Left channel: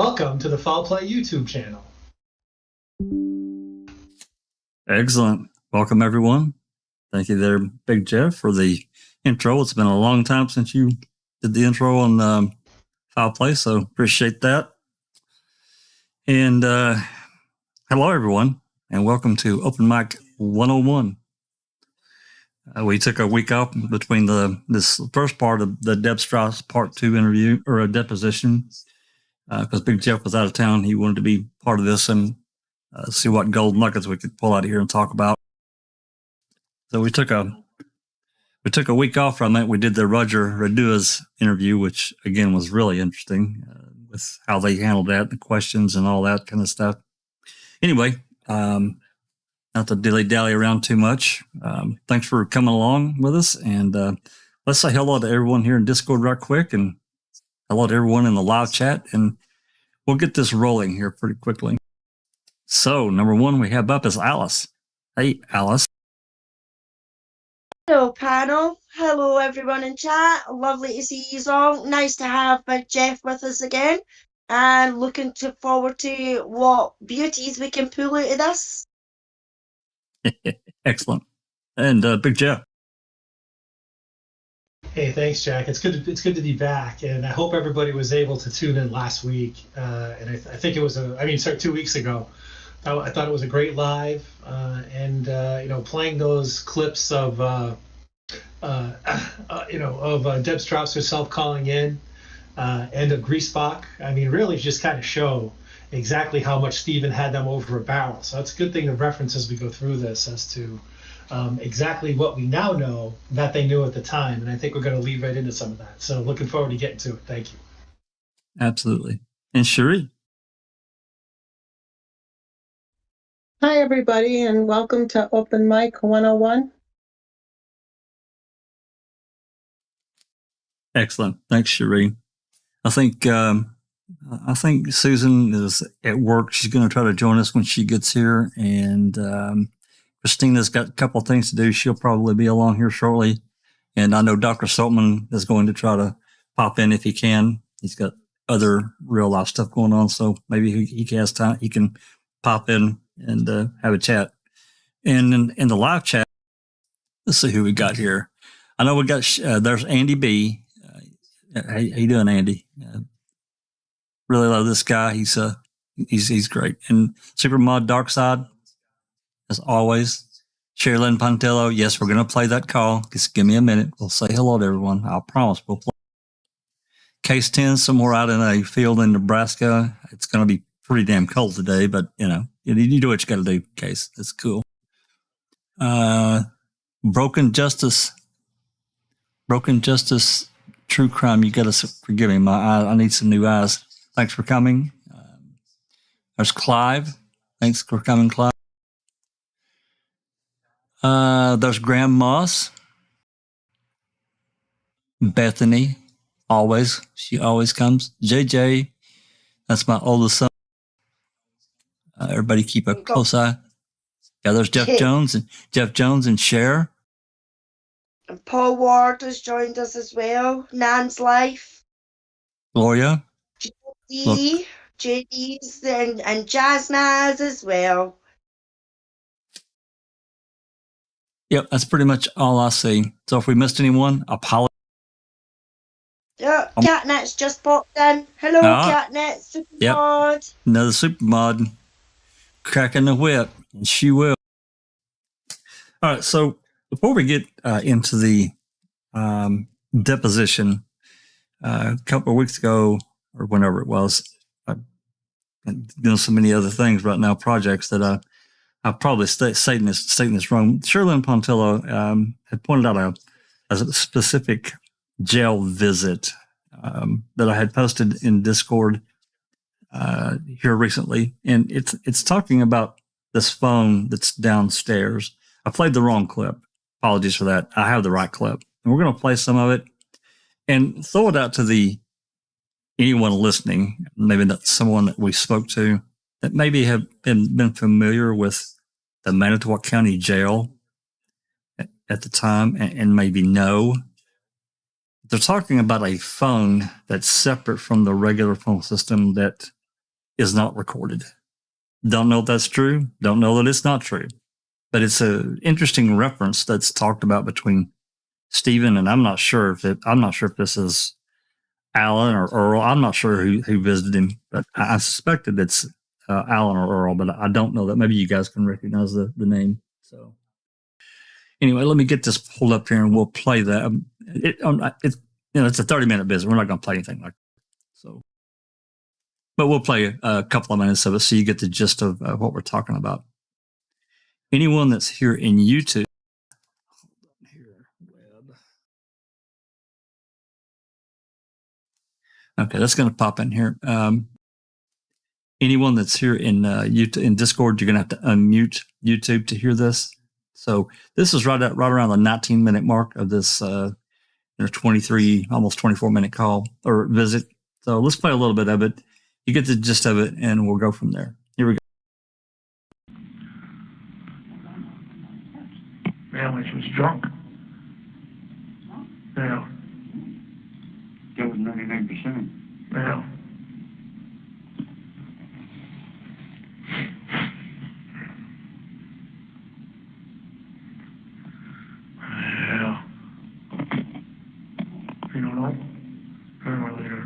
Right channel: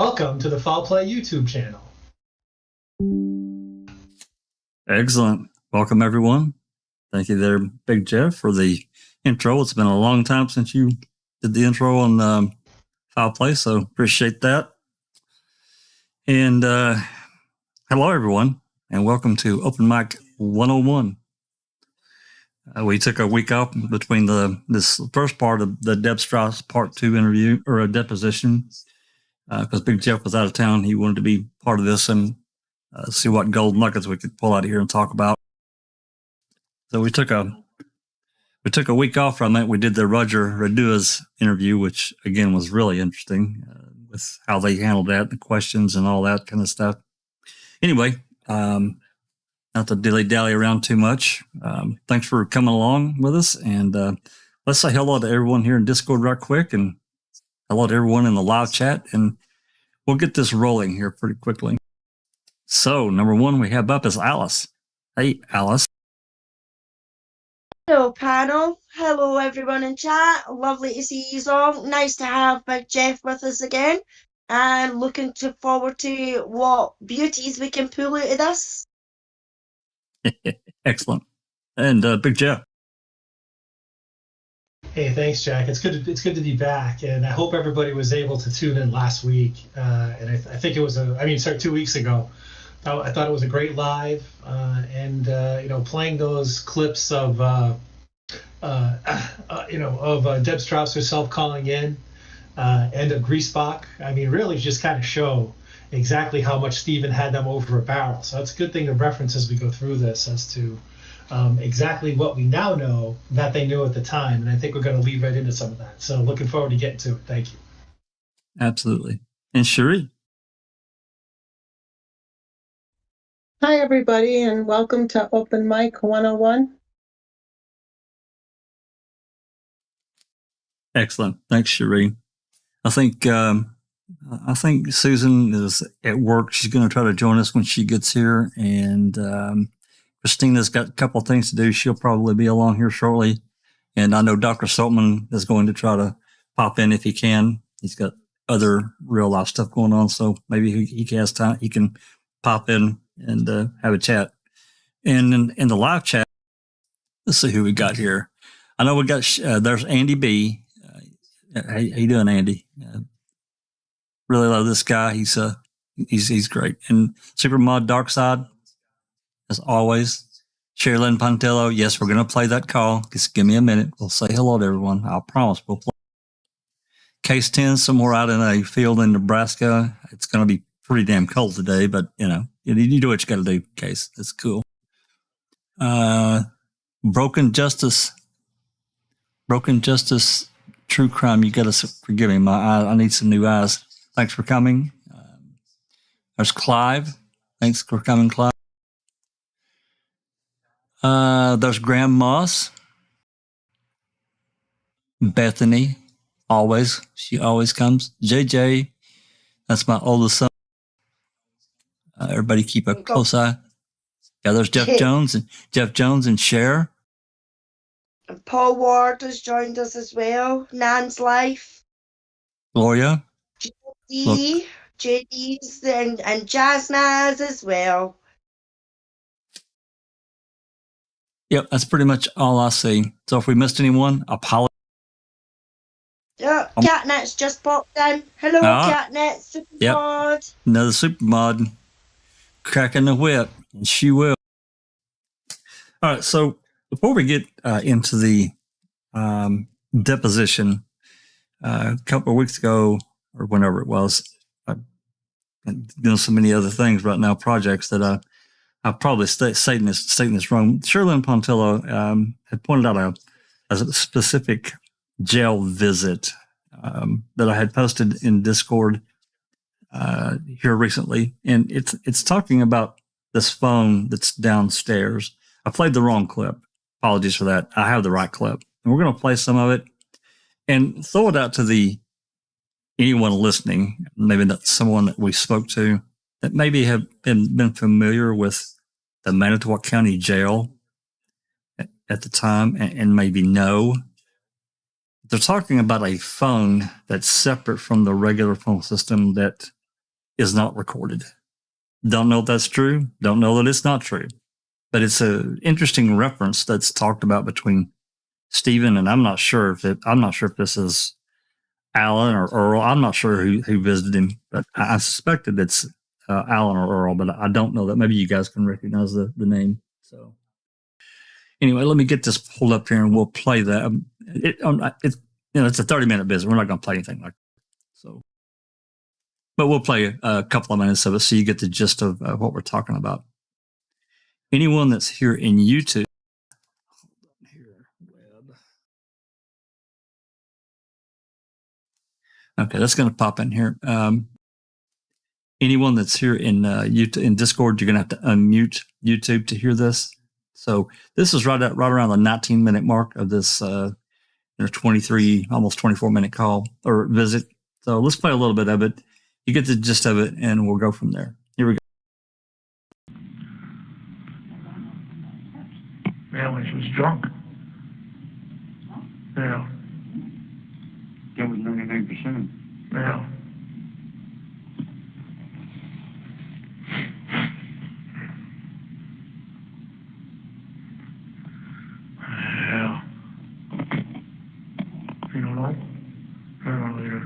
Welcome to the Foul Play YouTube channel. Excellent. Welcome, everyone. Thank you there, Big Jeff, for the intro. It's been a long time since you did the intro on Foul Play, so appreciate that. And hello, everyone, and welcome to Open Mic 101. We took a week off between this first part of the Deb Strauss Part 2 interview, or a deposition, because Big Jeff was out of town. He wanted to be part of this and see what gold nuggets we could pull out of here and talk about. So we took a week off from it. We did the Roger Radua's interview, which again was really interesting with how they handled that, the questions and all that kind of stuff. Anyway, not to dilly-dally around too much. Thanks for coming along with us. And let's say hello to everyone here in Discord right quick, and hello to everyone in the live chat. And we'll get this rolling here pretty quickly. So, number one we have up is Alice. Hey, Alice. Hello, panel. Hello, everyone in chat. Lovely to see you all. Nice to have Big Jeff with us again. And looking forward to what beauties we can pull out of this. Excellent. And Big Jeff. Hey, thanks, Jack. It's good to be back, and I hope everybody was able to tune in last week. And I think it was 2 weeks ago. I thought it was a great live, and playing those clips of Deb Strauss herself calling in, and of Greasebach. I mean, really just kind of show exactly how much Stephen had them over a barrel. So that's a good thing to reference as we go through this, as to exactly what we now know that they knew at the time. And I think we're going to lead right into some of that. So looking forward to getting to it. Thank you. Absolutely. And Cherie. Hi, everybody, and welcome to Open Mic 101. Excellent. Thanks, Cherie. I think Susan is at work. She's going to try to join us when she gets here. And Christina's got a couple of things to do. She'll probably be along here shortly. And I know Dr. Silkman is going to try to pop in if he can. He's got other real life stuff going on, so maybe he has time. He can pop in and have a chat. And in the live chat, let's see who we got here. I know we got there's Andy B. How you doing, Andy? Really love this guy. He's great. And Supermod Darkside, as always. Sherilyn Pontillo. Yes, we're going to play that call. Just give me a minute. We'll say hello to everyone. I promise we'll play. Case 10, somewhere out in a field in Nebraska. It's going to be pretty damn cold today, but you do what you got to do, Case. It's cool. Broken Justice, True Crime. You got to forgive me. I need some new eyes. Thanks for coming. There's Clive. Thanks for coming, Clive. There's Graham Moss. Bethany, always. She always comes. JJ, that's my oldest son. Everybody keep a close eye. Yeah, there's Jeff Jones and Cher. And Paul Ward has joined us as well. Nan's Life. Gloria. JD's and Jazz Naz as well. Yep, that's pretty much all I see. So if we missed anyone, apologize. Yeah, Catnet's just popped in. Hello, Catnet, Supermod. Yep. Another Supermod cracking the whip, and she will. All right, so before we get into the deposition, a couple of weeks ago, or whenever it was, I'm doing so many other things right now, projects that I probably stating this wrong. Sherilyn Pontillo had pointed out a specific jail visit that I had posted in Discord here recently, and it's talking about this phone that's downstairs. I played the wrong clip. Apologies for that. I have the right clip, and we're going to play some of it and throw it out to anyone listening. Maybe that's someone that we spoke to that maybe have been familiar with the Manitowoc County Jail at the time and maybe know. They're talking about a phone that's separate from the regular phone system that is not recorded. Don't know if that's true. Don't know that it's not true. But it's an interesting reference that's talked about between Stephen, and I'm not sure if this is Alan or Earl. I'm not sure who visited him, but I suspected it's Alan or Earl, but I don't know that. Maybe you guys can recognize the name. So anyway, let me get this pulled up here and we'll play that. It's a 30-minute visit. We're not going to play anything like that. So, but we'll play a couple of minutes of it so you get the gist of what we're talking about. Anyone that's here in YouTube, okay, that's going to pop in here. Anyone that's here in YouTube, in Discord, you're going to have to unmute YouTube to hear this. So this is right around the 19-minute mark of this 23, almost 24-minute call or visit. So let's play a little bit of it. You get the gist of it, and we'll go from there. Here we go. Yeah, when she was drunk. Yeah. That was 99%. Yeah. Yeah. You don't know? I don't know either.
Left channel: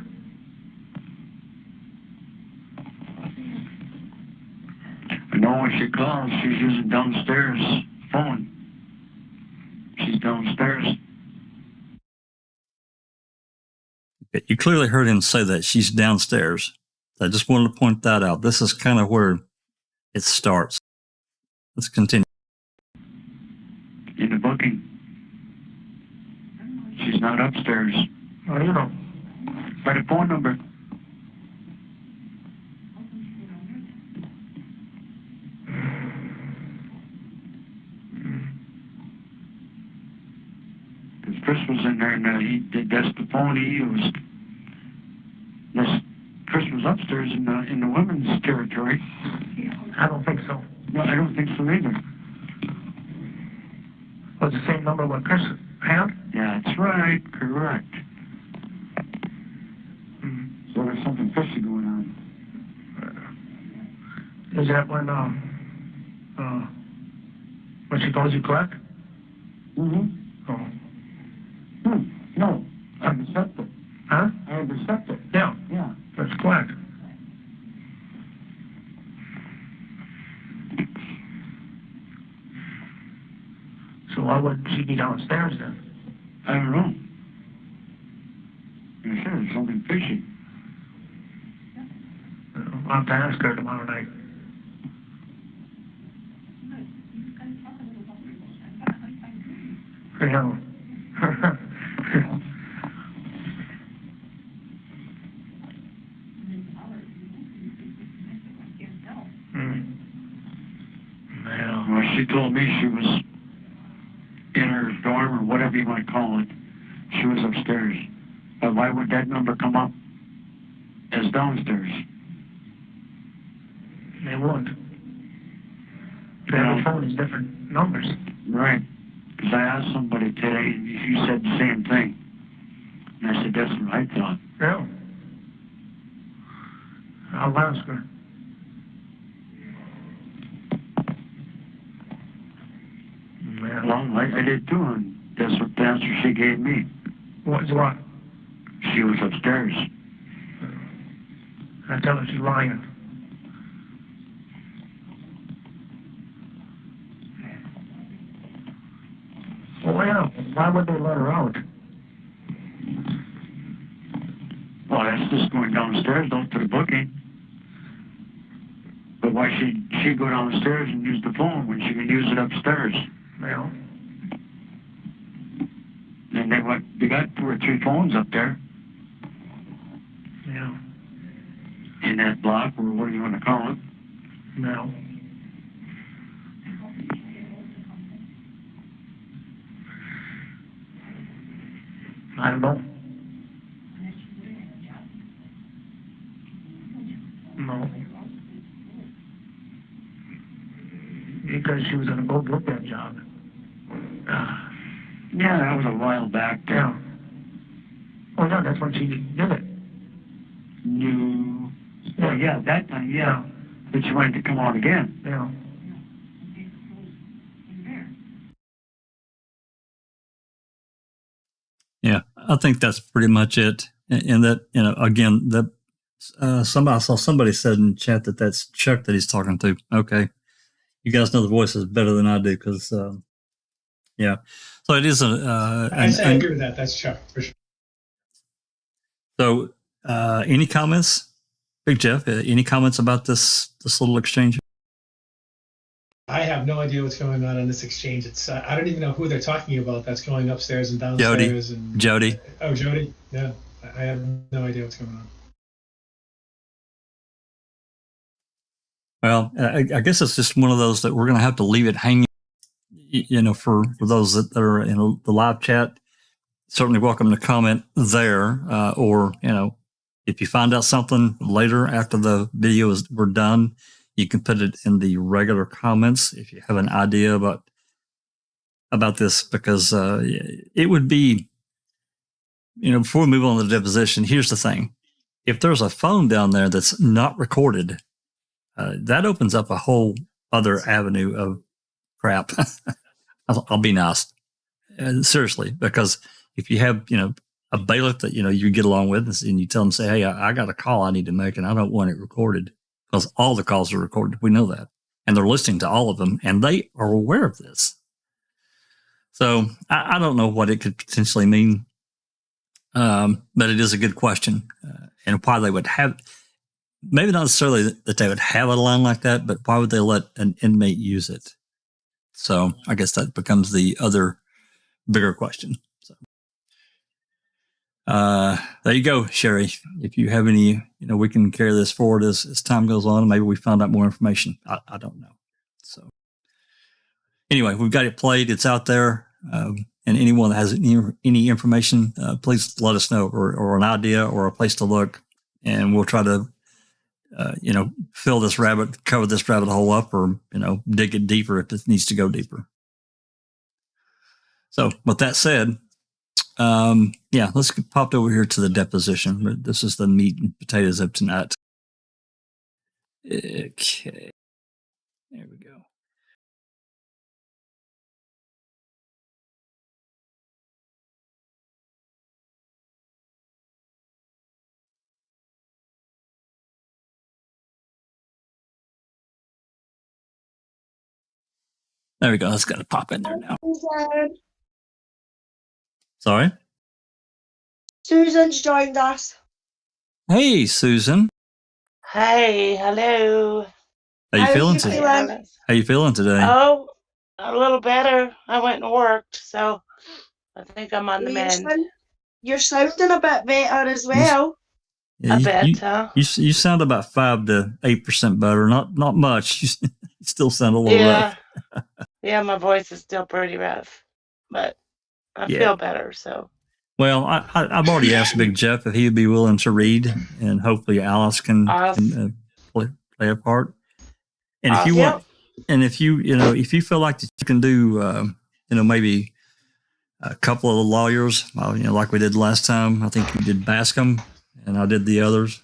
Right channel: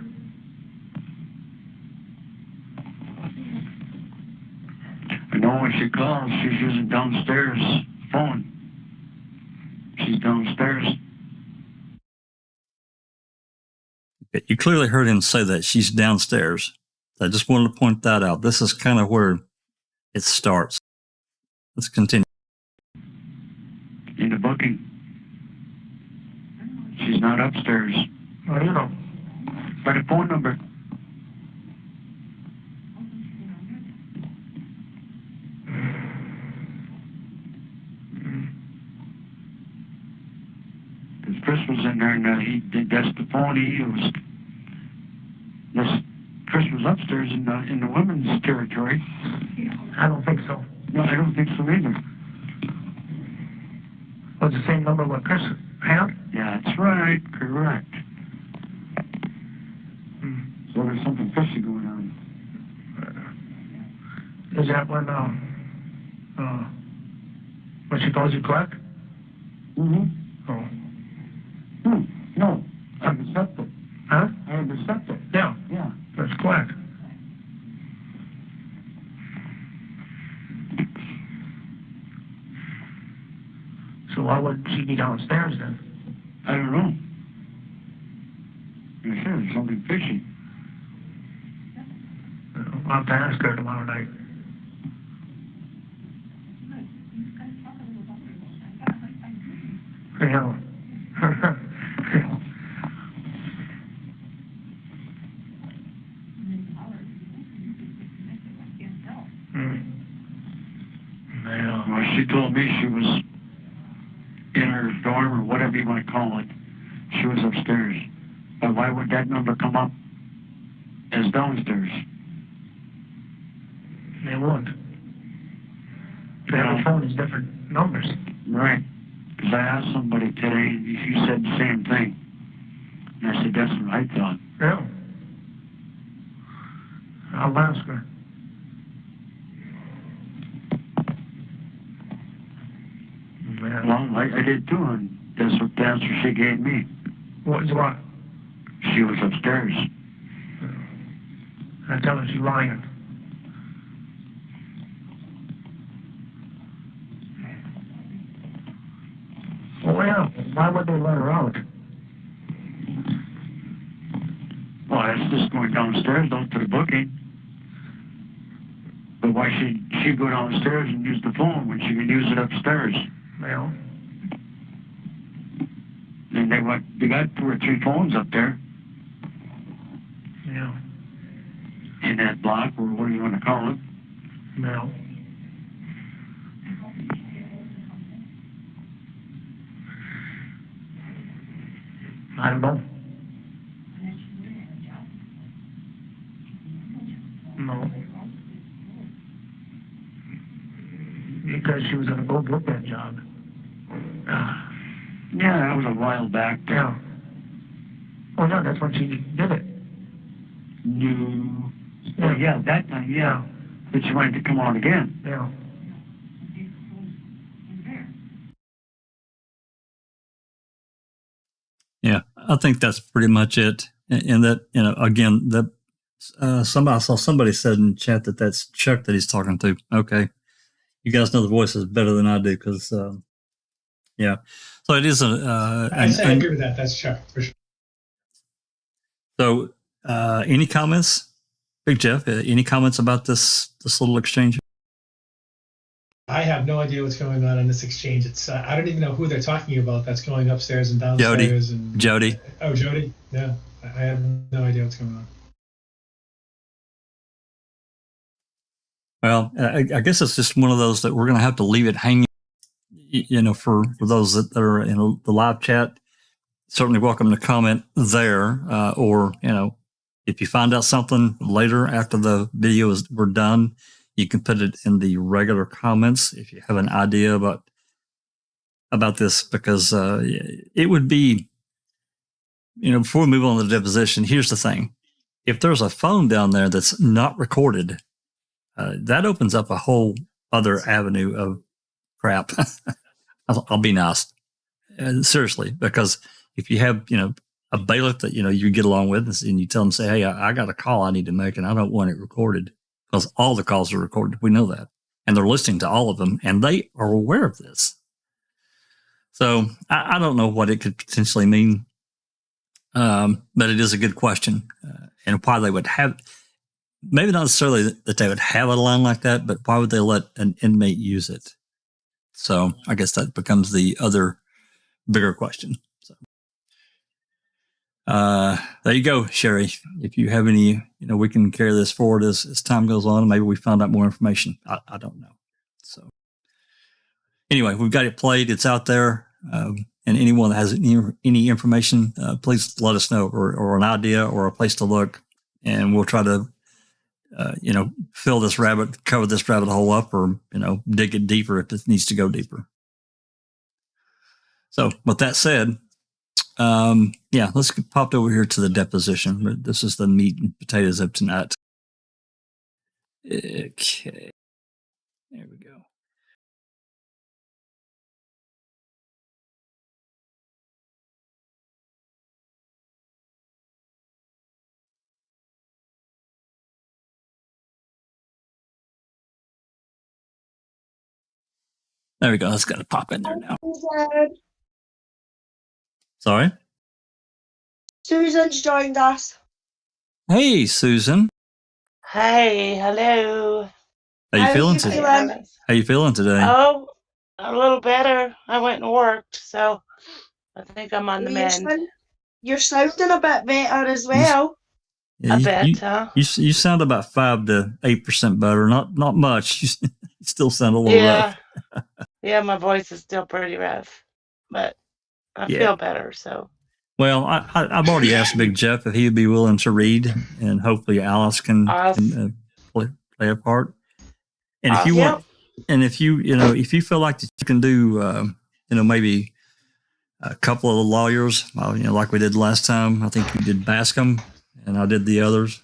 I know when she calls, she's using downstairs phone. She's downstairs. You clearly heard him say that she's downstairs. I just wanted to point that out. This is kind of where it starts. Let's continue. In the booking. She's not upstairs. I don't know. By the phone number. Because Chris was in there and that's the phone he used. Chris was upstairs in the women's territory. I don't think so. No, I don't think so either. Was the same number what Chris had? Yeah, that's right. Correct. So there's something fishy going on. Is that when she calls you correct? Mm-hmm. Oh. No, I have the septic. Huh? I have the septic. Yeah. Yeah. That's correct. So why would she be downstairs then? I don't know. You said there's something fishy. I'll have to ask her tomorrow night. Yeah. Well, she told me she was in her dorm or whatever you want to call it. She was upstairs. But why would that number come up as downstairs? They won't. Every phone is different numbers. Right. Because I asked somebody today, and she said the same thing. And I said, that's what I thought. Yeah. I'll ask her. Yeah. Well, I did too, and that's what the answer she gave me. What's what? She was upstairs. I tell her she's lying. Well, yeah. Why would they let her out? Well, that's just going downstairs, don't to the booking. But why should she go downstairs and use the phone when she can use it upstairs? Well. And they got 2 or 3 phones up there. Yeah. In that block, or what do you want to call it? No. I don't know. No. Because she was going to go get that job. Yeah, that was a while back. Yeah. Oh, yeah, that's when she did it. No. Well, yeah, that time, yeah. But she wanted to come out again. Yeah. Yeah, I think that's pretty much it. And that, again, that I saw somebody said in chat that that's Chuck that he's talking to. Okay, you guys know the voices better than I do because, yeah. So it is I agree with that. That's Chuck for sure. So, any comments, Big Jeff? Any comments about this little exchange? I have no idea what's going on in this exchange. It's I don't even know who they're talking about. That's going upstairs and downstairs. Jody. Oh, Jody. Yeah, I have no idea what's going on. Well, I guess it's just one of those that we're going to have to leave it hanging. For those that are in the live chat, certainly welcome to comment there, or if you find out something later after the video we're done, you can put it in the regular comments if you have an idea about this, because it would be, before we move on to the deposition, here's the thing. If there's a phone down there that's not recorded, that opens up a whole other avenue of crap. I'll be nice. Seriously, because if you have, a bailiff that, you get along with and you tell them, say, hey, I got a call I need to make and I don't want it recorded, because all the calls are recorded. We know that. And they're listening to all of them and they are aware of this. So I don't know what it could potentially mean. But it is a good question. And why they would have, maybe not necessarily that they would have a line like that, but why would they let an inmate use it? So I guess that becomes the other bigger question. So, there you go, Sherry. If you have any, we can carry this forward as time goes on. Maybe we find out more information. I don't know. So anyway, we've got it played. It's out there. And anyone that has any information, please let us know, or an idea or a place to look. And we'll try to, cover this rabbit hole up, or, dig it deeper if it needs to go deeper. So with that said, let's get popped over here to the deposition. This is the meat and potatoes of tonight. Okay. There we go. There we go. That's got to pop in there now. Sorry? Susan's joined us. Hey, Susan. Hey, hello. How you feeling today? How you feeling today? Oh, a little better. I went and worked, so I think I'm on the mend. You're sounding a bit better as well. Yeah, a bit, huh? You sound about 5 to 8% better. Not much. You still sound a little rough. Yeah, my voice is still pretty rough, but I feel better. So. Well, I've already asked Big Jeff if he would be willing to read, and hopefully Alice can play a part. And if you want, and if you feel like you can do, maybe a couple of the lawyers, like we did last time. I think you did Bascom, and I did the others.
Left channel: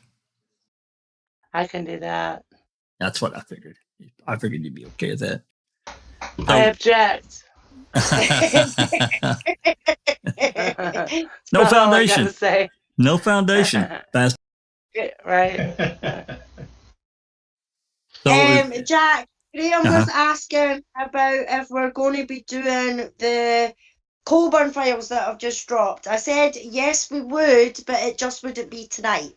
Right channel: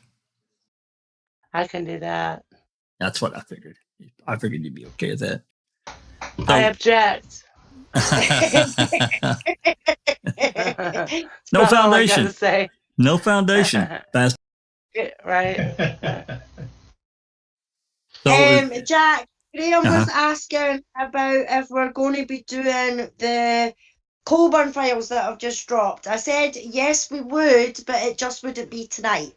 I can do that. That's what I figured. I figured you'd be okay with that. So, I object. No foundation. No foundation. That's right. So, Jack, Graham was asking about if we're going to be doing the Colburn files that I've just dropped. I said yes, we would, but it just wouldn't be tonight.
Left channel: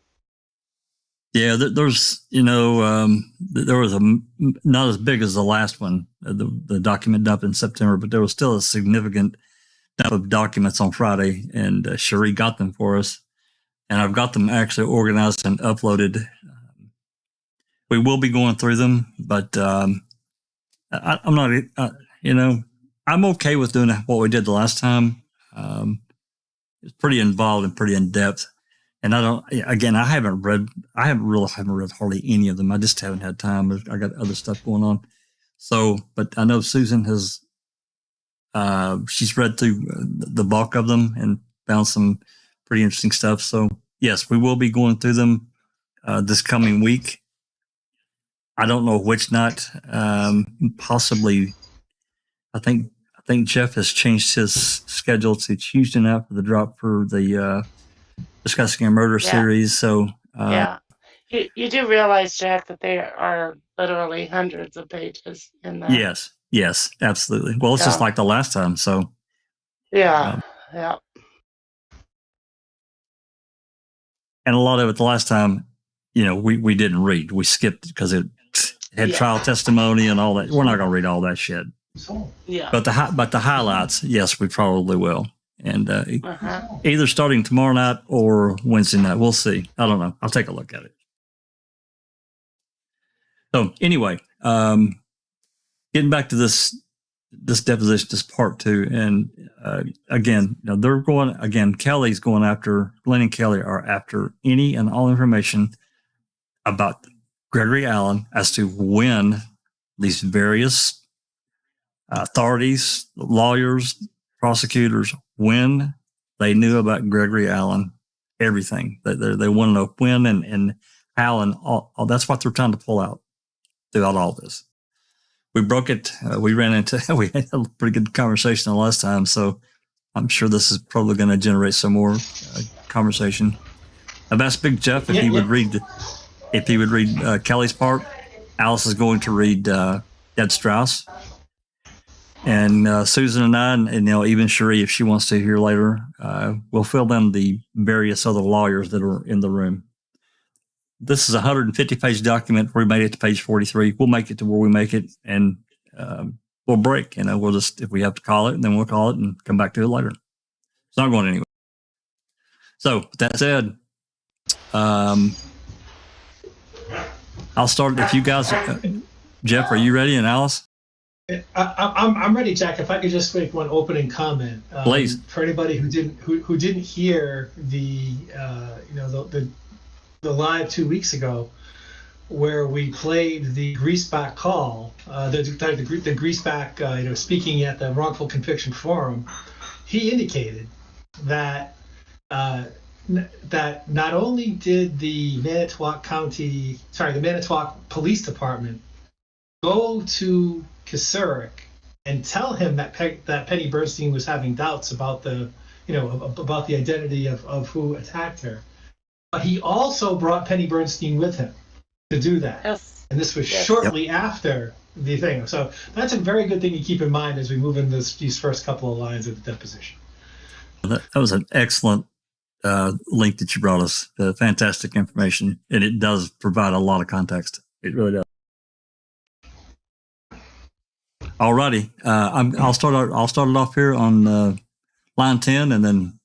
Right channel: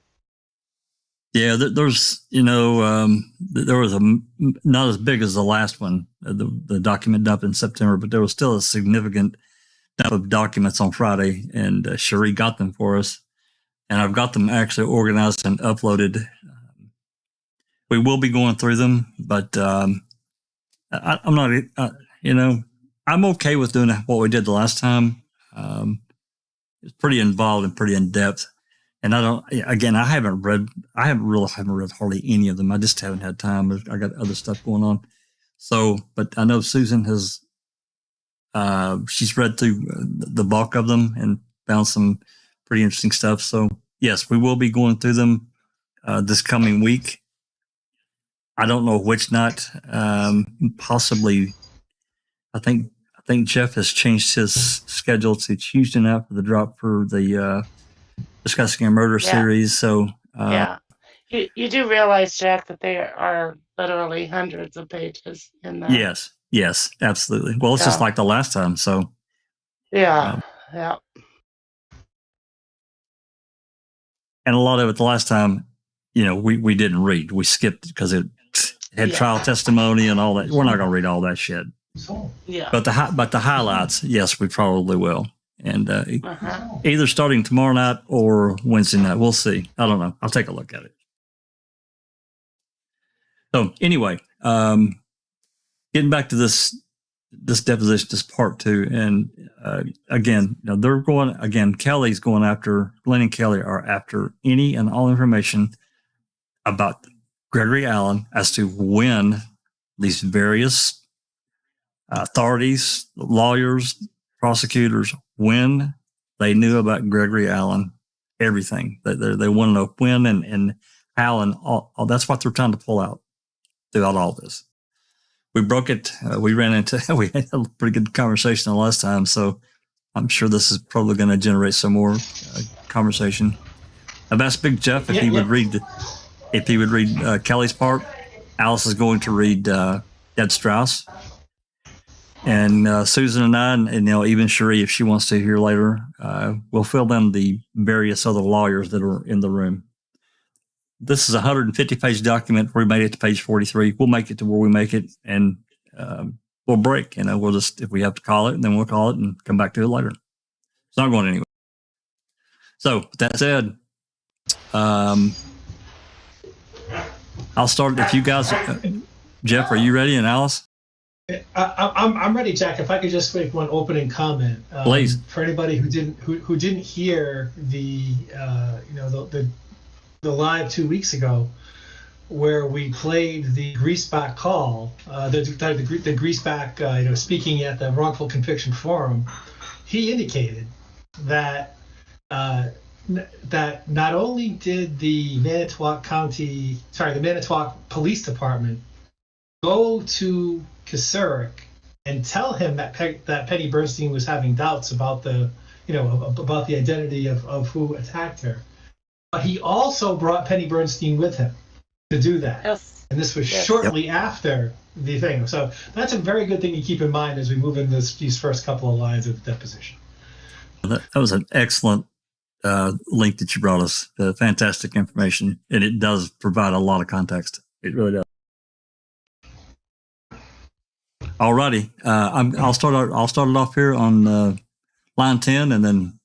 Yeah, there's, there was not as big as the last one, the document dump in September, but there was still a significant dump of documents on Friday, and Cherie got them for us, and I've got them actually organized and uploaded. We will be going through them, but I'm not, I'm okay with doing what we did the last time. It's pretty involved and pretty in depth. And I haven't read hardly any of them. I just haven't had time. I got other stuff going on. So, but I know Susan has, she's read through the bulk of them and found some pretty interesting stuff. So yes, we will be going through them. this coming week. I don't know which night. Possibly, I think Jeff has changed his schedule to Tuesday night for the drop for the Discussing a Murder series. So yeah, you do realize, Jack, that there are literally hundreds of pages in that. Yes, absolutely. Well, it's just like the last time. So yeah. And a lot of it the last time, we didn't read. We skipped because it had trial testimony and all that. We're not going to read all that shit. Yeah. But the highlights, yes, we probably will. And either starting tomorrow night or Wednesday night, we'll see. I don't know. I'll take a look at it. So anyway, getting back to this deposition, this part 2, and again, they're going again. Kelly's going after Glenn and Kelly are after any and all information about Gregory Allen as to when these various authorities, lawyers, prosecutors, when they knew about Gregory Allen, everything. They want to know when and how, and all that's what they're trying to pull out throughout all this. We broke it. We had a pretty good conversation the last time, so I'm sure this is probably going to generate some more conversation. I've asked Big Jeff if he would read Kelly's part. Alice is going to read Deb Strauss, and Susan and I, and even Cherie, if she wants to hear later, we'll fill in the various other lawyers that are in the room. This is a 150-page document. We made it to page 43. We'll make it to where we make it, and we'll break. We'll just, if we have to call it, then we'll call it and come back to it later. It's not going anywhere. So, with that said, I'll start. If you guys, Jeff, are you ready? And Alice? I'm ready, Jack. If I could just make one opening comment, please. For anybody who didn't hear the live 2 weeks ago, where we played the greaseback call, the greaseback, speaking at the wrongful conviction forum, he indicated that that not only did the Manitowoc Police Department go to Kasurik and tell him that Penny Bernstein was having doubts about the identity of who attacked her, but he also brought Penny Bernstein with him to do that. Yes. And this was shortly after the thing. So that's a very good thing to keep in mind as we move in these first couple of lines of the deposition. That was an excellent link that you brought us. Fantastic information, and it does provide a lot of context. It really does. Alrighty, I'll start it off here on line 10, and then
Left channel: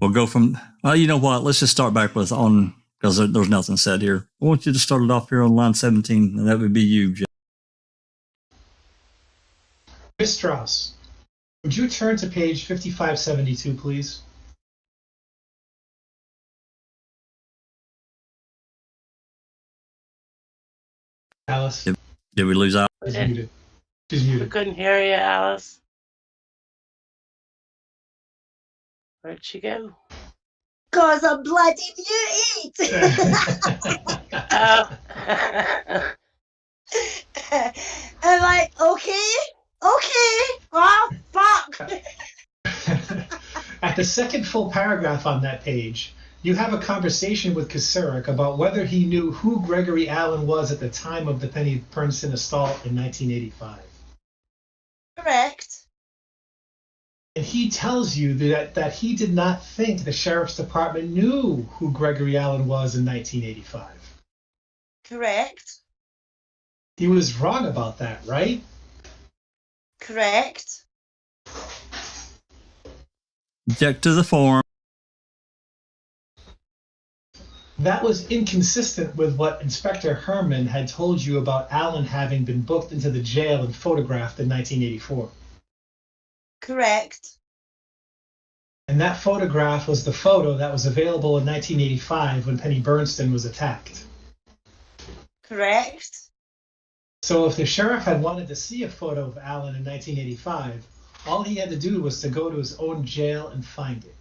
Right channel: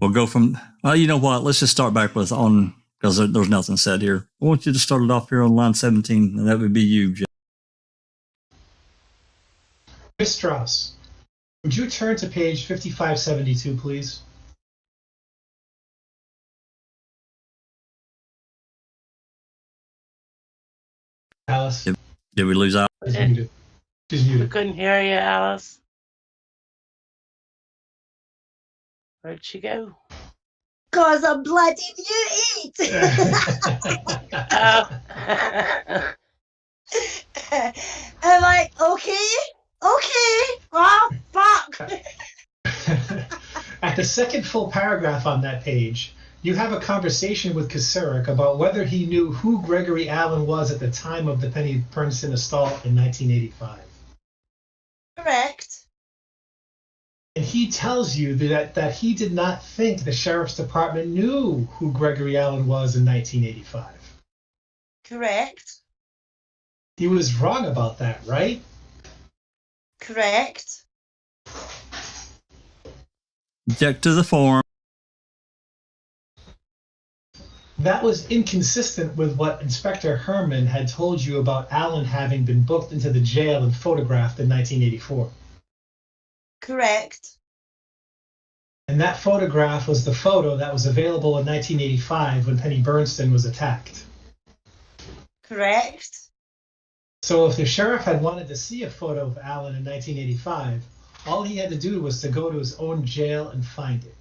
we'll go from. Well, you know what? Let's just start back with because there's nothing said here. I want you to start it off here on line 17, and that would be you, Jeff. Ms. Strauss, would you turn to page 5572, please? Alice? Did we lose Alice? She's muted. We couldn't hear you, Alice. Where'd she go? 'Cause I'm bloody muted. I'm like, okay, oh fuck. At the second full paragraph on that page, you have a conversation with Kasurik about whether he knew who Gregory Allen was at the time of the Penny Bernstein assault in 1985. Correct. And he tells you that he did not think the sheriff's department knew who Gregory Allen was in 1985. Correct. He was wrong about that, right? Correct. Object to the form. That was inconsistent with what Inspector Herman had told you about Allen having been booked into the jail and photographed in 1984. Correct. And that photograph was the photo that was available in 1985 when Penny Bernstein was attacked. Correct. So if the sheriff had wanted to see a photo of Allen in 1985, all he had to do was to go to his own jail and find it.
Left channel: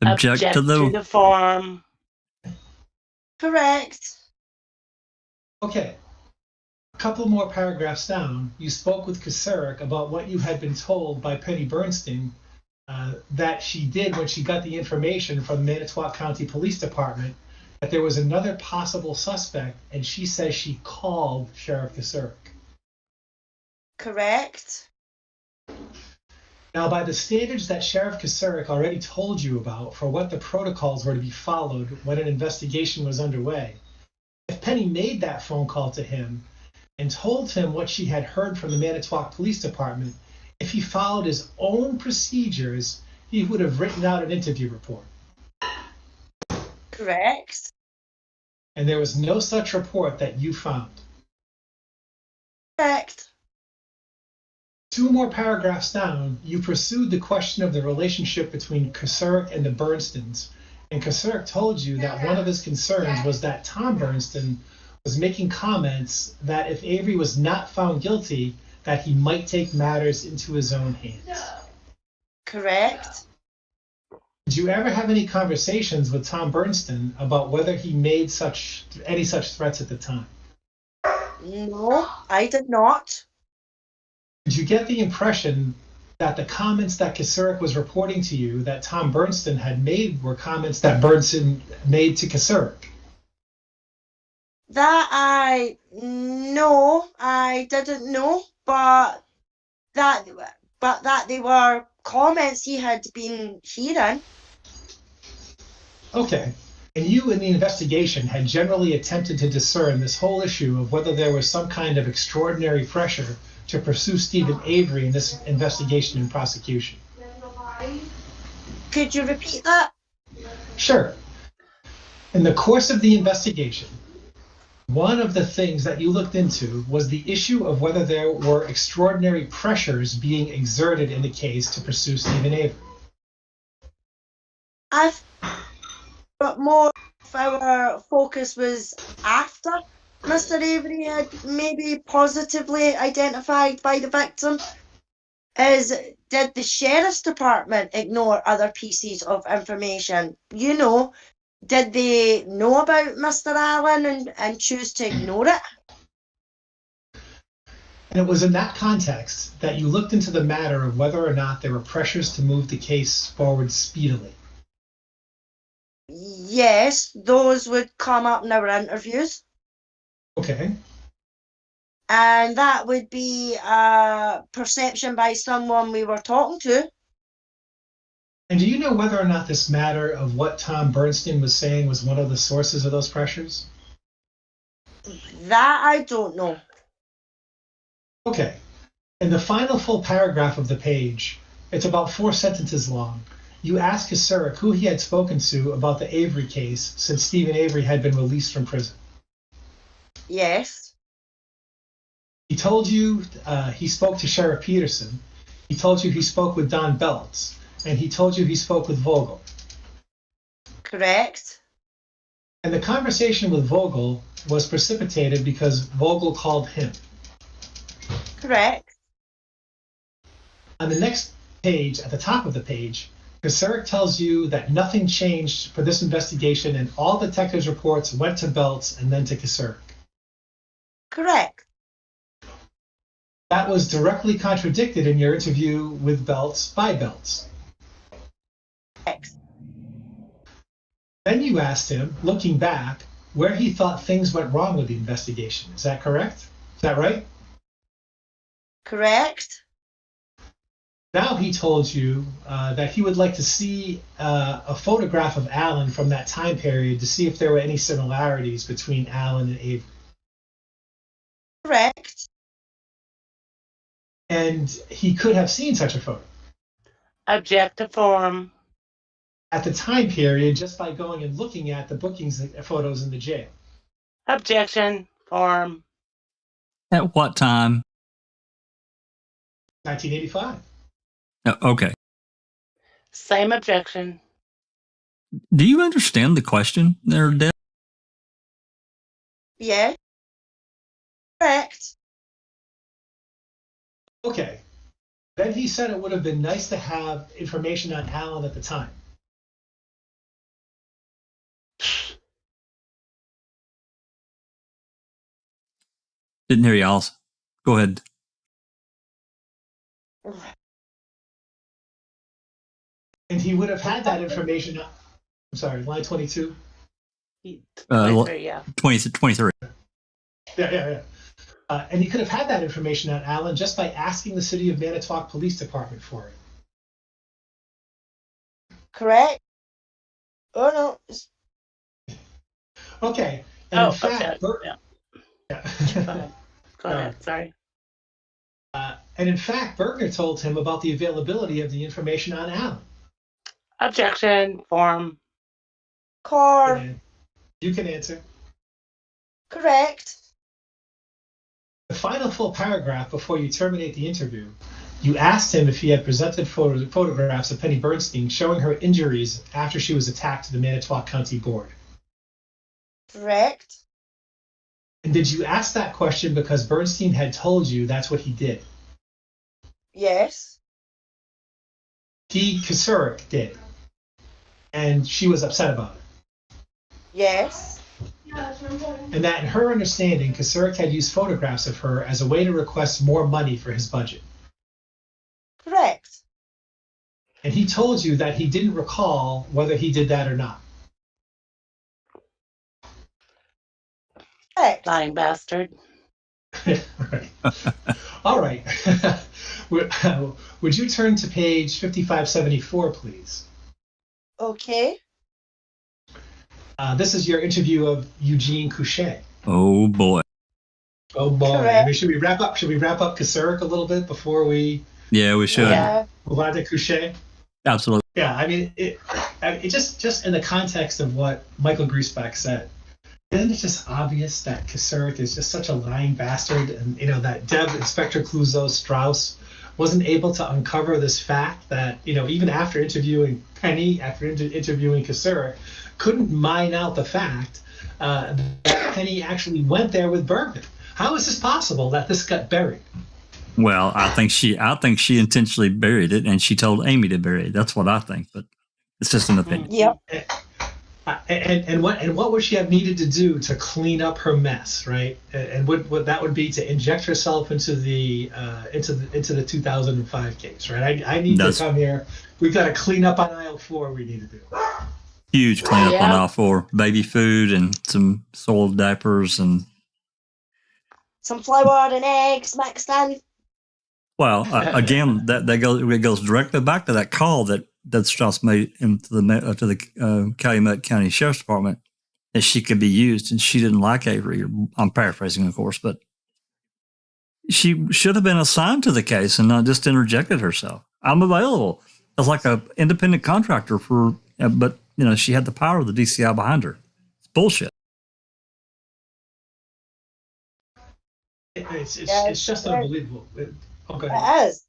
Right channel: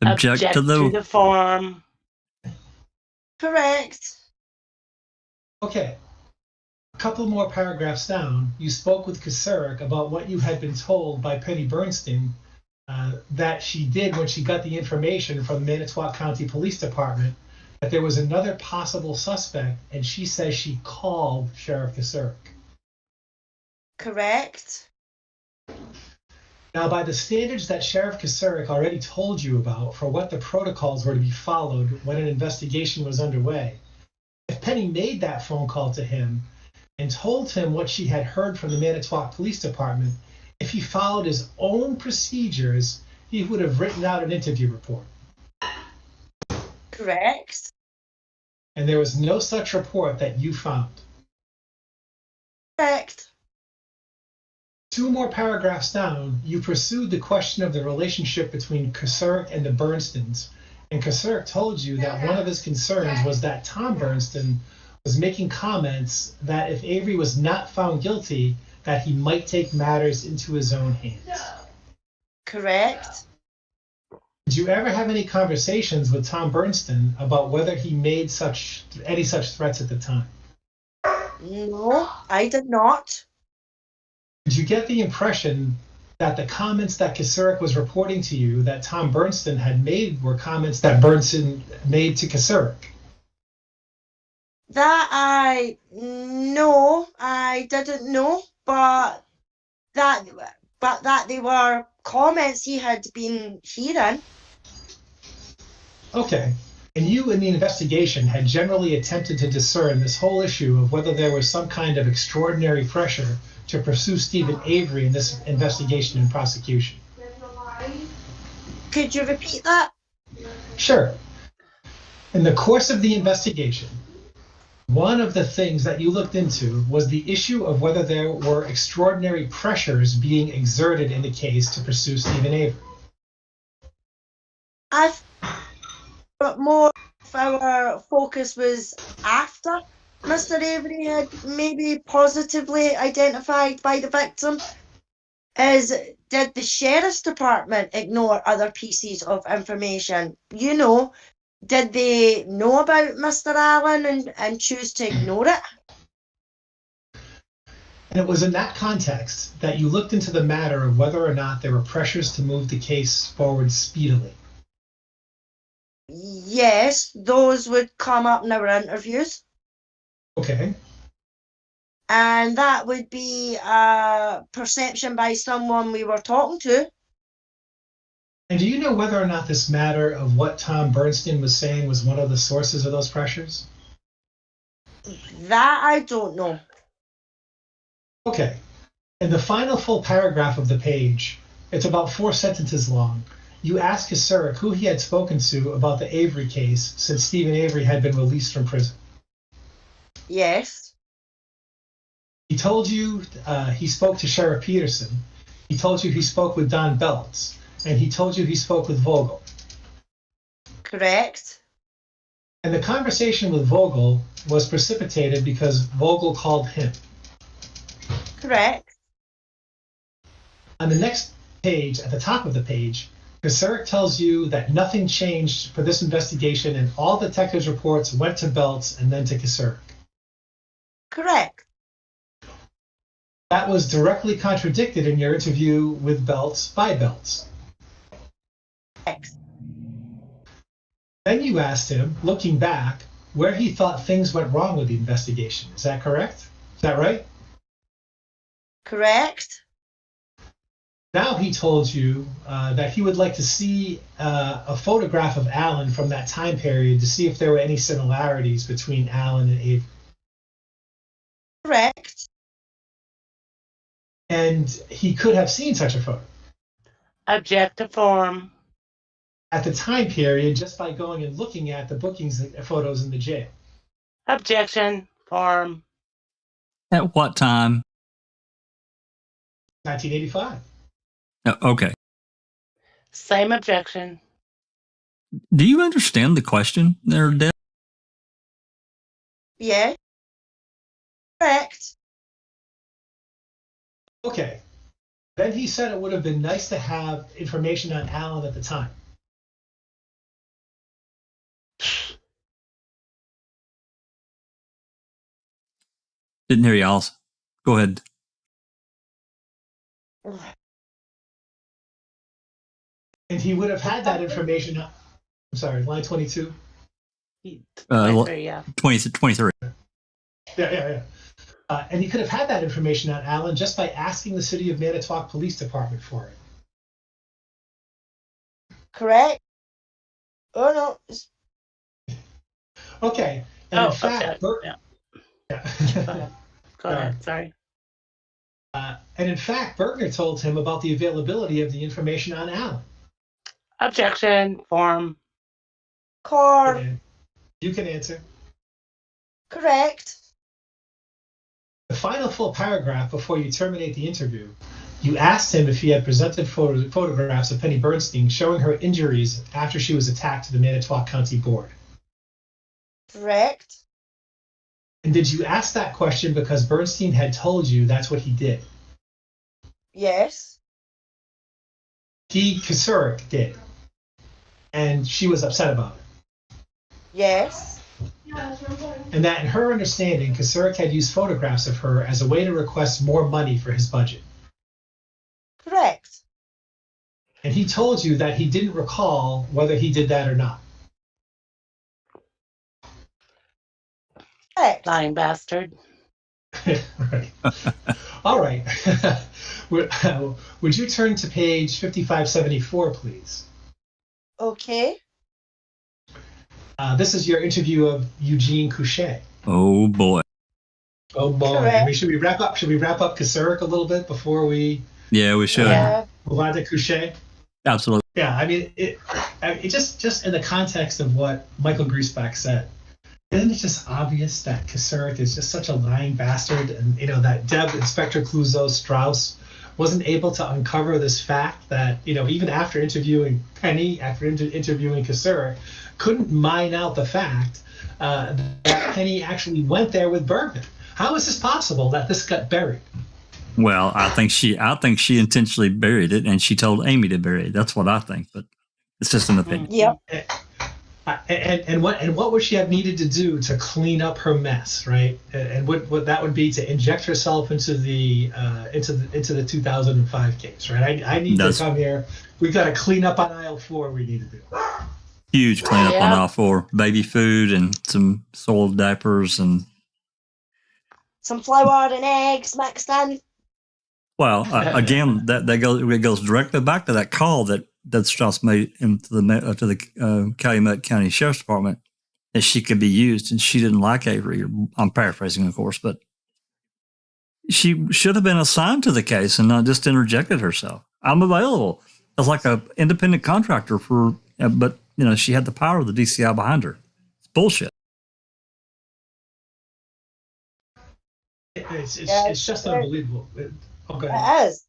Object to the form. Correct. Okay. A couple more paragraphs down, you spoke with Kasurek about what you had been told by Penny Bernstein that she did when she got the information from the Manitowoc County Police Department that there was another possible suspect, and she says she called Sheriff Kasurek. Correct. Now, by the standards that Sheriff Kasurek already told you about for what the protocols were to be followed when an investigation was underway, if Penny made that phone call to him and told him what she had heard from the Manitowoc Police Department, if he followed his own procedures, he would have written out an interview report. Correct. And there was no such report that you found. Correct. 2 more paragraphs down, you pursued the question of the relationship between Kasurek and the Bernsteins, and Kasurek told you that one of his concerns was that Tom Bernstein was making comments that if Avery was not found guilty, that he might take matters into his own hands. Correct. Did you ever have any conversations with Tom Bernstein about whether he made any such threats at the time? No, I did not. Did you get the impression that the comments that Kasurek was reporting to you that Tom Bernstein had made were comments that Bernstein made to Kasurek? No, I didn't know, but that they were comments he had been hearing. Okay. And you in the investigation had generally attempted to discern this whole issue of whether there was some kind of extraordinary pressure to pursue Stephen Avery in this investigation and prosecution. Could you repeat that? Sure. In the course of the investigation, one of the things that you looked into was the issue of whether there were extraordinary pressures being exerted in the case to pursue Stephen Avery. But more of our focus was after Mr. Avery had maybe positively identified by the victim. Did the Sheriff's Department ignore other pieces of information? You know, did they know about Mr. Allen and choose to ignore it? And it was in that context that you looked into the matter of whether or not there were pressures to move the case forward speedily. Yes, those would come up in our interviews. Okay. And that would be a perception by someone we were talking to. And do you know whether or not this matter of what Tom Bernstein was saying was one of the sources of those pressures? That I don't know. Okay. In the final full paragraph of the page, it's about 4 sentences long, you asked Kasurek who he had spoken to about the Avery case since Stephen Avery had been released from prison. Yes. He told you he spoke to Sheriff Peterson. He told you he spoke with Don Belts. And he told you he spoke with Vogel. Correct. And the conversation with Vogel was precipitated because Vogel called him. Correct. On the next page, at the top of the page, Kasurek tells you that nothing changed for this investigation and all detectives' reports went to Belts and then to Kasurek. Correct. That was directly contradicted in your interview with Belts by Belts. Correct. Then you asked him, looking back, where he thought things went wrong with the investigation. Is that correct? Is that right? Correct. Now he told you that he would like to see a photograph of Allen from that time period to see if there were any similarities between Allen and Avery. Correct. And he could have seen such a photo. Objective form. At the time period, just by going and looking at the bookings photos in the jail. Objection form. At what time? 1985. Okay. Same objection. Do you understand the question there, Deb? Yeah. Correct. Okay. Then he said it would have been nice to have information on Allen at the time. Didn't hear you, Alice. Go ahead. And he would have had that information. I'm sorry, line 22. Yeah. 23. Yeah. And he could have had that information out, Alan, just by asking the City of Manitowoc Police Department for it. Correct? Oh, no. Okay. And in fact, okay. Yeah. Go ahead. Sorry. And in fact, Bergner told him about the availability of the information on Alan. Objection. Form. Core. And you can answer. Correct. The final full paragraph before you terminate the interview, you asked him if he had presented photographs of Penny Bernstein showing her injuries after she was attacked to the Manitowoc County Board. Correct. And did you ask that question because Bernstein had told you that's what he did? Yes. Kasurik did. And she was upset about it. Yes. And that in her understanding, Kasurik had used photographs of her as a way to request more money for his budget. Correct. And he told you that he didn't recall whether he did that or not. Correct. Lying bastard. Right. All right. Would you turn to page 5574, please? Okay. This is your interview of Eugene Couchet. Oh boy. Oh boy. Correct. I mean, should we wrap up Kasurik a little bit before we Yeah, we should. Yeah. move on to Couchet? Absolutely. Yeah, I mean, it just in the context of what Michael Griesbach said, isn't it just obvious that Kasurik is just such a lying bastard, and that Inspector Clouseau Strauss wasn't able to uncover this fact that even after interviewing Penny, after interviewing Kasurik, couldn't mine out the fact that Penny actually went there with Bergman. How is this possible that this got buried? Well, I think she intentionally buried it, and she told Amy to bury it. That's what I think, but it's just an opinion. Yep. And what would she have needed to do to clean up her mess, right? And what that would be to inject herself into the 2005 case, right? I need to come here. We've got to clean up on aisle 4. We need to do Huge cleanup on aisle 4. Baby food and some soiled diapers and some flour and eggs mixed in. Well, again, it goes directly back to that call that Strauss made to the Calumet County Sheriff's Department that she could be used, and she didn't like Avery. I'm paraphrasing, of course, but she should have been assigned to the case and not just interjected herself. I'm available as like an independent contractor but she had the power of the DCI behind her. It's bullshit. It's just unbelievable. Okay. It is.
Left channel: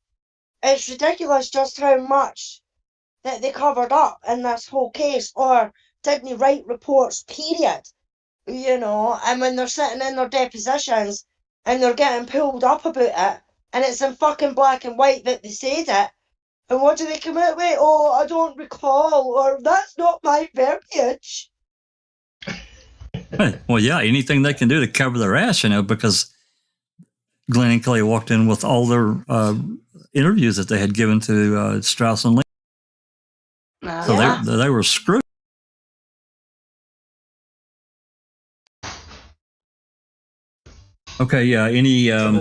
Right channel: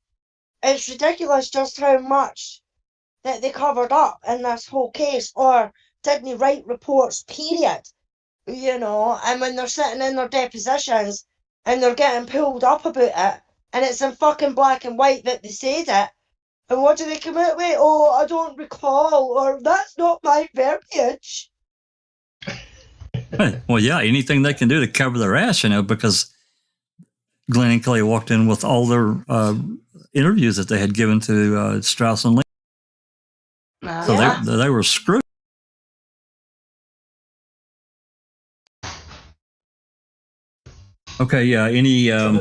It's ridiculous just how much that they covered up in this whole case, or didn't write reports, period. And when they're sitting in their depositions and they're getting pulled up about it, and it's in fucking black and white that they said it, and what do they come out with? Oh, I don't recall, or that's not my verbiage. Well, yeah, anything they can do to cover their ass, because Glenn and Kelly walked in with all their interviews that they had given to Strauss and Lee. So they were screwed. Okay, yeah. Any? I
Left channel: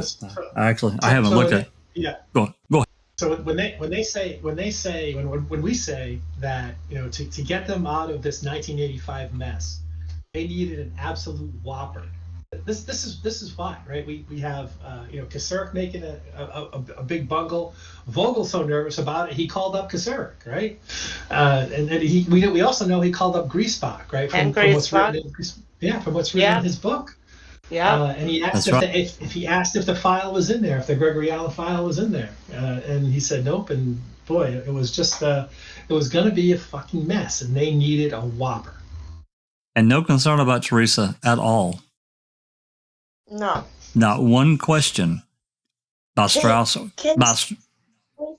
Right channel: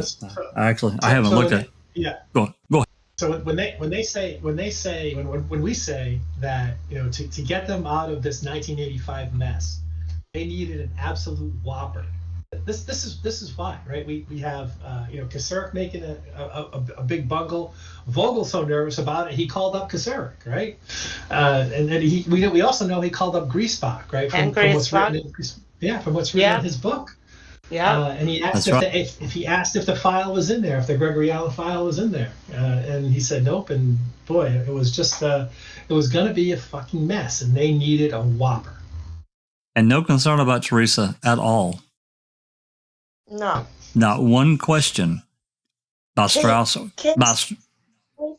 haven't looked at. Yeah. Go ahead. So when we say that to get them out of this 1985 mess, they needed an absolute whopper. This is why, right? We have Kasurik making a big bungle. Vogel's so nervous about it, he called up Kasurik, right? And then we also know he called up Griesbach, right? From what's written in his book. Yeah. And he asked if if the file was in there, if the Gregory Allen file was in there, and he said nope. And boy, it was just it was going to be a fucking mess, and they needed a whopper. And no concern about Teresa at all. No. Not one question by Strauss. Go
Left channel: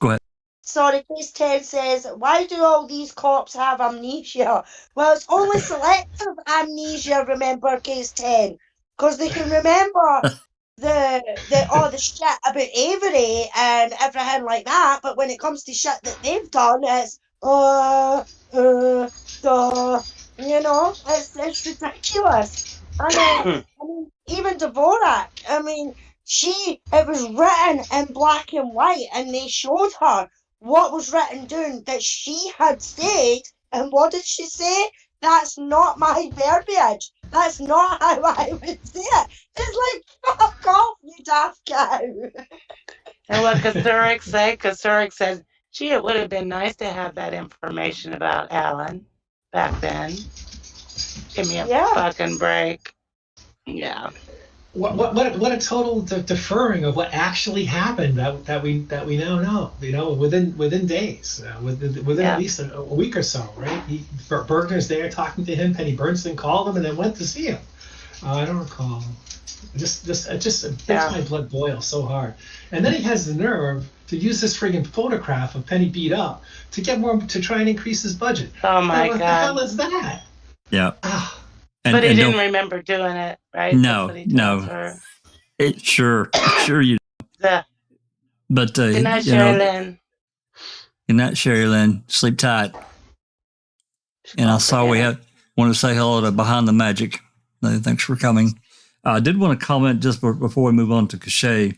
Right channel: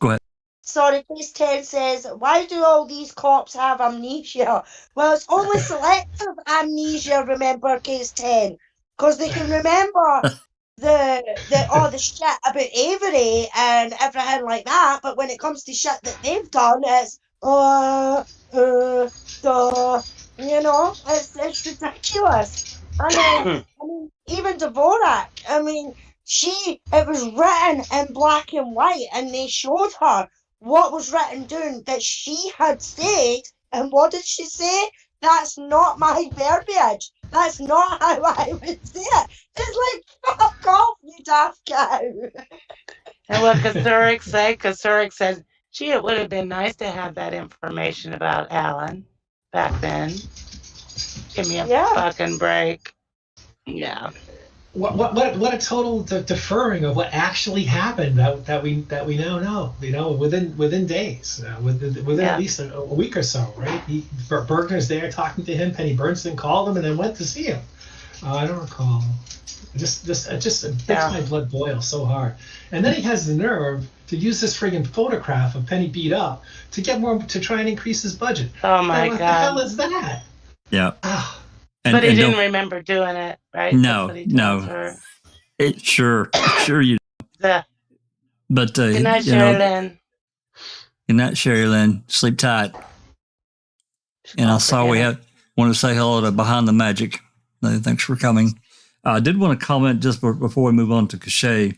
ahead. Sorry, case 10 says, why do all these cops have amnesia? Well, it's only selective amnesia, remember, case 10. Because they can remember the shit about Avery and everything like that, but when it comes to shit that they've done, it's it's ridiculous. And then I mean, even Dvorak, I mean, it was written in black and white, and they showed her what was written down that she had said, and what did she say? That's not my verbiage. That's not how I would say it. It's like, fuck off, you daft cow. And what Kasurik said? Kasurik said, gee, it would have been nice to have that information about Alan back then. Give me a fucking break. Yeah. What a total deferring of what actually happened that we now know. You know, within days, within at least a week or so, right? Bergner's there talking to him. Penny Bernstein called him and then went to see him. I don't recall. It just makes my blood boil so hard. And then he has the nerve to use this friggin' photograph of Penny beat up to try and increase his budget. Oh my God! What the hell is that? Yeah. But he didn't remember doing it, right? No. Sure you. But good night, Sherry Lynn. Good night, Sherry Lynn. Sleep tight. And I saw we want to say hello to Behind the Magic. Thanks for coming. I did want to comment just before we move on to Cachet.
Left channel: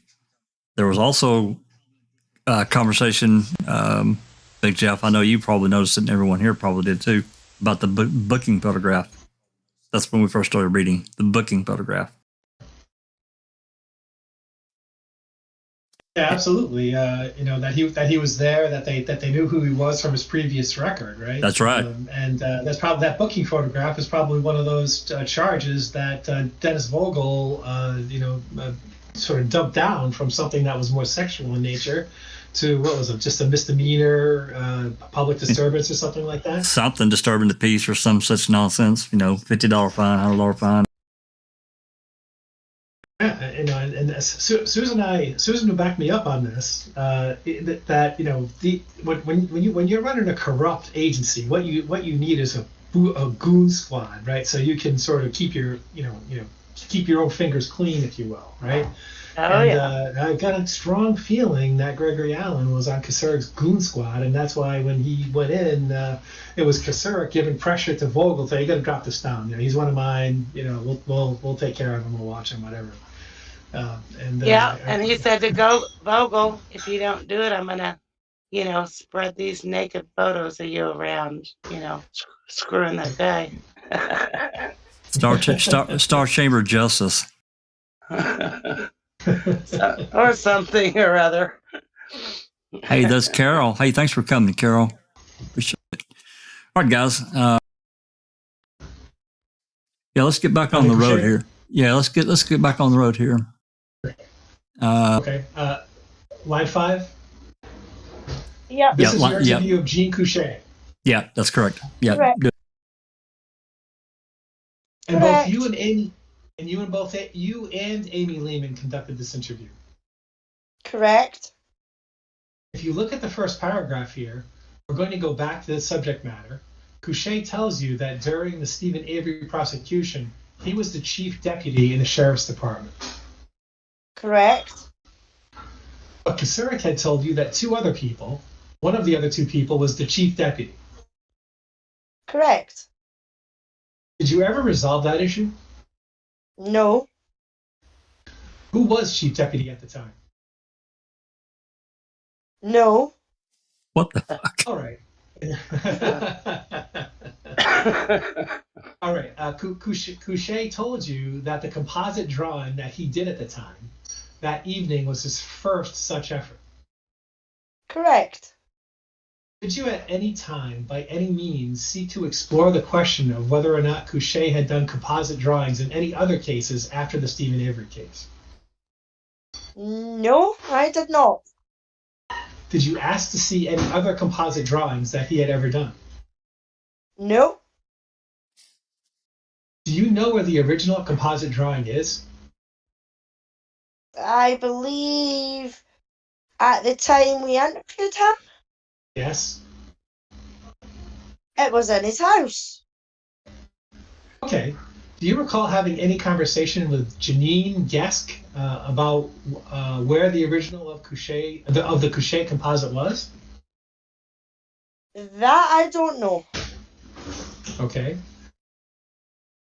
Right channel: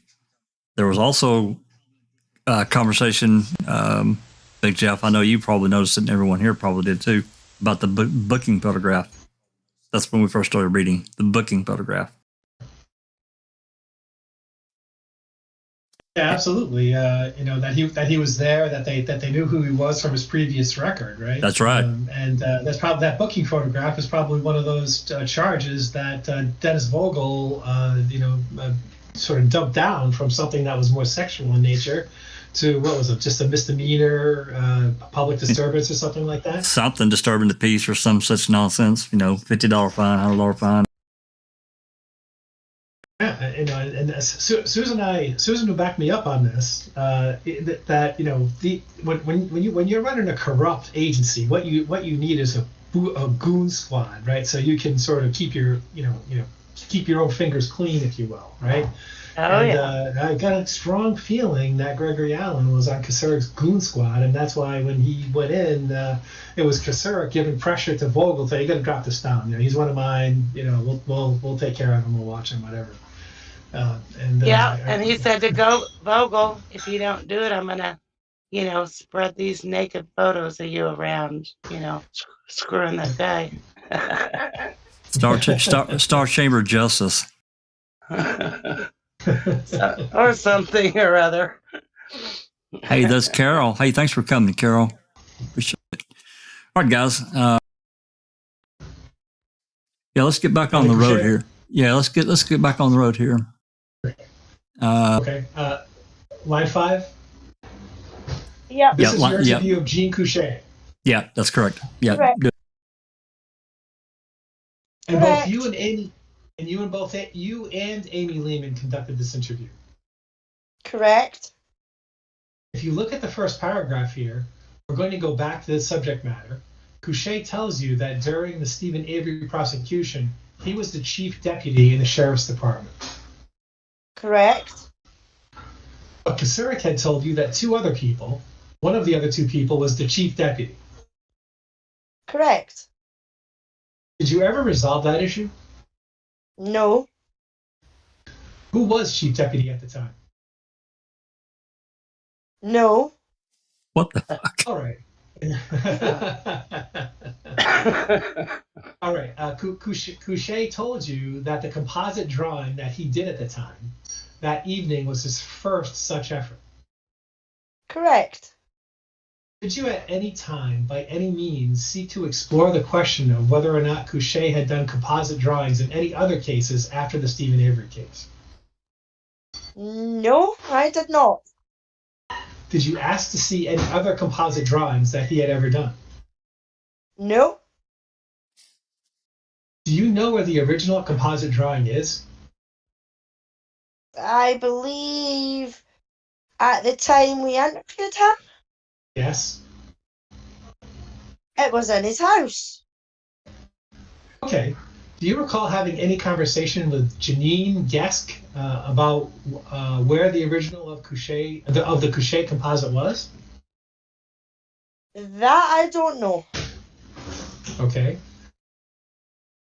There was also a conversation, Big Jeff, I know you probably noticed it, and everyone here probably did too, about the booking photograph. That's when we first started reading the booking photograph. Yeah, absolutely. That he was there, that they knew who he was from his previous record, right? That's right. And that's probably that booking photograph is probably one of those charges that Dennis Vogel, sort of dumped down from something that was more sexual in nature to what was it, just a misdemeanor, public disturbance or something like that. Something disturbing the peace or some such nonsense. $50 fine, $100 fine. Yeah, and Susan will back me up on this. When you're running a corrupt agency, what you need is a goon squad, right? So you can sort of keep your own fingers clean, if you will, right? I got a strong feeling that Gregory Allen was on Kasurik's goon squad, and that's why when he went in, it was Kasurik giving pressure to Vogel, saying, "You got to drop this down. He's one of mine. We'll take care of him. We'll watch him, whatever." And he said to Vogel, if you don't do it, I'm gonna, spread these naked photos of you around, screwing that guy. Star Chamber Justice. Or something or other. Hey, that's Carol. Hey, thanks for coming, Carol. Appreciate it. All right, guys. Let's get back on the road here. Yeah, let's get back on the road here. Okay. Line 5. Yeah. This is your interview of Jean Couchet. Yeah, that's correct. Yeah. Correct. Good. And both you and Amy. And you and Amy Lehman conducted this interview. Correct. If you look at the first paragraph here, we're going to go back to the subject matter. Couchet tells you that during the Stephen Avery prosecution, he was the chief deputy in the sheriff's department. Correct. But Kasurik had told you that one of the other two people was the chief deputy. Correct. Did you ever resolve that issue? No. Who was chief deputy at the time? No. What the fuck? All right. All right. Couchet told you that the composite drawing that he did at the time, that evening, was his first such effort. Correct. Did you at any time, by any means, seek to explore the question of whether or not Couchet had done composite drawings in any other cases after the Stephen Avery case? No, I did not. Did you ask to see any other composite drawings that he had ever done? No. Do you know where the original composite drawing is? I believe at the time we interviewed him, Yes. it was in his house. Okay. Do you recall having any conversation with Janine Gesk about where the original of the Couché composite was? That I don't know. Okay.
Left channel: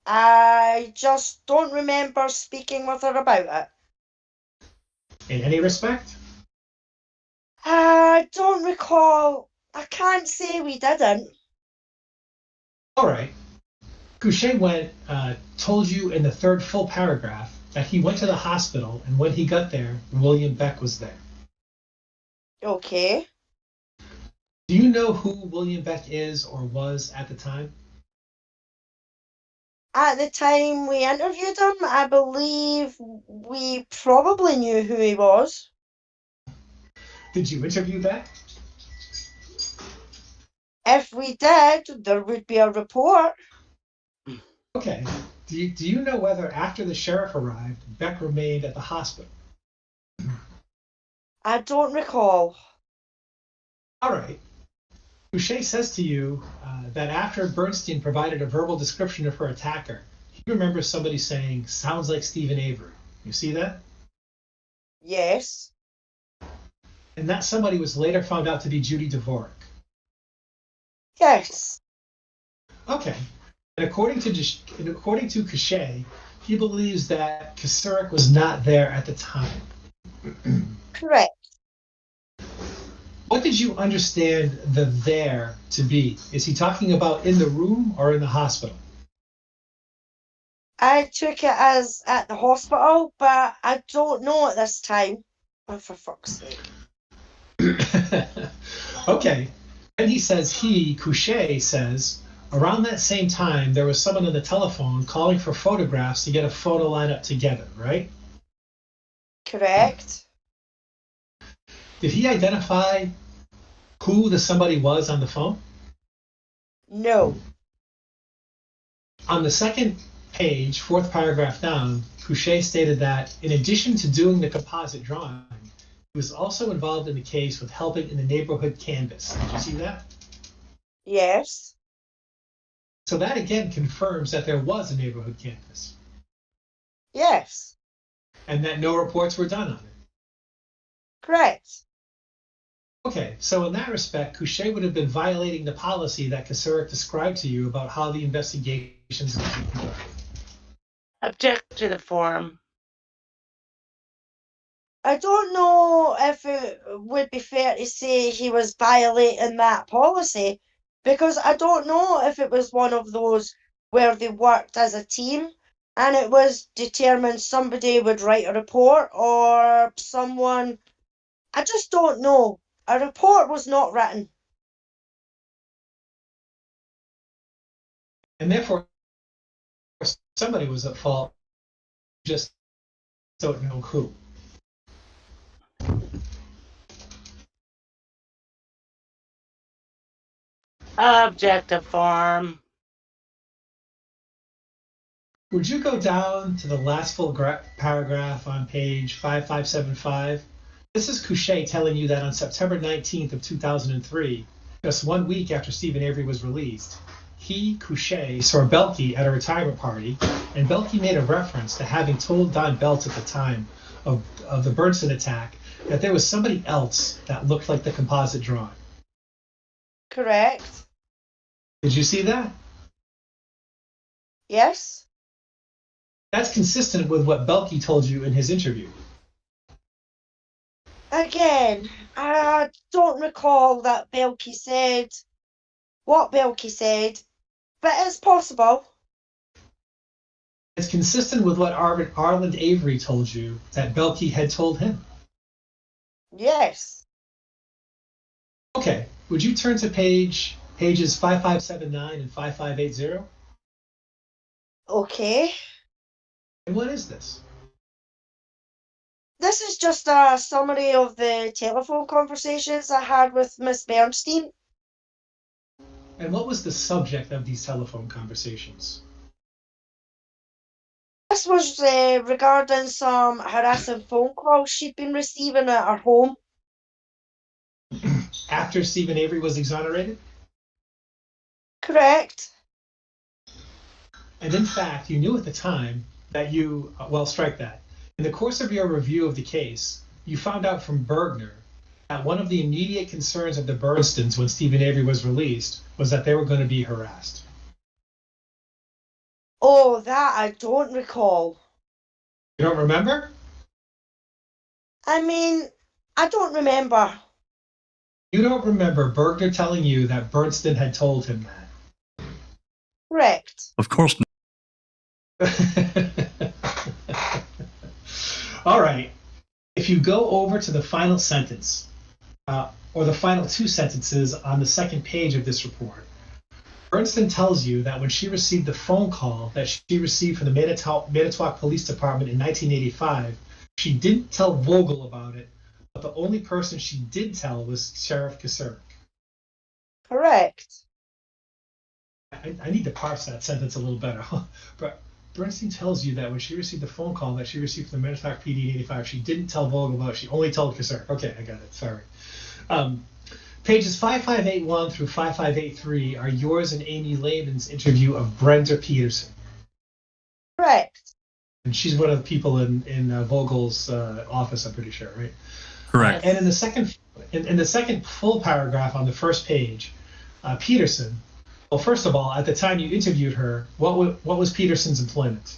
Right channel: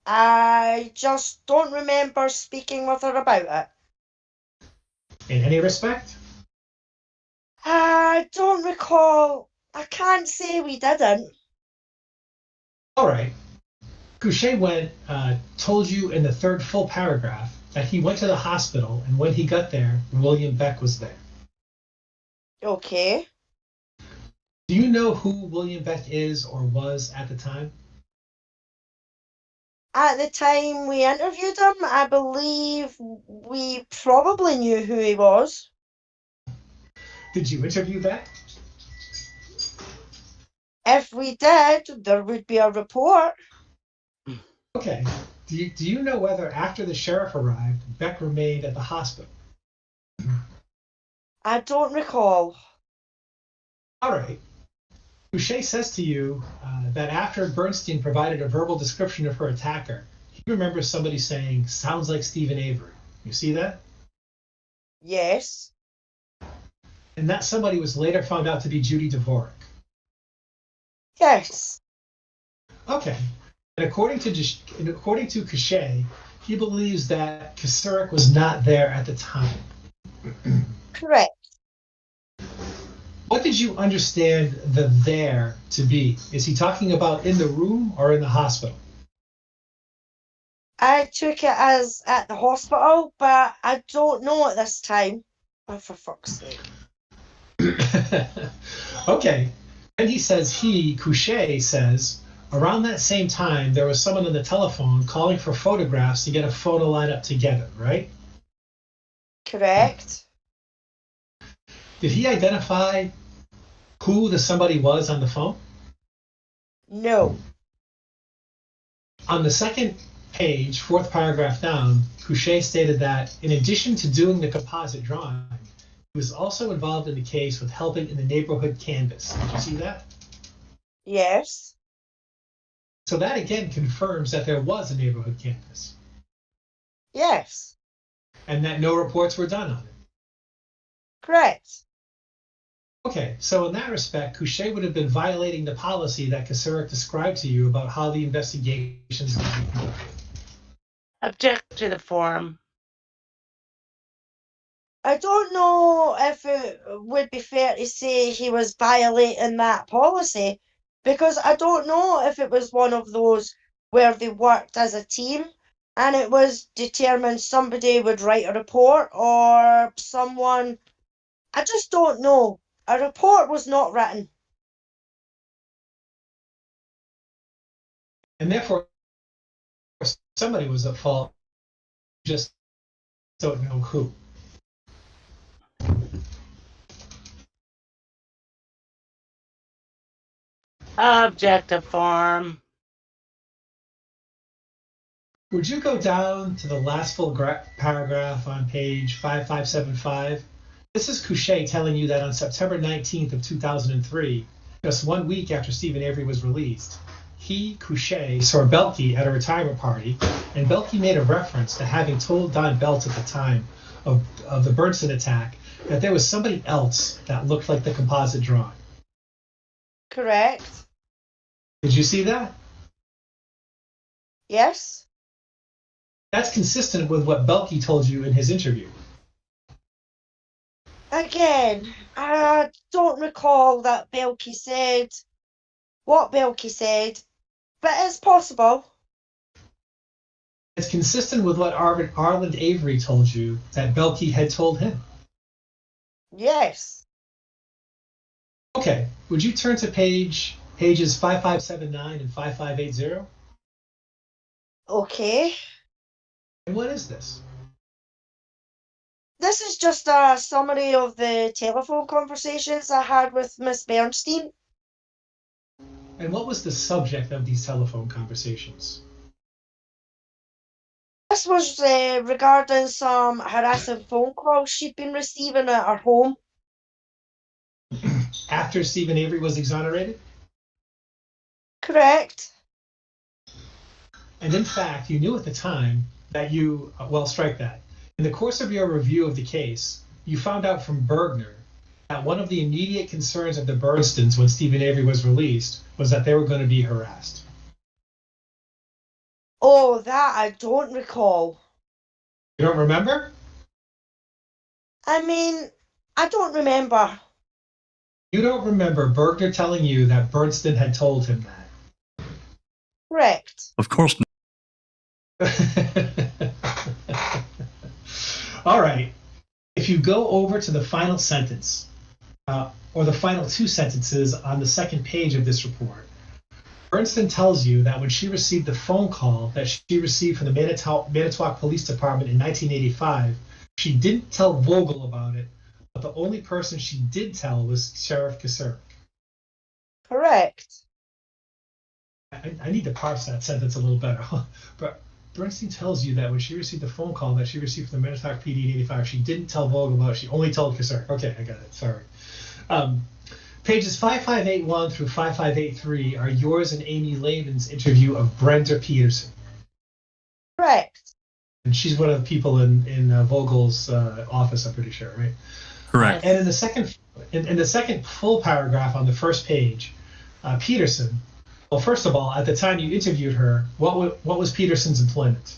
I just don't remember speaking with her about it. In any respect? I don't recall. I can't say we didn't. All right. Couché told you in the third full paragraph that he went to the hospital, and when he got there, William Beck was there. Okay. Do you know who William Beck is or was at the time? At the time we interviewed him, I believe we probably knew who he was. Did you interview Beck? If we did, there would be a report. Okay. Do you know whether after the sheriff arrived, Beck remained at the hospital? I don't recall. All right. Couché says to you that after Bernstein provided a verbal description of her attacker, he remembers somebody saying, "Sounds like Stephen Avery." You see that? Yes. And that somebody was later found out to be Judy Dvorak. Yes. Okay. And according to Couché, he believes that Kasurek was not there at the time. Correct. What did you understand the "there" to be? Is he talking about in the room or in the hospital? I took it as at the hospital, but I don't know at this time. Oh, for fuck's sake. Okay. And he says Couché says, around that same time, there was someone on the telephone calling for photographs to get a photo lineup together, right? Correct. Did he identify who the somebody was on the phone? No. On the second page, fourth paragraph down, Couché stated that in addition to doing the composite drawing, he was also involved in the case with helping in the neighborhood canvas. Did you see that? Yes. So that again confirms that there was a neighborhood canvas Yes. and that no reports were done on it. Correct. Okay, so in that respect, Couché would have been violating the policy that Kasurek described to you about how the investigations would be conducted. Object to the form. I don't know if it would be fair to say he was violating that policy, because I don't know if it was one of those where they worked as a team and it was determined somebody would write a report or someone. I just don't know. A report was not written. And therefore, somebody was at fault, just don't know who. Objective form. Would you go down to the last full paragraph on page 5575? This is Couché telling you that on September 19th of 2003, just 1 week after Stephen Avery was released, he, Couché, saw Belkey at a retirement party, and Belkey made a reference to having told Don Beltz at the time of the Bernstein attack that there was somebody else that looked like the composite drawing. Correct. Did you see that? Yes. That's consistent with what Belkey told you in his interview. Again, I don't recall that Belkey said what Belkey said, but it's possible. It's consistent with what Arland Avery told you that Belkey had told him. Yes. Okay, would you turn to pages 5579 and 5580? Okay. And what is this? This is just a summary of the telephone conversations I had with Miss Bernstein. And what was the subject of these telephone conversations? This was regarding some harassing phone calls she'd been receiving at her home. After Stephen Avery was exonerated? Correct. And in fact, you knew at the time that well, strike that. In the course of your review of the case, you found out from Bergner that one of the immediate concerns of the Bernstons when Stephen Avery was released was that they were going to be harassed. Oh, that I don't recall. You don't remember? I mean, I don't remember. You don't remember Bergner telling you that Bernstein had told him that? Correct. Of course not. All right. If you go over to the final sentence, or the final two sentences on the second page of this report, Bernstein tells you that when she received the phone call that she received from the Manitowoc Police Department in 1985, she didn't tell Vogel about it, but the only person she did tell was Sheriff Kasurek. Correct. I need to parse that sentence a little better. But Bernstein tells you that when she received the phone call that she received from the Manitowoc PD in 85, she didn't tell Vogel about it. She only told Kasurek. Okay, I got it. Sorry. Pages 5581 through 5583 are yours and Amy Lehman's interview of Brenda Peterson. Correct. And she's one of the people in Vogel's office, I'm pretty sure, right? Correct. And in the second full paragraph on the first page, Peterson. Well, first of all, at the time you interviewed her, what was Peterson's employment?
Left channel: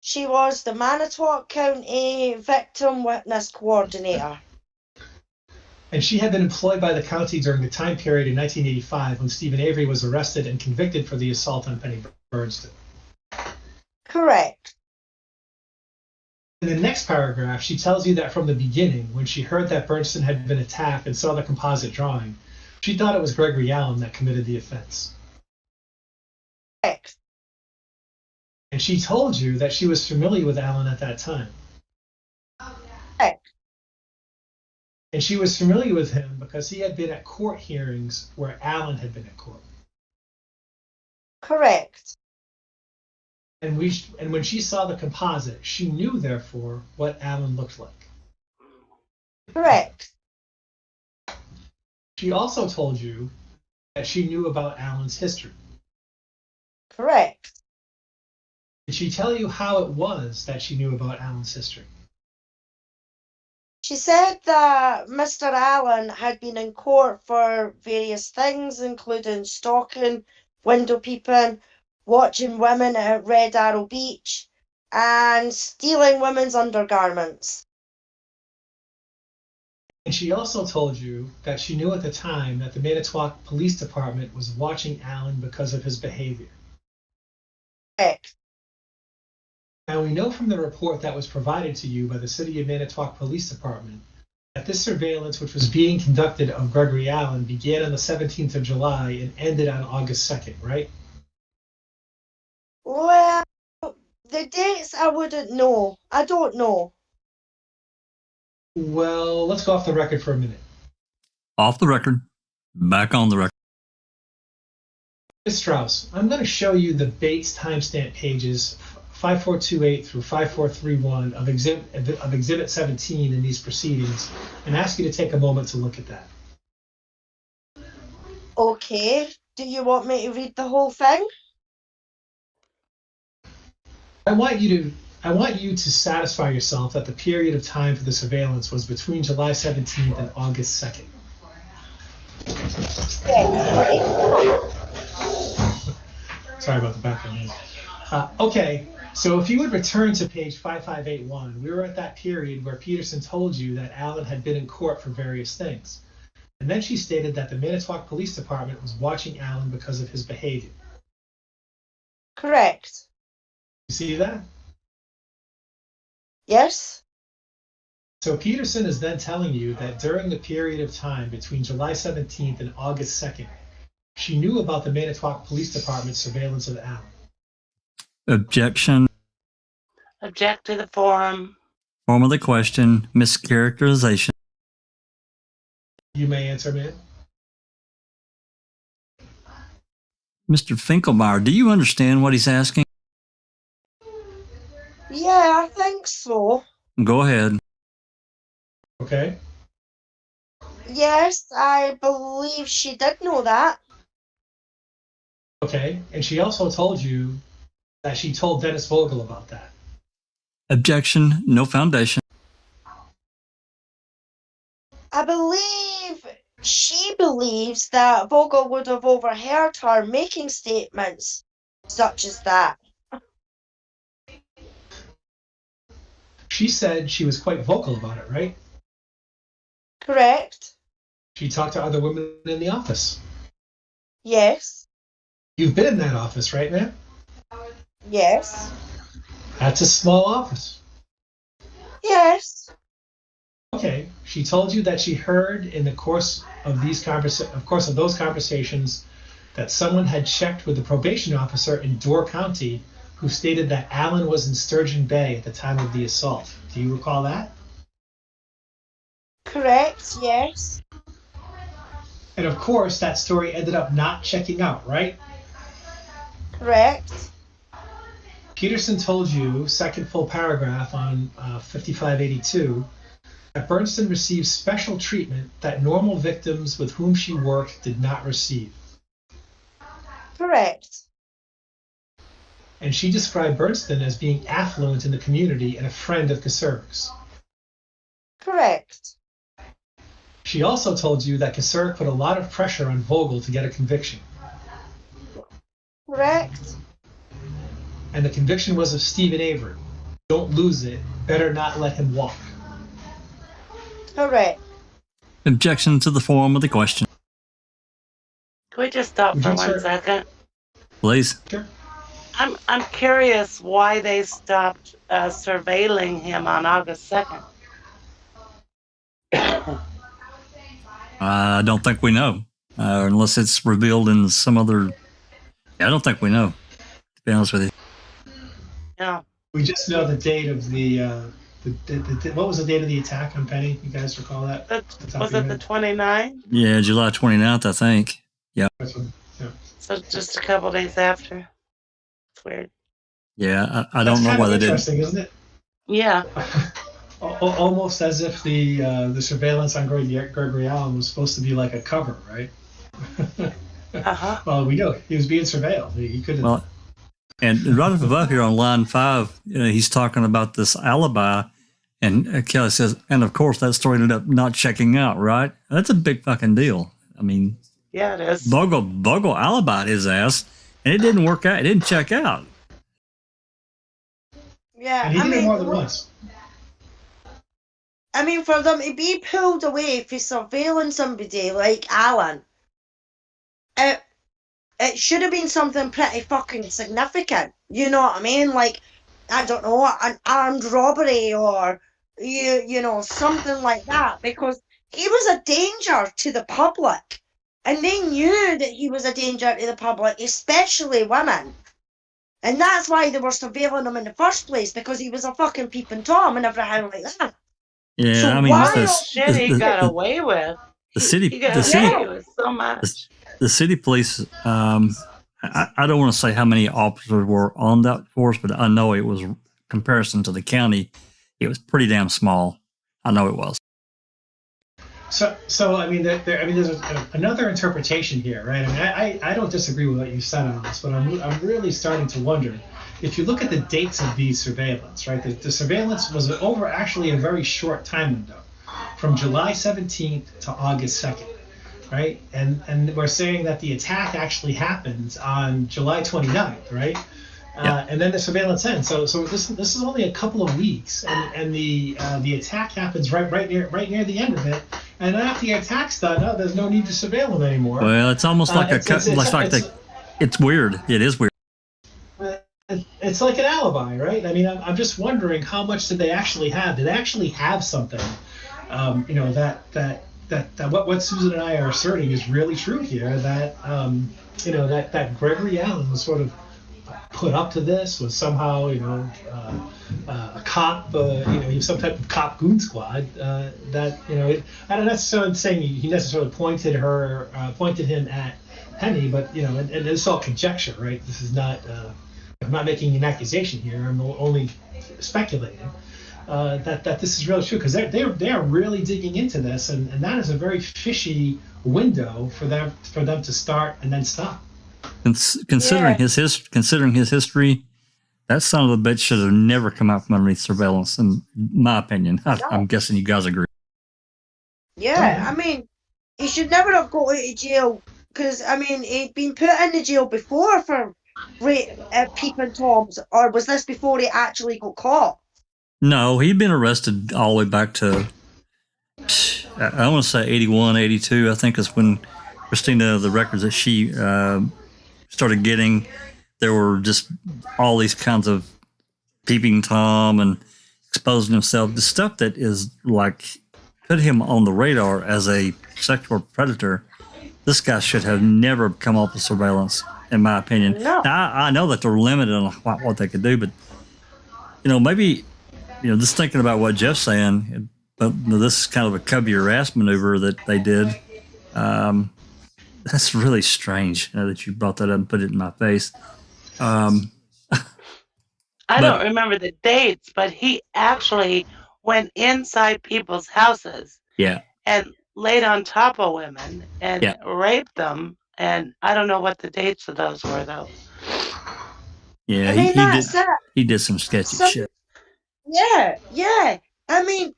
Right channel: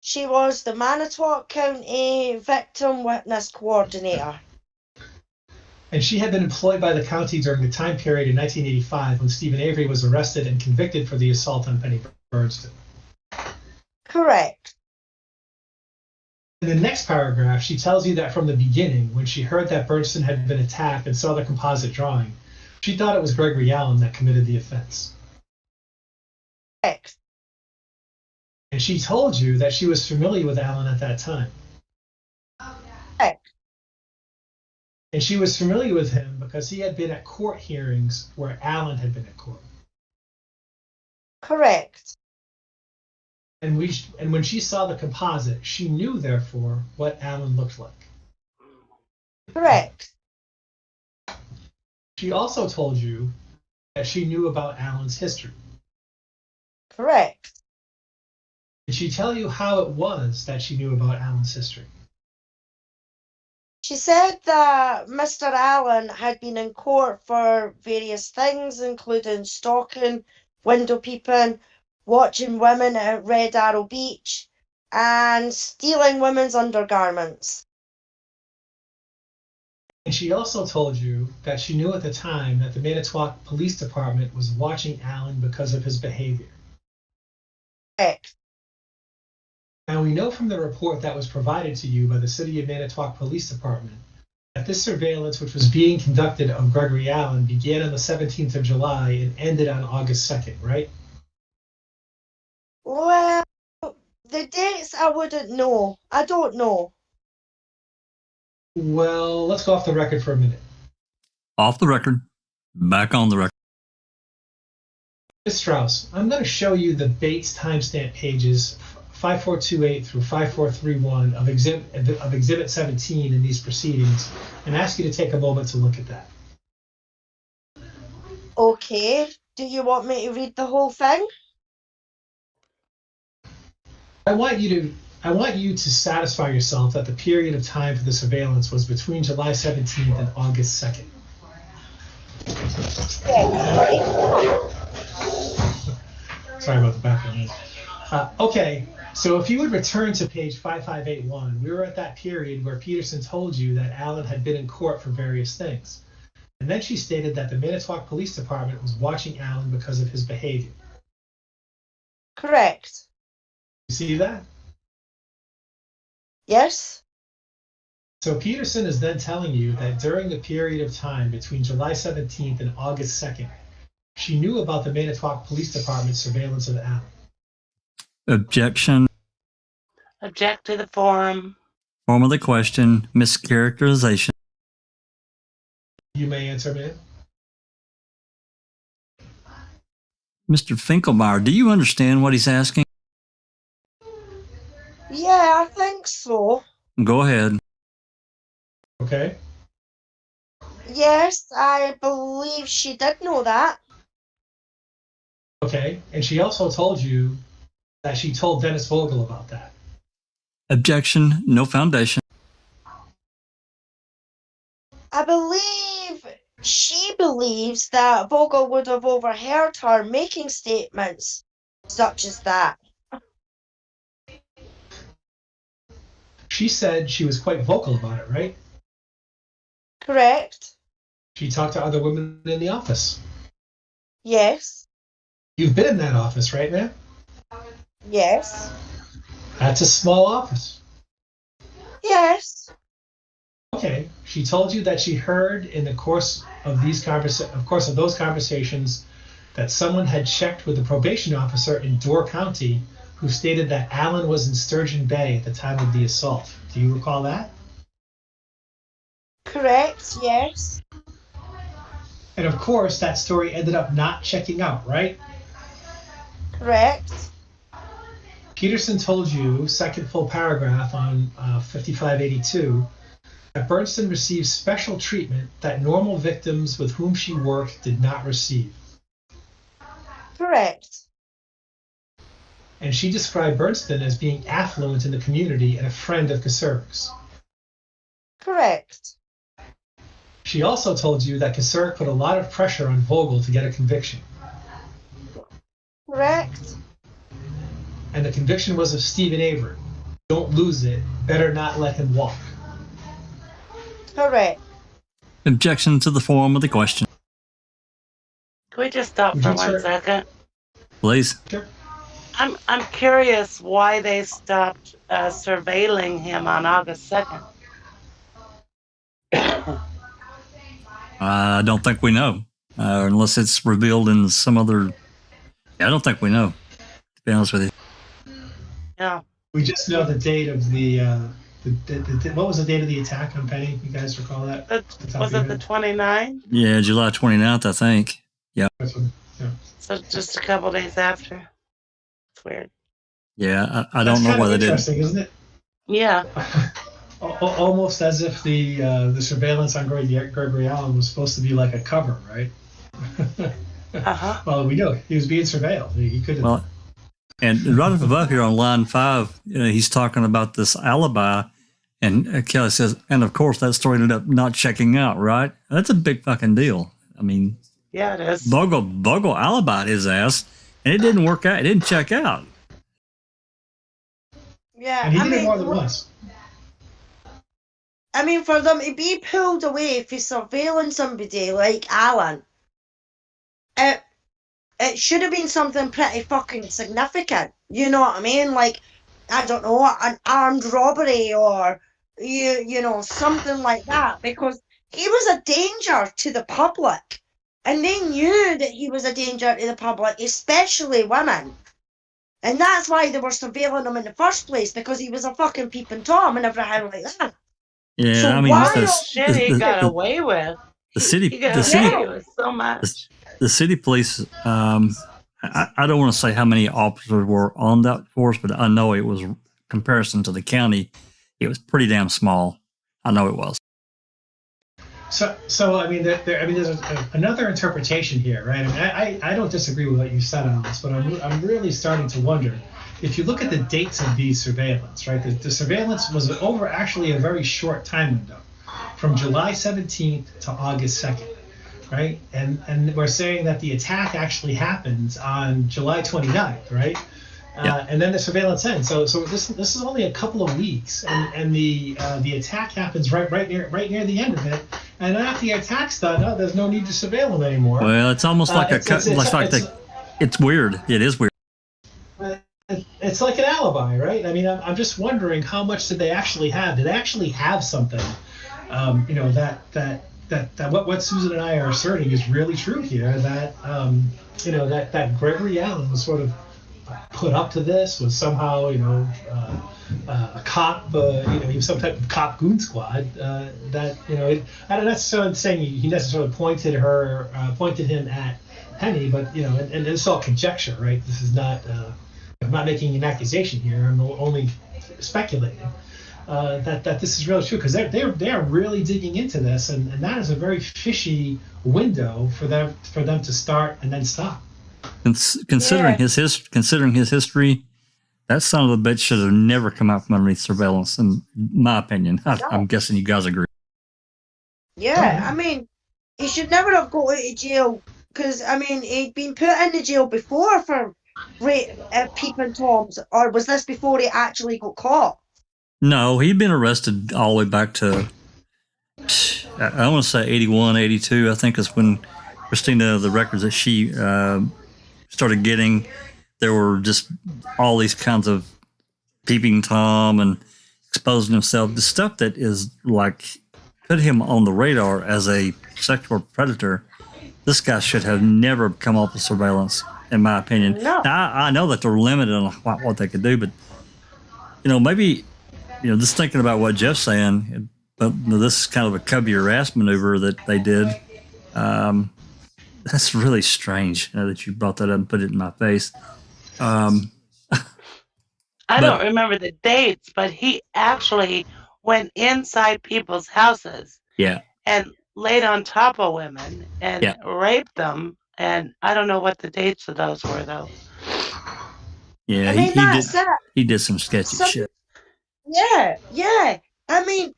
She was the Manitowoc County Victim Witness Coordinator. And she had been employed by the county during the time period in 1985 when Stephen Avery was arrested and convicted for the assault on Penny Bernstein. Correct. In the next paragraph, she tells you that from the beginning, when she heard that Bernstein had been attacked and saw the composite drawing, she thought it was Gregory Allen that committed the offense. Correct. And she told you that she was familiar with Allen at that time. Correct. And she was familiar with him because he had been at court hearings where Allen had been at court. Correct. And when she saw the composite, she knew, therefore, what Allen looked like. Correct. She also told you that she knew about Allen's history. Correct. Did she tell you how it was that she knew about Allen's history? She said that Mr. Allen had been in court for various things, including stalking, window peeping, watching women at Red Arrow Beach, and stealing women's undergarments. And she also told you that she knew at the time that the Manitowoc Police Department was watching Allen because of his behavior. Correct. Now, we know from the report that was provided to you by the City of Manitowoc Police Department that this surveillance, which was being conducted of Gregory Allen, began on the 17th of July and ended on August 2nd, right? Well, the dates I wouldn't know. I don't know. Well, let's go off the record for a minute. Off the record. Back on the record. Ms. Strauss, I'm going to show you the Bates timestamp pages 5428 through 5431 of Exhibit 17 in these proceedings and ask you to take a moment to look at that. Okay. Do you want me to read the whole thing? I want you to satisfy yourself that the period of time for the surveillance was between July 17th and August 2nd. Sorry about the background. Okay, so if you would return to page 5581, we were at that period where Peterson told you that Allen had been in court for various things. And then she stated that the Manitowoc Police Department was watching Allen because of his behavior. Correct. You see that? Yes. So Peterson is then telling you that during the period of time between July 17th and August 2nd, she knew about the Manitowoc Police Department's surveillance of Allen. Objection. Object to the form. Form of the question. Mischaracterization. You may answer, ma'am. Mr. Finkelmeyer, do you understand what he's asking? Yeah, I think so. Go ahead. Okay. Yes, I believe she did know that. Okay, and she also told you that she told Dennis Vogel about that. Objection, no foundation. I believe she believes that Vogel would have overheard her making statements such as that. She said she was quite vocal about it, right? Correct? She talked to other women in the office. Yes. You've been in that office, right, ma'am? Yes. That's a small office. Yes. Okay. She told you that she heard in the course of those conversations that someone had checked with the probation officer in Door County who stated that Alan was in Sturgeon Bay at the time of the assault. Do you recall that? Correct, yes. And of course, that story ended up not checking out, right? Correct. Peterson told you, second full paragraph on 5582, that Bernston received special treatment that normal victims with whom she worked did not receive. Correct. And she described Bernston as being affluent in the community and a friend of Kasurik's. Correct. She also told you that Kasurik put a lot of pressure on Vogel to get a conviction. Correct. And the conviction was of Stephen Avery. Don't lose it. Better not let him walk. Correct. Objection to the form of the question. Can we just stop for 1 second? Please. Sure. I'm curious why they stopped surveilling him on August 2nd. I don't think we know, unless it's revealed in some other. Yeah, I don't think we know, to be honest with you. Yeah. We just know the date of the what was the date of the attack on Penny? You guys recall that? Was it the 29th? Yeah, July 29th, I think. Yeah. So just a couple days after. It's weird. Yeah, I don't know why they didn't. Interesting, isn't it? Yeah. Almost as if the surveillance on Gregory Allen was supposed to be like a cover, right? Uh-huh. Well, we know he was being surveilled. He couldn't. Well, and right up above here on line 5, he's talking about this alibi, and Kelly says, and of course that story ended up not checking out, right? That's a big fucking deal. I mean, yeah, it is. Vogel alibied his ass, and it didn't work out. It didn't check out. Yeah, and he did it more than once. I mean, for them to be pulled away for surveilling somebody like Alan, it should have been something pretty fucking significant. You know what I mean? Like, I don't know, an armed robbery or, you know, something like that. Because he was a danger to the public. And they knew that he was a danger to the public, especially women. And that's why they were surveilling him in the first place, because he was a fucking peeping Tom and everything like that. Yeah, So I mean, Shit he got away with. the city, He got the city, away with so much. the city police. I don't want to say how many officers were on that force, but I know it was comparison to the county. It was pretty damn small. I know it was. So I mean, there's another interpretation here, right? I mean, I don't disagree with what you said on this, but I'm really starting to wonder. If you look at the dates of these surveillance, right? The surveillance was over actually a very short time window, from July 17th to August 2nd, right? And we're saying that the attack actually happened on July 29th, right? Yeah. And then the surveillance ends. So this is only a couple of weeks, and the attack happens right near the end of it. And after the attack's done, there's no need to surveil them anymore. Well, it's almost like it's weird. It is weird. It's like an alibi, right? I mean, I'm just wondering how much did they actually have? Did they actually have something? You know, that what Susan and I are asserting is really true here. That you know, that Gregory Allen was sort of put up to this, was somehow, you know, a cop, you know, he was some type of cop goon squad. That, you know, I don't necessarily saying he necessarily pointed him at Penny, but, you know, and it's all conjecture, right? This is not. I'm not making an accusation here. I'm only speculating that this is really true, because they are really digging into this, and that is a very fishy window for them to start and then stop. Considering his history, that son of a bitch should have never come out from underneath surveillance. In my opinion, I'm guessing you guys agree. Yeah, I mean, he should never have got out of jail because, I mean, he'd been put in the jail before for peeping toms, or was this before he actually got caught? No, he'd been arrested all the way back to, I want to say 81, 82, I think is when Christina, the records that she started getting, there were just all these kinds of peeping Tom and exposing himself, the stuff that is like put him on the radar as a sexual predator. This guy should have never come off of surveillance, in my opinion. No. Now, I know that they're limited on what they could do, but maybe just thinking about what Jeff's saying, but this is kind of a cover your ass maneuver that they did. That's really strange that you brought that up and put it in my face. I don't remember the dates, but he actually went inside people's houses. Yeah. And laid on top of women and raped them. And I don't know what the dates of those were, though. Yeah, he did some sketchy shit. Yeah. I mean,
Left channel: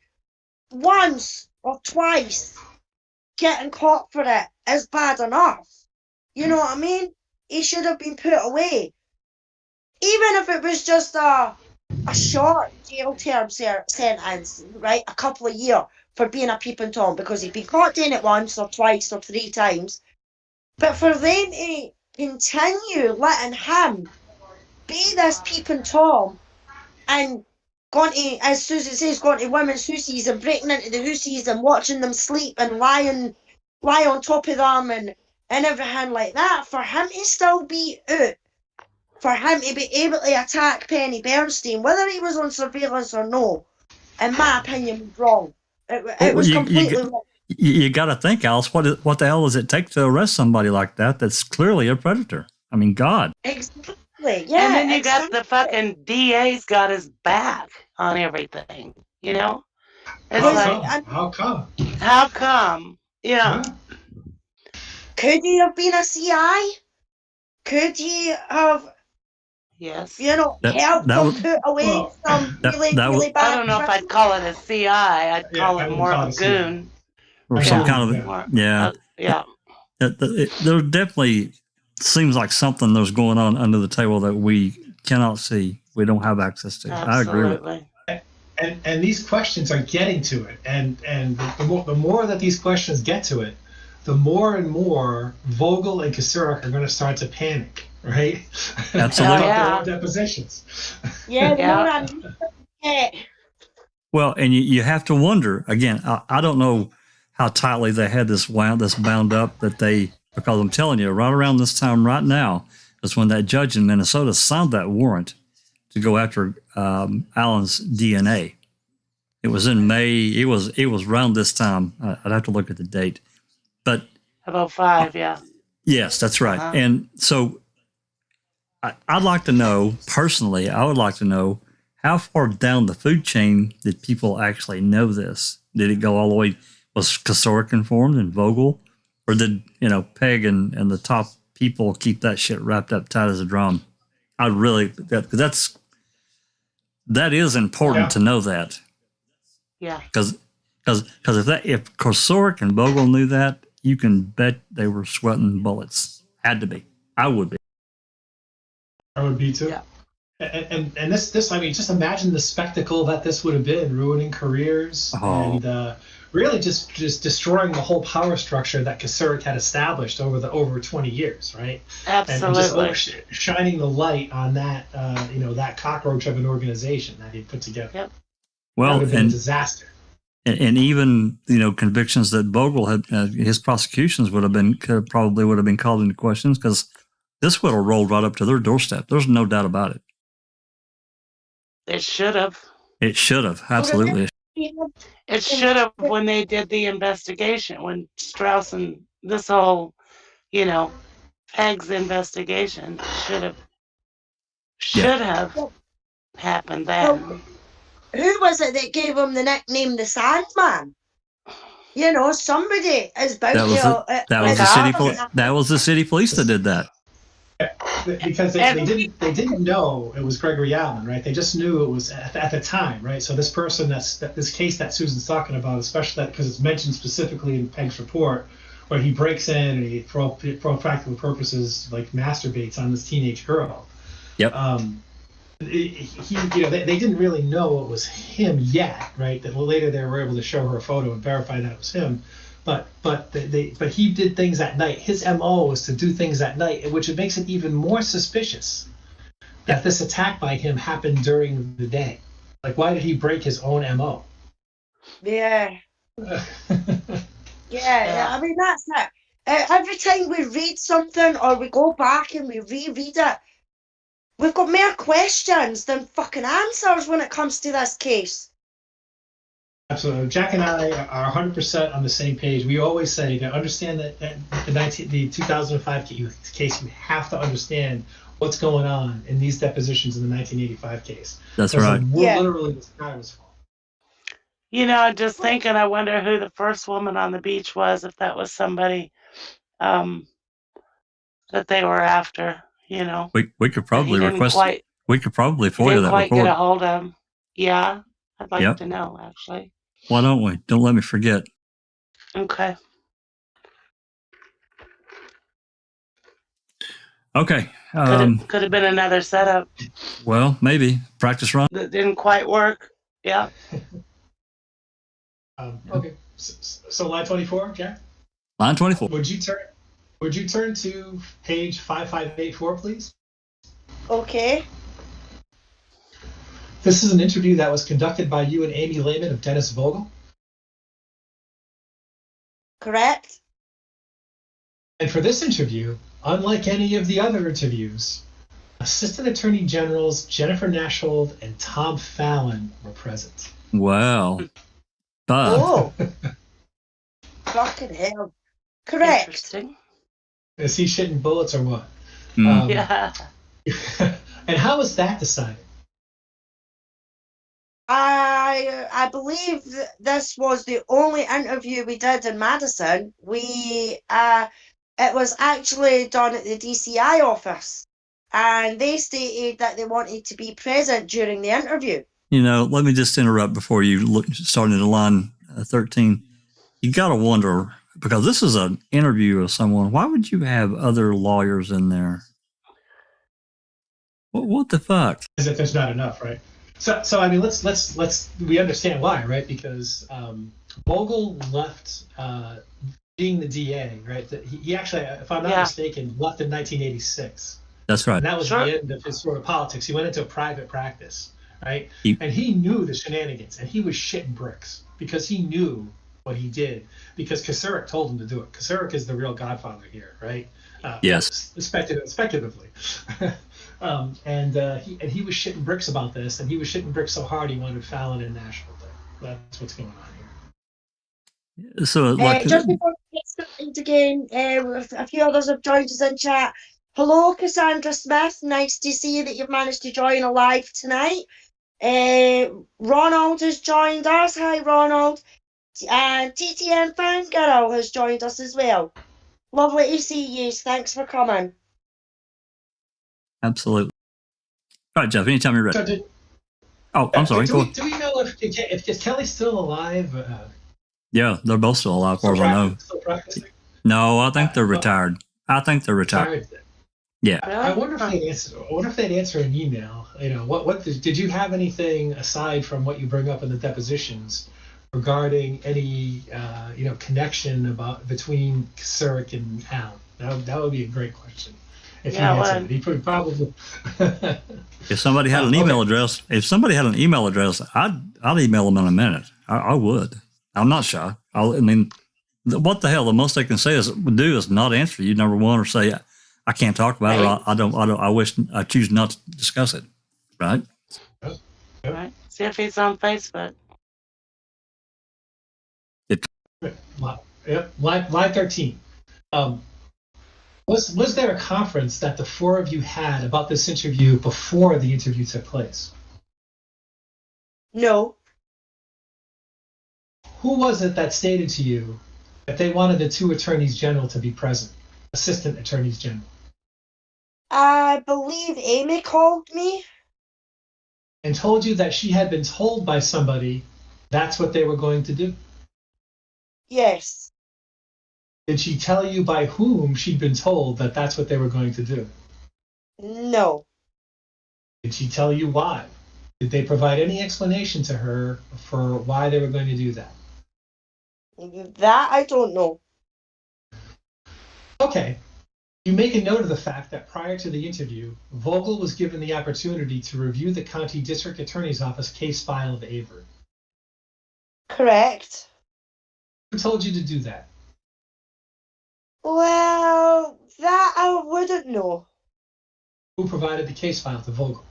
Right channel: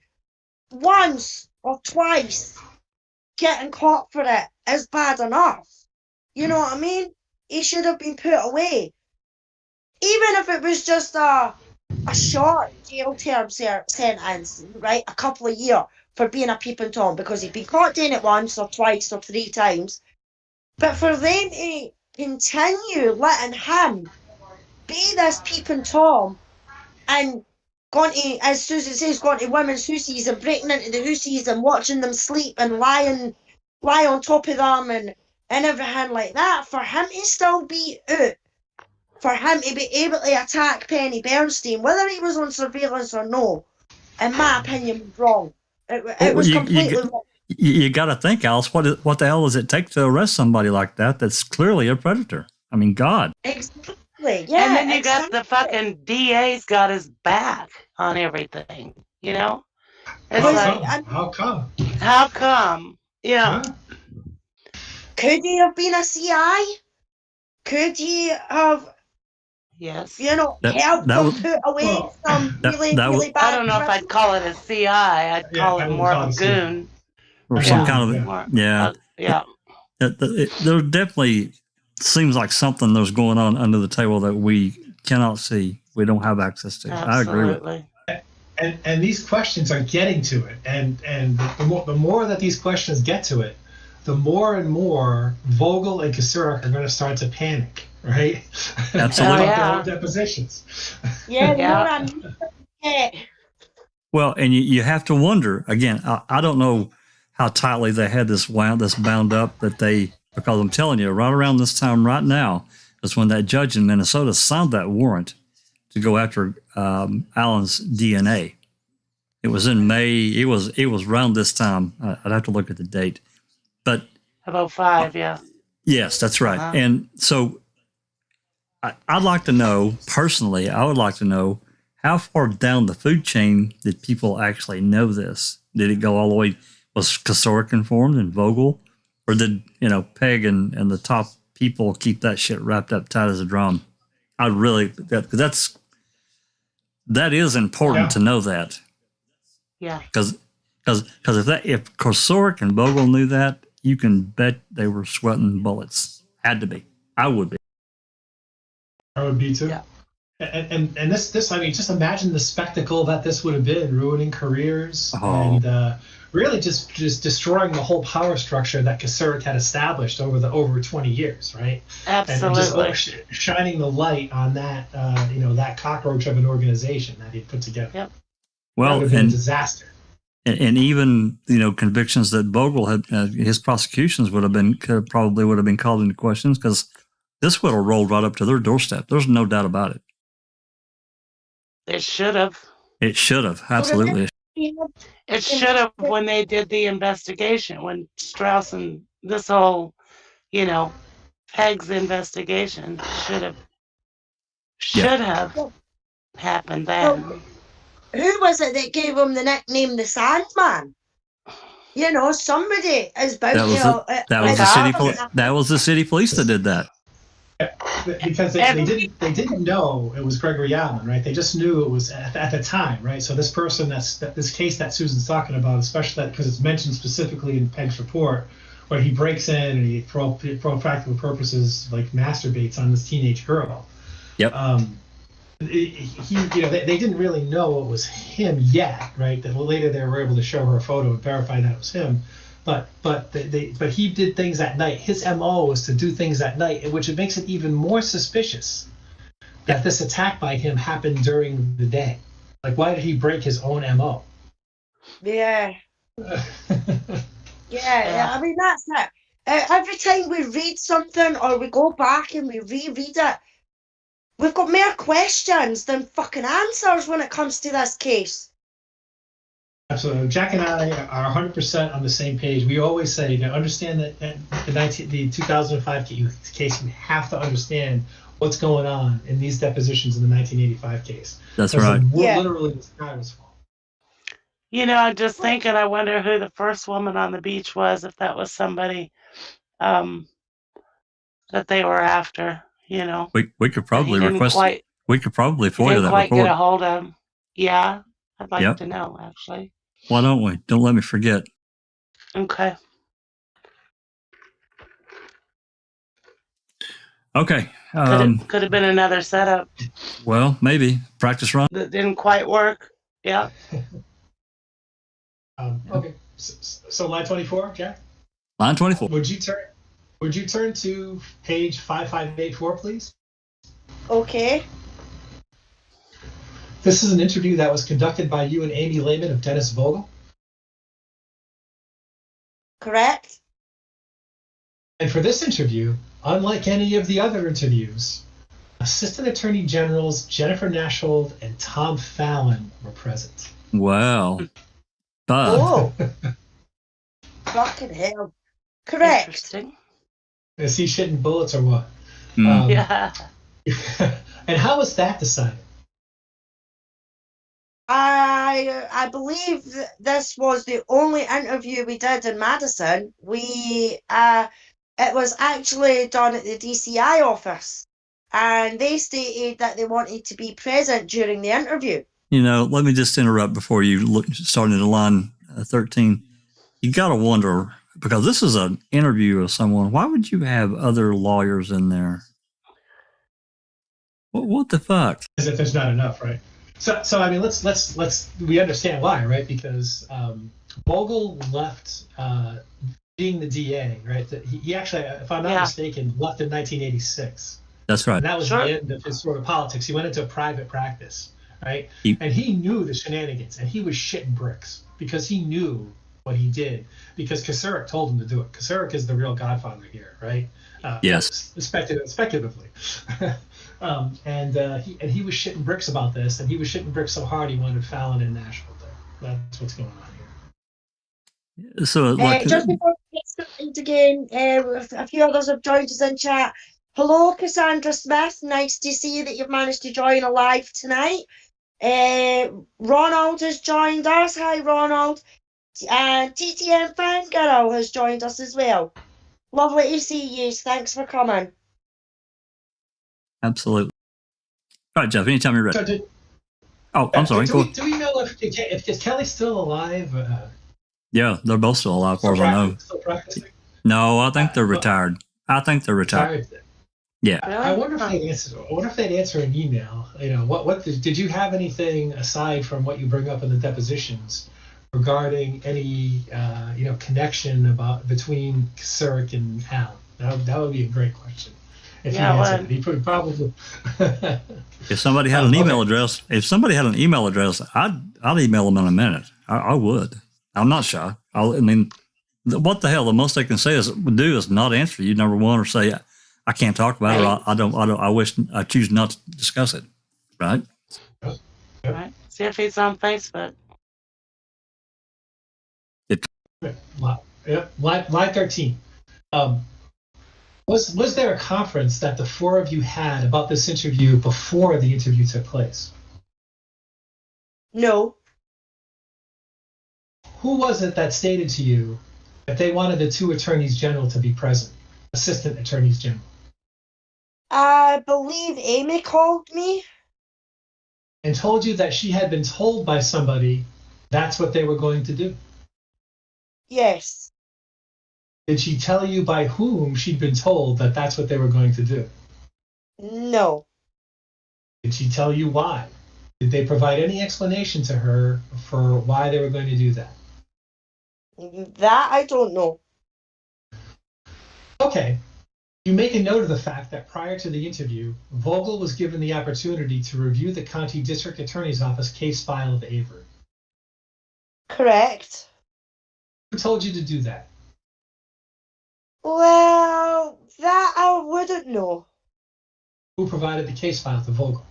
once or twice getting caught for it is bad enough. You know what I mean? He should have been put away. Even if it was just a short jail term sentence, right? A couple of years for being a peeping Tom, because he'd been caught doing it once or twice or 3 times. But for them to continue letting him be this peeping Tom and going to, as Susan says, going to women's hussies and breaking into the hussies and watching them sleep and lie on top of them and everything like that, for him to still be out, for him to be able to attack Penny Bernstein, whether he was on surveillance or no, in my opinion, was wrong. It was completely wrong. You got to think, Alice, what the hell does it take to arrest somebody like that that's clearly a predator? I mean, God. Exactly, yeah. And then you got the fucking DA's got his back on everything, It's How come? How come? Yeah. Could he have been a CI? Could he have... Yes. Helped them put away some really bad... I don't know if I'd call it a CI. I'd call it more of a goon. Or some kind of... Yeah. There definitely seems like something that's going on under the table that we cannot see. We don't have access to. Absolutely. I agree with it. And these questions are getting to it. And the more that these questions get to it, the more and more Vogel and Kasurek are going to start to panic, right? Absolutely. About their depositions. Well, and you have to wonder, again, I don't know how tightly they had this bound up because I'm telling you, right around this time right now is when that judge in Minnesota signed that warrant to go after Alan's DNA. It was in May. It was around this time. I'd have to look at the date. But about 5, yeah. Yes, that's right. And so I'd like to know, personally, I would like to know how far down the food chain did people actually know this? Did it go all the way, was Kasurek informed and Vogel? Or did, Peg and the top people keep that shit wrapped up tight as a drum? Because that is important to know that. Yeah. Because if Kasurek and Vogel knew that, you can bet they were sweating bullets. Had to be. I would be. I would be too. Yeah. And this I mean, just imagine the spectacle that this would have been, ruining careers and really just destroying the whole power structure that Kasurek had established over 20 years, right? Absolutely. And just shining the light on that that cockroach of an organization that he put together. Yep. Well, that would have been a disaster. And even convictions that Vogel had, his prosecutions probably would have been called into questions, because this would have rolled right up to their doorstep. There's no doubt about it. It should have. It should have, absolutely. It should have when they did the investigation, when Strauss and this whole, Peg's investigation should have happened then. Who was it that gave him the nickname the Sandman? Somebody is bound That was the city police that did that. Because they didn't know it was Gregory Allen, right? They just knew it was at the time, right? So this person this case that Susan's talking about, especially because it's mentioned specifically in Pegg's report, where he breaks in and he, for all practical purposes, like masturbates on this teenage girl. Yep. They didn't really know it was him yet, right? That later they were able to show her a photo and verify that it was him. But he did things at night. His MO was to do things at night, which it makes it even more suspicious that this attack by him happened during the day. Like, why did he break his own MO? Yeah. Yeah, I mean, that's it. Every time we read something or we go back and we reread it, we've got more questions than fucking answers when it comes to this case. Absolutely. Jack and I are 100% on the same page. We always say, to understand that the 2005 case, you have to understand what's going on in these depositions in the 1985 case. That's right. Literally, the sky was falling. You know, I'm just thinking, I wonder who the first woman on the beach was, if that was somebody that they were after, you know. We could probably request, we could probably FOIA that quite report. Get a hold of him. Yeah, I'd like to know, actually. Why don't we? Don't let me forget. Okay. Okay. Could have been another setup. Well, maybe. Practice run. That didn't quite work. Yeah. Okay. So line 24, Jack? Line 24. Would you turn to page 5584, please? Okay. This is an interview that was conducted by you and Amy Lehman of Dennis Vogel. Correct. And for this interview, unlike any of the other interviews, Assistant Attorney Generals Jennifer Nashhold and Tom Fallon were present. Wow. Oh. Fucking hell. Correct. Interesting. Is he shitting bullets or what? Yeah. And how was that decided? I believe this was the only interview we did in Madison. It was actually done at the DCI office, and they stated that they wanted to be present during the interview. You know, let me just interrupt before you start into line 13. You got to wonder, because this is an interview of someone, why would you have other lawyers in there? What the fuck? As if there's not enough, right? So I mean, we understand why, right? Because Vogel left being the DA, right? He actually, if I'm not mistaken, left in 1986. That's right. And that was the end of his sort of politics. He went into a private practice, right? And he knew the shenanigans, and he was shitting bricks because he knew what he did, because Kasurek told him to do it. Kasurek is the real godfather here, right? Yes. Speculatively. And he was shitting bricks about this, and he was shitting bricks so hard he wanted Fallon and Nashville there. That's what's going on here. So, just before we get started again, a few others have joined us in chat. Hello, Cassandra Smith. Nice to see that you've managed to join alive tonight. Ronald has joined us. Hi, Ronald. And TTM Fangirl has joined us as well. Lovely to see you. Thanks for coming. Absolutely. All right, Jeff, anytime you're ready. I'm sorry. Do we know if Kelly's still alive? Yeah, they're both still alive, as far as I know. Still practicing? No, I think they're retired. Yeah. I wonder if they'd answer an email. You know, what did you have anything aside from what you bring up in the depositions regarding any connection between Kasurek and Allen? That would be a great question. If he answered it, he probably. If somebody had an email address, I'd email them in a minute. I would. I'm not shy. What the hell? The most they can do is not answer you, number one, or say I can't talk about it. Or I choose not to discuss it. Right. Right. See if he's on Facebook. Line 13. Was there a conference that the four of you had about this interview before the interview took place? No. Who was it that stated to you that they wanted the two attorneys general to be present, assistant attorneys general? I believe Amy called me. And told you that she had been told by somebody that's what they were going to do? Yes. Did she tell you by whom she'd been told that that's what they were going to do? No. Did she tell you why? Did they provide any explanation to her for why they were going to do that? That I don't know. Okay. You make a note of the fact that prior to the interview, Vogel was given the opportunity to review the County District Attorney's Office case file of Avery. Correct. Who told you to do that? Well, that I wouldn't know. Who provided the case file to Vogel?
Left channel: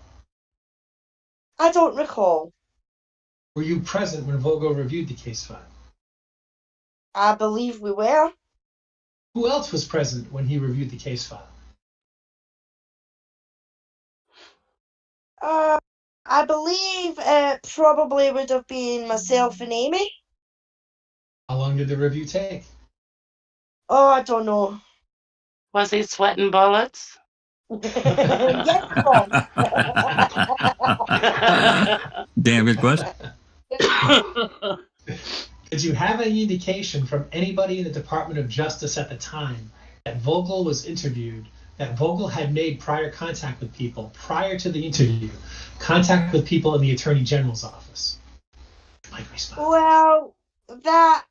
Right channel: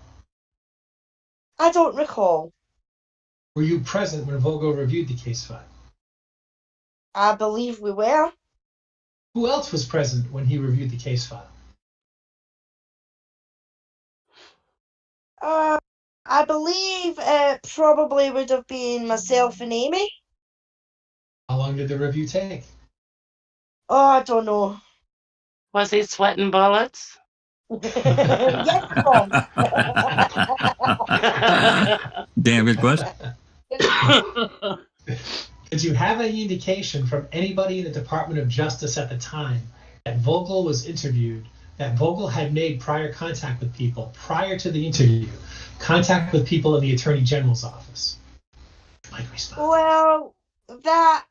I don't recall. Were you present when Vogel reviewed the case file? I believe we were. Who else was present when he reviewed the case file? I believe it probably would have been myself and Amy. How long did the review take? Oh, I don't know. Was he sweating bullets? Yes, Mom. Damn good question. Did you have any indication from anybody in the Department of Justice at the time that Vogel was interviewed, that Vogel had made prior contact with people prior to the interview, contact with people in the Attorney General's office? Well, that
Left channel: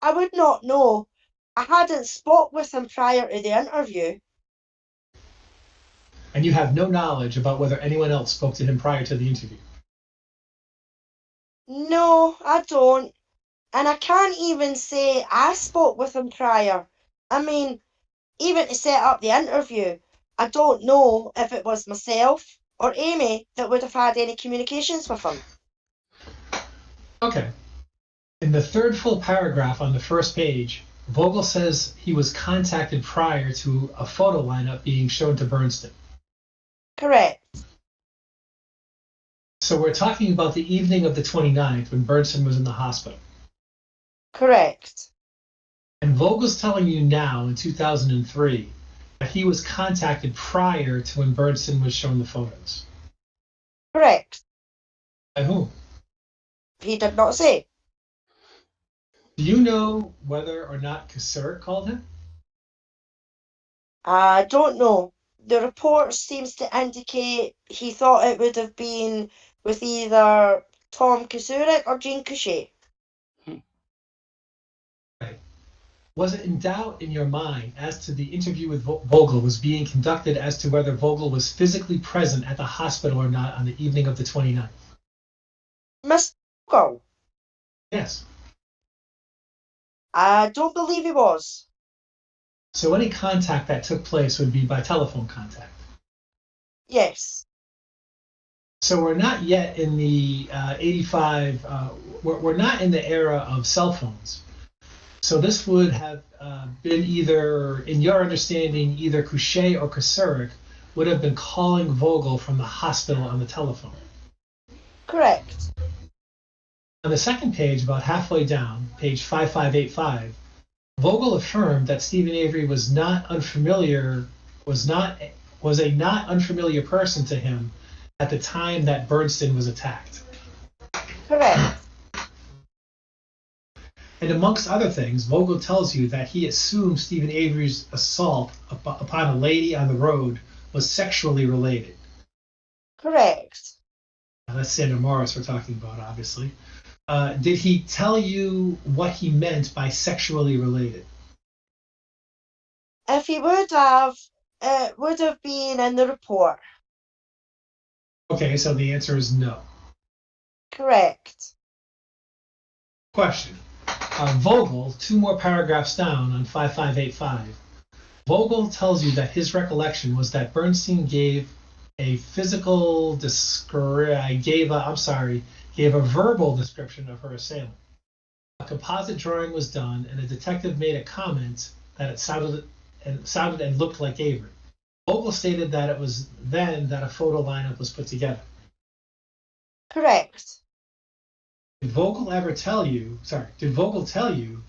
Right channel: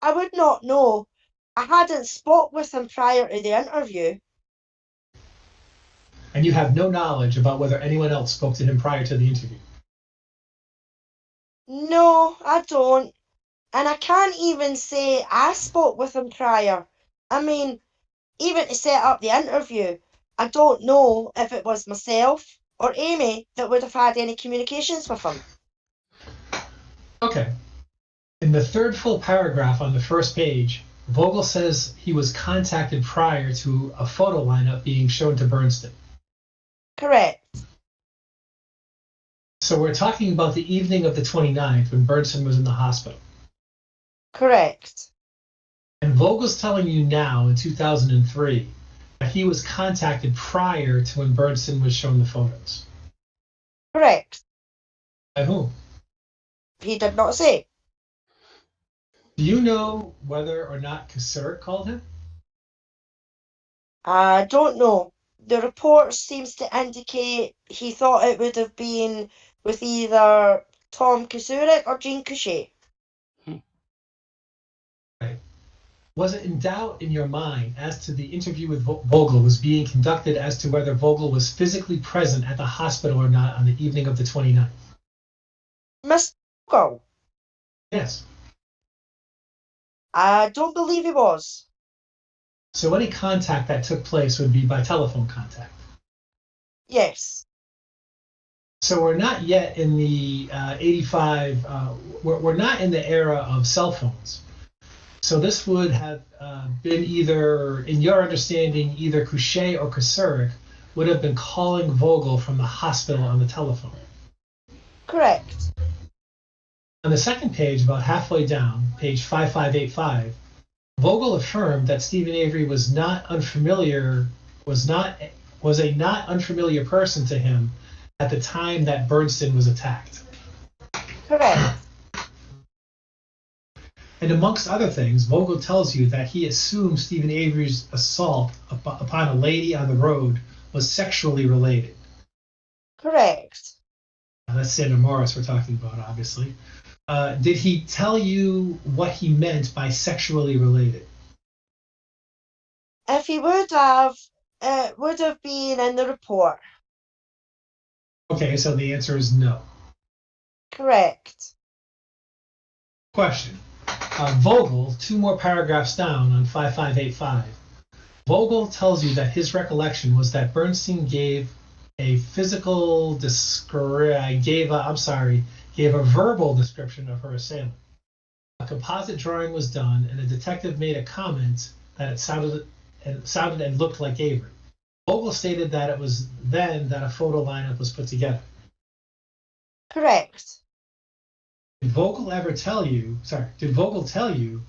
I would not know. I hadn't spoke with him prior to the interview. And you have no knowledge about whether anyone else spoke to him prior to the interview? No, I don't. And I can't even say I spoke with him prior. I mean, even to set up the interview, I don't know if it was myself or Amy that would have had any communications with him. Okay. In the third full paragraph on the first page, Vogel says he was contacted prior to a photo lineup being shown to Bernstein. Correct. So we're talking about the evening of the 29th when Bernstein was in the hospital. Correct. And Vogel's telling you now in 2003 that he was contacted prior to when Bernstein was shown the photos. Correct. By whom? He did not say. Do you know whether or not Kasur called him? I don't know. The report seems to indicate he thought it would have been with either Tom Kasurik or Jean Couchet. Right. Was it in doubt in your mind as to the interview with Vogel was being conducted as to whether Vogel was physically present at the hospital or not on the evening of the 29th? Mr. Vogel? Yes. I don't believe he was. So any contact that took place would be by telephone contact. Yes. So we're not yet in the 85, we're not in the era of cell phones. So this would have been either, in your understanding, either Couchet or Kasurik would have been calling Vogel from the hospital on the telephone. Correct. On the second page, about halfway down, page 5585, Vogel affirmed that Stephen Avery was a not unfamiliar person to him at the time that Bernstein was attacked. Correct. And amongst other things, Vogel tells you that he assumed Stephen Avery's assault upon a lady on the road was sexually related. Correct. Now, that's Sandra Morris we're talking about, obviously. Did he tell you what he meant by sexually related? If he would have, it would have been in the report. Okay, so the answer is no. Correct. Question. Vogel, two more paragraphs down on 5585, Vogel tells you that his recollection was that Bernstein gave a verbal description of her assailant. A composite drawing was done, and a detective made a comment that it sounded and looked like Avery. Vogel stated that it was then that a photo lineup was put together. Correct. Did Vogel tell you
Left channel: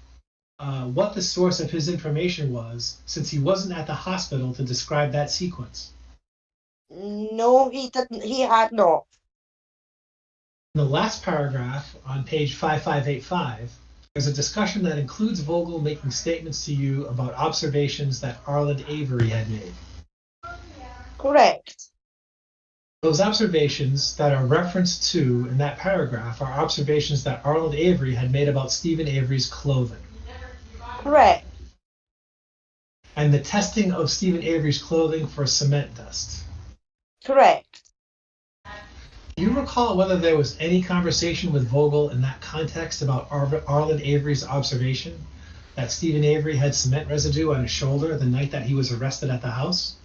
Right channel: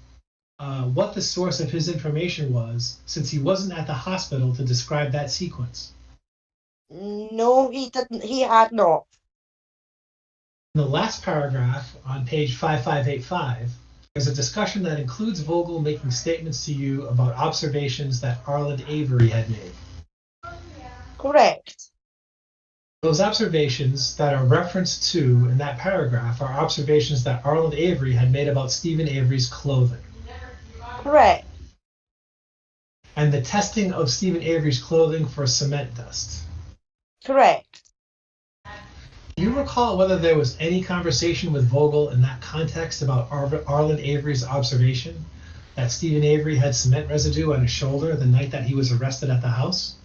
what the source of his information was, since he wasn't at the hospital to describe that sequence? No, he didn't. He had not. In the last paragraph on page 5585, there's a discussion that includes Vogel making statements to you about observations that Arlen Avery had made. Correct. Those observations that are referenced to in that paragraph are observations that Arlen Avery had made about Stephen Avery's clothing. Correct. And the testing of Stephen Avery's clothing for cement dust. Correct. Do you recall whether there was any conversation with Vogel in that context about Arlen Avery's observation that Stephen Avery had cement residue on his shoulder the night that he was arrested at the house?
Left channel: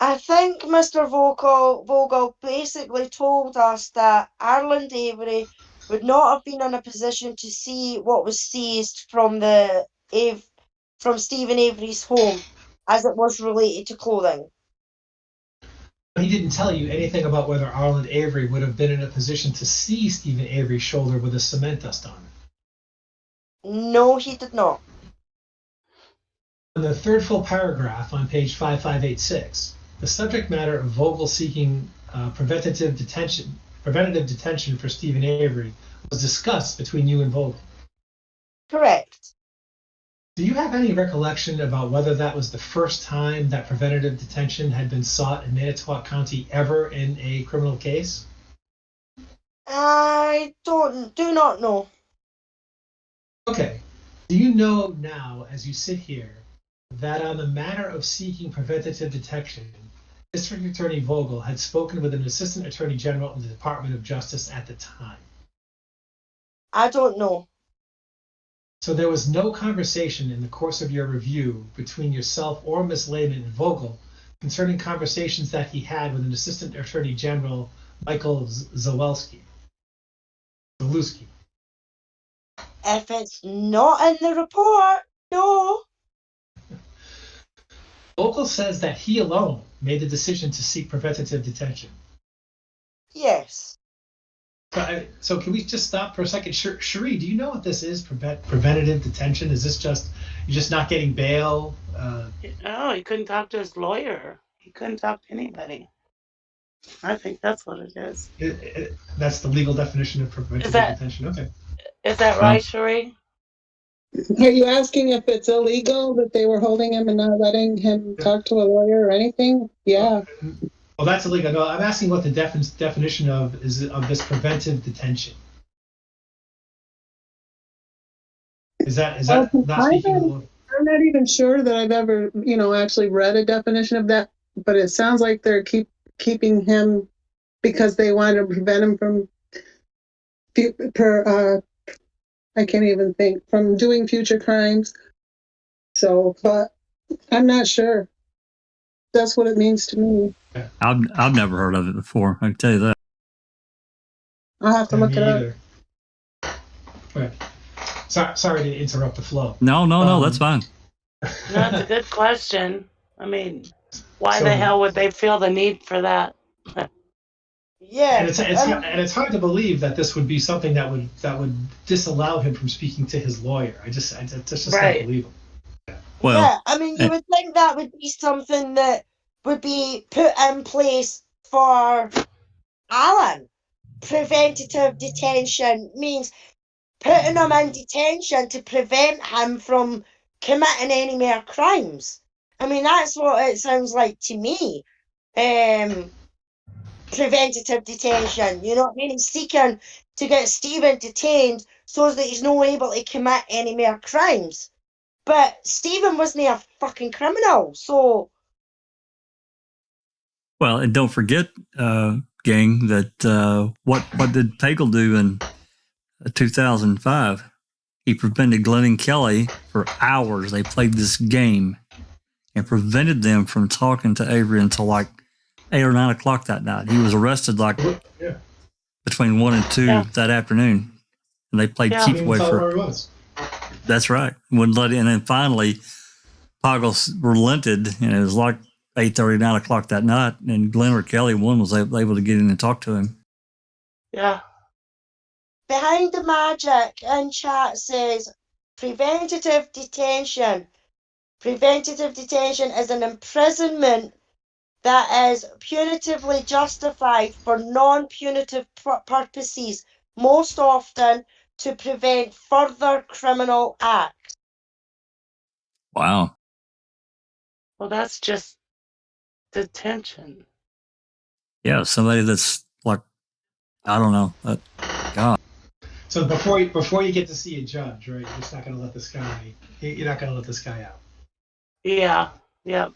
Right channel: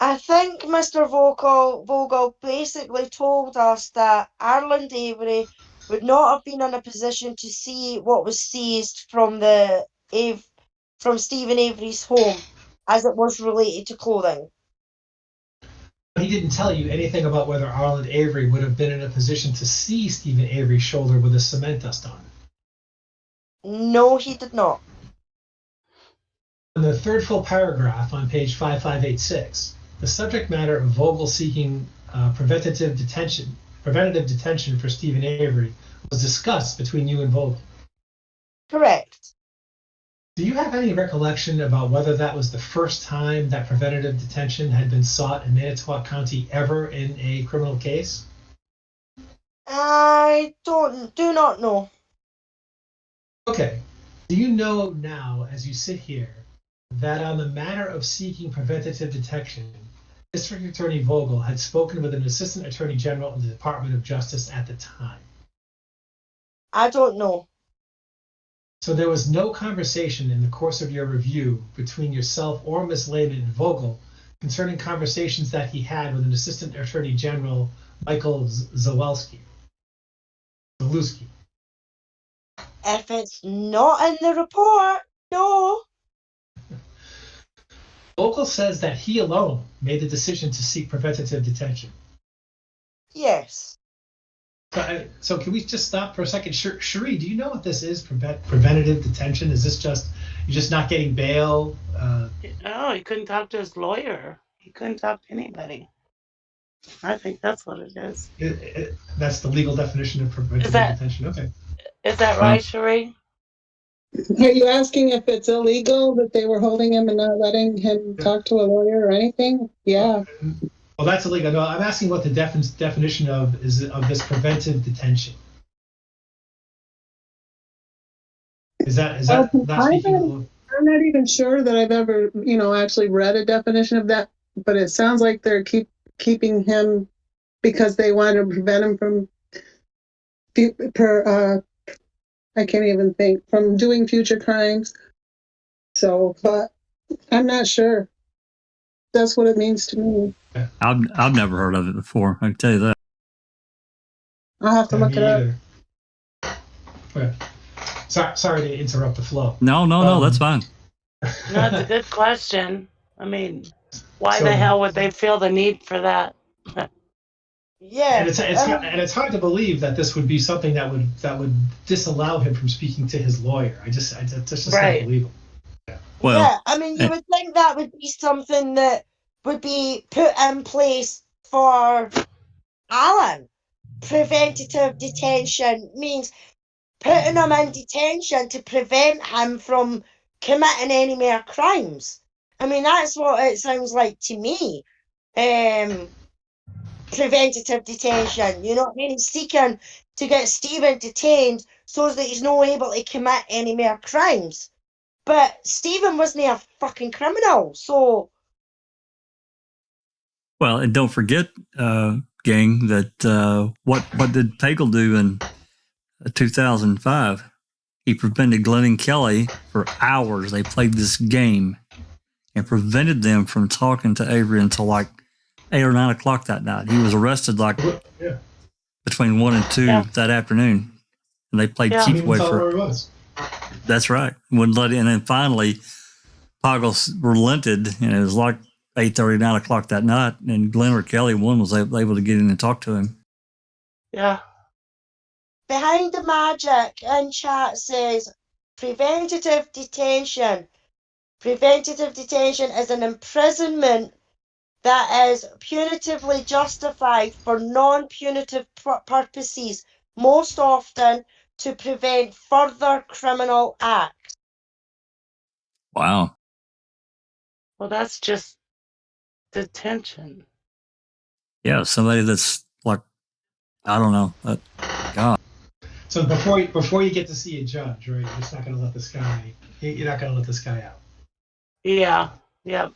I think Mr. Vogel basically told us that Arlen Avery would not have been in a position to see what was seized from Stephen Avery's home, as it was related to clothing. He didn't tell you anything about whether Arlen Avery would have been in a position to see Stephen Avery's shoulder with a cement dust on it. No, he did not. In the third full paragraph on page 5586, the subject matter of Vogel seeking preventative detention for Stephen Avery was discussed between you and Vogel. Correct. Do you have any recollection about whether that was the first time that preventative detention had been sought in Manitowoc County ever in a criminal case? I do not know. Okay. Do you know now, as you sit here, that on the matter of seeking preventative detection, District Attorney Vogel had spoken with an Assistant Attorney General in the Department of Justice at the time? I don't know. So there was no conversation in the course of your review between yourself or Ms. Lehman and Vogel concerning conversations that he had with an Assistant Attorney General, Michael Zalewski. If it's not in the report, no. Vogel says that he alone made the decision to seek preventative detention. Yes. So can we just stop for a second? Cherie, do you know what this is, preventative detention? Is this just, you're just not getting bail? No, he couldn't talk to his lawyer. He couldn't talk to anybody. I think that's what it is. That's the legal definition of preventative detention. Okay. Is that right, Cherie? Are you asking if it's illegal that they were holding him and not letting him talk to a lawyer or anything? Yeah. Well, that's illegal. No, I'm asking what the definition of this preventive detention. Is that not speaking? I'm not even sure that I've ever, actually read a definition of that, but it sounds like they're keeping him because they want to prevent him from I can't even think, from doing future crimes. So, but I'm not sure. That's what it means to me. I've never heard of it before. I can tell you that. I'll have to look it up. Okay. Sorry to interrupt the flow. No, that's fine. That's a good question. I mean, why the hell would they feel the need for that? Yeah, and it's hard to believe that this would be something that would disallow him from speaking to his lawyer. I just can't believe it. Well, yeah, I mean, you would think that would be something that would be put in place for Alan. Preventative detention means putting him in detention to prevent him from committing any more crimes. I mean, that's what it sounds like to me. Preventative detention, you know what I mean? He's seeking to get Stephen detained so that he's not able to commit any more crimes. But Stephen wasn't a fucking criminal, so. Well, and don't forget, gang, that what did Pagel do in 2005? He prevented Glenn and Kelly for hours. They played this game and prevented them from talking to Avery until like 8 or 9 o'clock that night. He was arrested between 1 and 2 that afternoon, and they played keep away for. That's right. Wouldn't let it, and then finally, Pagel relented, and it was like 8:30, 9 o'clock that night, and Glenn or Kelly, one was able to get in and talk to him. Yeah. Behind the Magic in chat says preventative detention. Preventative detention is an imprisonment that is punitively justified for non-punitive purposes, most often to prevent further criminal acts. Wow. Well, that's just detention. Yeah, somebody that's like, I don't know. God. So before you get to see a judge, right? You're just not going to let this guy. You're not going to let this guy out. Yeah. Yep.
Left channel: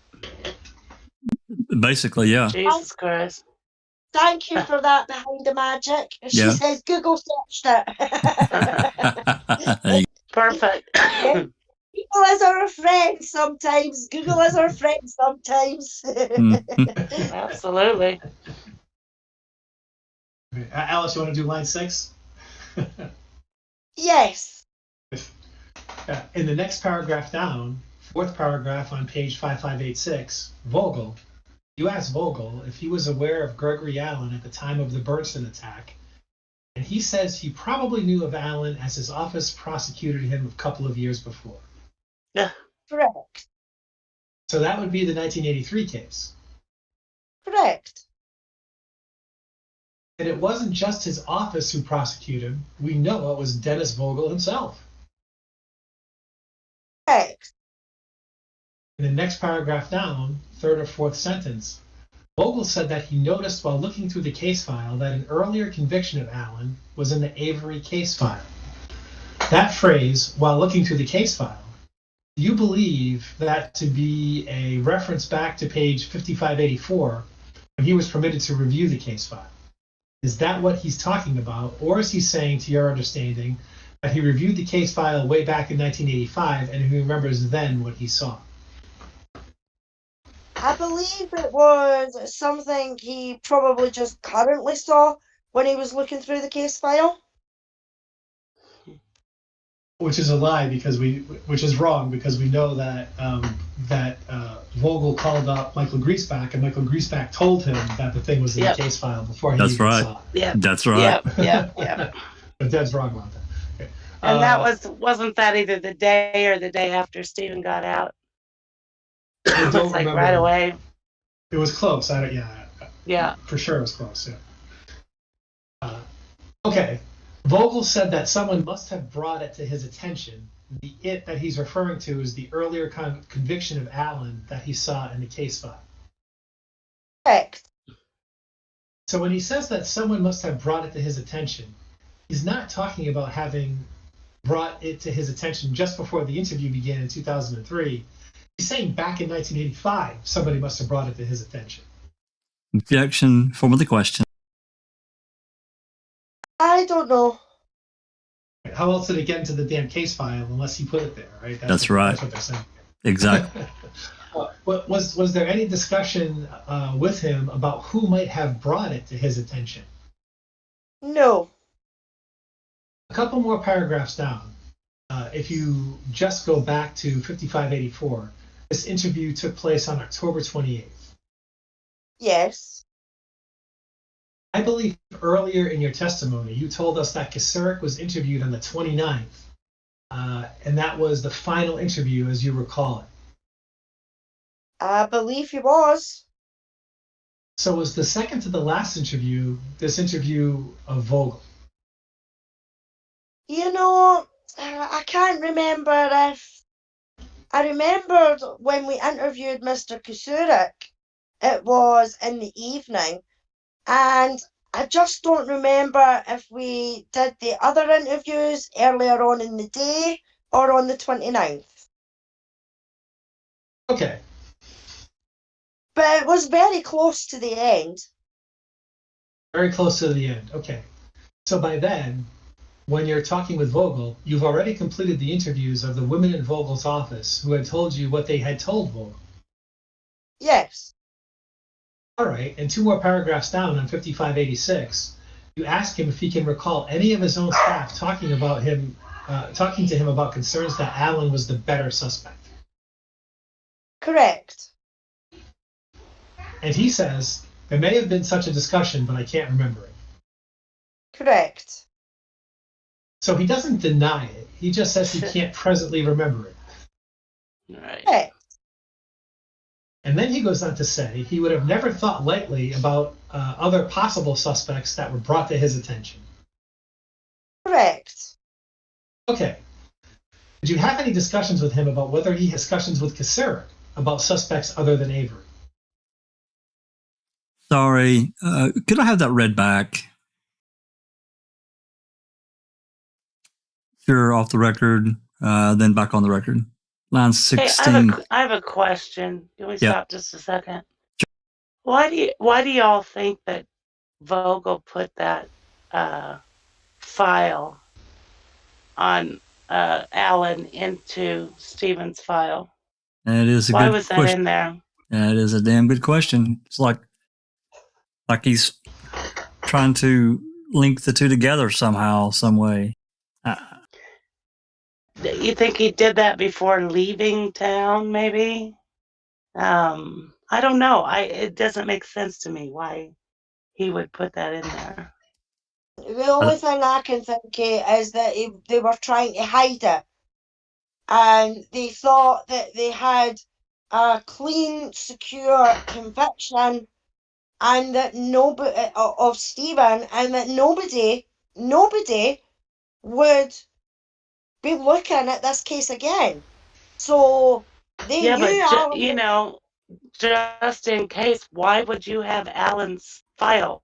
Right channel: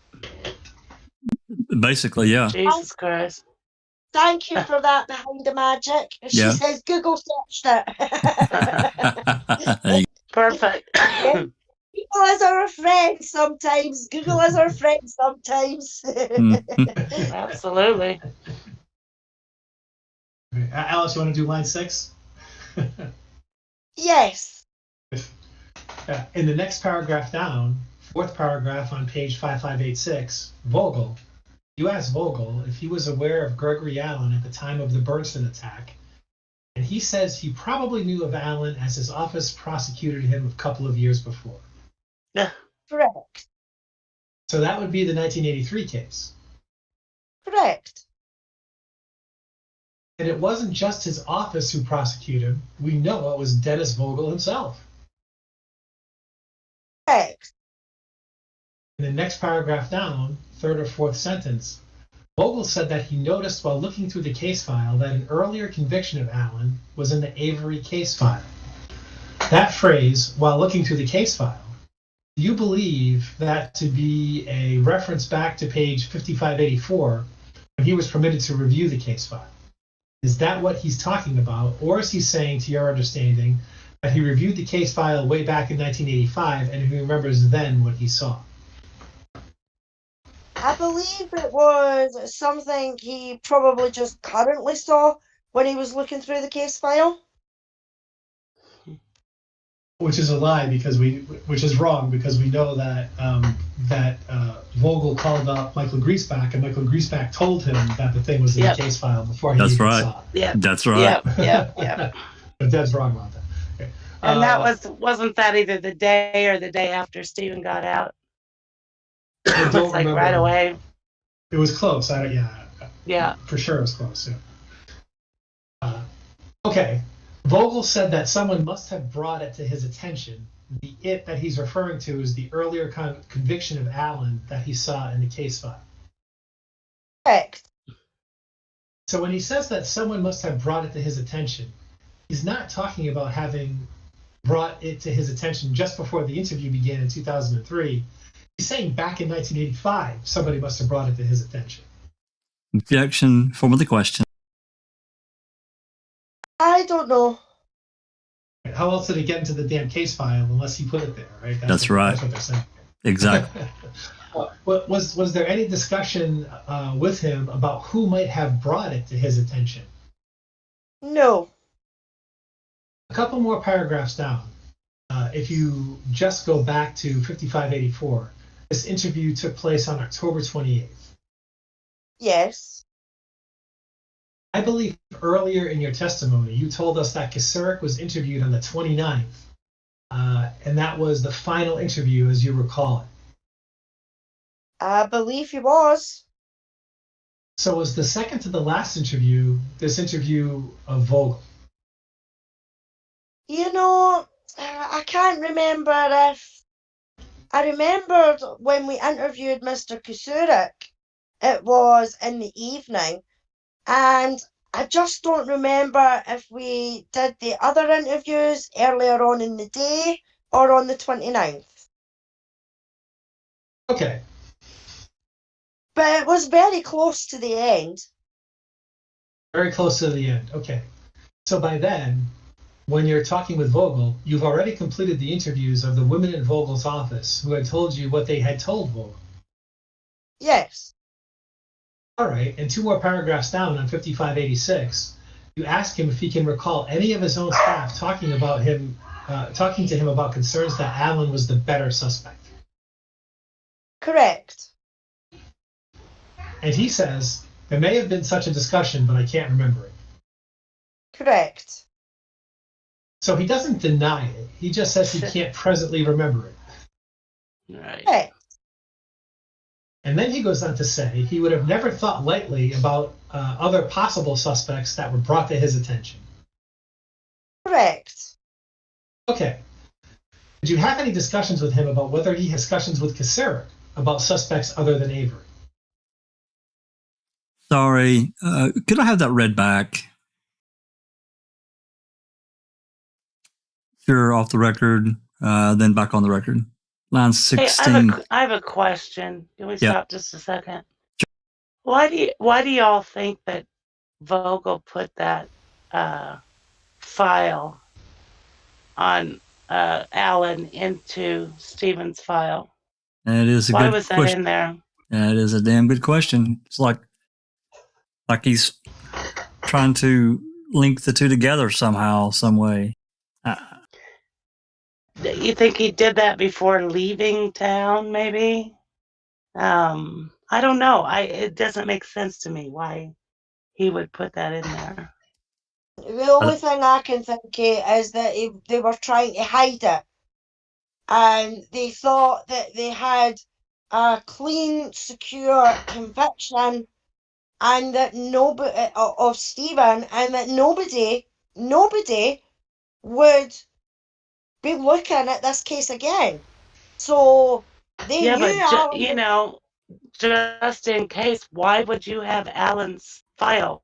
Basically, yeah. Jesus Christ. Thank you for that behind the magic. She Yeah. says Google searched it. Perfect. People is our friend sometimes. Google is our friend sometimes. Absolutely. Okay. Alice, you want to do line 6? Yes. In the next paragraph down, 4th paragraph on page 5586, Vogel. You asked Vogel if he was aware of Gregory Allen at the time of the Bernstein attack, and he says he probably knew of Allen as his office prosecuted him a couple of years before. Correct. So that would be the 1983 case. Correct. And it wasn't just his office who prosecuted him. We know it was Dennis Vogel himself. Correct. In the next paragraph down, 3rd or 4th sentence, Vogel said that he noticed while looking through the case file that an earlier conviction of Allen was in the Avery case file. That phrase, while looking through the case file, do you believe that to be a reference back to page 5584 when he was permitted to review the case file? Is that what he's talking about, or is he saying, to your understanding, that he reviewed the case file way back in 1985 and he remembers then what he saw? I believe it was something he probably just currently saw when he was looking through the case file. Which is a lie, which is wrong, because we know that Vogel called up Michael Griesbach, and Michael Griesbach told him that the thing was in the case file before he That's even right. saw it. Yeah. That's right. Yep. But Deb's wrong about that. Okay. And that wasn't that either the day or the day after Stephen got out? I It don't was like remember. right away. It was close. Yeah. For sure it was close. Yeah. Okay. Vogel said that someone must have brought it to his attention. The "it" that he's referring to is the earlier conviction of Allen that he saw in the case file. Correct. So when he says that someone must have brought it to his attention, he's not talking about having brought it to his attention just before the interview began in 2003. He's saying back in 1985, somebody must have brought it to his attention. Objection. Form of the question. I don't know. How else did it get into the damn case file unless he put it there, right? That's right. That's what they're saying. Exactly. Was there any discussion with him about who might have brought it to his attention? No. A couple more paragraphs down. If you just go back to 5584, this interview took place on October 28th. Yes. I believe earlier in your testimony, you told us that Kasurek was interviewed on the 29th, and that was the final interview, as you recall it. I believe he was. So was the second to the last interview this interview of Vogel? You know, I can't remember if... I remembered when we interviewed Mr. Kasurek, it was in the evening. And I just don't remember if we did the other interviews earlier on in the day or on the 29th. Okay. But it was very close to the end. Very close to the end. Okay. So by then, when you're talking with Vogel, you've already completed the interviews of the women in Vogel's office who had told you what they had told Vogel. Yes. All right, and 2 more paragraphs down on 5586, you ask him if he can recall any of his own staff talking to him about concerns that Allen was the better suspect. Correct. And he says, there may have been such a discussion, but I can't remember it. Correct. So he doesn't deny it. He just says he can't presently remember it. Right. Correct. And then he goes on to say he would have never thought lightly about other possible suspects that were brought to his attention. Correct. Okay. Did you have any discussions with him about whether he has discussions with Kacerek about suspects other than Avery? Sorry, could I have that read back? Sure, off the record, then back on the record. Line 16. Hey, I have a question. Can we Yeah. stop just a second? Why do y'all think that Vogel put that file on Alan into Stephen's file? That is a Why good was that question. in there? That is a damn good question. It's like he's trying to link the two together somehow, some way. You think he did that before leaving town, maybe? I don't know. It doesn't make sense to me why he would put that in there. The only thing I can think of is that they were trying to hide it. And they thought that they had a clean, secure conviction and that nobody of Stephen, and that nobody would be looking at this case again. So they Yeah, knew but Alan you know, just in case, why would you have Alan's file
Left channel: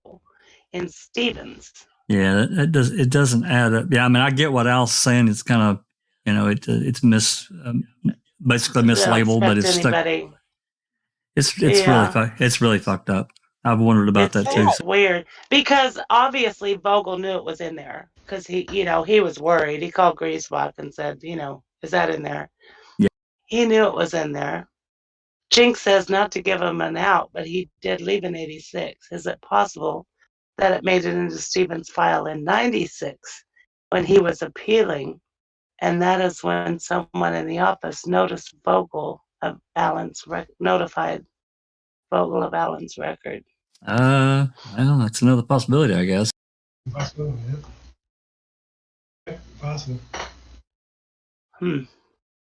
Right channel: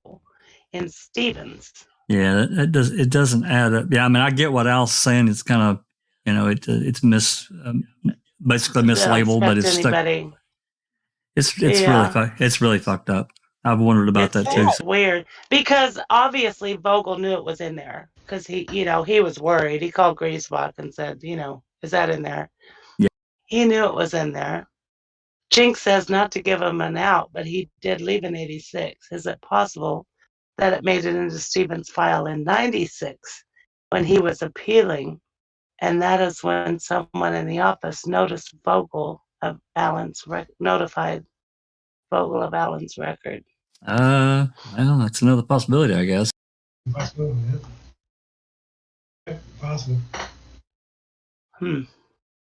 in Stephen's? Yeah, it doesn't add up. Yeah, I mean, I get what Al's saying. It's kind of, it's basically mislabeled, but it's stuck. Anybody. It's really fucked up. I've wondered about that too. It's weird because obviously Vogel knew it was in there because he was worried. He called Griesbach and said, is that in there? Yeah. He knew it was in there. Jinx says not to give him an out, but he did leave in 86. Is it possible that it made it into Stephen's file in 96 when he was appealing? And that is when someone in the office notified Vogel of Alan's record. Well, that's another possibility, I guess. Possible, yeah. Possible.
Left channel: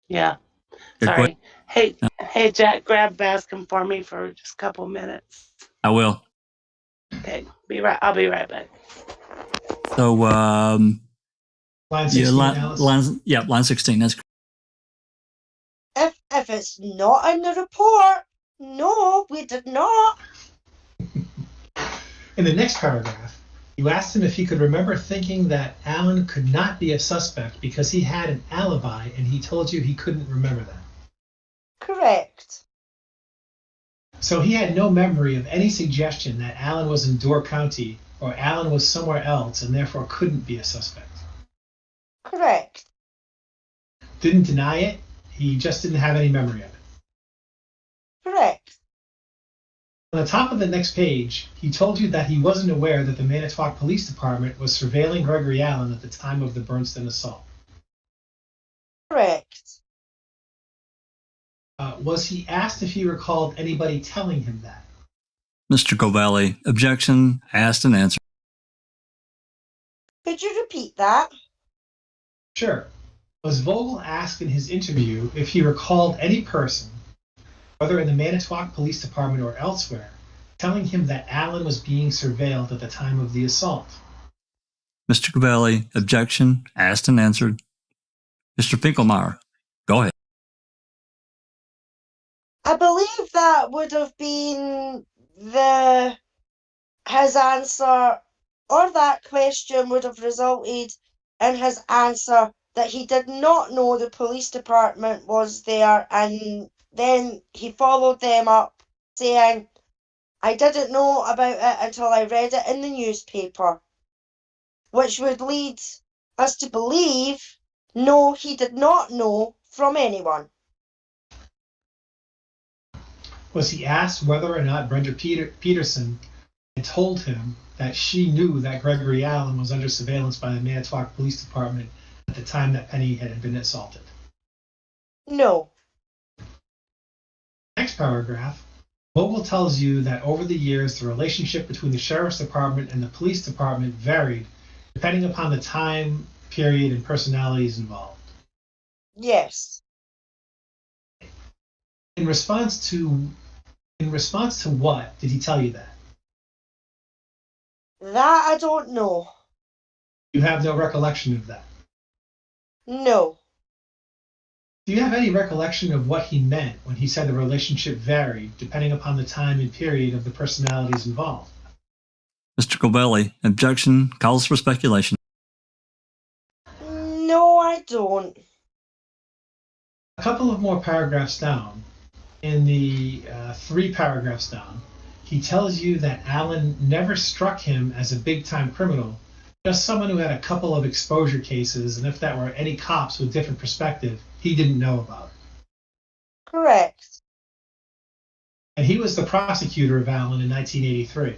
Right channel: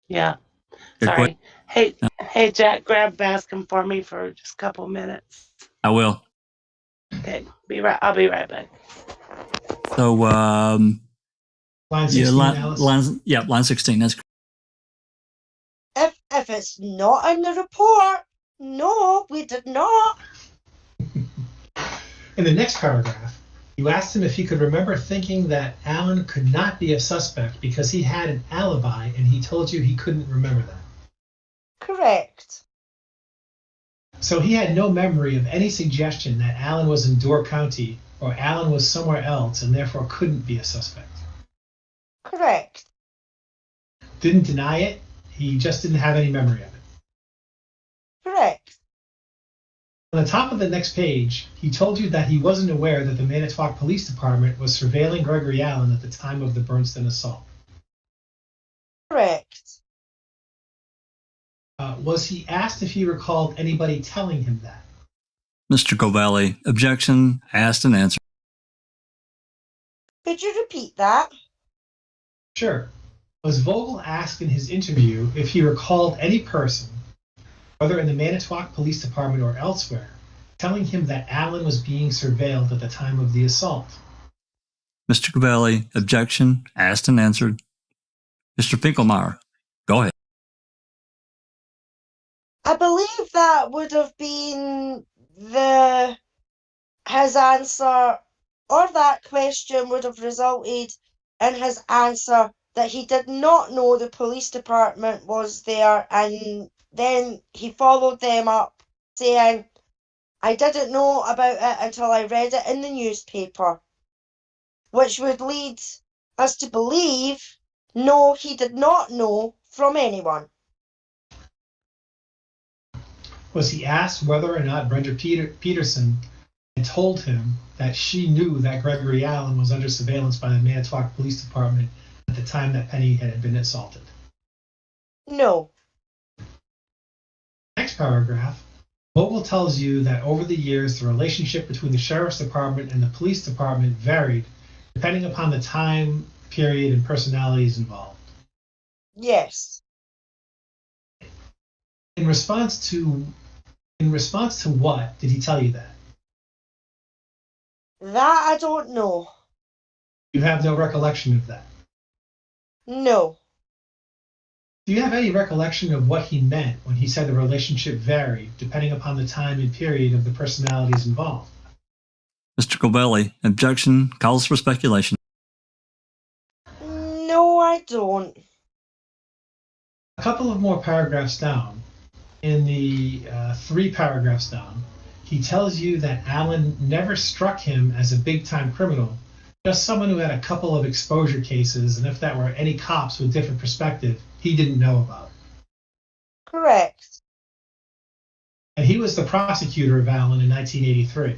Yeah. Good Sorry. Hey, Jack, grab Bascom for me for just a couple minutes. I will. Okay, I'll be right back. So, Line 16, line 16. That's correct. if it's not in the report, no, we did not. In the next paragraph, you asked him if he could remember thinking that Alan could not be a suspect because he had an alibi, and he told you he couldn't remember that. Correct. So he had no memory of any suggestion that Alan was in Door County or Alan was somewhere else and therefore couldn't be a suspect. Correct. Didn't deny it, he just didn't have any memory of it. Correct. On the top of the next page, he told you that he wasn't aware that the Manitowoc Police Department was surveilling Gregory Allen at the time of the Bernstein assault. Correct. Was he asked if he recalled anybody telling him that? Mr. Covelli, objection, asked and answered. Could you repeat that? Sure. Was Vogel asked in his interview if he recalled any person, whether in the Manitowoc Police Department or elsewhere, telling him that Allen was being surveilled at the time of the assault? Mr. Covelli, objection, asked and answered. Mr. Finkelmeyer, go ahead. I believe that would have been his answer, or that question would have resulted in his answer that he did not know the police department was there, and then he followed them up saying, I didn't know about it until I read it in the newspaper, which would lead us to believe, no, he did not know from anyone. Was he asked whether or not Brenda Peterson had told him that she knew that Gregory Allen was under surveillance by the Manitowoc Police Department at the time that Penny had been assaulted? No. Next paragraph, Vogel tells you that over the years the relationship between the Sheriff's Department and the Police Department varied depending upon the time, period, and personalities involved. Yes. In response to In response to what did he tell you that? That I don't know. You have no recollection of that. No. Do you have any recollection of what he meant when he said the relationship varied depending upon the time and period of the personalities involved? Mr. Covelli, objection calls for speculation. No, I don't. A couple of more paragraphs down, in the 3 paragraphs down, he tells you that Alan never struck him as a big-time criminal, just someone who had a couple of exposure cases, and if that were any cops with different perspective, he didn't know about it. Correct. And he was the prosecutor of Alan in 1983.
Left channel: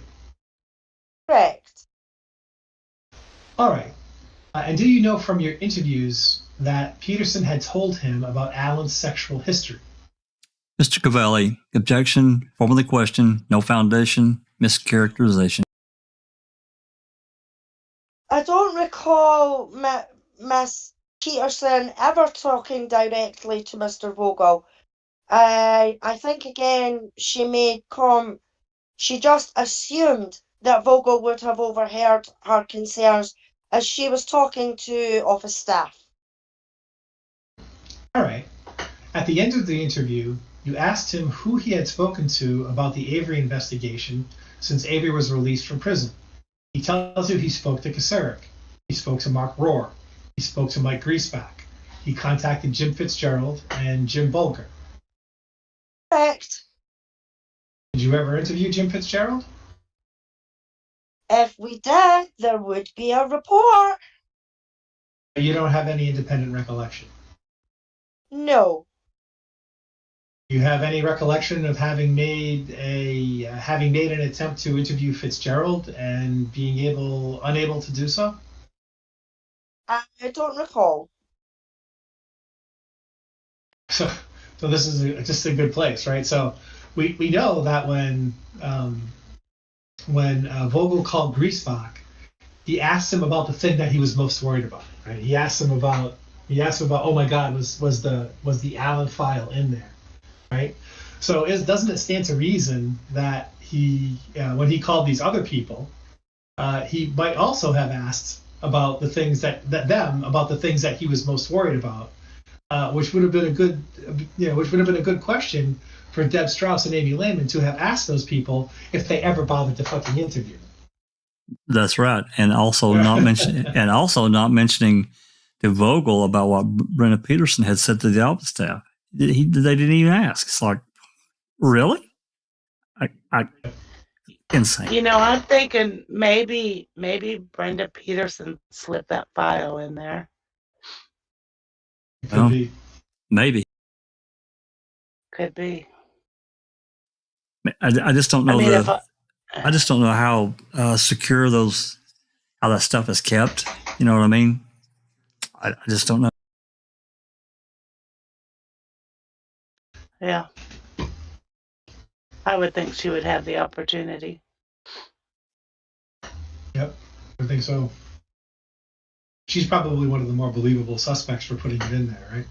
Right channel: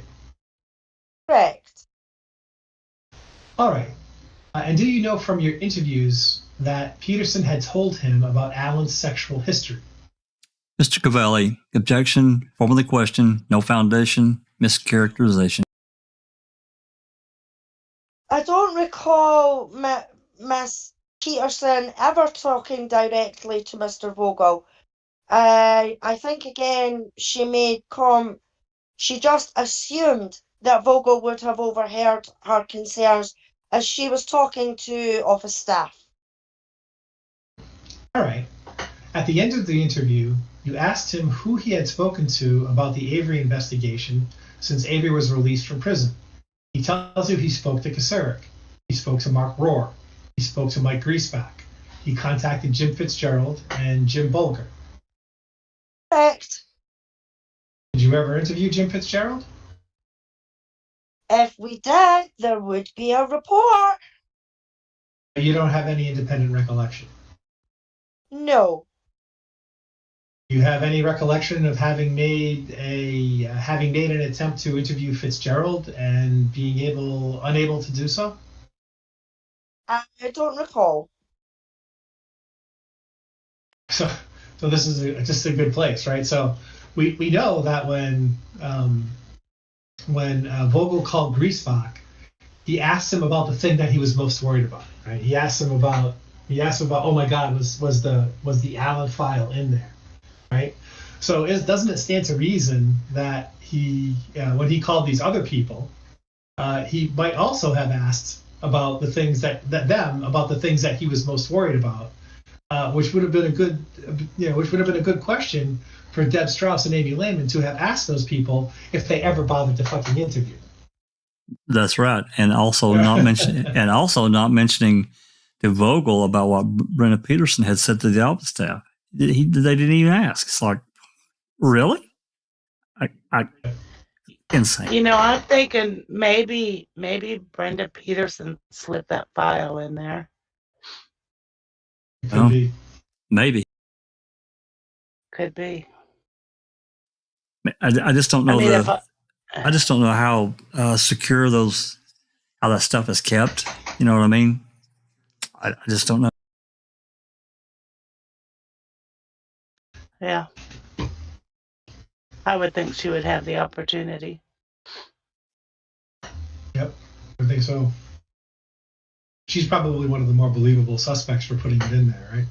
Correct. All right. And do you know from your interviews that Peterson had told him about Alan's sexual history? Mr. Covelli, objection, form of the question, no foundation, mischaracterization. I don't recall Miss Peterson ever talking directly to Mr. Vogel. I think again she just assumed that Vogel would have overheard her concerns as she was talking to office staff. All right. At the end of the interview, you asked him who he had spoken to about the Avery investigation since Avery was released from prison. He tells you he spoke to Kasarik. He spoke to Mark Rohr. He spoke to Mike Griesbach. He contacted Jim Fitzgerald and Jim Bolger. Correct. Did you ever interview Jim Fitzgerald? If we did, there would be a report. You don't have any independent recollection. No. Do you have any recollection of having made an attempt to interview Fitzgerald and being unable to do so? I don't recall. So this is just a good place, right? So we know that when Vogel called Griesbach, he asked him about the thing that he was most worried about, right? He asked him about, oh my God, was the Allen file in there, right? So doesn't it stand to reason that he, when he called these other people, he might also have asked about the things that he was most worried about, which would have been a good question for Deb Strauss and Amy Lehman to have asked those people if they ever bothered to fucking interview them. That's right, and also not mentioning to Vogel about what Brenda Peterson had said to the office staff. They didn't even ask. It's like, really? Insane. You know, I'm thinking maybe Brenda Peterson slipped that file in there. Could be. Maybe. Could be. I just don't know I just don't know how secure how that stuff is kept. You know what I mean? I just don't know. Yeah. I would think she would have the opportunity. Yep, I think so. She's probably one of the more believable suspects for putting it in there, right?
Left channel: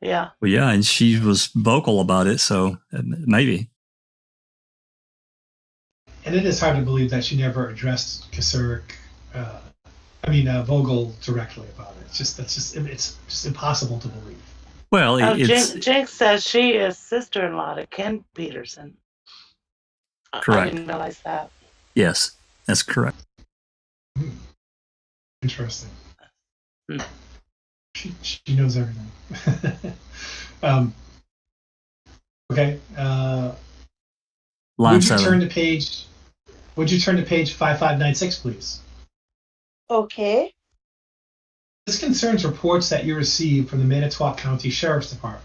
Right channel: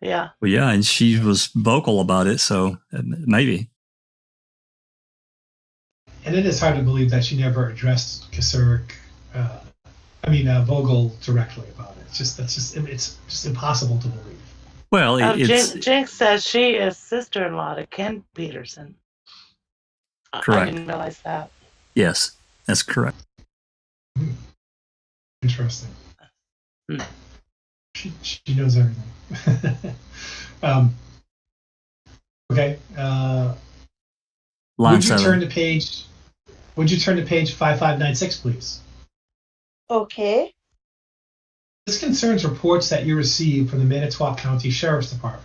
Yeah. Well, yeah, and she was vocal about it, so maybe. And it is hard to believe that she never addressed Vogel directly about it. It's just impossible to believe. Well, Jinx says she is sister-in-law to Ken Peterson. Correct. I didn't realize that. Yes, that's correct. Interesting. She knows everything. Okay. Line would 7. Would you turn to page 5596, please? Okay. This concerns reports that you received from the Manitowoc County Sheriff's Department.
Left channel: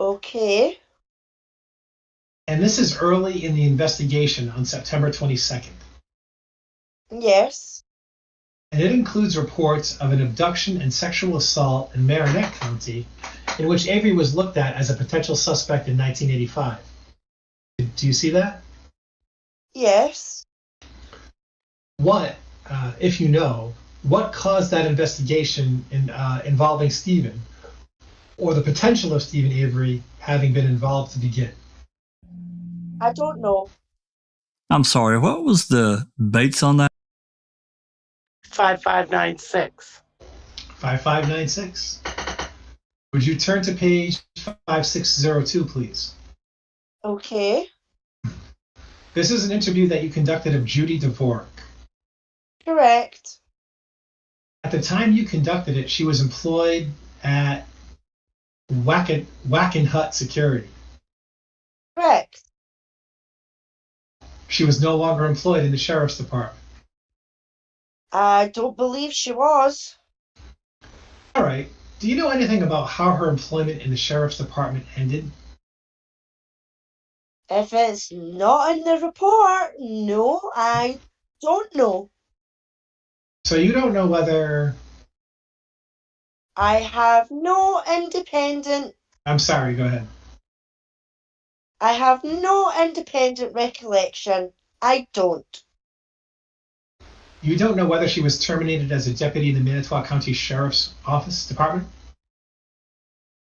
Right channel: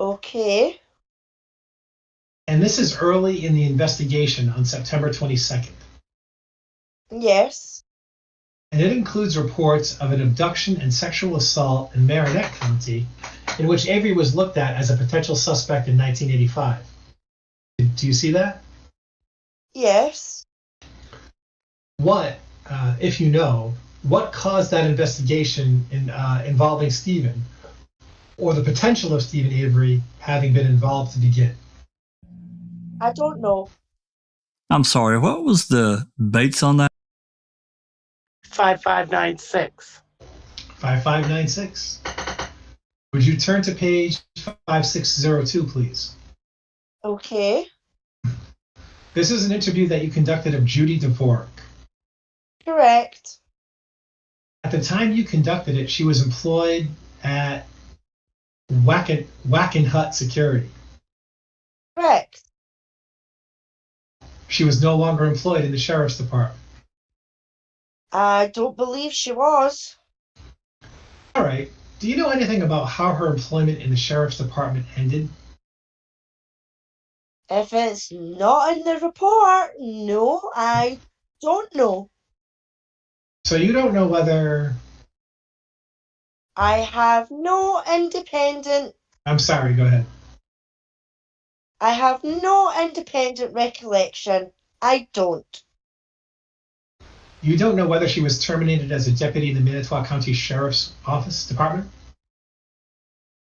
Okay. And this is early in the investigation on September 22nd. Yes. And it includes reports of an abduction and sexual assault in Marinette County, in which Avery was looked at as a potential suspect in 1985. Do you see that? Yes. What, if you know, what caused that investigation involving Stephen, or the potential of Stephen Avery having been involved to begin? I don't know. I'm sorry, what was the Bates on that? 5596. 5596. Would you turn to page 5602, please? Okay. This is an interview that you conducted of Judy Dvorak. Correct. At the time you conducted it, she was employed at Wackenhut Security. Correct. She was no longer employed in the sheriff's department. I don't believe she was. All right. Do you know anything about how her employment in the sheriff's department ended? If it's not in the report, no, I don't know. So you don't know whether... I have no independent... I'm sorry, go ahead. I have no independent recollection. I don't. You don't know whether she was terminated as a deputy in the Manitowoc County Sheriff's Office Department?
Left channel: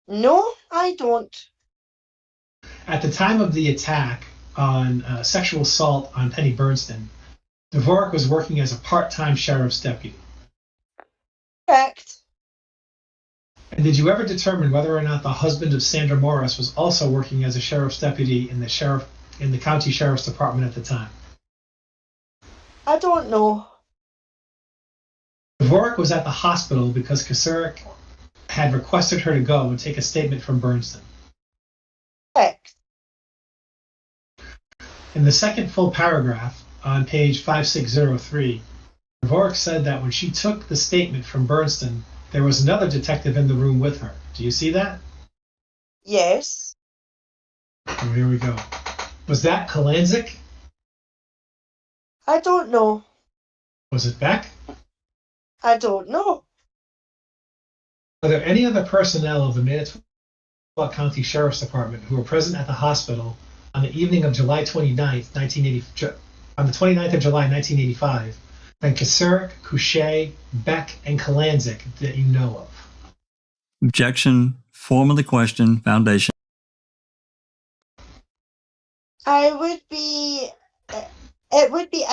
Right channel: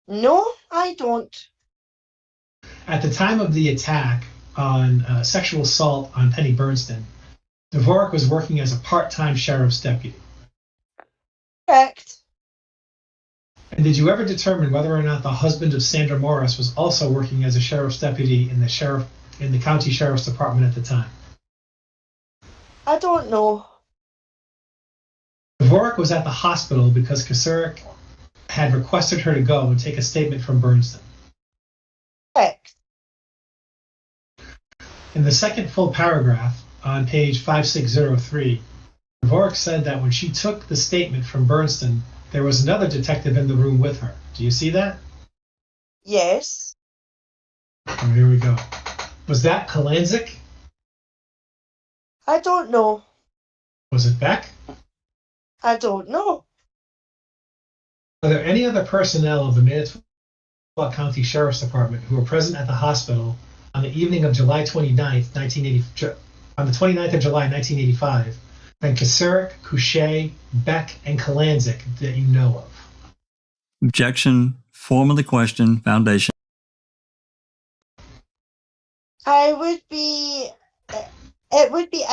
No, I don't. At the time of the attack on sexual assault on Penny Bernston, Dvorak was working as a part-time sheriff's deputy. Correct. And did you ever determine whether or not the husband of Sandra Morris was also working as a sheriff's deputy in the county sheriff's department at the time? I don't know. Dvorak was at the hospital because Kasurek had requested her to go and take a statement from Bernston. Correct. In the second full paragraph on page 5603, Dvorak said that when she took the statement from Bernston, there was another detective in the room with her. Do you see that? Yes. Oh, here we go. Was that Kalanzik? I don't know. Was it Beck? I don't know. Are there any other personnel of the Manitowoc County Sheriff's Department who were present at the hospital on the evening of July 29th, 1980, on the 29th of July, 1985, than Kasurek, Couché, Beck, and Kalanzik that you know of? Objection. Form of the question. Foundation. It would be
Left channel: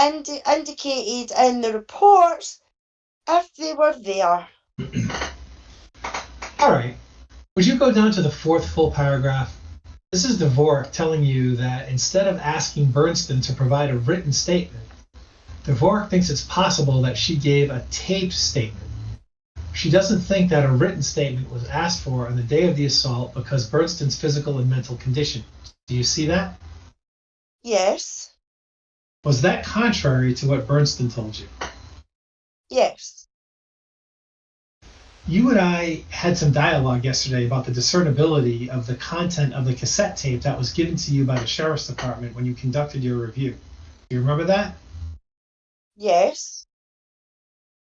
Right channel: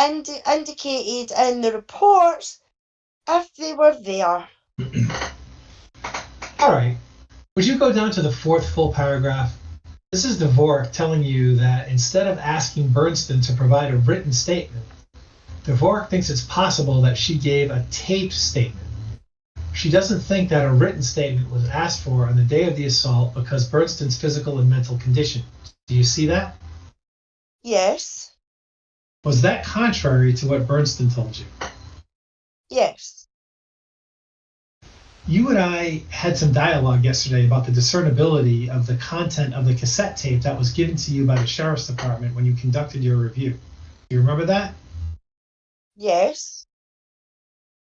indicated in the reports if they were there. All right. Would you go down to the fourth full paragraph? This is Dvorak telling you that instead of asking Bernston to provide a written statement, Dvorak thinks it's possible that she gave a taped statement. She doesn't think that a written statement was asked for on the day of the assault because Bernston's physical and mental condition. Do you see that? Yes. Was that contrary to what Bernston told you? Yes. You and I had some dialogue yesterday about the discernibility of the content of the cassette tape that was given to you by the Sheriff's Department when you conducted your review. Do you remember that? Yes.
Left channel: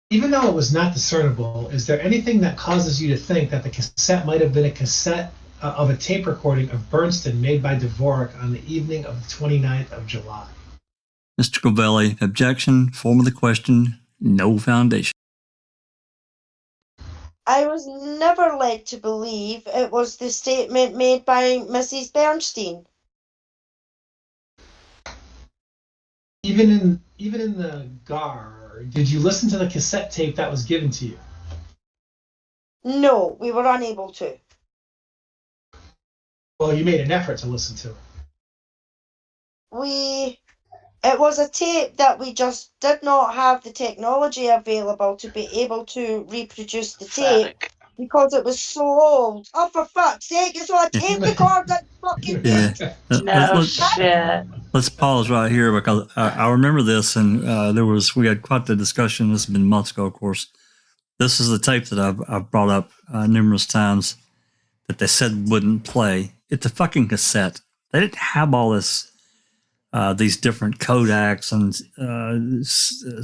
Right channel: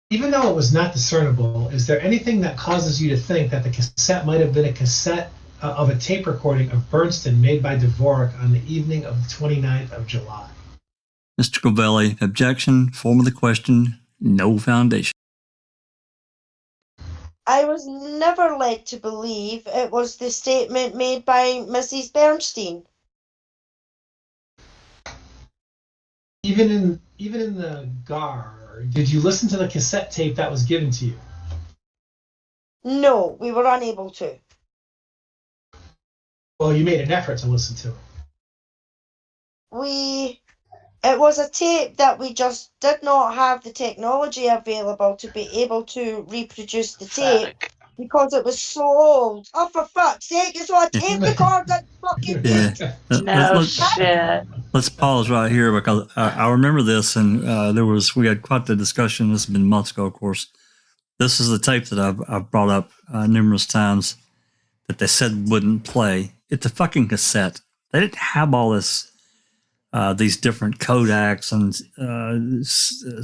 Even though it was not discernible, is there anything that causes you to think that the cassette might have been a cassette of a tape recording of Bernston made by Dvorak on the evening of the 29th of July? Mr. Covelli, objection. Form of the question. No foundation. I was never led to believe it was the statement made by Mrs. Bernstein. Even in the GAR, did you listen to the cassette tape that was given to you? No, we were unable to. Well, you made an effort to listen to it. It was a tape that we just did not have the technology available to be able to reproduce the tape because it was so old. Oh, for fuck's sake, it's on a tape recorder, fucking Yeah. No shit. Let's pause right here because I remember this, and we had quite the discussion. This has been months ago, of course. This is the tape that I've brought up numerous times that they said wouldn't play. It's a fucking cassette. They didn't have all this, these different Kodaks and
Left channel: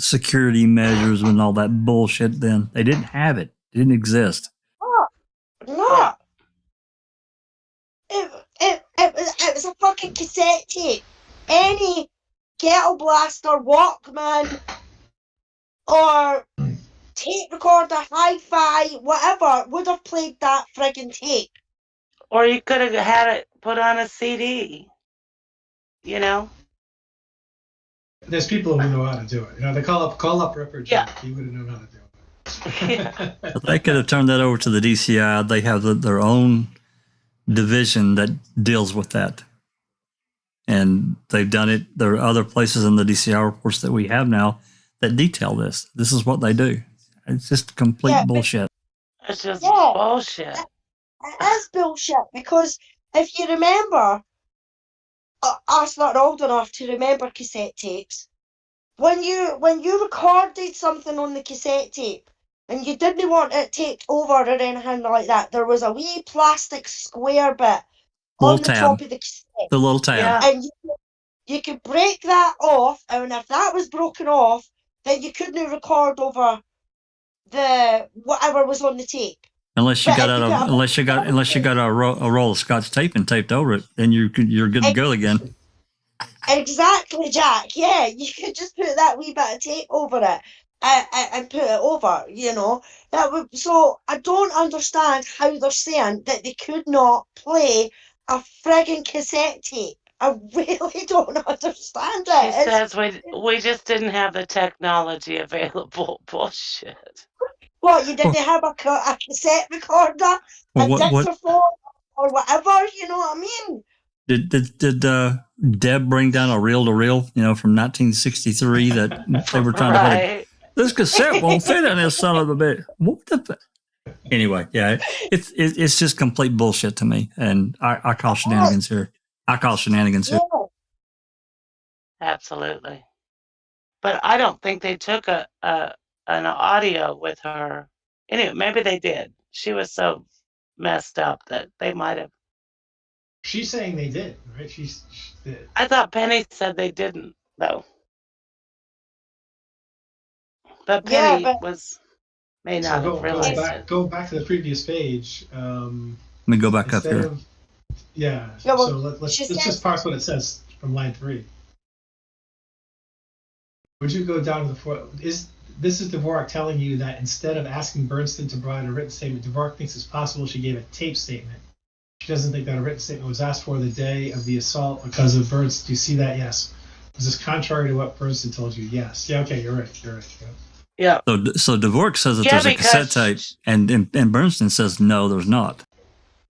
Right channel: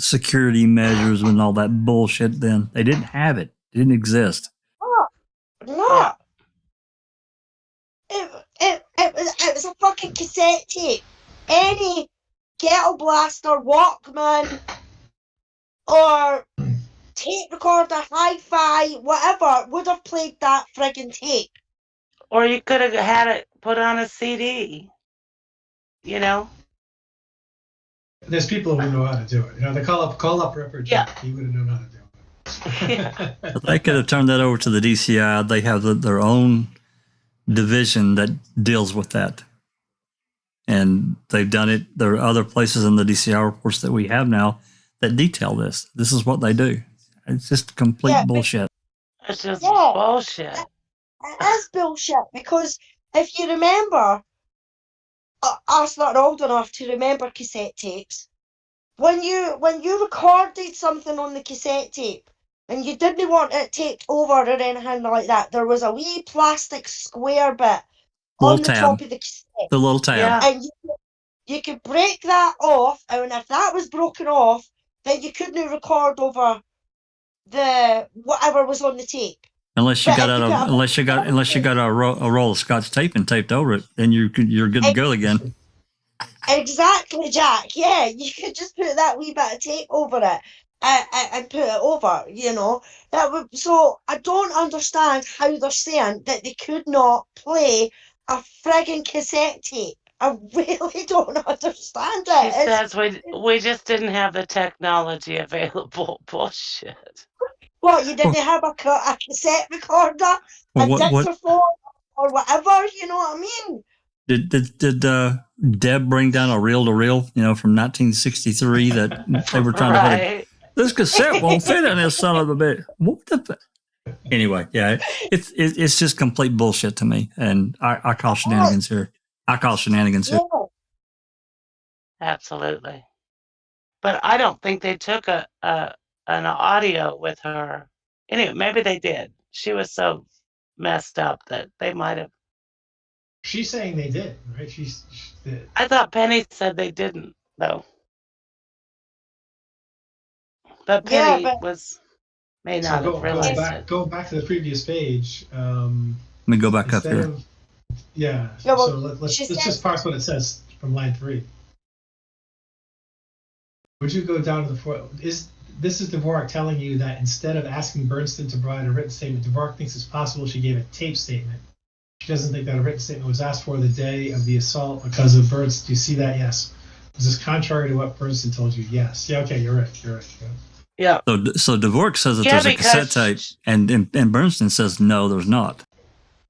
security measures and all that bullshit. Then they didn't have it. It didn't exist. No. It was a fucking cassette tape. Any Ghetto Blaster, Walkman, or tape recorder, hi-fi, whatever, would have played that friggin' tape. Or you could have had it put on a CD. you know? There's people who know how to do it. You know, they call up Ripper Jack. Yeah. He would have known how to do it. Yeah. They could have turned that over to the DCI. They have their own division that deals with that. And they've done it. There are other places in the DCI reports that we have now that detail this. This is what they do. It's just complete bullshit. It's just bullshit. It is bullshit because if you remember, us not old enough to remember cassette tapes. When you recorded something on the cassette tape and you didn't want it taped over or anything like that, there was a wee plastic square bit on the top of the cassette. The little tab. Yeah. And you could break that off, and if that was broken off, then you couldn't record over the whatever was on the tape. Unless you got a roll of Scotch tape and taped over it, then you're good to go again. Exactly, Jack. Yeah, you could just put that wee bit of tape over it and put it over. You know, so I don't understand how they're saying that they could not play a frigging cassette tape. I really don't understand it. She says we just didn't have the technology available. Bullshit. What, you didn't have a cassette recorder, a dictaphone, or whatever? You know what I mean? Did Deb bring down a reel-to-reel, from 1963 that they were trying to put this cassette won't fit in this son of a bitch. What the? Anyway, yeah, it's just complete bullshit to me, and I call shenanigans here. Yeah. Absolutely. But I don't think they took an audio with her. Anyway, maybe they did. She was so messed up that they might have. She's saying they did, right? She did. I thought Penny said they didn't, though. But Penny may not have realized it. Go back to the previous page. Let me go back up here. Let's just parse what it says from line 3. Would you go down to this is Dvorak telling you that instead of asking Bernstein to provide a written statement, Dvorak thinks it's possible she gave a tape statement. She doesn't think that a written statement was asked for the day of the assault because of Bernstein. Do you see that? Yes. Is this contrary to what Bernstein told you? Yes. Yeah, okay, you're right. Yeah. So Dvorak says that there's a cassette tape, and Bernstein says no, there's not.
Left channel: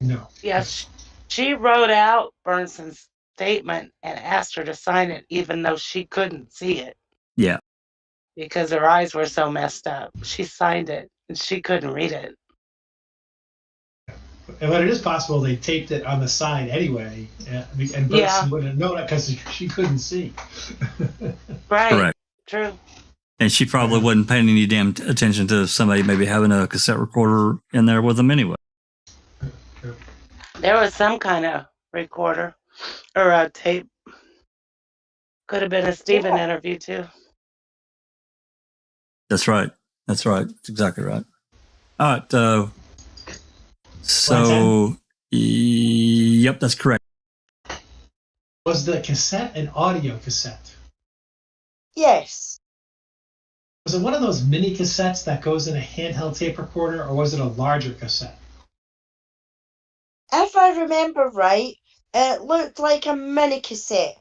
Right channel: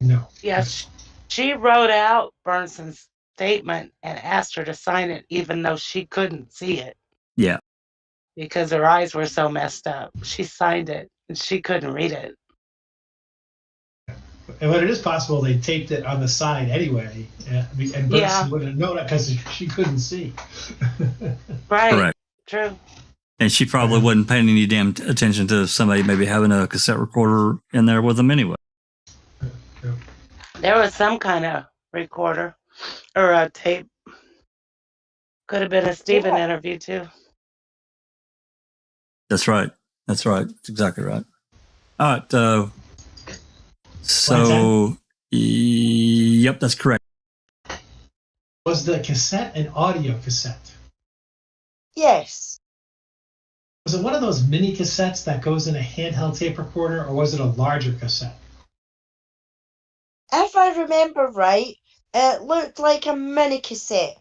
No. Yes. She wrote out Bernstein's statement and asked her to sign it, even though she couldn't see it. Yeah. Because her eyes were so messed up. She signed it, and she couldn't read it. But it is possible they taped it on the side anyway, and Bernstein wouldn't have known it because she couldn't see. Right. Correct. True. And she probably wouldn't pay any damn attention to somebody maybe having a cassette recorder in there with them anyway. There was some kind of recorder or a tape. Could have been a Stephen interview too. That's right. That's exactly right. All right. So, yep, that's correct. Was the cassette an audio cassette? Yes. Was it one of those mini cassettes that goes in a handheld tape recorder, or was it a larger cassette? If I remember right, it looked like a mini cassette,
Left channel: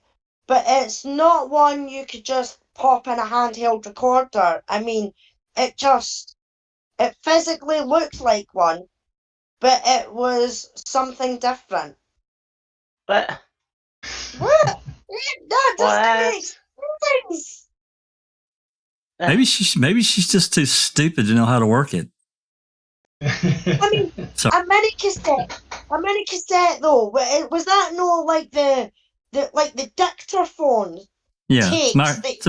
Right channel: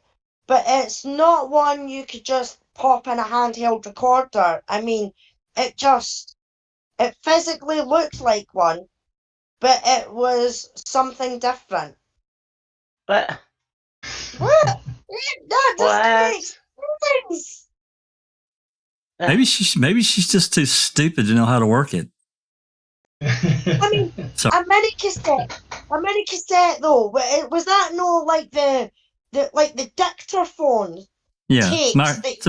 but it's not one you could just pop in a handheld recorder. I mean, it physically looked like one, but it was something different. But what? That doesn't make sense. Maybe she's just too stupid to know how to work it. I mean, a mini cassette though. Was that like the dictaphone? Yeah, it's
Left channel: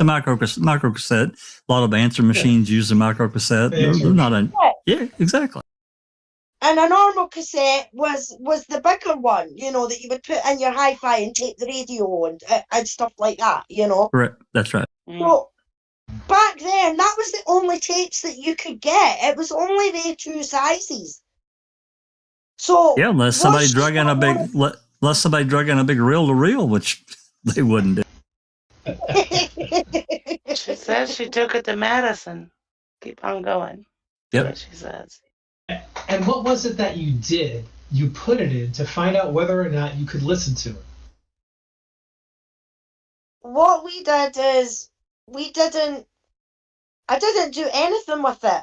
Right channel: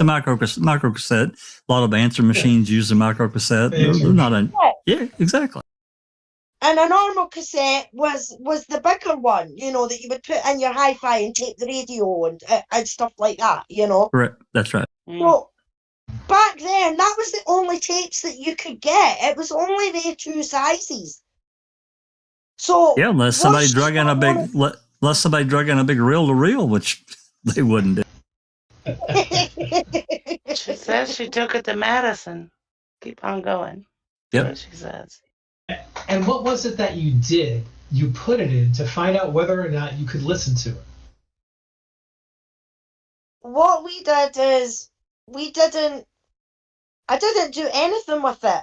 a micro cassette. A lot of answer machines use a micro cassette. They're not yeah, exactly. And a normal cassette was the bigger one, that you would put in your hi-fi and tape the radio and stuff like that, Correct. That's right. So back then, that was the only tapes that you could get. It was only the 2 sizes. So yeah, unless somebody drug in a big reel-to-reel, which they wouldn't do. She says she took it to Madison. Keep on going. Yep. That's what she says. And what was it that you did? You put it in to find out whether or not you could listen to it. what we did is I didn't do anything with it.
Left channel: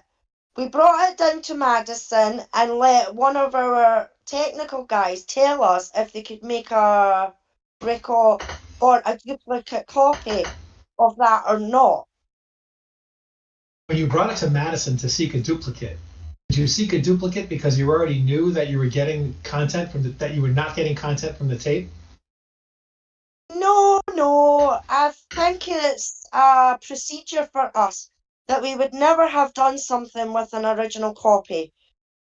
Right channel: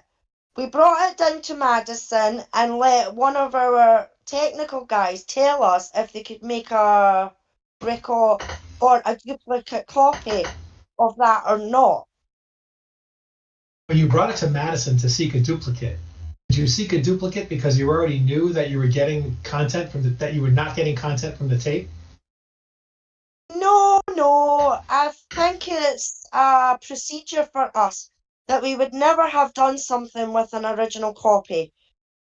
We brought it down to Madison and let one of our technical guys tell us if they could make a record or a duplicate copy of that or not. When you brought it to Madison to seek a duplicate, did you seek a duplicate because you already knew that you were getting content that you were not getting content from the tape? No. I think it's a procedure for us that we would never have done something with an original copy.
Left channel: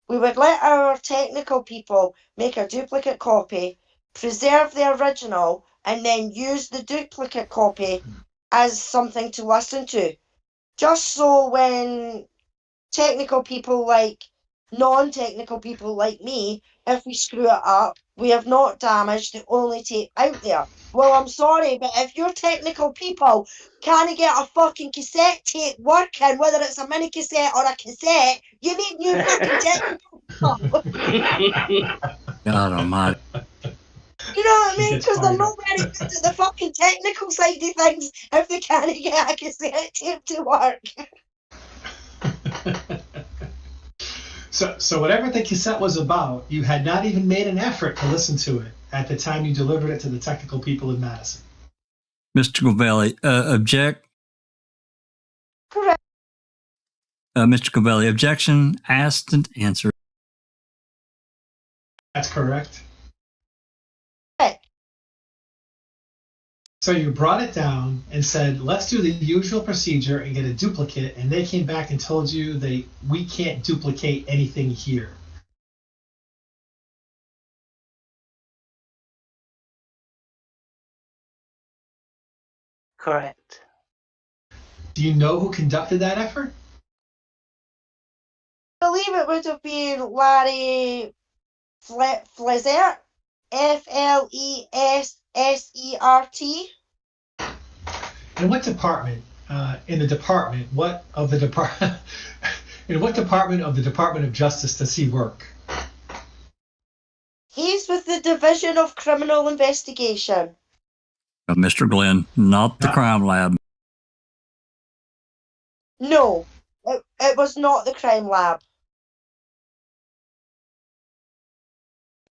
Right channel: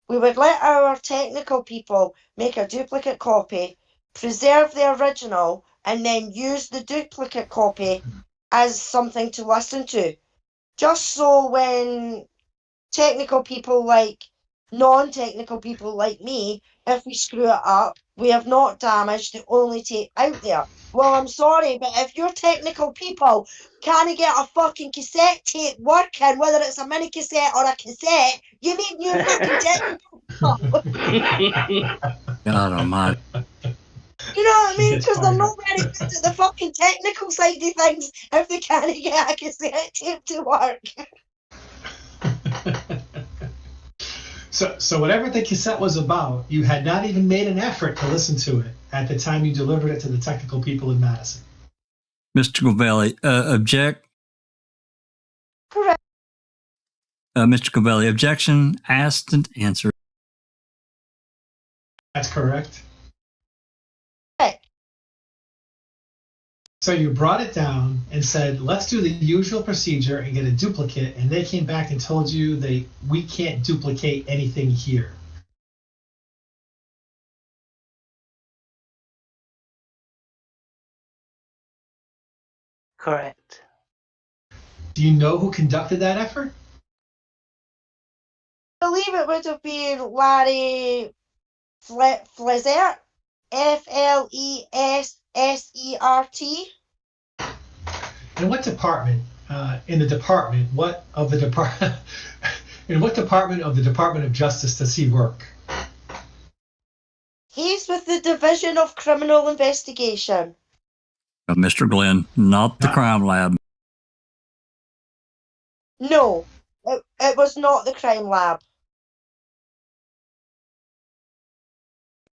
We would let our technical people make a duplicate copy, preserve the original, and then use the duplicate copy as something to listen to. Just so when technical people like non-technical people like me, if we screw it up, we have not damaged the only tape out there. Well, I'm sorry, but if your technical people can't get a fucking cassette tape working, whether it's a mini cassette or a cassette, you need new fucking technical people. God almighty. You know what I mean? Because they're not very good at the fucking technical side of things if they can't get a cassette tape to work. So whatever the cassette was about, you had not even made an effort to listen to it at the time you delivered it to the technical people in Madison. Mr. Covelli, object. Correct. Mr. Covelli, objection, asked and answered. That's correct. Correct. So you brought it down and said, let's do the usual procedure and get a duplicate, and they came back and told you we can't duplicate anything here. Correct. Do you know who conducted that effort? I believe it would have been Larry Flesert, Flessert. In what department? In what department of the Department of Justice does he work? He's with the Division of Criminal Investigation. Mr. Glenn, not the crime lab. No, it was not the crime lab.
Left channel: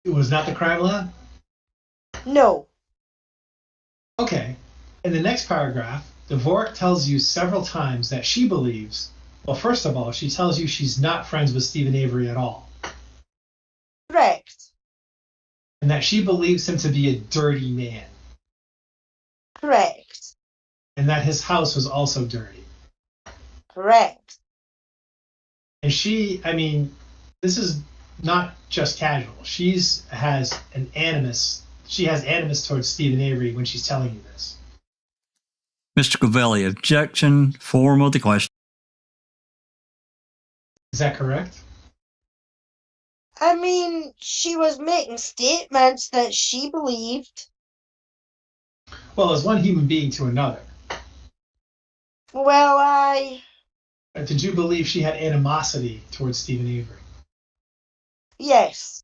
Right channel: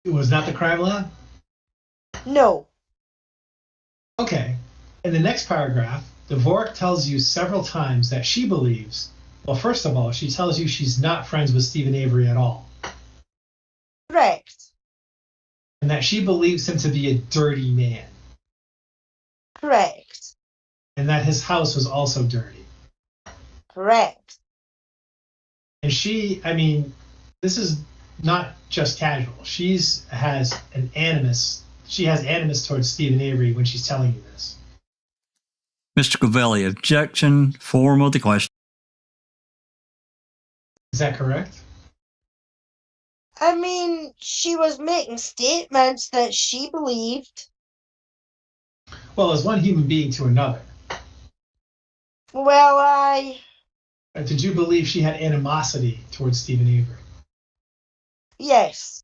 It was not the crime lab? No. Okay. In the next paragraph, Dvorak tells you several times that she believes, well, first of all, she tells you she's not friends with Stephen Avery at all. Correct. And that she believes him to be a dirty man. Correct. And that his house was also dirty. Correct. And this is not just casual. She has animus towards Stephen Avery when she's telling you this. Mr. Covelli, objection, form of the question. Is that correct? She was making statements that she believed. Well, as one human being to another. Well, Did you believe she had animosity towards Stephen Avery? Yes.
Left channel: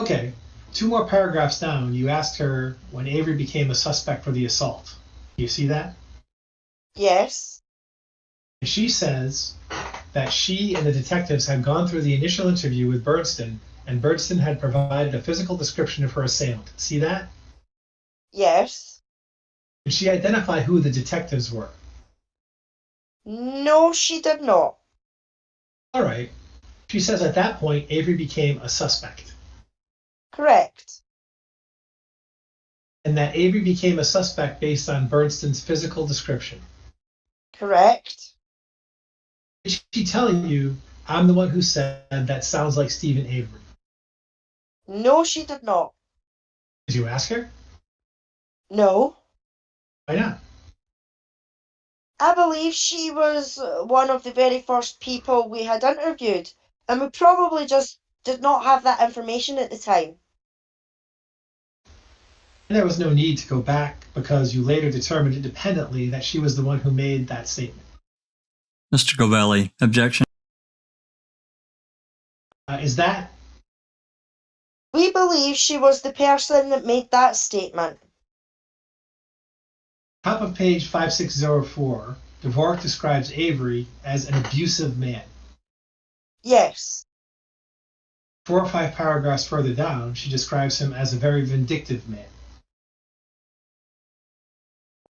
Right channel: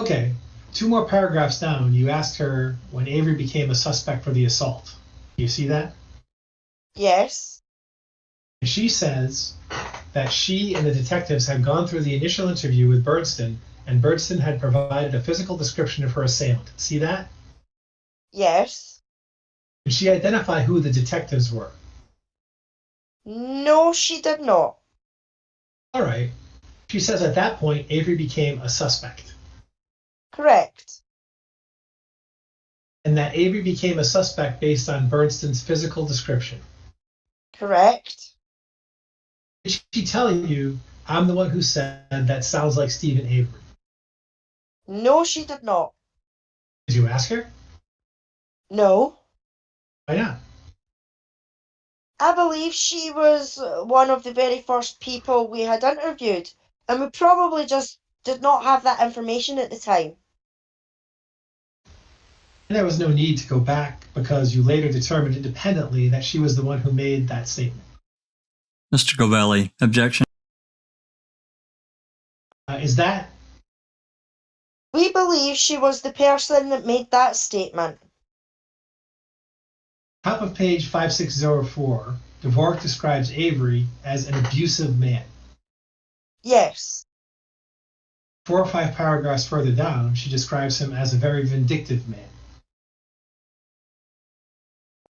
Okay. 2 more paragraphs down, you asked her when Avery became a suspect for the assault. Do you see that? Yes. And she says that she and the detectives had gone through the initial interview with Birdston, and Birdston had provided a physical description of her assailant. See that? Yes. Did she identify who the detectives were? No, she did not. All right. She says at that point, Avery became a suspect. Correct. And that Avery became a suspect based on Birdston's physical description. Correct. Is she telling you, I'm the one who said that sounds like Stephen Avery? No, she did not. Did you ask her? No. Why not? I believe she was one of the very first people we had interviewed, and we probably just did not have that information at the time. And there was no need to go back because you later determined independently that she was the one who made that statement. Mr. Covelli, objection. Is that? We believe she was the person that made that statement. Top of page 5604, Dvorak describes Avery as an abusive man. Yes. 4 or 5 paragraphs further down, she describes him as a very vindictive man.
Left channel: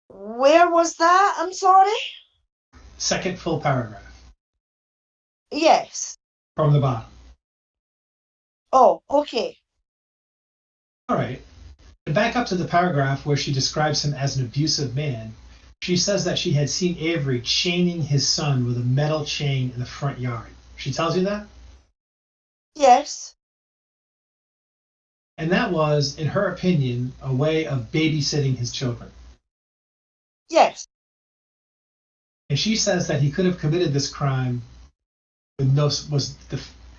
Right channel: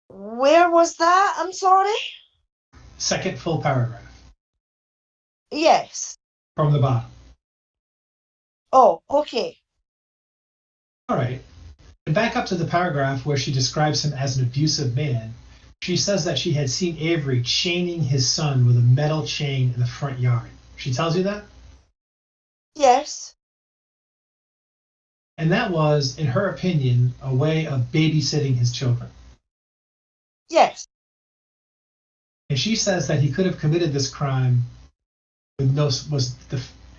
Where was that? I'm sorry. Second full paragraph Yes. from the bottom. Oh, okay. All right. And back up to the paragraph where she describes him as an abusive man, she says that she had seen Avery chaining his son with a metal chain in the front yard. She tells you that? Yes. And that was, in her opinion, a way of babysitting his children. Yes. And she says that he could have committed this crime with no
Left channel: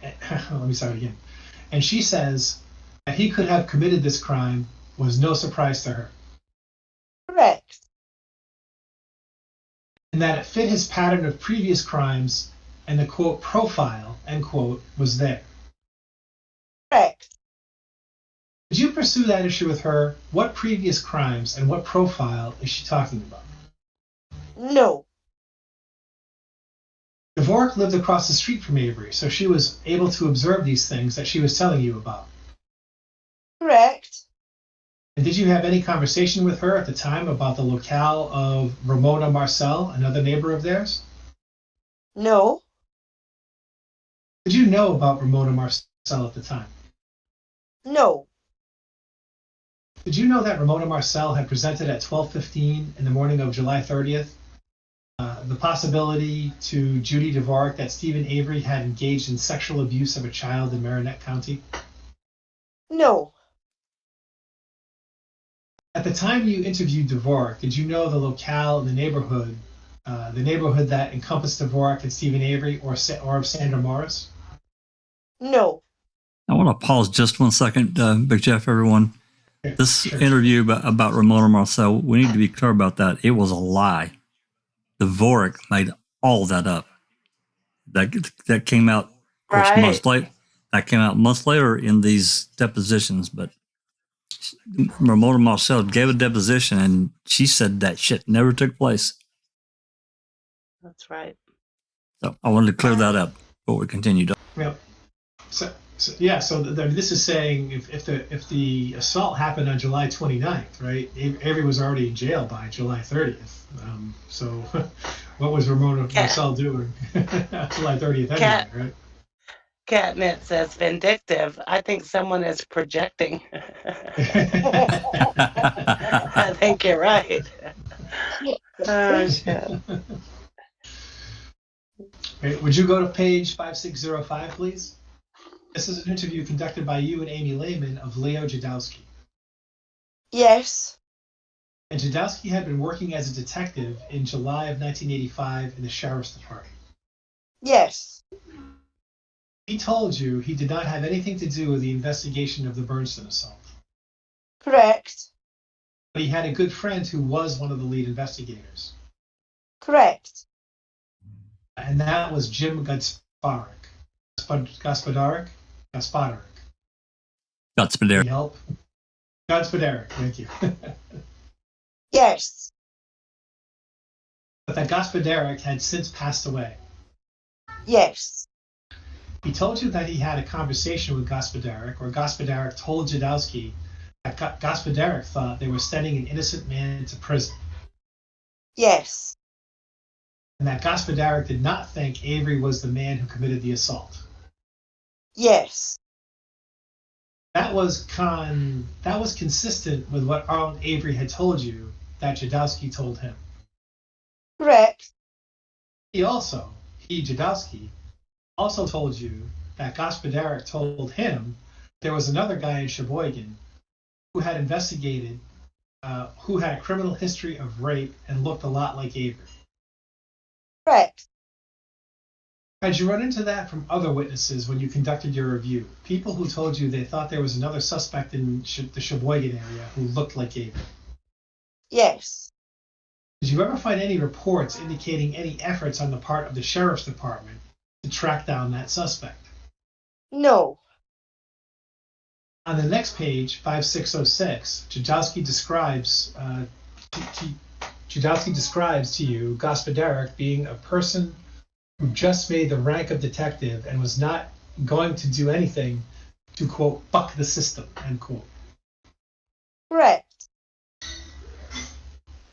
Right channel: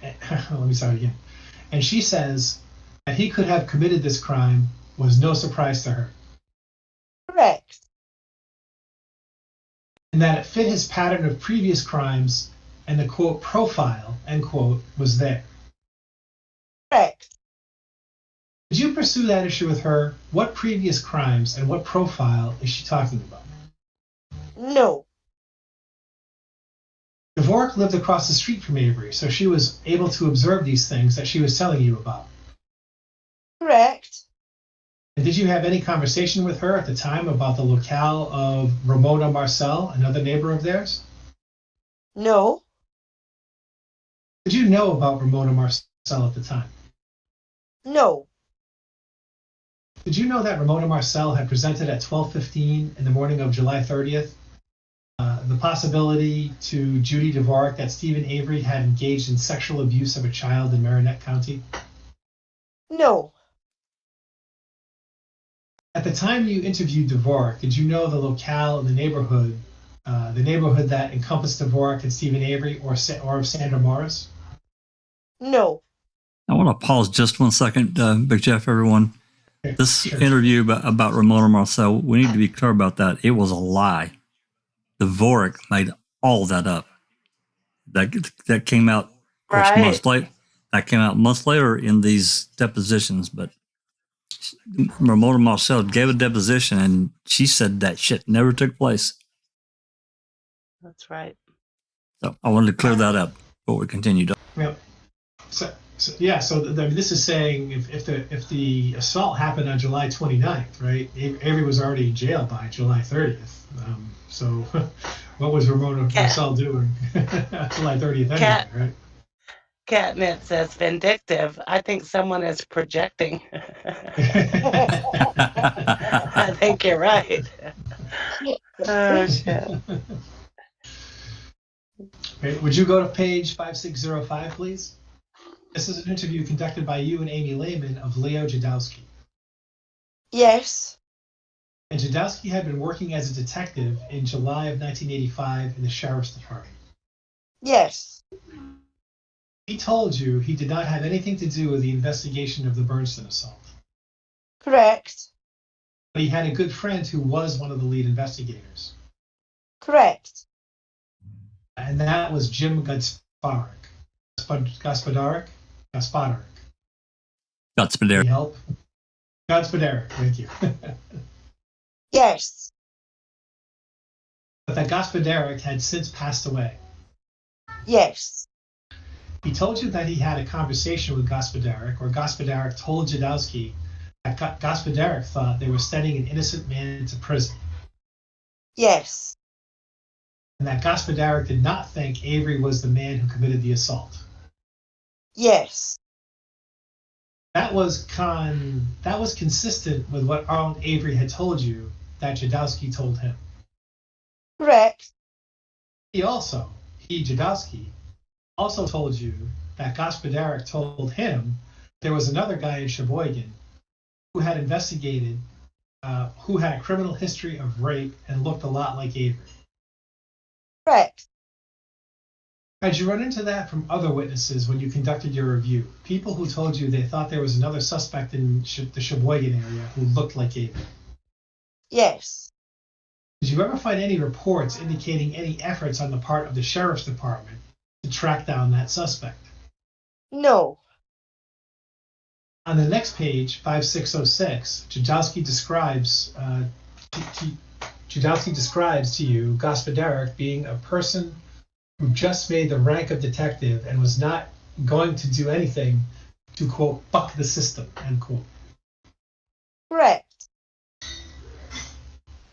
let me start again. And she says that he could have committed this crime was no surprise to her. Correct. And that it fit his pattern of previous crimes and the quote profile, end quote, was there. Correct. Did you pursue that issue with her? What previous crimes and what profile is she talking about? No. Dvorak lived across the street from Avery, so she was able to observe these things that she was telling you about. Correct. And did you have any conversation with her at the time about the locale of Ramona Marcel, another neighbor of theirs? No. Did you know about Ramona Marcel at the time? No. Did you know that Ramona Marcel had presented at 12:15 in the morning of July 30th the possibility to Judy Dvorak that Stephen Avery had engaged in sexual abuse of a child in Marinette County? No. At the time you interviewed Dvorak, did you know the locale in the neighborhood that encompassed Dvorak and Stephen Avery or of Sandra Morris? No. I want to pause just 1 second, Big Jeff, everyone. Okay, This sure. interview about Ramona Marcel, we need to be clear about that. It was a lie. Dvorak made all that up. That came out, of course, Right. months later. That came out months later in these depositions. But Ramona Marcel gave a deposition, and she said that shit never took place. That's right. So I wanted to clear that up before we continued. Yep. So this is saying if the assault happened on July 29th, right? Avery was already in jail by July 30th. So what was Ramona Marcel doing July 30th anyway, right? Catnip says vindictive. I think someone is projecting. I think you're right. Oh, shit. Okay, would you go to page 5605, please? This is an interview conducted by you and Amy Lehman of Leo Jadowski. Yes. And Jadowski had been working as a detective in July of 1985 in the Sheriff's Department. Yes. He told you he did not have anything to do with the investigation of the Bernstein assault. Correct. But he had a good friend who was one of the lead investigators. Correct. And that was Jim Gospodarek. Gospodarek? That's been there. Any help? Gospodarek, thank you. Yes. But that Gospodarek had since passed away. Yes. He told you that he had a conversation with Gospodarek, or Gospodarek told Jadowski that Gospodarek thought they were sending an innocent man to prison. Yes. And that Gospodarek did not think Avery was the man who committed the assault. Yes. That was consistent with what Arlen Avery had told you that Jadowski told him. Correct. Jadowski, also told you that Gospodarek told him there was another guy in Sheboygan who had investigated, who had a criminal history of rape and looked a lot like Avery. Correct. Had you run into that from other witnesses when you conducted your review? People who told you they thought there was another suspect in the Sheboygan area who looked like Avery? Yes. Did you ever find any reports indicating any efforts on the part of the Sheriff's Department to track down that suspect? No. On the next page, 5606, Jadowski describes Judowski describes to you Gospodarek being a person who just made the rank of detective and was not going to do anything to, quote, buck the system, end quote. Correct.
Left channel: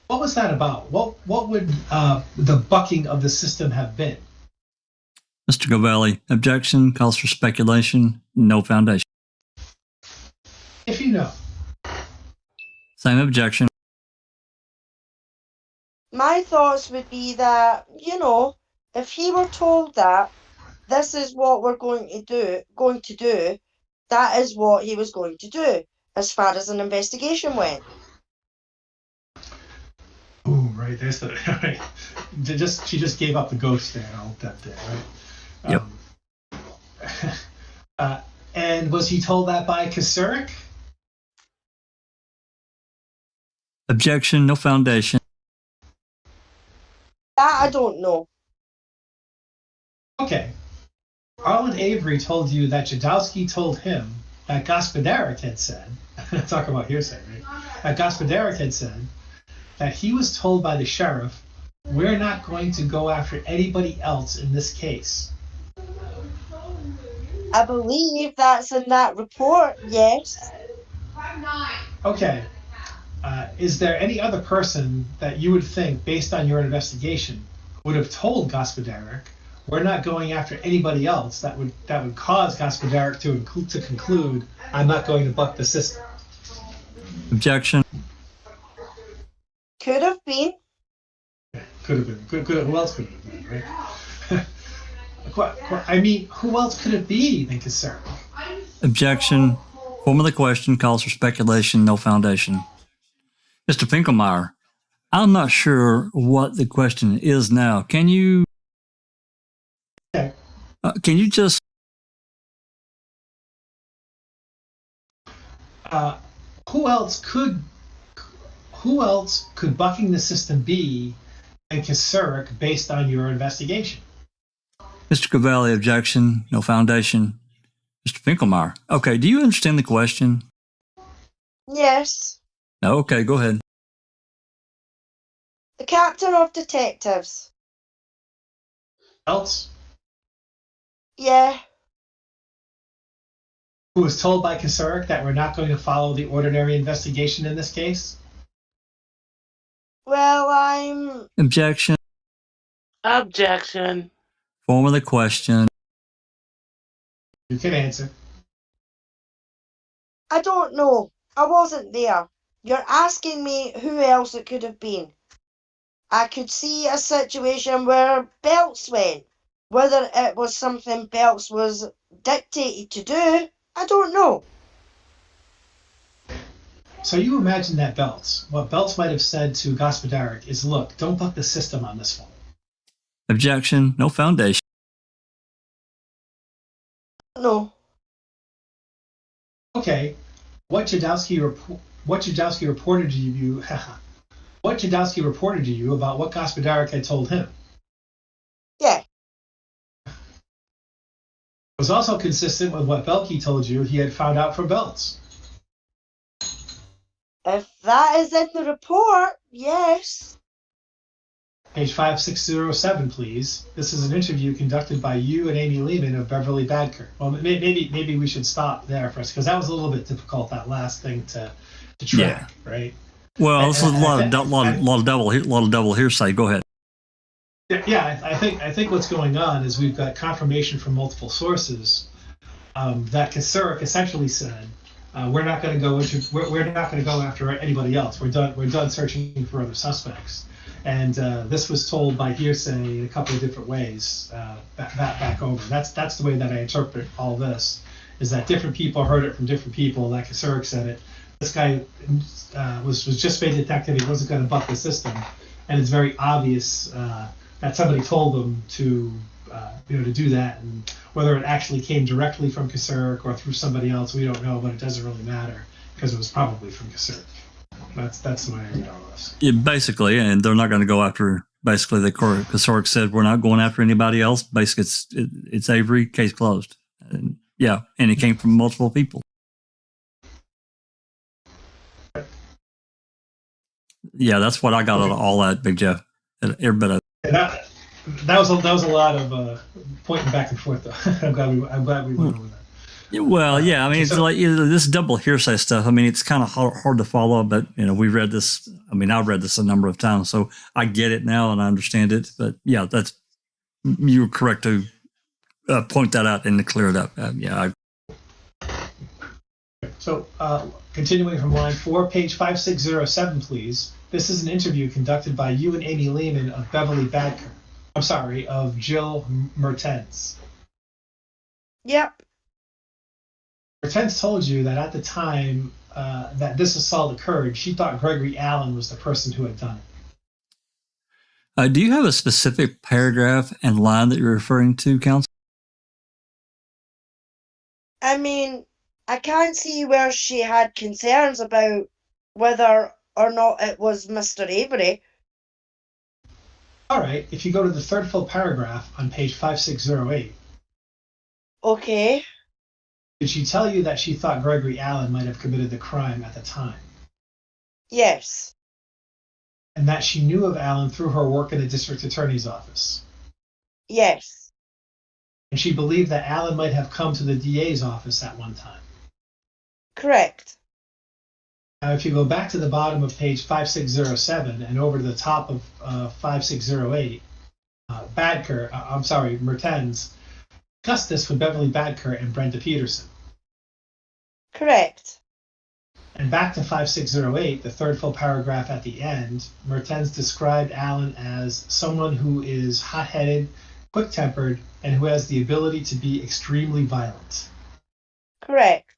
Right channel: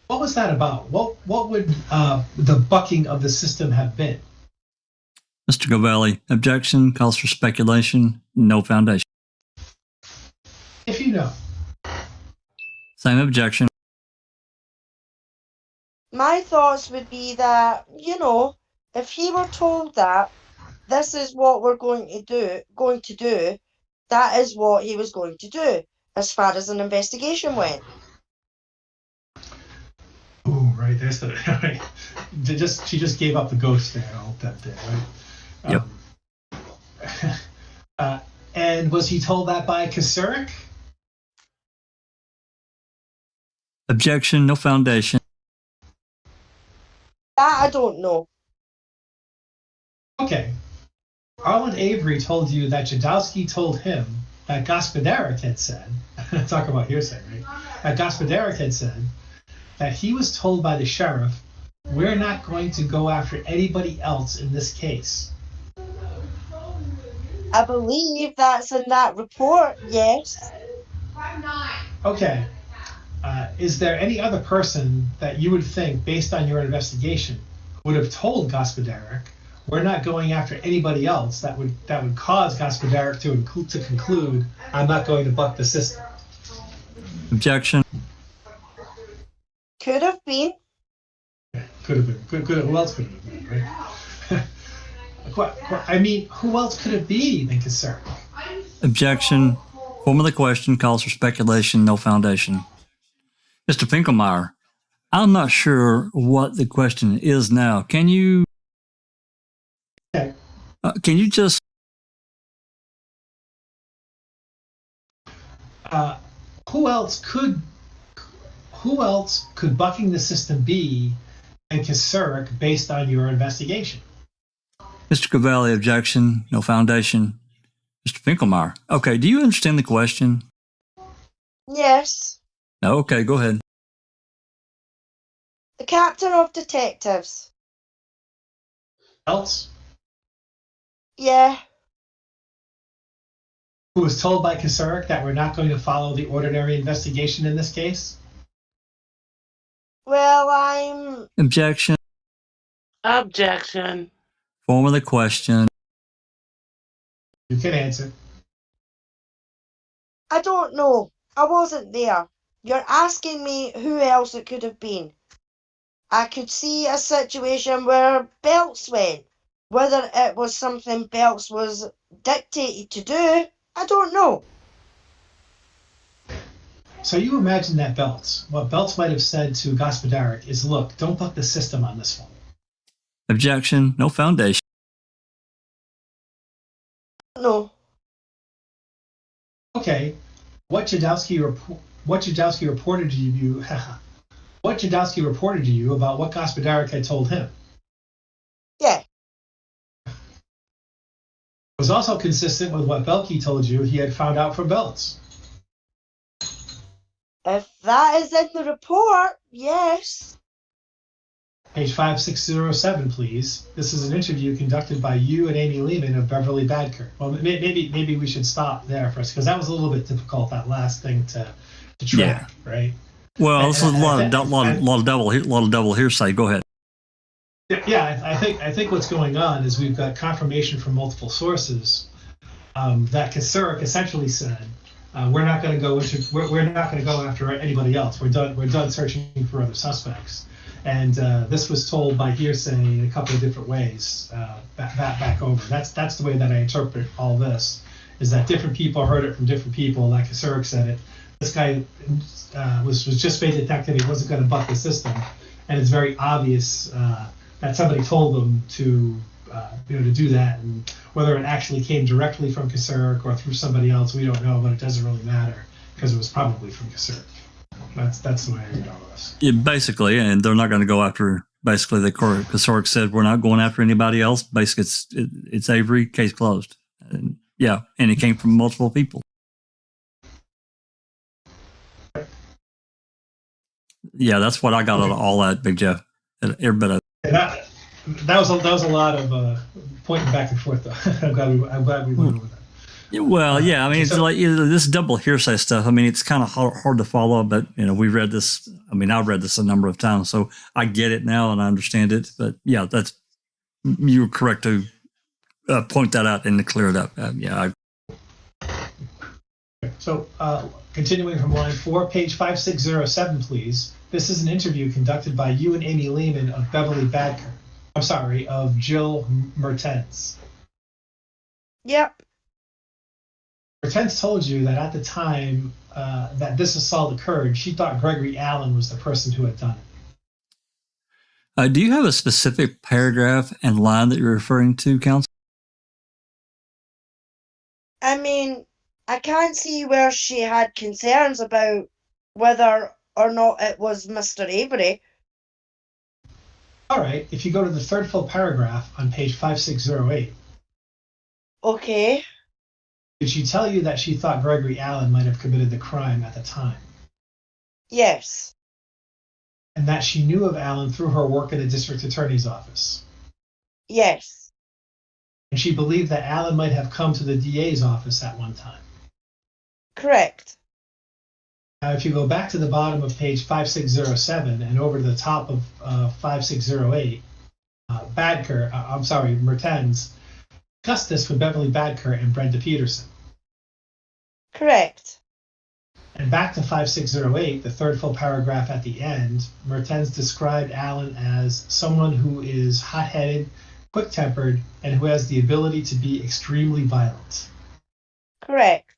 What was that about? What would the bucking of the system have been? Mr. Govelli, objection, calls for speculation, no foundation. If you know. Same objection. My thoughts would be that, you know, if he were told that this is what we're going to do, that is what he was going to do, as far as an investigation went. Ooh, right, there's the right. She just gave up the ghost there, all that there, right? Yep. And was he told that by Kasurik? Objection, no foundation. That I don't know. Okay. Arlen Avery told you that Judowski told him that Gospodarek had said, talk about hearsay, right? That Gospodarek had said that he was told by the sheriff, we're not going to go after anybody else in this case. I believe that's in that report, yes. Okay. Is there any other person that you would think, based on your investigation, would have told Gospodarek, we're not going after anybody else that would cause Gospodarek to conclude, I'm not going to buck the system? Objection. Could have been. Could have been. Who else could have been, right? I mean, who else could it be than Kasurik? Objection. Form of the question calls for speculation, no foundation. Mr. Finkelmeyer, I'm not sure what the question is now. Can you just who else could bucking the system be than Kasurik based on your investigation? Mr. Cavalli, objection, no foundation. Mr. Finkelmeyer. Okay, do you understand the question? Yes. No, okay, go ahead. The captain of detectives. Else? Yeah. Who was told by Kasurik that we're not going to follow the ordinary investigation in this case? Well, I'm... Objection. Objection. Form of the question. You can answer. I don't know. I wasn't there. You're asking me who else it could have been. I could see a situation where Belts went. Whether it was something Belts was dictated to do, I don't know. So you imagine that what Belts might have said to Gospodarek is, look, don't buck the system on this one. Objection, no foundation. No. Okay, what Judowski reported to you what Judowski reported to you about what Gospodarek had told him. Yeah. It was also consistent with what Belkey told you he had found out from Belts. If that is in the report, yes. Page 5607, please. This is an interview conducted by you and Amy Lehman of Beverly Badker. Well, maybe we should stop there first, because that was a little bit difficult, that last thing to track, right? Well, this is a lot of double hearsay. Go ahead. Yeah, I think what's going on is we've got confirmation from multiple sources that Kasurik essentially said, we're not going to go after anybody else. We're done searching for other suspects. And this was told by hearsay in a couple of different ways back over. That's the way that I interpret all this, is that different people heard it from different people. Like Kasurik said it. This guy was just made detective. He wasn't going to buck the system, and it's very obvious that somebody told them to do that. And whether it actually came directly from Kasurik or through somebody else, we don't know. But it doesn't really matter because it was probably from Kasurik. That's the way I read all this. Yeah, basically, and they're not going to go after. Basically, the Kasurik said we're not going after anybody else. Basically, it's Avery, case closed. And, and it came from multiple people. Yeah, that's what I got out of all that, Big Jeff. Every bit of And that was a lot of pointing back and forth, though. I'm glad we went over that. Well, yeah, I mean, it's like this double hearsay stuff. I mean, it's kind of hard to follow, but we read this. I mean, I've read this a number of times, so I get it now and I understand it. But yeah, you're correct to point that out and to clear it up. So, continuing from line 4, page 5607, please. This is an interview conducted by you and Amy Lehman of Beverly Badker. I'm sorry, of Jill Mertens. Yep. Mertens told you that at the time that this assault occurred, she thought Gregory Allen was the person who had done it. Do you have a specific paragraph and line that you're referring to, Counsel? I mean, I can't see where she had concerns about whether or not it was Mr. Avery. All right, if you go to the third full paragraph on page 5608. Okay. Did she tell you that she thought Gregory Allen might have committed the crime at the time? Yes. And that she knew of Allen through her work in the district attorney's office? Yes. And she believed that Allen might have come to the DA's office at one time? Correct. Now, if you go back to the bottom of page 5607 and over to the top of 5608, Mertens discussed this with Beverly Badker and Brenda Peterson. Correct. And back to 5608, the third full paragraph at the end, Mertens described Allen as someone who is hot-headed, quick-tempered, and who has the ability to be extremely violent. Correct.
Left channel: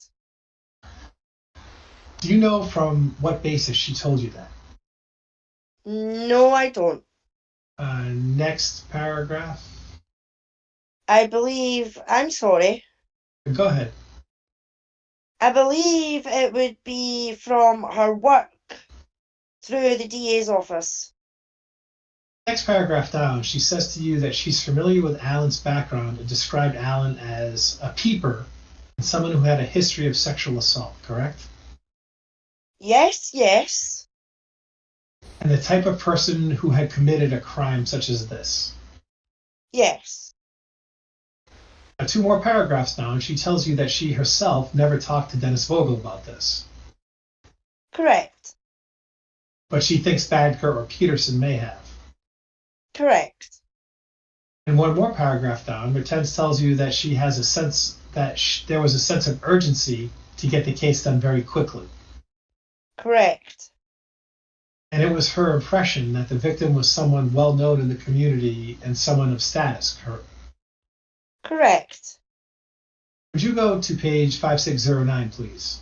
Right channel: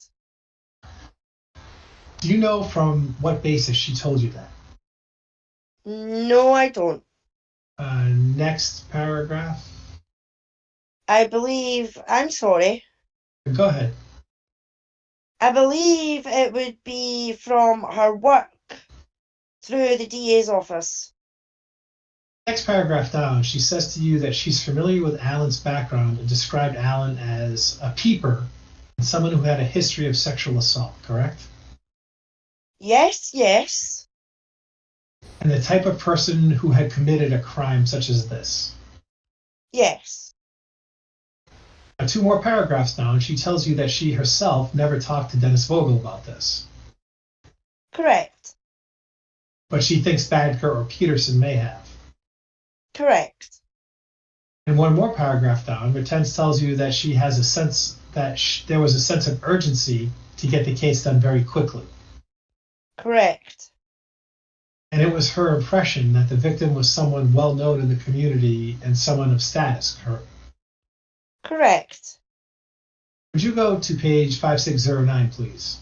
Do you know from what basis she told you that? No, I don't. Next paragraph. I'm sorry. Go ahead. I believe it would be from her work through the DA's office. Next paragraph down, she says to you that she's familiar with Allen's background and described Allen as a peeper and someone who had a history of sexual assault, correct? Yes. And the type of person who had committed a crime such as this? Yes. Now, 2 more paragraphs down, she tells you that she herself never talked to Dennis Vogel about this. Correct. But she thinks Badker or Peterson may have. Correct. And 1 more paragraph down, Mertens tells you that she has a sense that there was a sense of urgency to get the case done very quickly. Correct. And it was her impression that the victim was someone well known in the community and someone of status. Correct. Would you go to page 5609, please?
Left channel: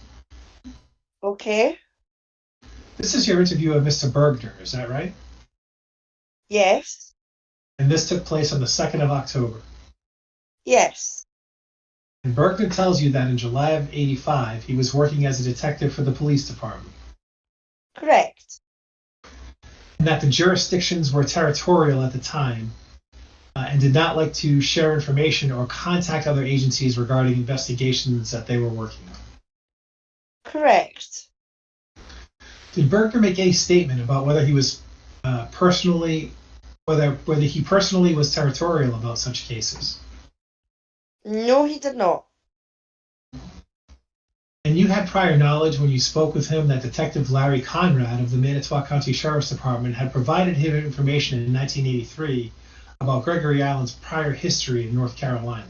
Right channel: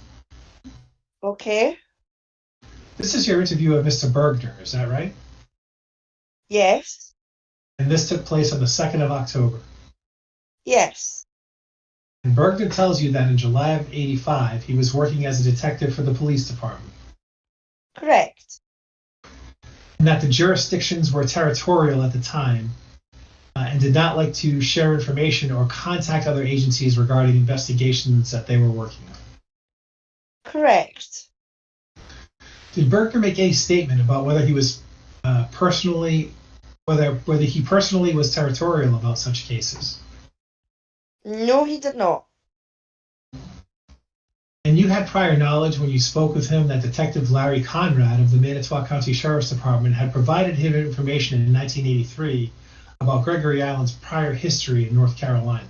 Okay. This is your interview of Mr. Bergner, is that right? Yes. And this took place on the 2nd of October. Yes. And Bergner tells you that in July of '85, he was working as a detective for the police department. Correct. And that the jurisdictions were territorial at the time and did not like to share information or contact other agencies regarding investigations that they were working on. Correct. Did Bergner make any statement about whether he was whether he personally was territorial about such cases? No, he did not. And you had prior knowledge when you spoke with him that Detective Larry Conrad of the Manitowoc County Sheriff's Department had provided him information in 1983 about Gregory Allen's prior history in North Carolina.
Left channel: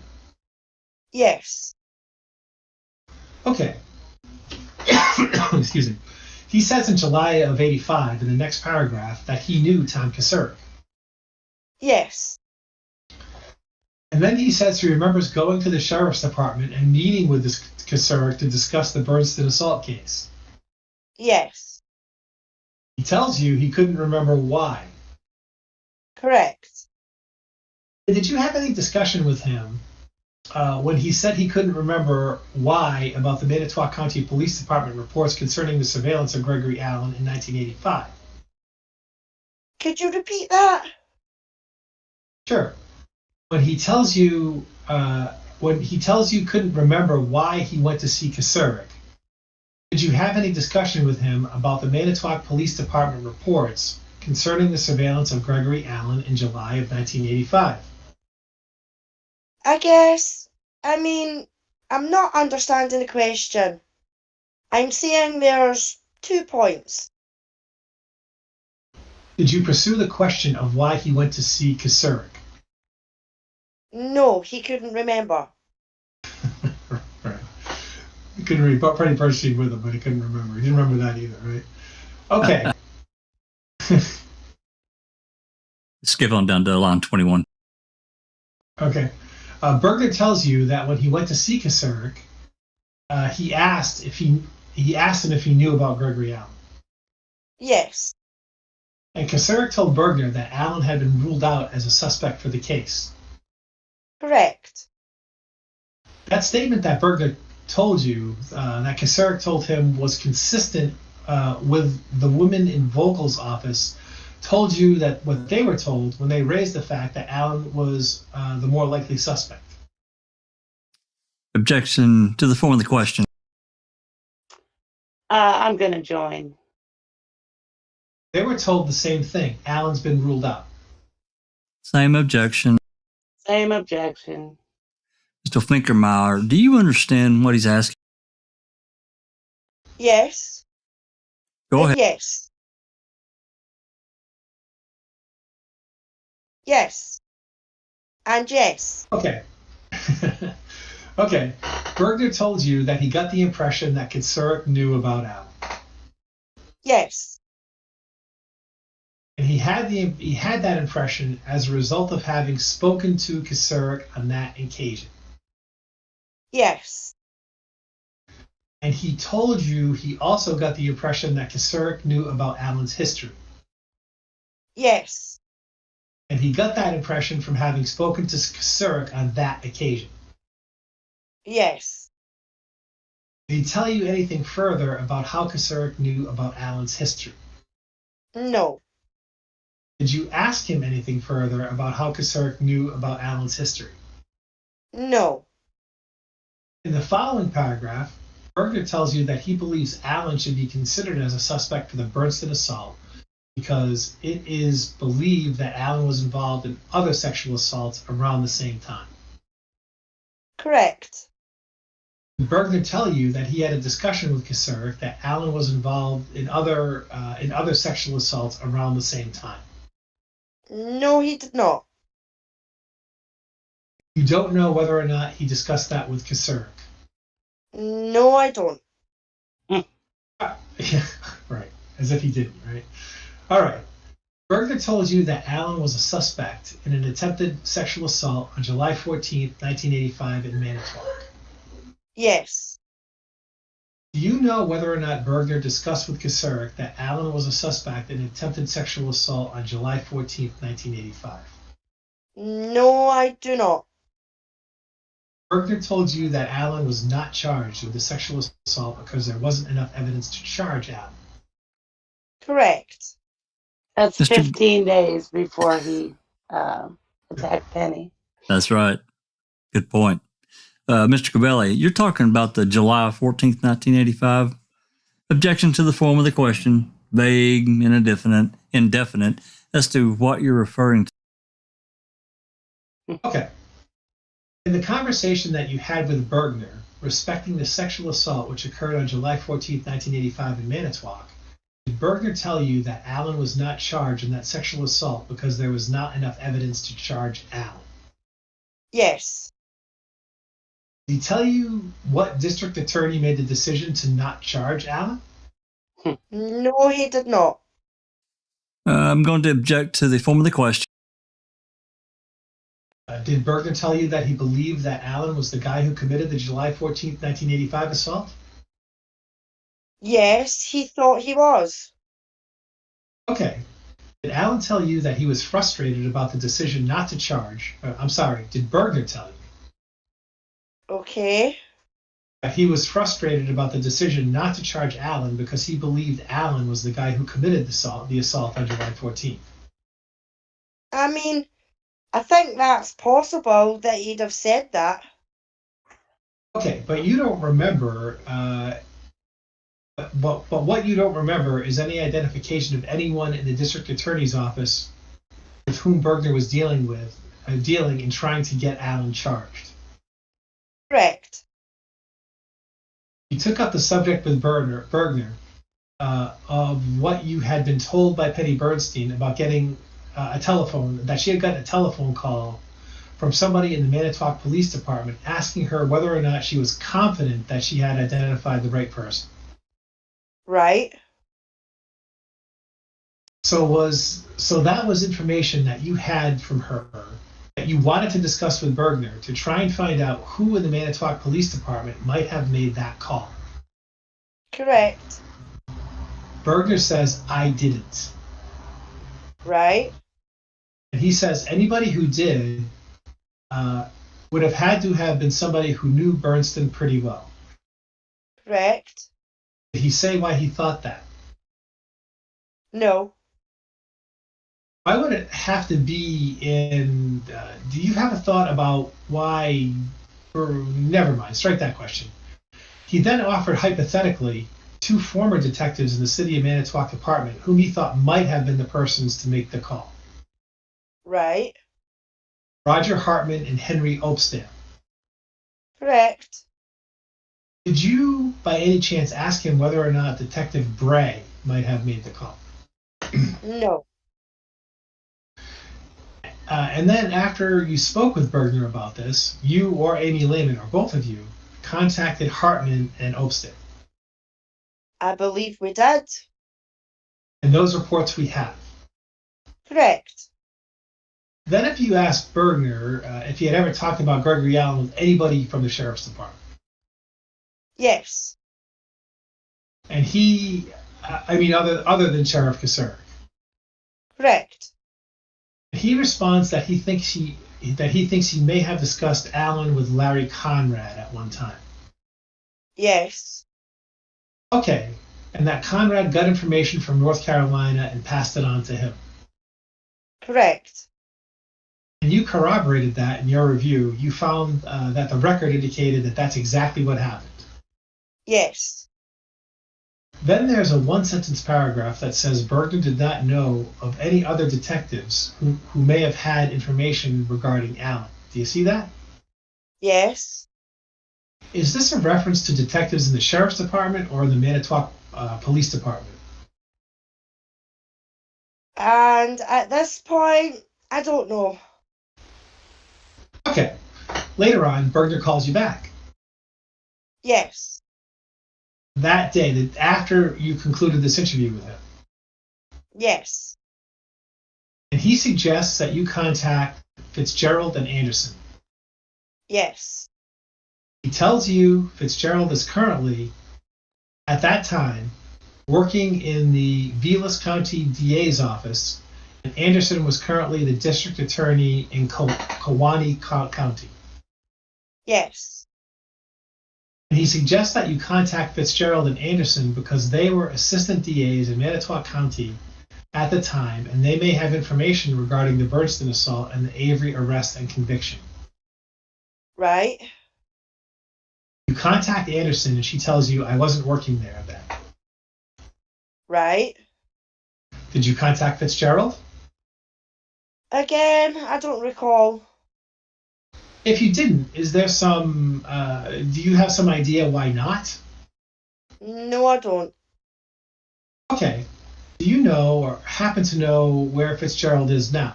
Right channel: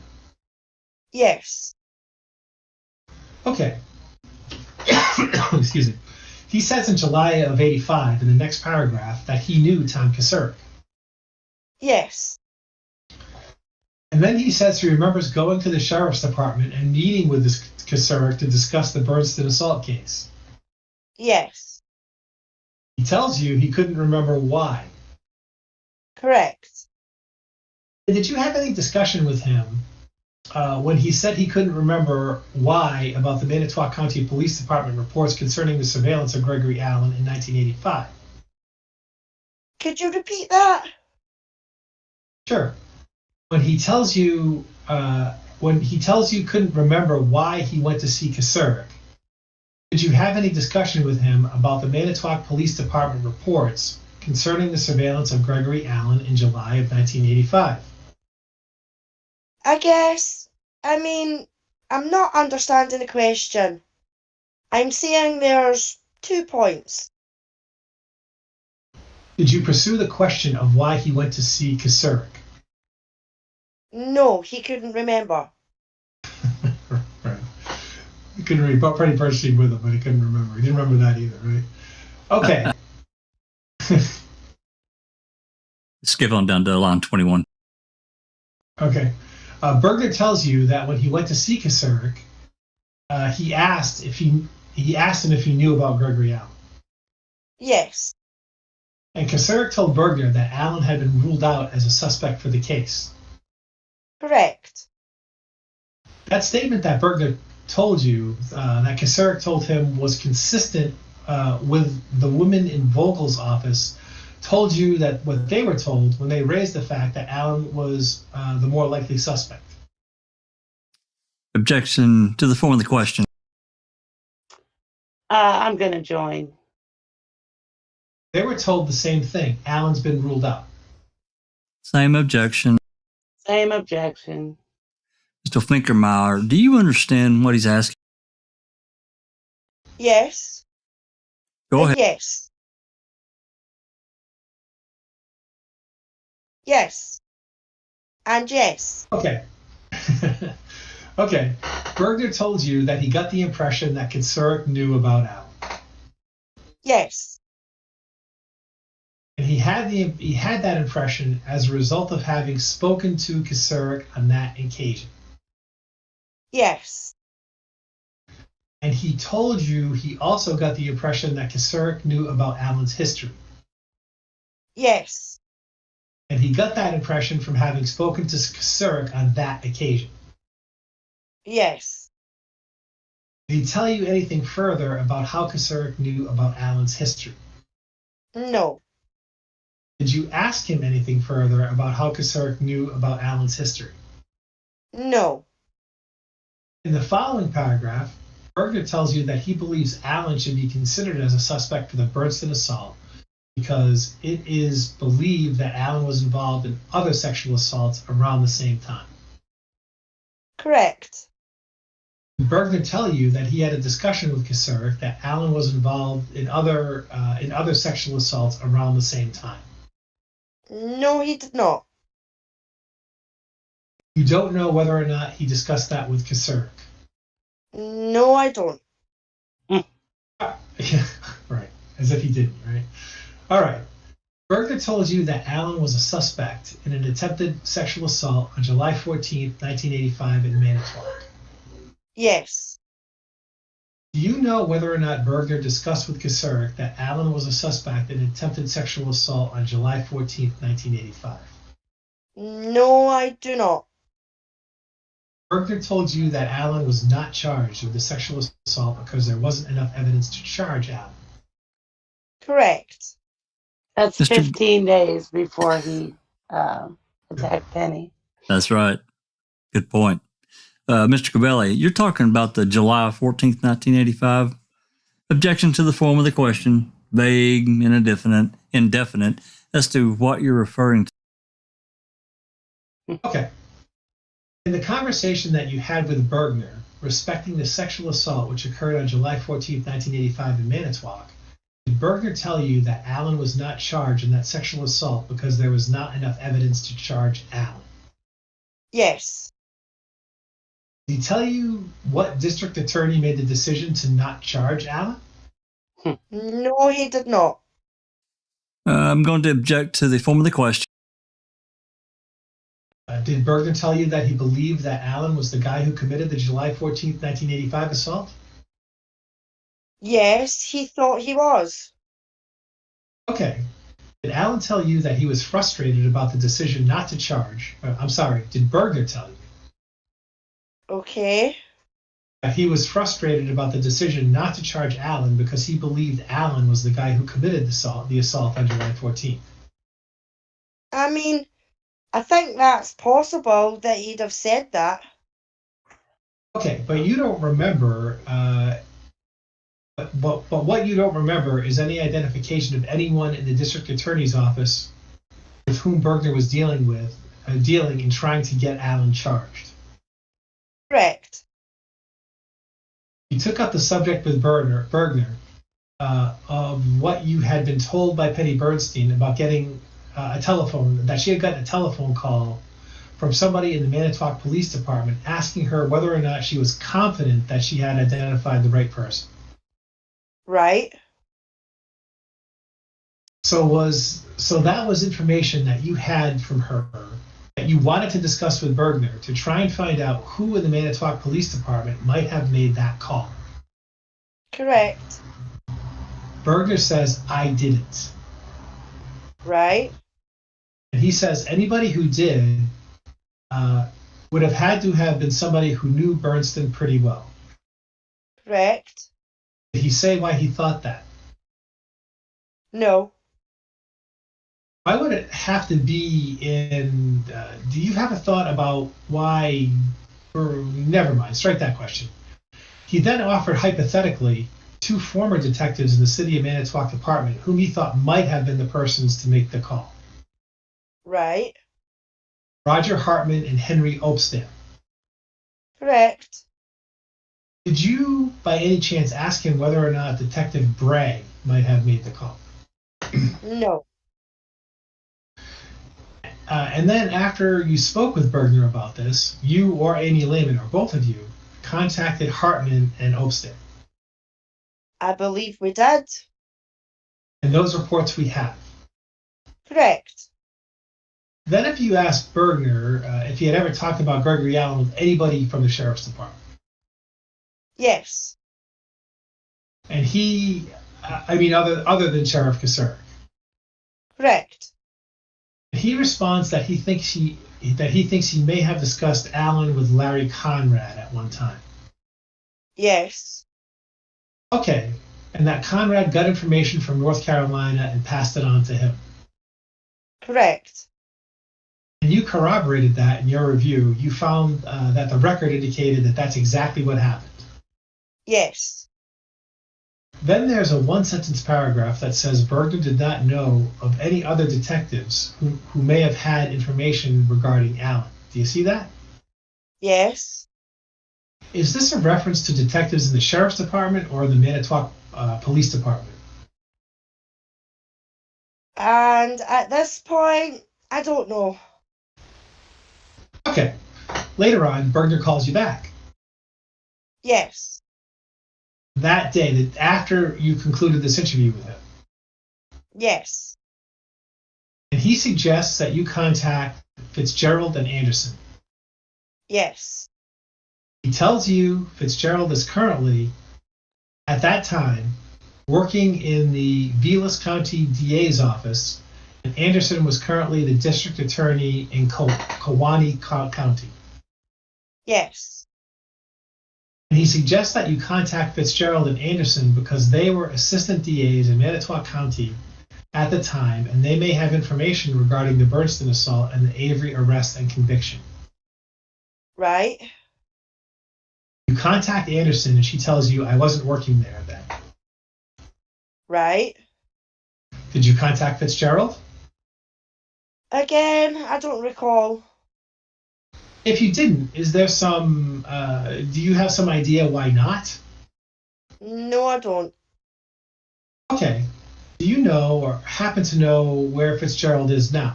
Yes. Okay. Excuse me. He says in July of '85 in the next paragraph that he knew Tom Kasurek. Yes. And then he says he remembers going to the Sheriff's Department and meeting with this Kasurek to discuss the Bernston assault case. Yes. He tells you he couldn't remember why. Correct. Did you have any discussion with him when he said he couldn't remember why about the Manitowoc County Police Department reports concerning the surveillance of Gregory Allen in 1985? Could you repeat that? Sure. When he tells you couldn't remember why he went to see Kasurek, Did you have any discussion with him about the Manitowoc Police Department reports concerning the surveillance of Gregory Allen in July of 1985? I'm not understanding the question. I'm saying there's 2 points. Did you pursue the question of why he went to see Kasurek? No, he couldn't remember. Right. He couldn't read, but pretty purchasing with him, but he couldn't remember. He didn't remember that either, right? Okay. Skip on down to line 21. Okay. Berger tells you that when he went to see Kasurek, he asked him if he knew about Gregory Allen. Yes. And Kasurek told Berger that Allen had been ruled out as a suspect for the case. Correct. That statement that Berger told you, that Kasurek told him, was consistent with the women in Vogel's office, told you that what they were told when they raised the fact that Allen was the more likely suspect. Objection to the form of the question. I'm going to join. They were told the same thing. Allen's been ruled out. Same objection. Same objection. Mr. Finkermeyer, do you understand what he's asking? Yes. Go ahead. Yes. Yes. And yes. Okay. Okay. Berger told you that he got the impression that Kasurek knew about Allen. Yes. And he had that impression as a result of having spoken to Kasurek on that occasion. Yes. And he told you he also got the impression that Kasurek knew about Allen's history. Yes. And he got that impression from having spoken to Kasurek on that occasion. Yes. Did he tell you anything further about how Kasurek knew about Allen's history? No. Did you ask him anything further about how Kasurek knew about Allen's history? No. In the following paragraph, Berger tells you that he believes Allen should be considered as a suspect for the Bernstein assault because it is believed that Allen was involved in other sexual assaults around the same time. Correct. Did Berger tell you that he had a discussion with Kasurek that Allen was involved in other sexual assaults around the same time? No, he did not. You don't know whether or not he discussed that with Kasurek. No, I don't. Yeah, right. As if he didn't, right? All right. Berger told you that Allen was a suspect in an attempted sexual assault on July 14th, 1985 in Manitowoc. Yes. Do you know whether or not Berger discussed with Kasurek that Allen was a suspect in an attempted sexual assault on July 14th, 1985? No, I do not. Berger told you that Allen was not charged with the sexual assault because there wasn't enough evidence to charge Allen. Correct. That's Mr. 15 days before he attacked Penny. That's right. Good point. Mr. Cabelli, you're talking about the July 14th, 1985. Objection to the form of the question, vague and indefinite as to what you're referring to. Okay. In the conversation that you had with Berger respecting the sexual assault which occurred on July 14th, 1985 in Manitowoc, did Berger tell you that Allen was not charged in that sexual assault because there was not enough evidence to charge Allen? Yes. Did he tell you what district attorney made the decision to not charge Allen? No, he did not. I'm going to object to the form of the question. Did Berger tell you that he believed that Allen was the guy who committed the July 14th, 1985 assault? Yes, he thought he was. Okay. Did Allen tell you that he was frustrated about the decision not to charge? Did Berger tell you? Okay. That he was frustrated about the decision not to charge Allen because he believed Allen was the guy who committed the assault on July 14th? I think that's possible that he'd have said that. Okay, but you don't remember But what you don't remember is any identification of anyone in the district attorney's office with whom Bergner was dealing in trying to get Allen charged. Correct. You took up the subject with Bergner of what you had been told by Penny Bernstein about getting that she had gotten a telephone call from somebody in the Manitowoc Police Department asking her whether or not she was confident that she had identified the right person. Right. So that was information that you had from her that you wanted to discuss with Bergner to try and find out who in the Manitowoc Police Department might have made that call. Correct. Bergner says, I didn't. Right. And he says anybody who did would have had to have been somebody who knew Bernstein pretty well. Correct. Did he say why he thought that? No. Why would it have to be in... do you have a thought about why... Or never mind, strike that question. He then offered hypothetically 2 former detectives in the City of Manitowoc Department whom he thought might have been the persons to make the call. Right. Roger Hartman and Henry Opstam. Correct. Did you, by any chance, ask him whether or not Detective Bray might have made the call? No. And then after you spoke with Bergner about this, you or Amy Lehman, or both of you, contacted Hartman and Opstam. I believe we did. And those reports we have. Correct. Then if you asked Bergner if he had ever talked about Gregory Allen with anybody from the Sheriff's Department. Yes. And he, other than Sheriff Kassir. Correct. He responds that he thinks he may have discussed Allen with Larry Conrad at one time. Yes. Okay, and that Conrad got information from North Carolina and passed it on to him. Correct. And you corroborated that in your review. You found that the record indicated that that's exactly what happened. Yes. Then there's a 1-sentence paragraph that says Bergner did not know of any other detectives who may have had information regarding Allen. Do you see that? Yes. Is this a reference to detectives in the Sheriff's Department or the Manitowoc Police Department? And at this point, I don't know. Okay. Later on, Bergner calls you back. Yes. That day, after you concluded this interview with him. Yes. And he suggests that you contact Fitzgerald and Anderson. Yes. He tells you Fitzgerald is currently, at that time, working in the Vilas County DA's office, and Anderson was currently the district attorney in Kewaunee County. Yes. And he suggests that you contact Fitzgerald and Anderson because they were assistant DAs in Manitowoc County at the time, and they may have information regarding the Bernstein assault and the Avery arrest and conviction. Right. You contact Anderson, and she tells you, I wasn't working there then. Right. Did you contact Fitzgerald? Again, I don't recall. If you didn't, is there some, do you have some idea why not? No, I don't. Okay. Do you know or happen to know where Fitzgerald is now?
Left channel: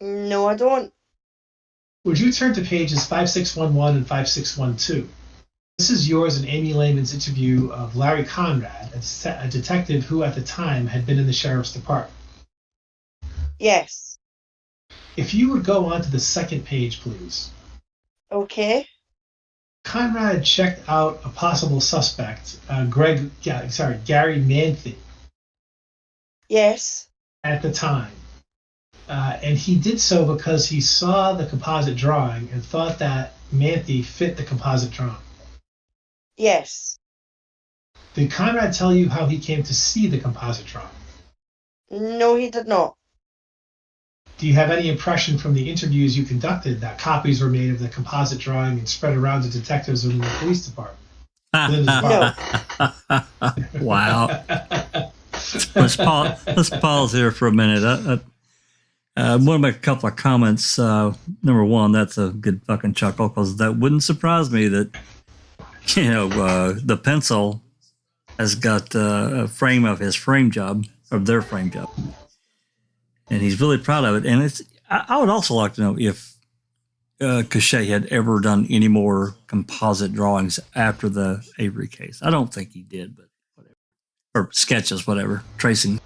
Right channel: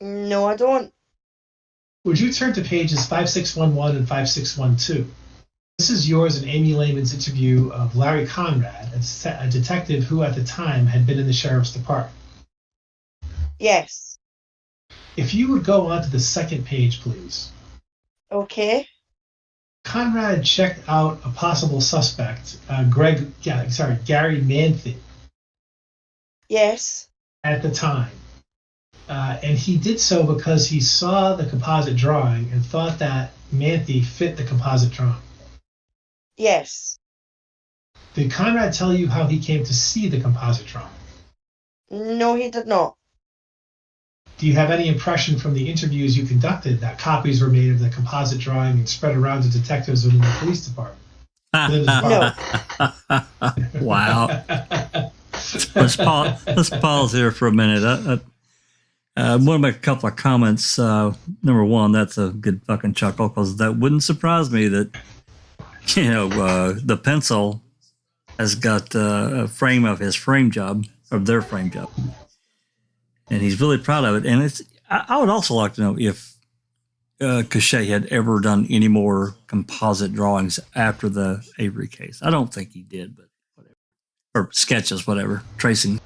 No, I don't. Would you turn to pages 5611 and 5612? This is yours and Amy Lehman's interview of Larry Conrad, a detective who at the time had been in the Sheriff's Department. Yes. If you would go on to the second page, please. Okay. Conrad checked out a possible suspect, Gary Manthe, Yes. at the time. And he did so because he saw the composite drawing and thought that Manthe fit the composite drawing. Yes. Did Conrad tell you how he came to see the composite drawing? No, he did not. Do you have any impression from the interviews you conducted that copies were made of the composite drawing and spread around to detectives within the police department? Linda's Wow. Let's pause here for a minute. I want to make a couple of comments. Number one, that's a good fucking chuckle because that wouldn't surprise me that, the pencil has got a frame of his frame job, of their frame job. And he's really proud of it. And I would also like to know if Cachet had ever done any more composite drawings after the Avery case. I don't think he did, but whatever. Or sketches, whatever, tracing.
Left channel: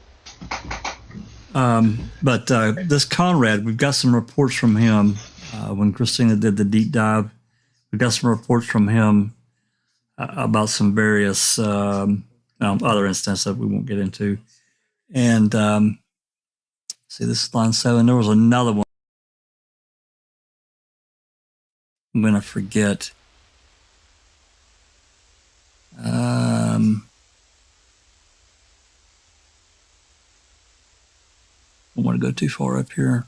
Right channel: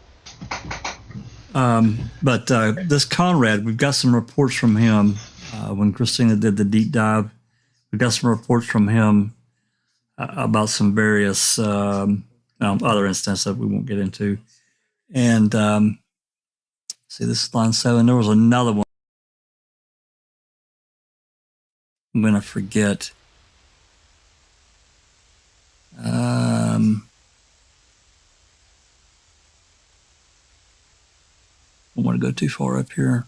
But this Conrad, we've got some reports from him when Christina did the deep dive. We got some reports from him about some various other instances that we won't get into. And see, this is line 7. There was another one. I'm going to forget. I don't want to go too far up here.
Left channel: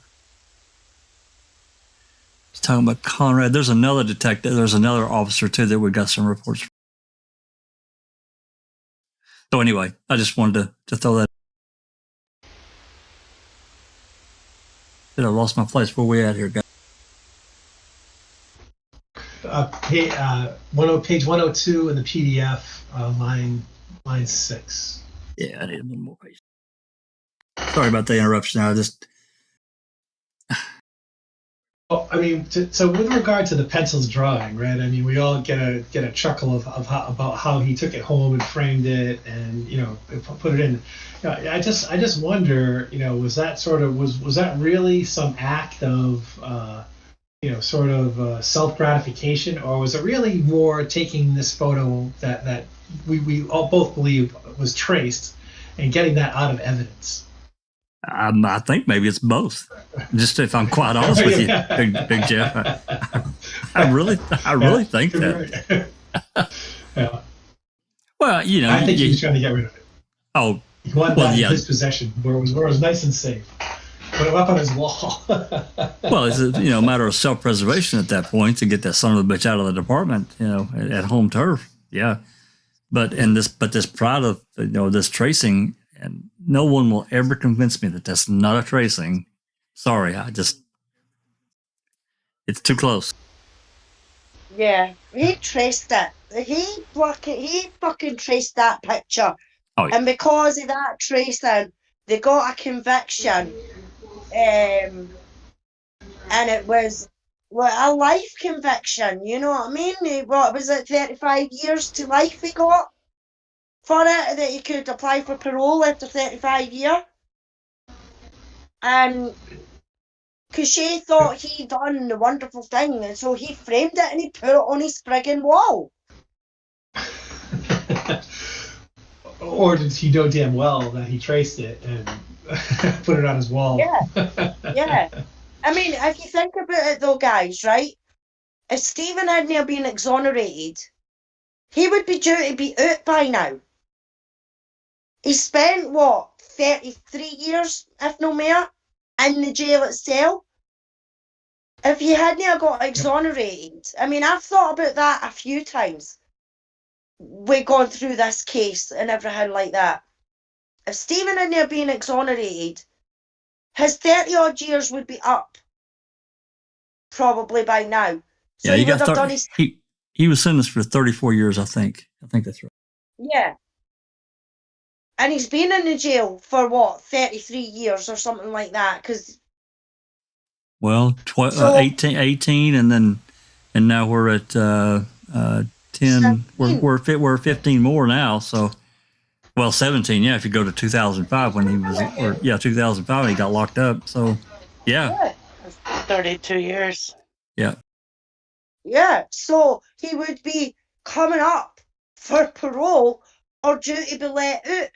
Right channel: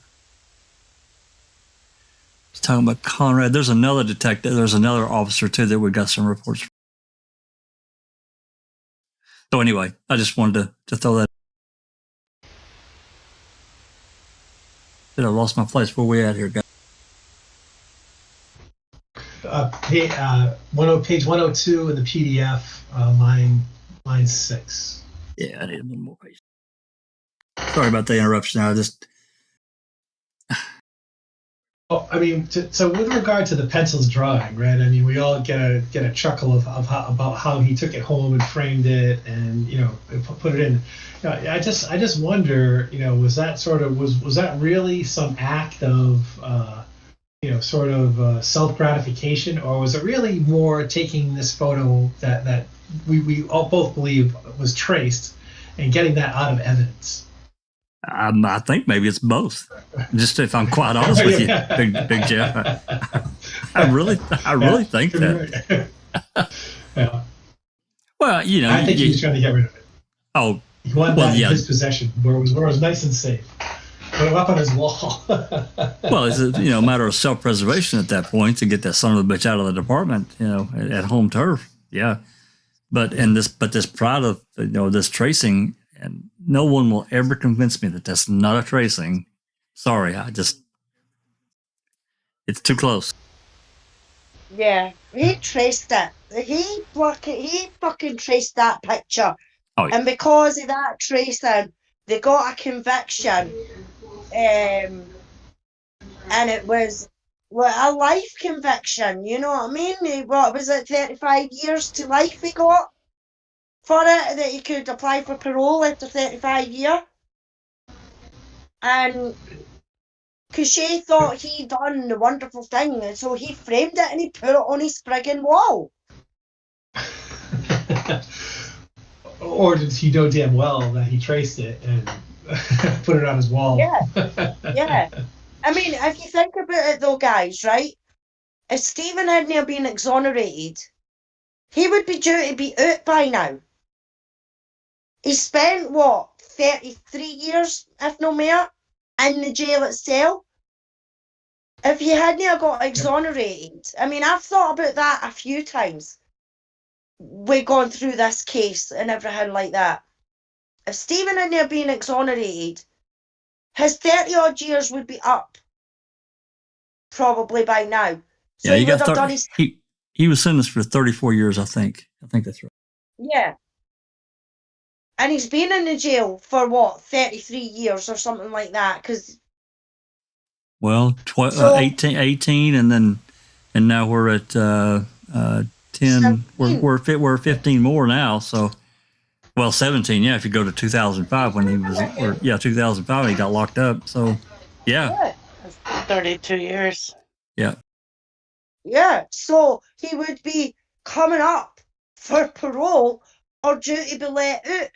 He's talking about Conrad. There's another detective. There's another officer, too, that we got some reports from. So anyway, I just wanted to throw that. I lost my place. Where we at here, guys? Page 102 in the PDF, line 6. Yeah, I need one more page. Sorry about the interruption. So with regard to the pencil's drawing, right? I mean, we all get a chuckle about how he took it home and framed it, and put it in. I just wonder, was that really some act of self gratification, or was it really more taking this photo that we all both believe was traced and getting that out of evidence? I think maybe it's both. Just if I'm quite honest with you, Big Jeff, I really think that. Yeah. Well, I think he was trying to get rid of it. Oh, he wanted that in his possession, where it was nice and safe. Put it up on his wall. Well, it's a matter of self-preservation at that point to get that son of a bitch out of the department, at home turf. Yeah, but this pride of this tracing. And no one will ever convince me that that's not a tracing. Sorry, it's too close. Yeah, he traced it. He fucking traced that picture. Oh, yeah. And because of that tracing, they got a conviction. And it was a life conviction, you know what I mean? What was it, 35 years to life he got? For it, that he could apply for parole after 35 years. And Cachet thought he'd done the wonderful thing, and so he framed it and he put it on his friggin' wall. Or did he know damn well that he traced it and put it on his wall? Yeah. I mean, if you think about it though, guys, right? If Stephen hadn't been exonerated, he would be due to be out by now. He spent, 33 years, if no more, in the jail itself. If he hadn't got exonerated, I mean, I've thought about that a few times. We've gone through this case and everything like that. If Stephen hadn't been exonerated, his 30-odd years would be up, probably by now. So yeah, he got 30. He was sentenced for 34 years, I think. I think that's right. Yeah. And he's been in the jail for 33 years or something like that. Well, 18, and now we're at 10. 17. We're 15 more now. So, 17. Yeah, if you go to 2005 when he was, 2005 he got locked up. So, yeah. 32 years. Yeah. Yeah. So he would be coming up for parole or due to be let out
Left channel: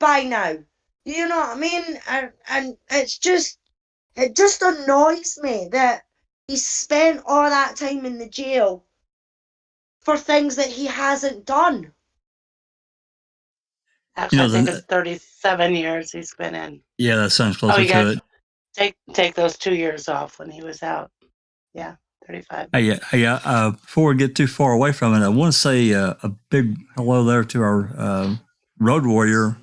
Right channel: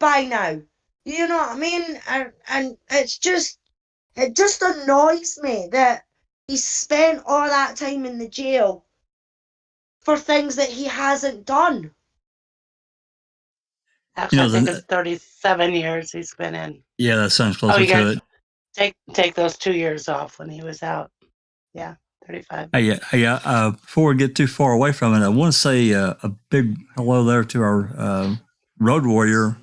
by now. You know what I mean? And it just annoys me that he spent all that time in the jail for things that he hasn't done. Actually, I think it's 37 years he's been in. Yeah, that sounds closer to it. Take those 2 years off when he was out. Yeah, 35. Before we get too far away from it, I want to say a big hello there to our road warrior,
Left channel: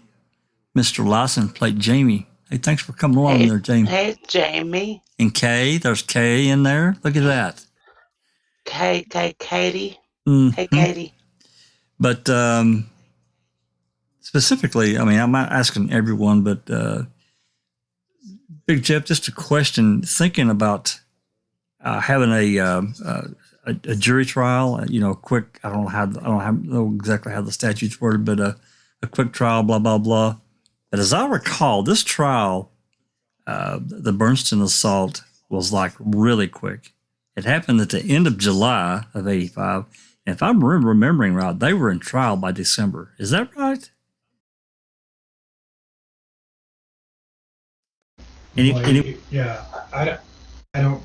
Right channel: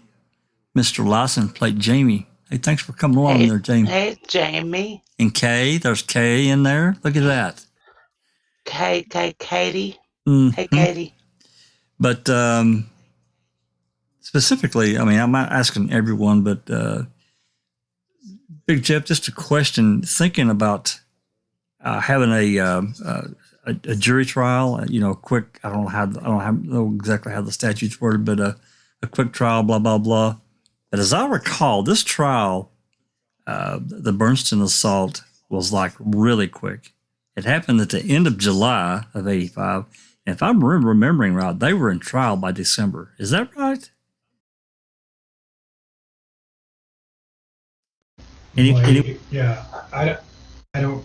Mr. Lyson, played Jamie. Hey, thanks for coming along there, Jamie. Hey, Jamie. And Kay, there's Kay in there. Look at that. Katie. Mm-hmm. Hey, Katie. But specifically, I mean, I'm not asking everyone, but Big Jeff, just a question, thinking about having a jury trial, quick, I don't know exactly how the statute's worded, but a quick trial, blah, blah, blah. But as I recall, this trial, the Bernstein assault was like really quick. It happened at the end of July of 85. And if I'm remembering right, they were in trial by December. Is that right? Yeah, I don't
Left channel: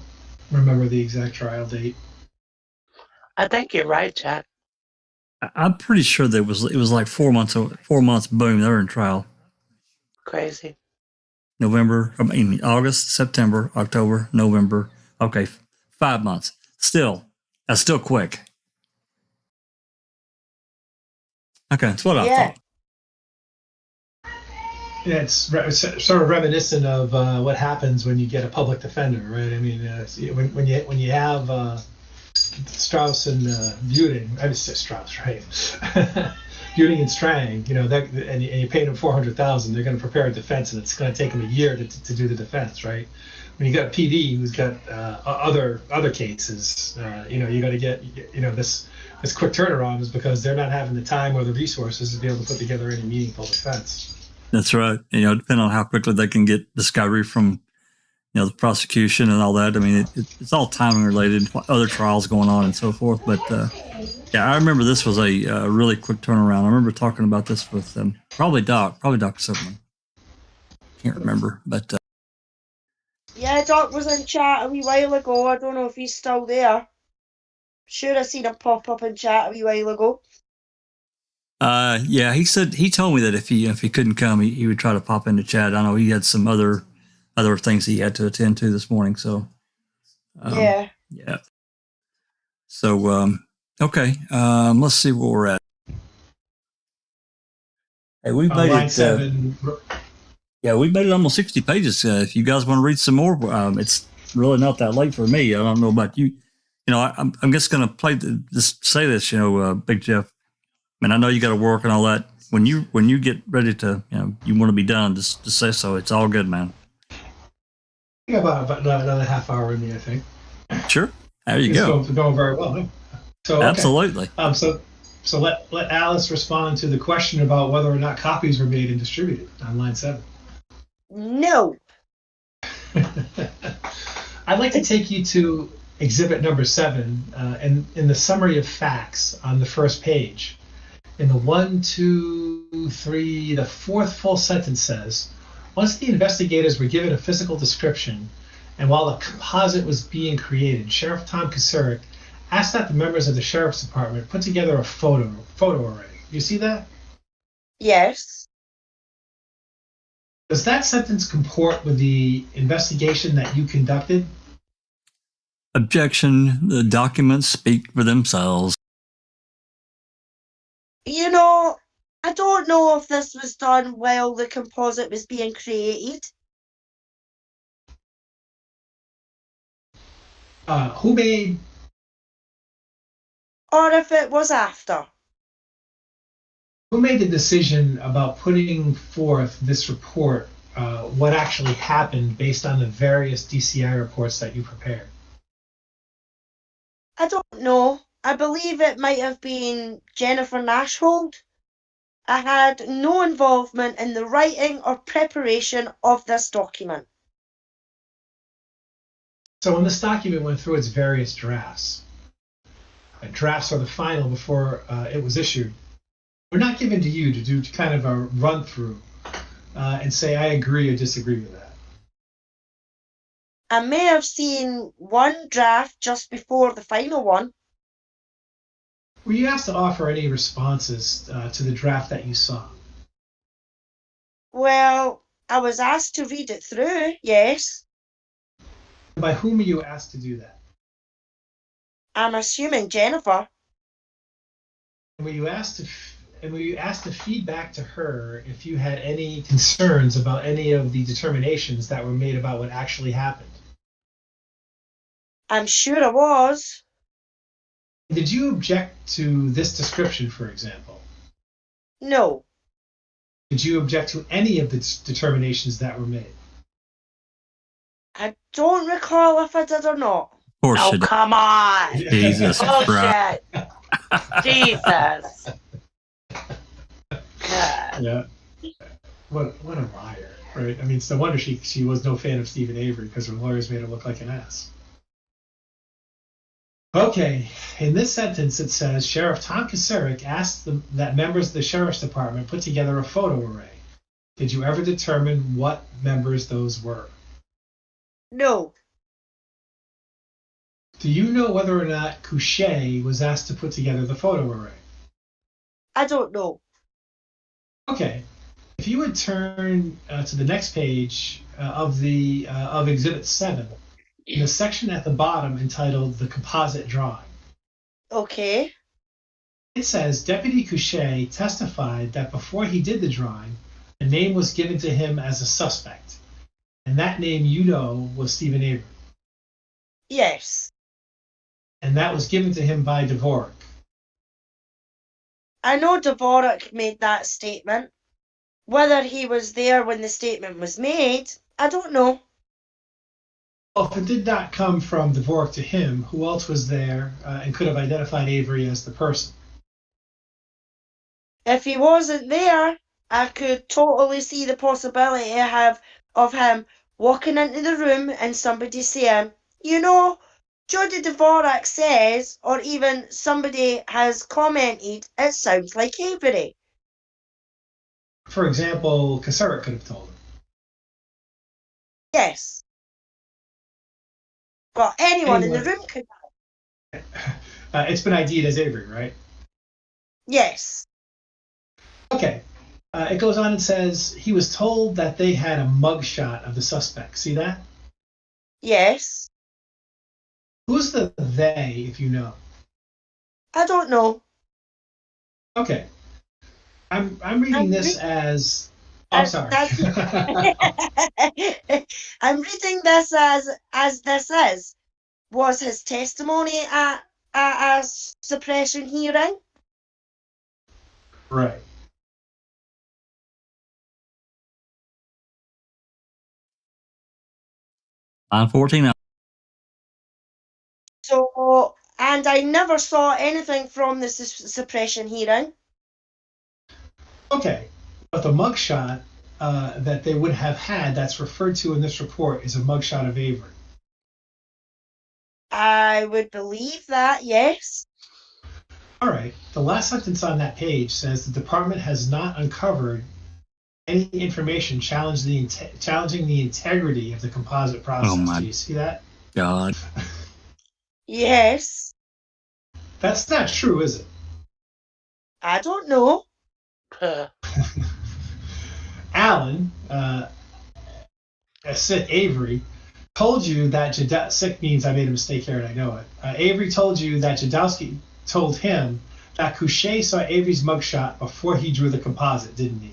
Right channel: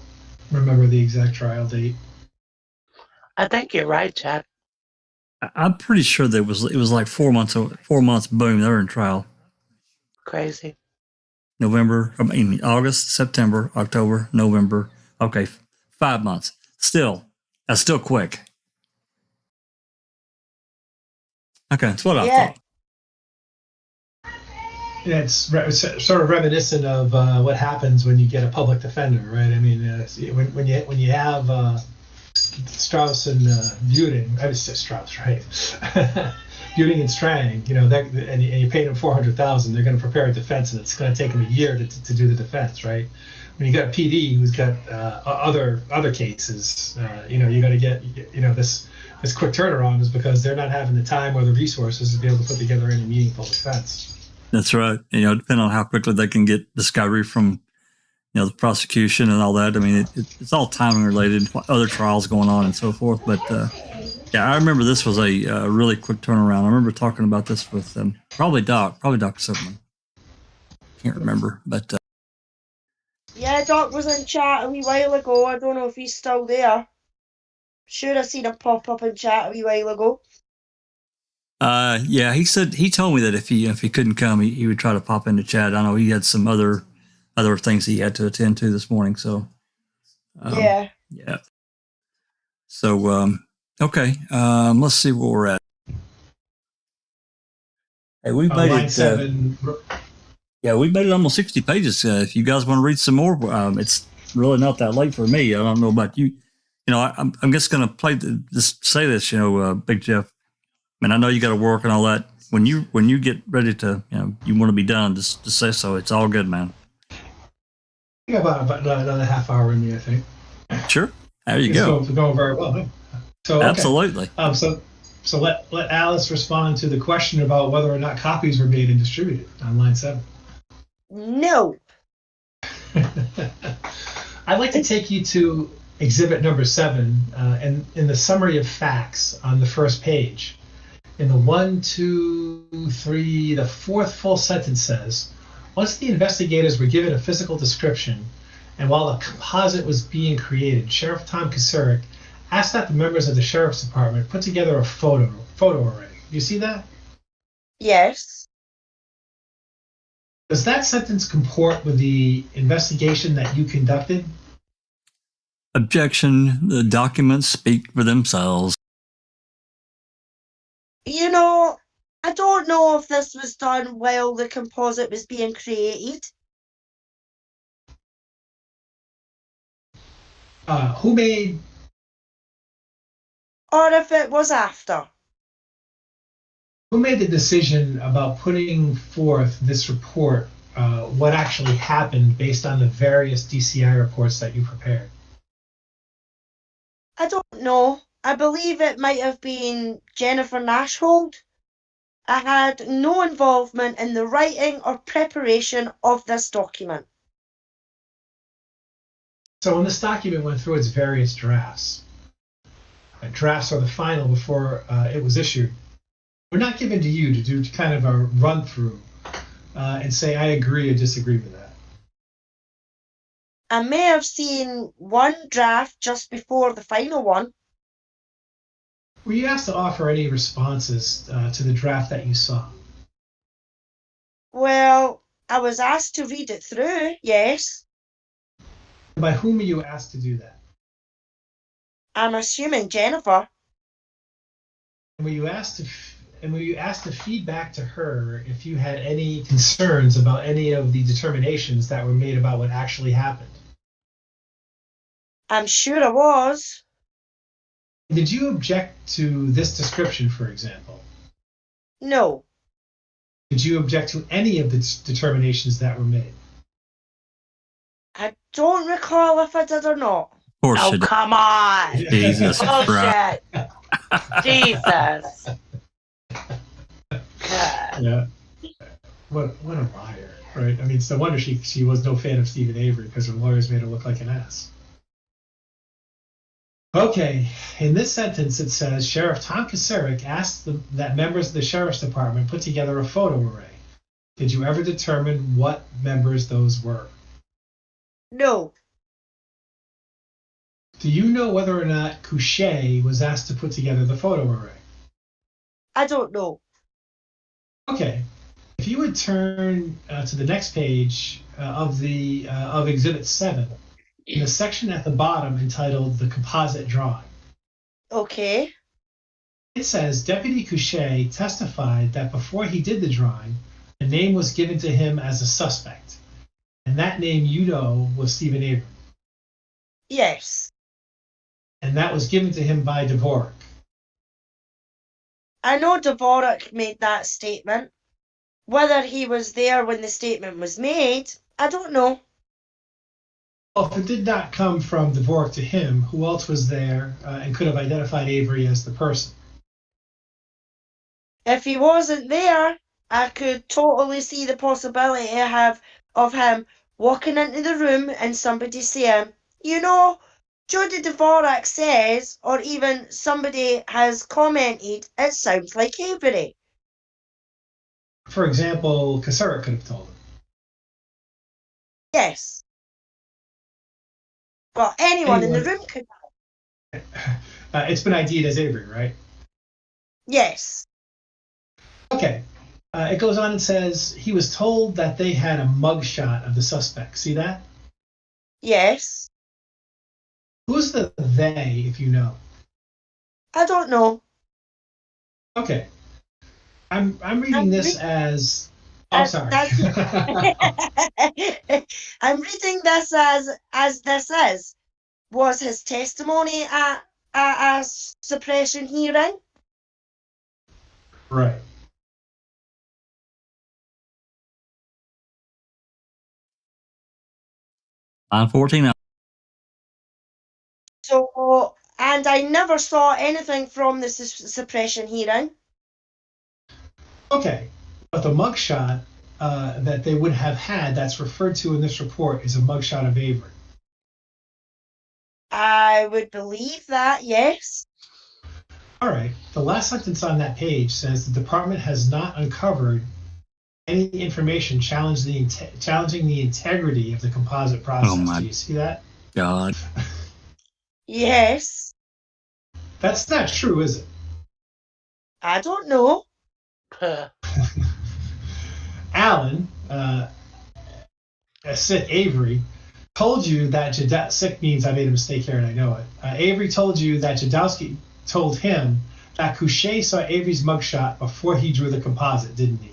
remember the exact trial date. I think you're right, Jack. I'm pretty sure it was like 4 months. 4 months. Boom, they were in trial. Crazy. August, September, October, November. Okay, 5 months. That's still quick. Okay, that's what I thought. Yeah, it's sort of reminiscent of what happens when you get a public defender, right? I mean, when you have Strauss and Buting, I just said Strauss, right? Buting and Strang, and you paid them $400,000, they're going to prepare a defense, and it's going to take them a year to do the defense, right? When you got a PD who's got other cases, you got to get this quick turnaround is because they're not having the time or the resources to be able to put together any meaningful defense. That's right. Depending on how quickly they can get discovery from, the prosecution and all that. I mean, it's all timing related, other trials going on and so forth. But I remember this was a really quick turnaround. I remember talking about this with probably Dr. Silkman. Can't remember, but yeah, Doc was in chat a wee while ago. I don't know if he's still there. Sure, I seen him pop up in chat a wee while ago. He told me that if he couldn't come, he would try to pop into chat. I know he had some other things he had to attend to this morning. So, yeah. So, okay. Let's see where we're at. Hey, we made it. 7. We made it almost 60 pages. If you guys want to read some more, it's really not that late for me. I don't know about you. I'm just going to just say this, Big Jeff. I mean, I know you got to work and all that. When you get ready to, you want to be done, just say so. It's all good, man. Yeah, about another half hour in me, I think. Sure. There you go. It's going very well. So okay. Absolutely. So let Alice respond to the question about whether or not copies were made and distributed on line 7. No. I'd like to take you to exhibit number 7, and in the summary of facts on the first page. In the 1, 2, 3, the fourth full sentence says, once the investigators were given a physical description, and while a composite was being created, Sheriff Tom Kasurik asked that the members of the Sheriff's Department put together a photo array. You see that? Yes. Does that sentence comport with the investigation that you conducted? Objection. The documents speak for themselves. I don't know if this was done while the composite was being created. Who made... Or if it was after. Who made the decision about putting forth this report, what actually happened based on the various DCI reports that you prepared? I don't know. I believe it might have been Jennifer Nashhold. I had no involvement in the writing or preparation of this document. So when this document went through its various drafts, drafts are the final before it was issued, we're not given to you to do kind of a run through and say, I agree or disagree with that. I may have seen one draft just before the final one. Were you asked to offer any responses to the draft that you saw? Well, I was asked to read it through, yes. By whom were you asked to do that? I'm assuming Jennifer. And when you asked to feedback to her if you had any concerns about any of the determinations that were made about what actually happened. I'm sure I was. Did you object to this description, for example? No. Did you object to any of the determinations that were made? I don't recall if I did or not. Of course Oh, you did. come on. Jesus Christ. Bullshit. Jesus. God. Yeah. What a liar, right? I mean, it's no wonder she was no fan of Stephen Avery because her lawyers made her look like an ass. Okay, in this sentence it says, Sheriff Tom Kasarik asked that members of the Sheriff's Department put together a photo array. Did you ever determine what members those were? No. Do you know whether or not Couchet was asked to put together the photo array? I don't know. Okay, if you would turn to the next page of Exhibit 7, in the section at the bottom entitled The Composite Drawing. Okay. It says, Deputy Couchet testified that before he did the drawing, a name was given to him as a suspect. And that name, you know, was Stephen Avery. Yes. And that was given to him by Dvorak. I know Dvorak made that statement. Whether he was there when the statement was made, I don't know. Well, if it did not come from Dvorak to him, who else was there and could have identified Avery as the person? If he wasn't there, I could totally see the possibility of him walking into the room and somebody saying, you know, Jody Dvorak says, or even somebody has commented, it sounds like Avery. For example, Kasarik could have told him. Yes. But anyone in the room could. It's been ID'd as Avery, right? Yes. Okay. It goes on and says he was told that they had a mugshot of the suspect. See that? Yes. Who's the they, if you know? I don't know. Okay. I'm reading this as. Oh, sorry. I'm reading this as this is. Was his testimony at a suppression hearing? Right. Line 14. So, and I never saw anything from the suppression hearing. Okay. But the mugshot that they would have had that's referred to in this report is a mugshot of Avery. I would believe that, yes. All right. The last sentence on that page says the department has not uncovered any information challenging the integrity of the composite process. Oh my Do you see that? God. Yes. That's not true, is it? I don't know. Alan, Avery, told you that sick means I made a mistake here and I know it. Avery told you that Jadowski told him that Couchet saw Avery's mugshot before he drew the composite, didn't he?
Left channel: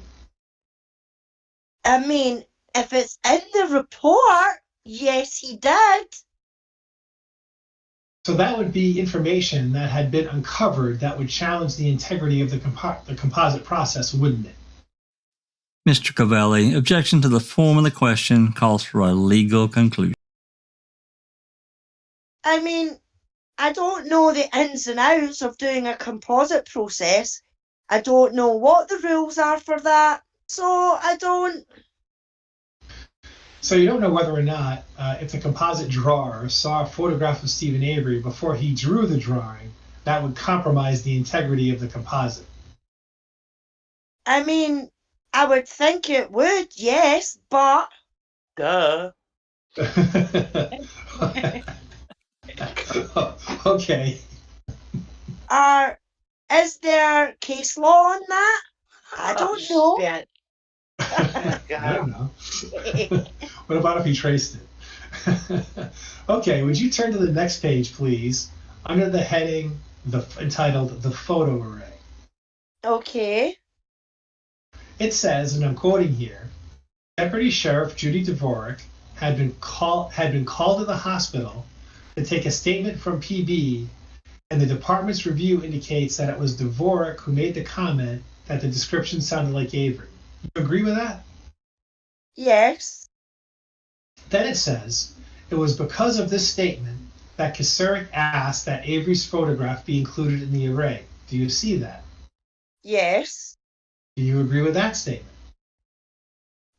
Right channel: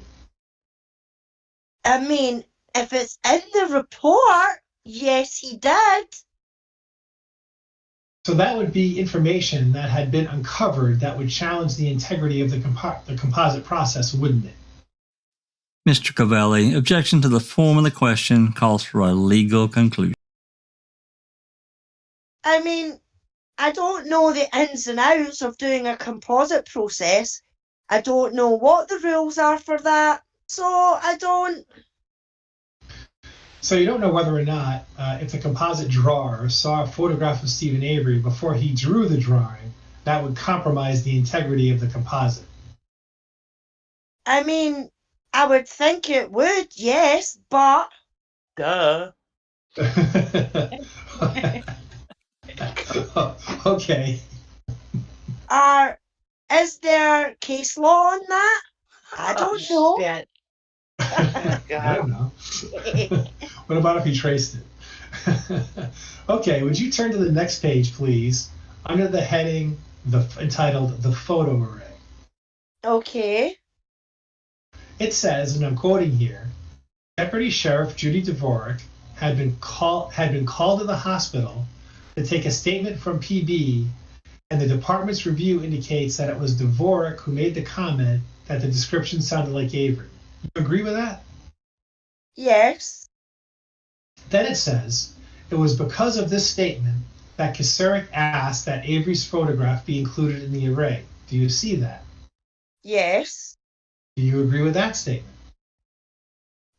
I mean, if it's in the report, yes, he did. So that would be information that had been uncovered that would challenge the integrity of the composite process, wouldn't it? Mr. Covelli, objection to the form of the question calls for a legal conclusion. I mean, I don't know the ins and outs of doing a composite process. I don't know what the rules are for that, so I don't. So you don't know whether or not, if the composite drawer saw a photograph of Stephen Avery before he drew the drawing, that would compromise the integrity of the composite. I mean, I would think it would, yes, but. Duh. Okay. Is there case law on that? I don't know. Shit. I don't know. What about if he traced it? Okay, would you turn to the next page, please, under the heading entitled The Photo Array. Okay. It says, and I'm quoting here, Deputy Sheriff Judy Dvorak had been called to the hospital to take a statement from PB, and the department's review indicates that it was Dvorak who made the comment that the description sounded like Avery. You agree with that? Yes. Then it says, it was because of this statement that Kasarik asked that Avery's photograph be included in the array. Do you see that? Yes. Do you agree with that statement?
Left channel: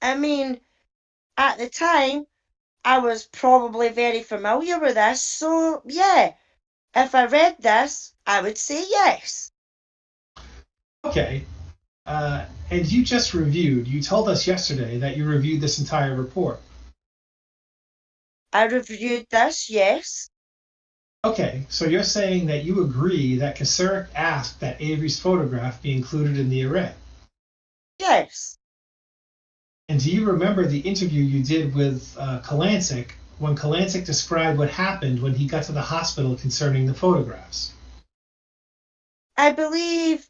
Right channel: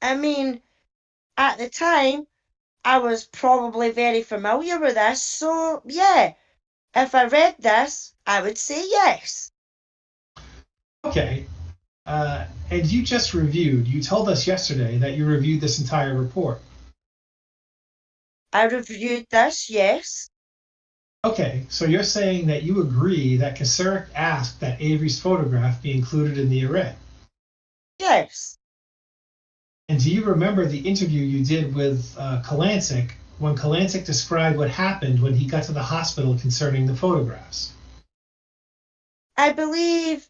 I mean, at the time, I was probably very familiar with this, so yeah. If I read this, I would say yes. Okay. And you just you told us yesterday that you reviewed this entire report. I reviewed this, yes. Okay, so you're saying that you agree that Kasarik asked that Avery's photograph be included in the array. Yes. And do you remember the interview you did with Kalancic when Kalancic described what happened when he got to the hospital concerning the photographs? I believe,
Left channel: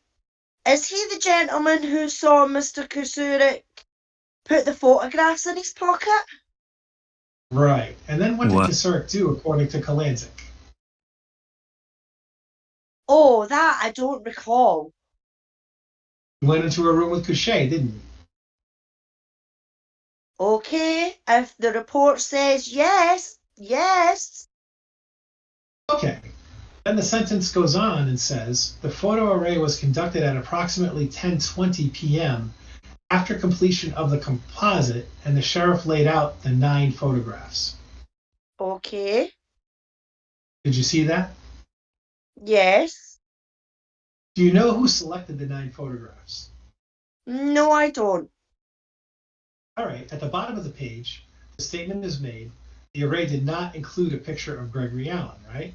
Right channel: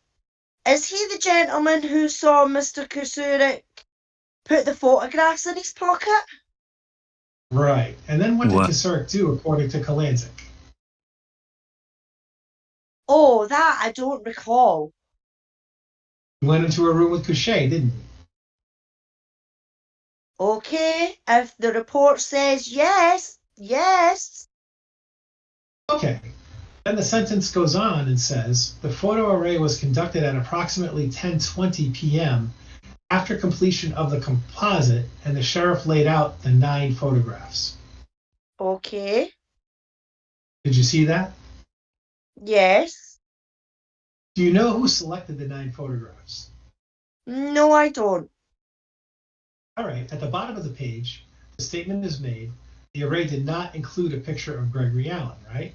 is he the gentleman who saw Mr. Kasarik put the photographs in his pocket? Right. And then what did Kasarik do according to Kalancic? Oh, that I don't recall. He went into a room with Couchet, didn't he? Okay, if the report says yes, yes. Okay. Then the sentence goes on and says, the photo array was conducted at approximately 10:20 p.m. after completion of the composite, and the sheriff laid out the 9 photographs. Okay. Did you see that? Yes. Do you know who selected the 9 photographs? No, I don't. All right, at the bottom of the page, the statement is made, the array did not include a picture of Gregory Allen, right?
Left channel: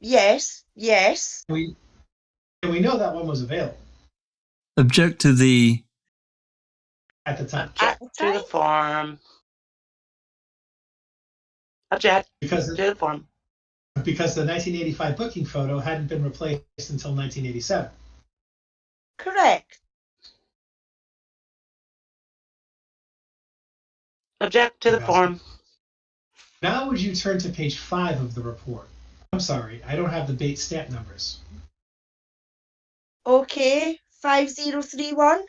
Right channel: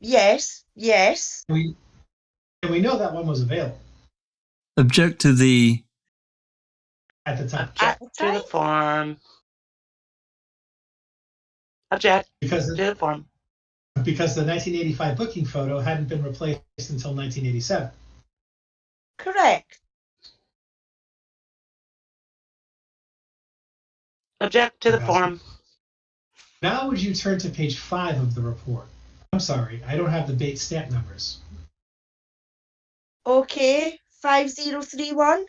Yes, yes. And we know that one was available Object to the... at the time. Object to the form. Object to the form. Because the 1985 booking photo hadn't been replaced until 1987. Correct. Object to the form. Now would you turn to page 5 of the report? I'm sorry, I don't have the Bates stamp numbers. Okay, 5031.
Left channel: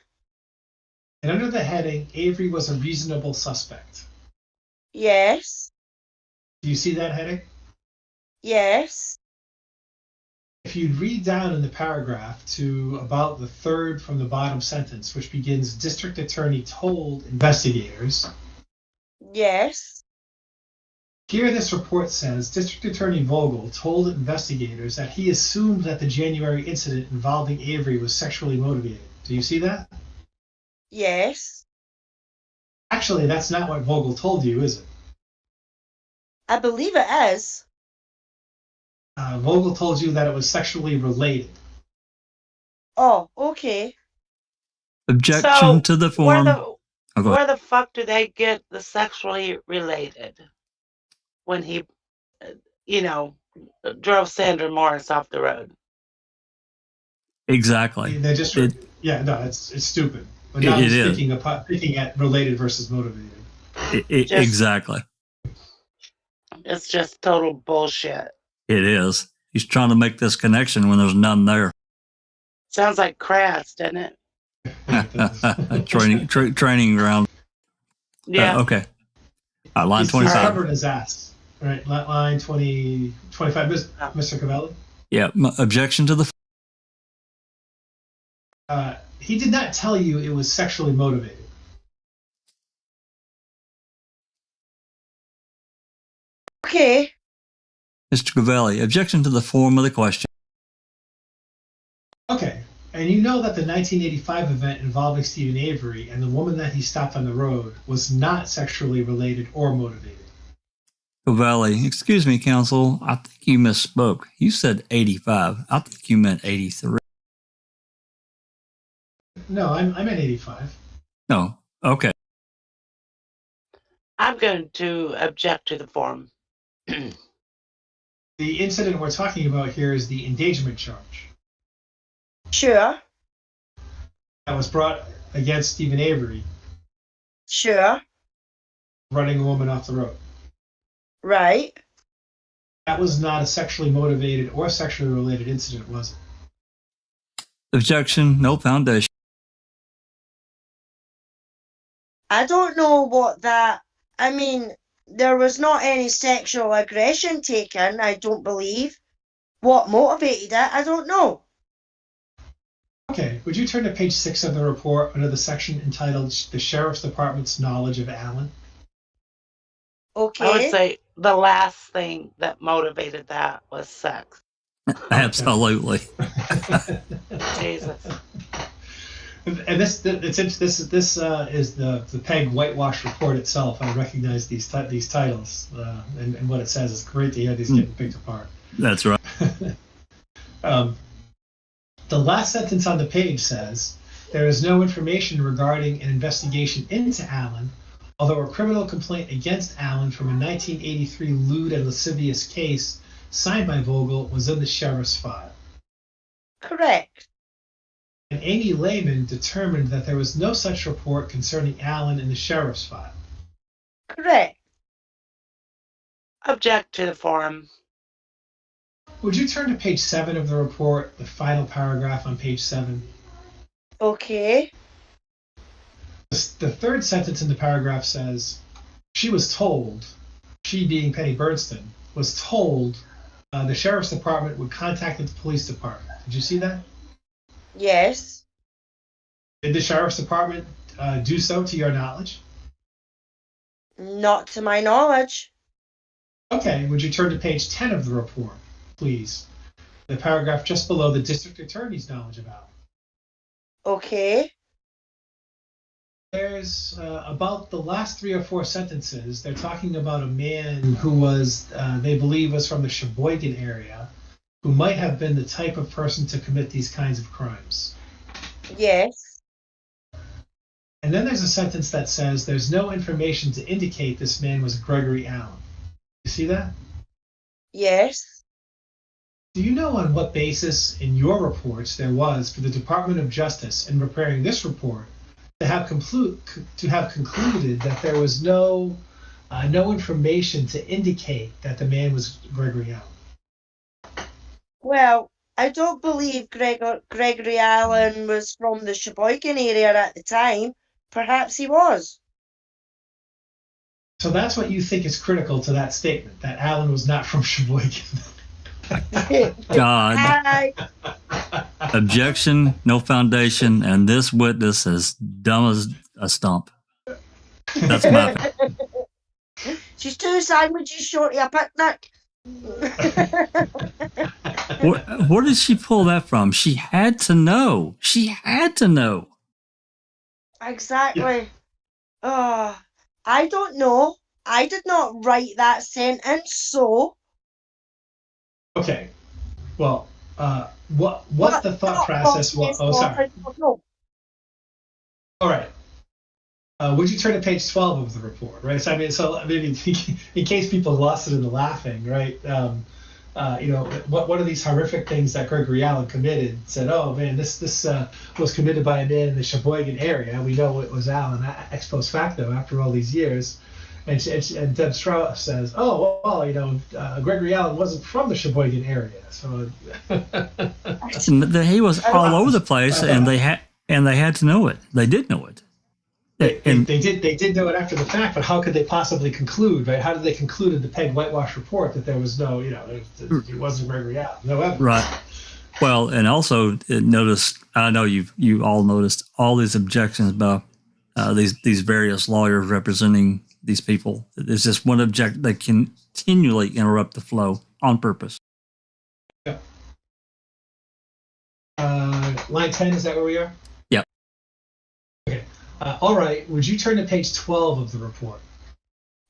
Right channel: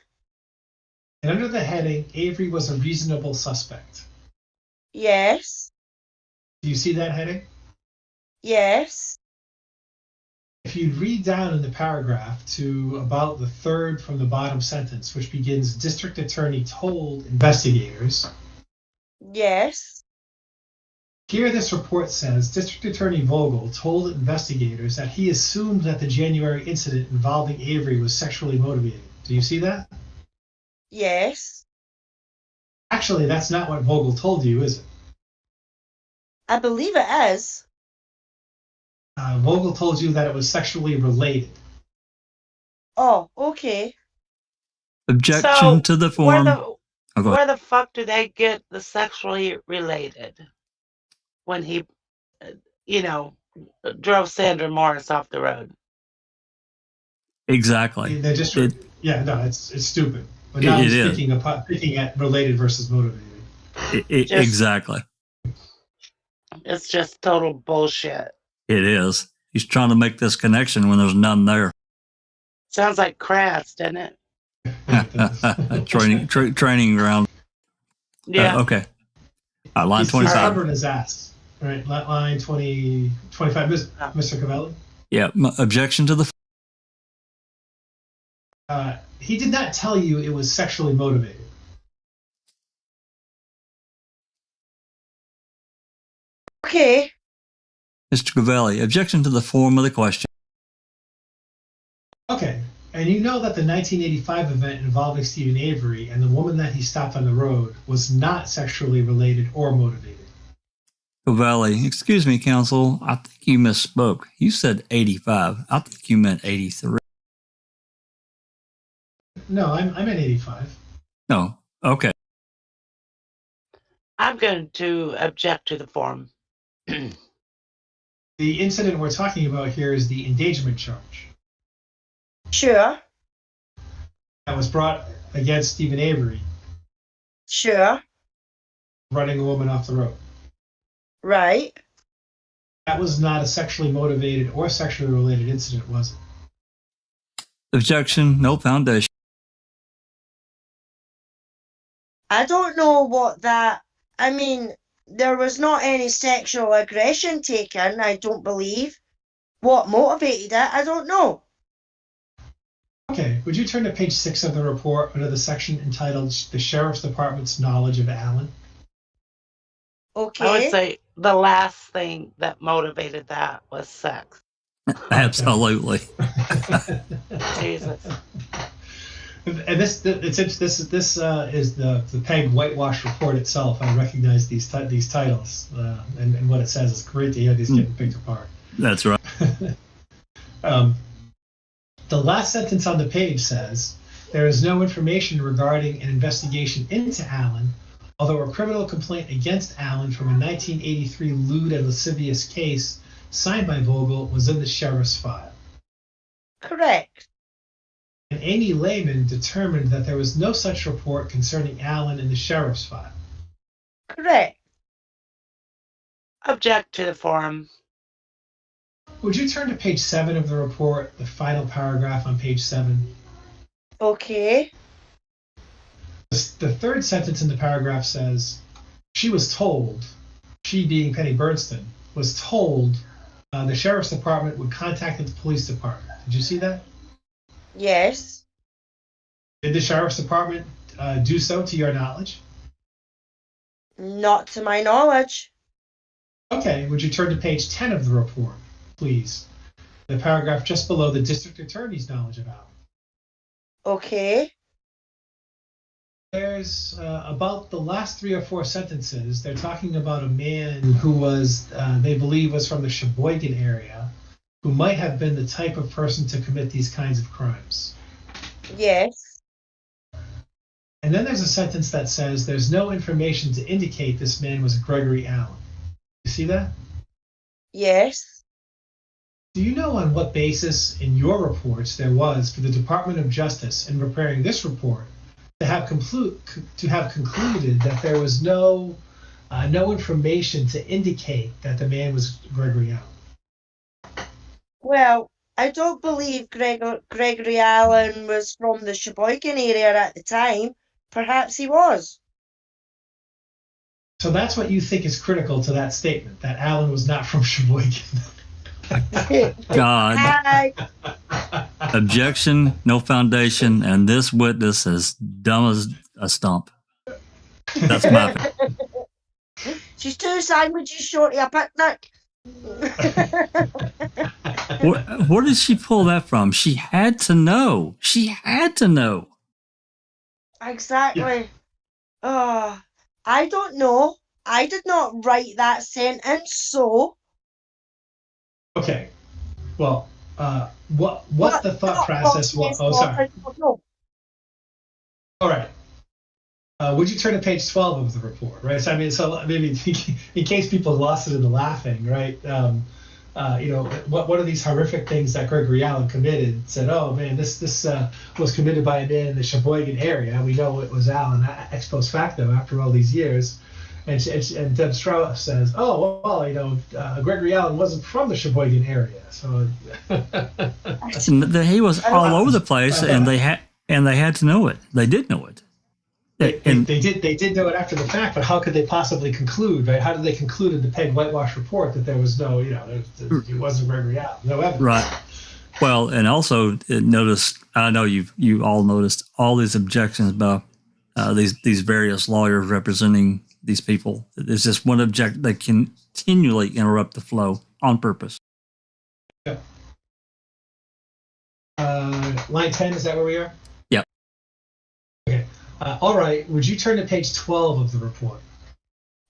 And under the heading, Avery was a reasonable suspect. Yes. Do you see that heading? Yes. If you read down in the paragraph to about the third from the bottom sentence, which begins, District Attorney told investigators. Yes. Here this report says, District Attorney Vogel told investigators that he assumed that the January incident involving Avery was sexually motivated. Do you see that? Yes. Actually, that's not what Vogel told you, is it? I believe it is. Vogel told you that it was sexually related. Oh, okay. Objection to the form. Where the fuck do they get the sexually related when he, drove Sandra Morris off the road? Exactly. They're just, it's stupid. But now I'm picking at related versus motivated. Exactly. It's just total bullshit. It is. He's trying to make this connection when there's none there. Sounds like Kratz, doesn't it? Training ground. Yeah. Okay. Line 25. He's covering his ass. Right. Line 25. Mr. Cavelli? Yeah. Objection to the. He did not tell you it was sexually motivated. Okay. Mr. Cavelli, objection to the form of the question. Okay. And you know that the 1985 event involving Stephen Avery and the woman that he stopped on the road was not sexually related or motivated. Cavelli, excuse me, counsel. I think you misspoke. You said 85. I think you meant 83. No, I'm at 85. No. Okay. I'm going to object to the form. The incident we're talking about here is the endangerment charge Sure. that was brought against Stephen Avery, Sure. running a woman off the road. Right. That was not a sexually motivated or sexually related incident, was it? Objection, no foundation. I don't know what that. I mean, there was not any sexual aggression taken, I don't believe. What motivated it, I don't know. Okay, would you turn to page 6 of the report under the section entitled The Sheriff's Department's Knowledge of Allen? Okay. I would say the last thing that motivated that was sex. Absolutely. Jesus. And this is the PEG whitewash report itself. I recognize these titles and what it says. It's great to hear these getting picked apart. That's right. The last sentence on the page says, there is no information regarding an investigation into Allen, although a criminal complaint against Allen from a 1983 lewd and lascivious case signed by Vogel was in the sheriff's file. Correct. And Amy Lehman determined that there was no such report concerning Allen in the sheriff's file. Correct. Object to the form. Would you turn to page 7 of the report, the final paragraph on page 7? Okay. The third sentence in the paragraph says, she was told, she being Penny Bernstein, was told the sheriff's department would contact the police department. Did you see that? Yes. Did the sheriff's department do so to your knowledge? Not to my knowledge. Okay, would you turn to page 10 of the report, please? The paragraph just below the district attorney's knowledge of Allen. Okay. There's about the last 3 or 4 sentences, they're talking about a man who was, they believe was from the Sheboygan area, who might have been the type of person to commit these kinds of crimes. Yes. And then there's a sentence that says there's no information to indicate this man was Gregory Allen. You see that? Yes. Do you know on what basis in your reports there was for the Department of Justice in preparing this report to have concluded that there was no information to indicate that the man was Gregory Allen? Well, I don't believe Gregory Allen was from the Sheboygan area at the time. Perhaps he was. So that's what you think is critical to that statement, that Allen was not from Sheboygan. God. Objection, no foundation, and this witness is dumb as a stump. That's my opinion. She's 2 sandwiches short of a picnic. Where did she pull that from? She had to know. She had to know. Exactly. Yeah. I don't know. I did not write that sentence, so. Okay. Well, what the thought process was? Oh, sorry. All right. Would you turn to page 12 of the report, right? So I mean, so maybe in case people lost it in the laughing, right? What are these horrific things that Gregory Allen committed? Said, oh man, this was committed by a man in the Sheboygan area. We know it was Allen ex post facto after all these years. And Deb Strauss says, oh well, Gregory Allen wasn't from the Sheboygan area, so he was all over the place, and they had to know it. They did know it. They did know it after the fact, but how could they possibly conclude, right? How did they conclude in the PEG whitewash report that there was no, it wasn't Gregory Allen, no evidence? Right. Well, and also notice, I know you all noticed all these objections about these various lawyers representing these people. It's just one object that continually interrupt the flow on purpose. Yeah. Line 10, is that where we are? Yeah. Okay. All right. Would you turn to page 12 of the report?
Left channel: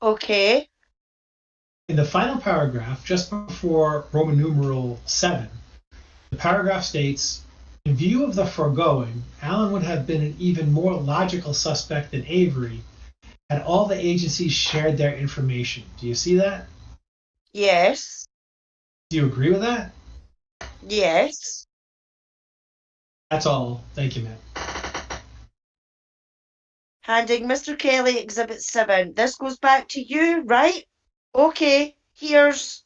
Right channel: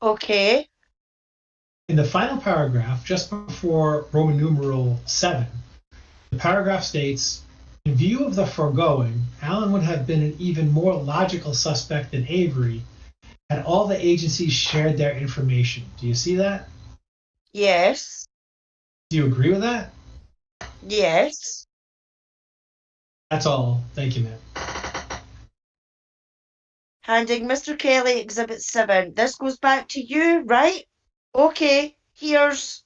Okay. In the final paragraph, just before Roman numeral 7, the paragraph states, in view of the foregoing, Allen would have been an even more logical suspect than Avery had all the agencies shared their information. Do you see that? Yes. Do you agree with that? Yes. That's all. Thank you, ma'am. Handing Mr. Kelly Exhibit 7. This goes back to you, right? Okay, here's...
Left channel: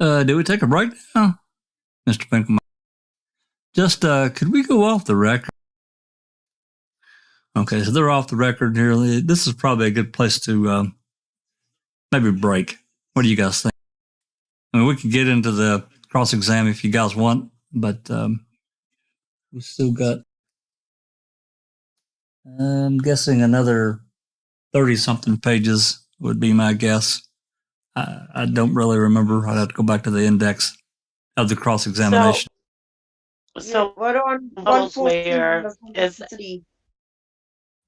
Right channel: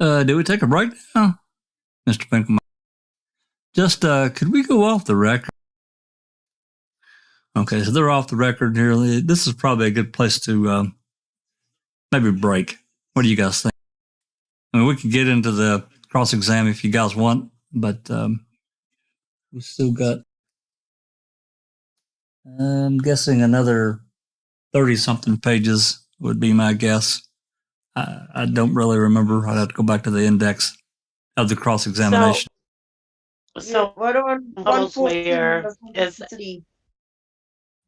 Do we take a break now, Mr. Pinkham? Just, could we go off the record? Okay, so they're off the record here. This is probably a good place to maybe break. What do you guys think? I mean, we could get into the cross-exam if you guys want, but we still got, I'm guessing another 30-something pages would be my guess. I don't really remember. I'd have to go back to the index of the cross-examination. So we're on Vogel's 114 lawyer of is 153.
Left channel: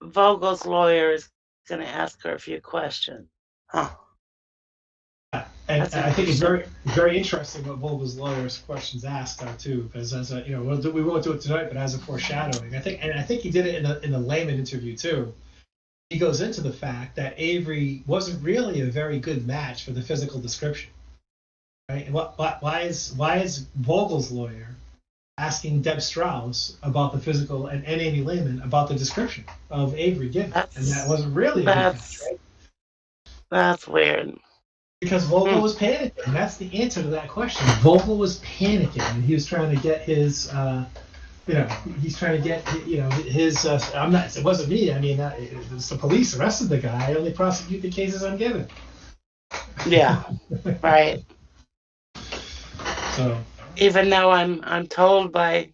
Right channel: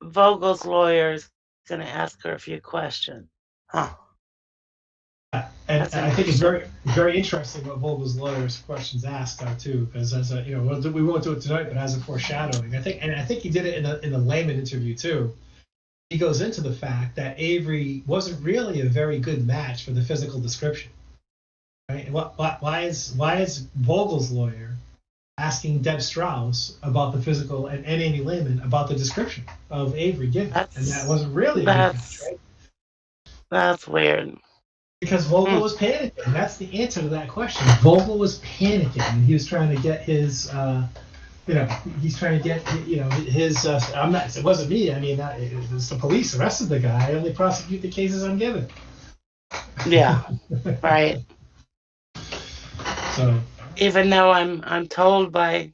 Vogel's lawyer is going to ask her a few questions. Huh. And That's I think it's very, very interesting what Vogel's lawyer's questions asked too, because as a, we won't do it tonight, but as a foreshadowing, I think he did it in the layman interview too. He goes into the fact that Avery wasn't really a very good match for the physical description. Right? And why is Vogel's lawyer asking Deb Strauss about the physical and Amy Lehman about the description of Avery given? And that wasn't really a good match, right? That's weird. Because Vogel was panicking. That's the answer to that question. Vogel was panicking, and he was trying to get his, he's trying to get, his. I'm not. It wasn't me. I mean, it was the police arrested the guy. I only prosecute the cases I'm given. Yeah. Right. So. Even though I'm told by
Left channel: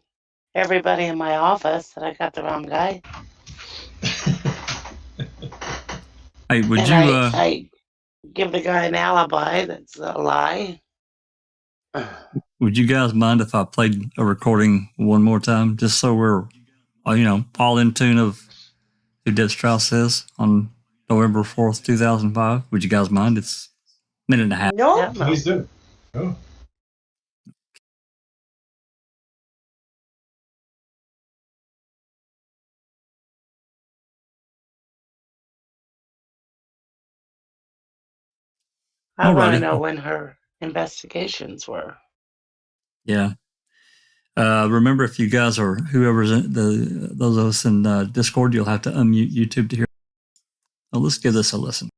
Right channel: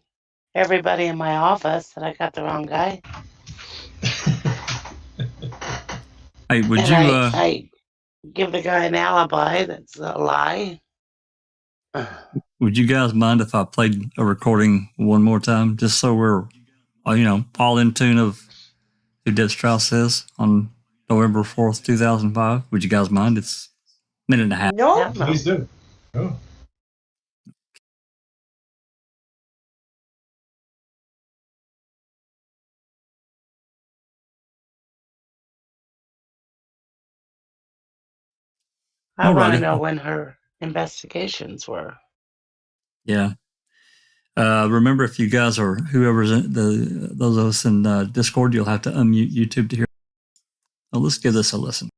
everybody in my office that I got the wrong guy. Hey, would and you? I give the guy an alibi that's a lie. Would you guys mind if I played a recording one more time, just so we're, all in tune of who Deb Strauss is on November 4th, 2005? Would you guys mind? It's a minute and a half. No. Yeah, Please do. Oh. I want to Alrighty. know when her investigations were. Yeah. Remember, if you guys or whoever's those of us in Discord, you'll have to unmute YouTube to hear. Well, let's give this a listen.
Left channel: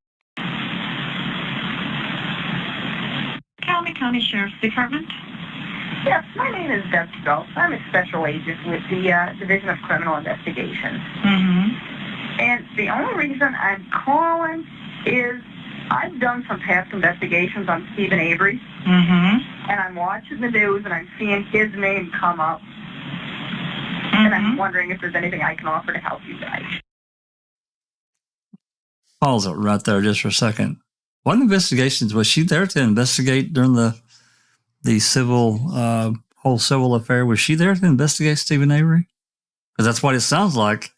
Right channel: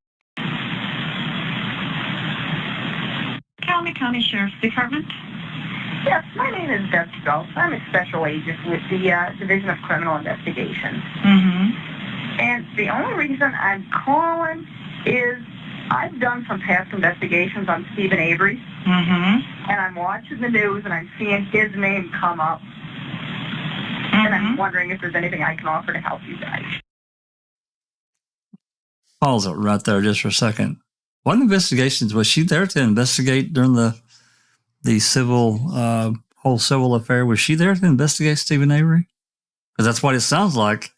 County Sheriff's Department. Yes, my name is Deb Strauss. I'm a special agent with the Division of Criminal Investigations. Mm-hmm. And the only reason I'm calling is I've done some past investigations on Stephen Avery. Mm-hmm. And I'm watching the news and I'm seeing his name come up. Mm-hmm. And I'm wondering if there's anything I can offer to help you guys. Pause it right there just for a second. What investigations was she there to investigate during the civil whole civil affair? Was she there to investigate Stephen Avery? Because that's what it sounds like.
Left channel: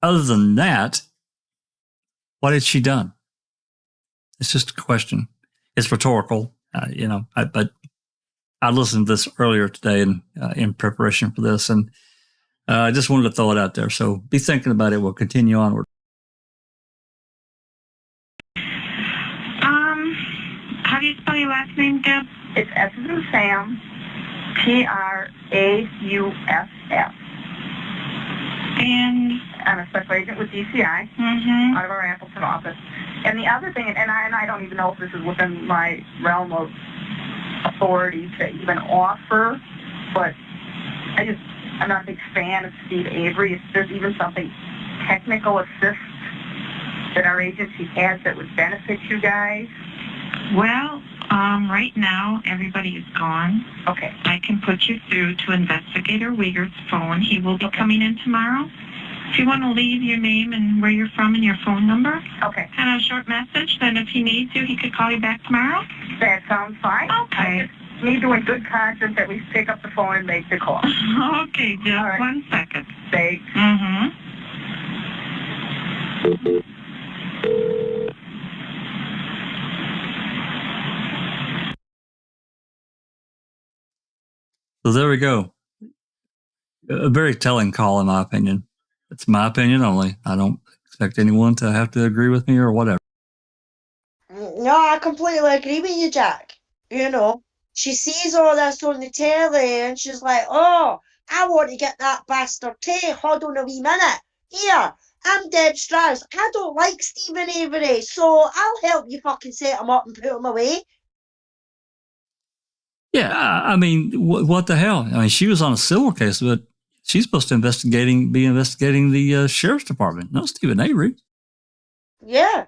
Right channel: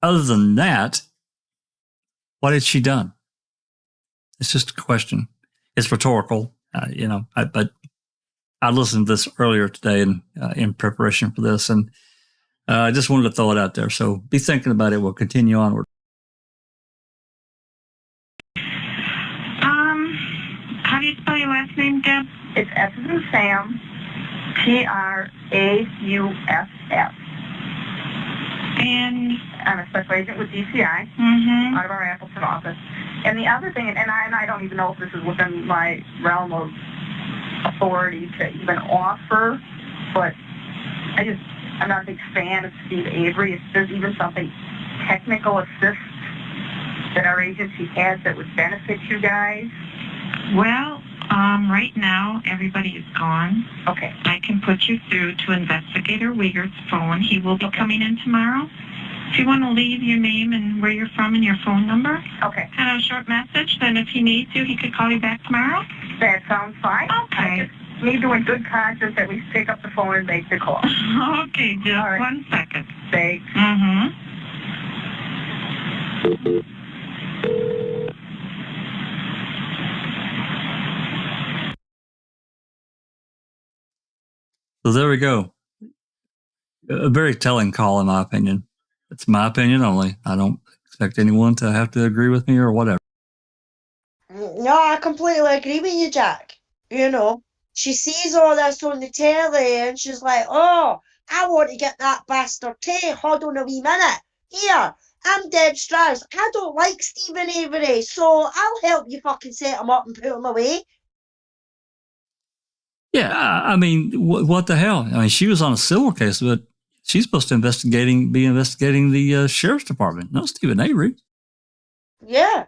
Other than that, what had she done? It's just a question. It's rhetorical, but I listened to this earlier today in preparation for this, and I just wanted to throw it out there. So be thinking about it. We'll continue onward. How do you spell your last name, Deb? It's S as in Sam, Trauss. And I'm a special agent with DCI out of our Appleton office. And the other thing, and I don't even know if this is within my realm of authority to even offer, but I'm not a big fan of Steve Avery. If there's even something technical assist that our agency has that would benefit you guys. well, right now everybody is gone. Okay. I can put you through to Investigator Wiegert's phone. He will be coming in tomorrow. If you want to leave your name and where you're from and your phone number, Okay. and a short message, then if he needs you, he could call you back tomorrow. That sounds fine. Okay. I just need to, in good conscience, at least pick up the phone and make the call. Okay, just All right. 1 second. Thanks. Mm-hmm. So there we go. A very telling call, in my opinion. It's my opinion only. I don't expect anyone to have to agree with me or whatever. No, I completely agree with you, Jack. she sees all this on the telly and she's like, oh, I want to get that bastard too. Hold on a wee minute. Here, I'm Deb Strauss. I don't like Stephen Avery, so I'll help you fucking set him up and put him away. Yeah, I mean, what the hell? I mean, she was on a civil case, but she's supposed to be investigating the sheriff's department, not Stephen Avery. Yeah.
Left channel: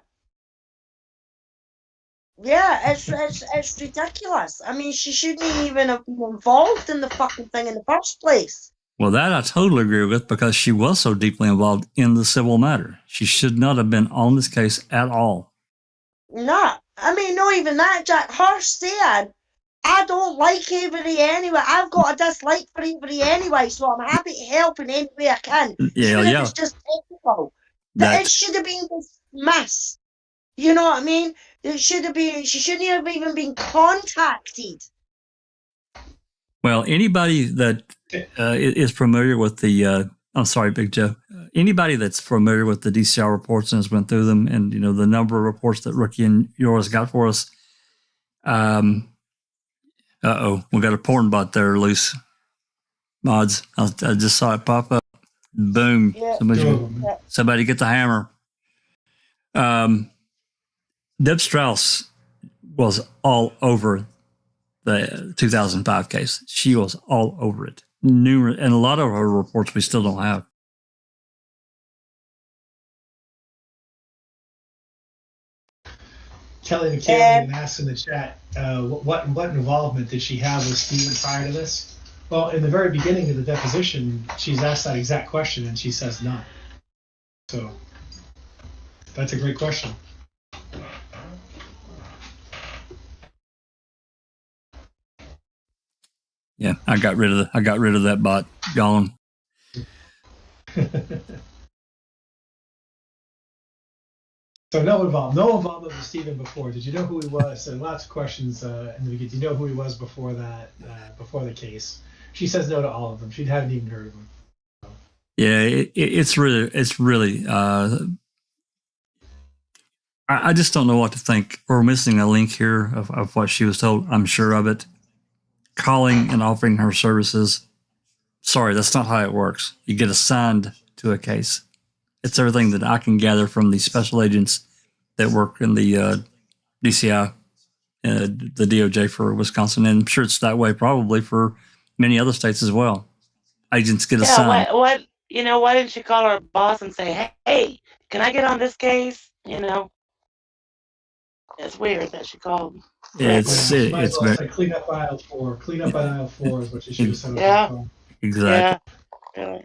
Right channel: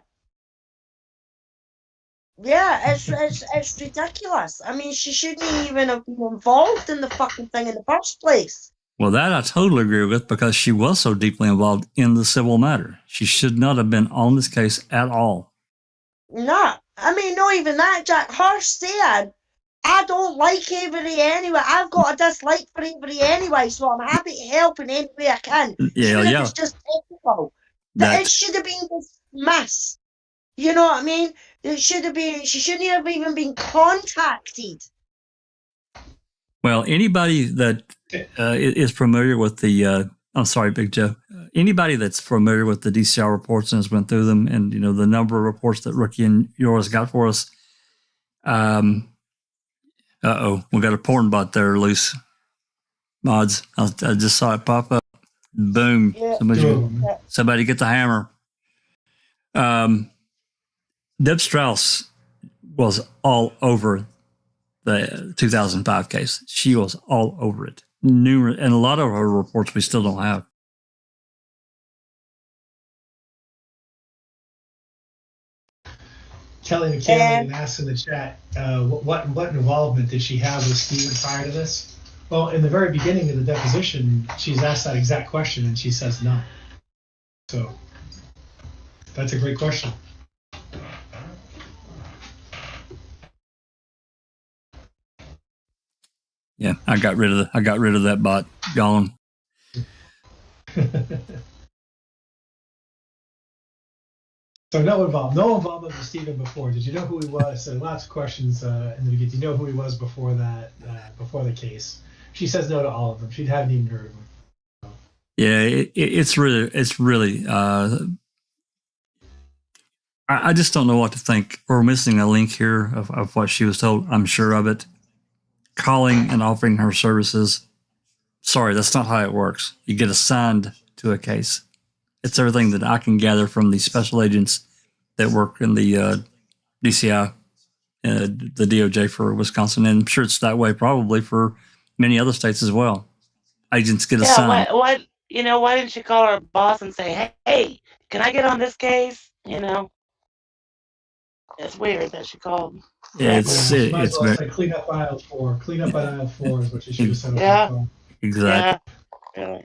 Yeah, it's ridiculous. I mean, she shouldn't even have been involved in the fucking thing in the first place. Well, that I totally agree with, because she was so deeply involved in the civil matter. She should not have been on this case at all. No, I mean, not even that, Jack. Her said, I don't like Avery anyway. I've got a dislike for Avery anyway, so I'm happy to help in any way I can. Yeah, yeah. It's just technical. It should have been dismissed. You know what I mean? It should have been. She shouldn't have even been contacted. Well, anybody that is familiar with the, I'm sorry, Big Joe. Anybody that's familiar with the DCR reports and has went through them, and the number of reports that Rookie and yours got for us. We got a porn bot there loose. Mods, I just saw it pop up. Boom! Yeah. Somebody get the hammer. Deb Strauss was all over the 2005 case. She was all over it. Numerous, and a lot of her reports we still don't have. Kelly McCann asked in the chat, what involvement did she have with Stephen prior to this? Well, in the very beginning of the deposition, she's asked that exact question, and she says none. So that's a great question. Yeah, I got rid of that bot. Gone. So no involvement with Stephen before. Did you know who he was? So lots of questions in the beginning. Did you know who he was before that? Before the case? She says no to all of them. She hadn't even heard of him. So. Yeah, it's really. I just don't know what to think. We're missing a link here of what she was told. I'm sure of it. Calling and offering her services. Sorry, that's not how it works. You get assigned to a case. It's everything that I can gather from the special agents that work in the DCI, the DOJ for Wisconsin, and I'm sure it's that way probably for many other states as well. Agents get assigned. Why didn't you call her boss and say, hey, can I get on this case? It's weird that she called. It's very clean up aisle 4. Clean up aisle 4 is what you should have said. Yeah. Exactly. Yeah.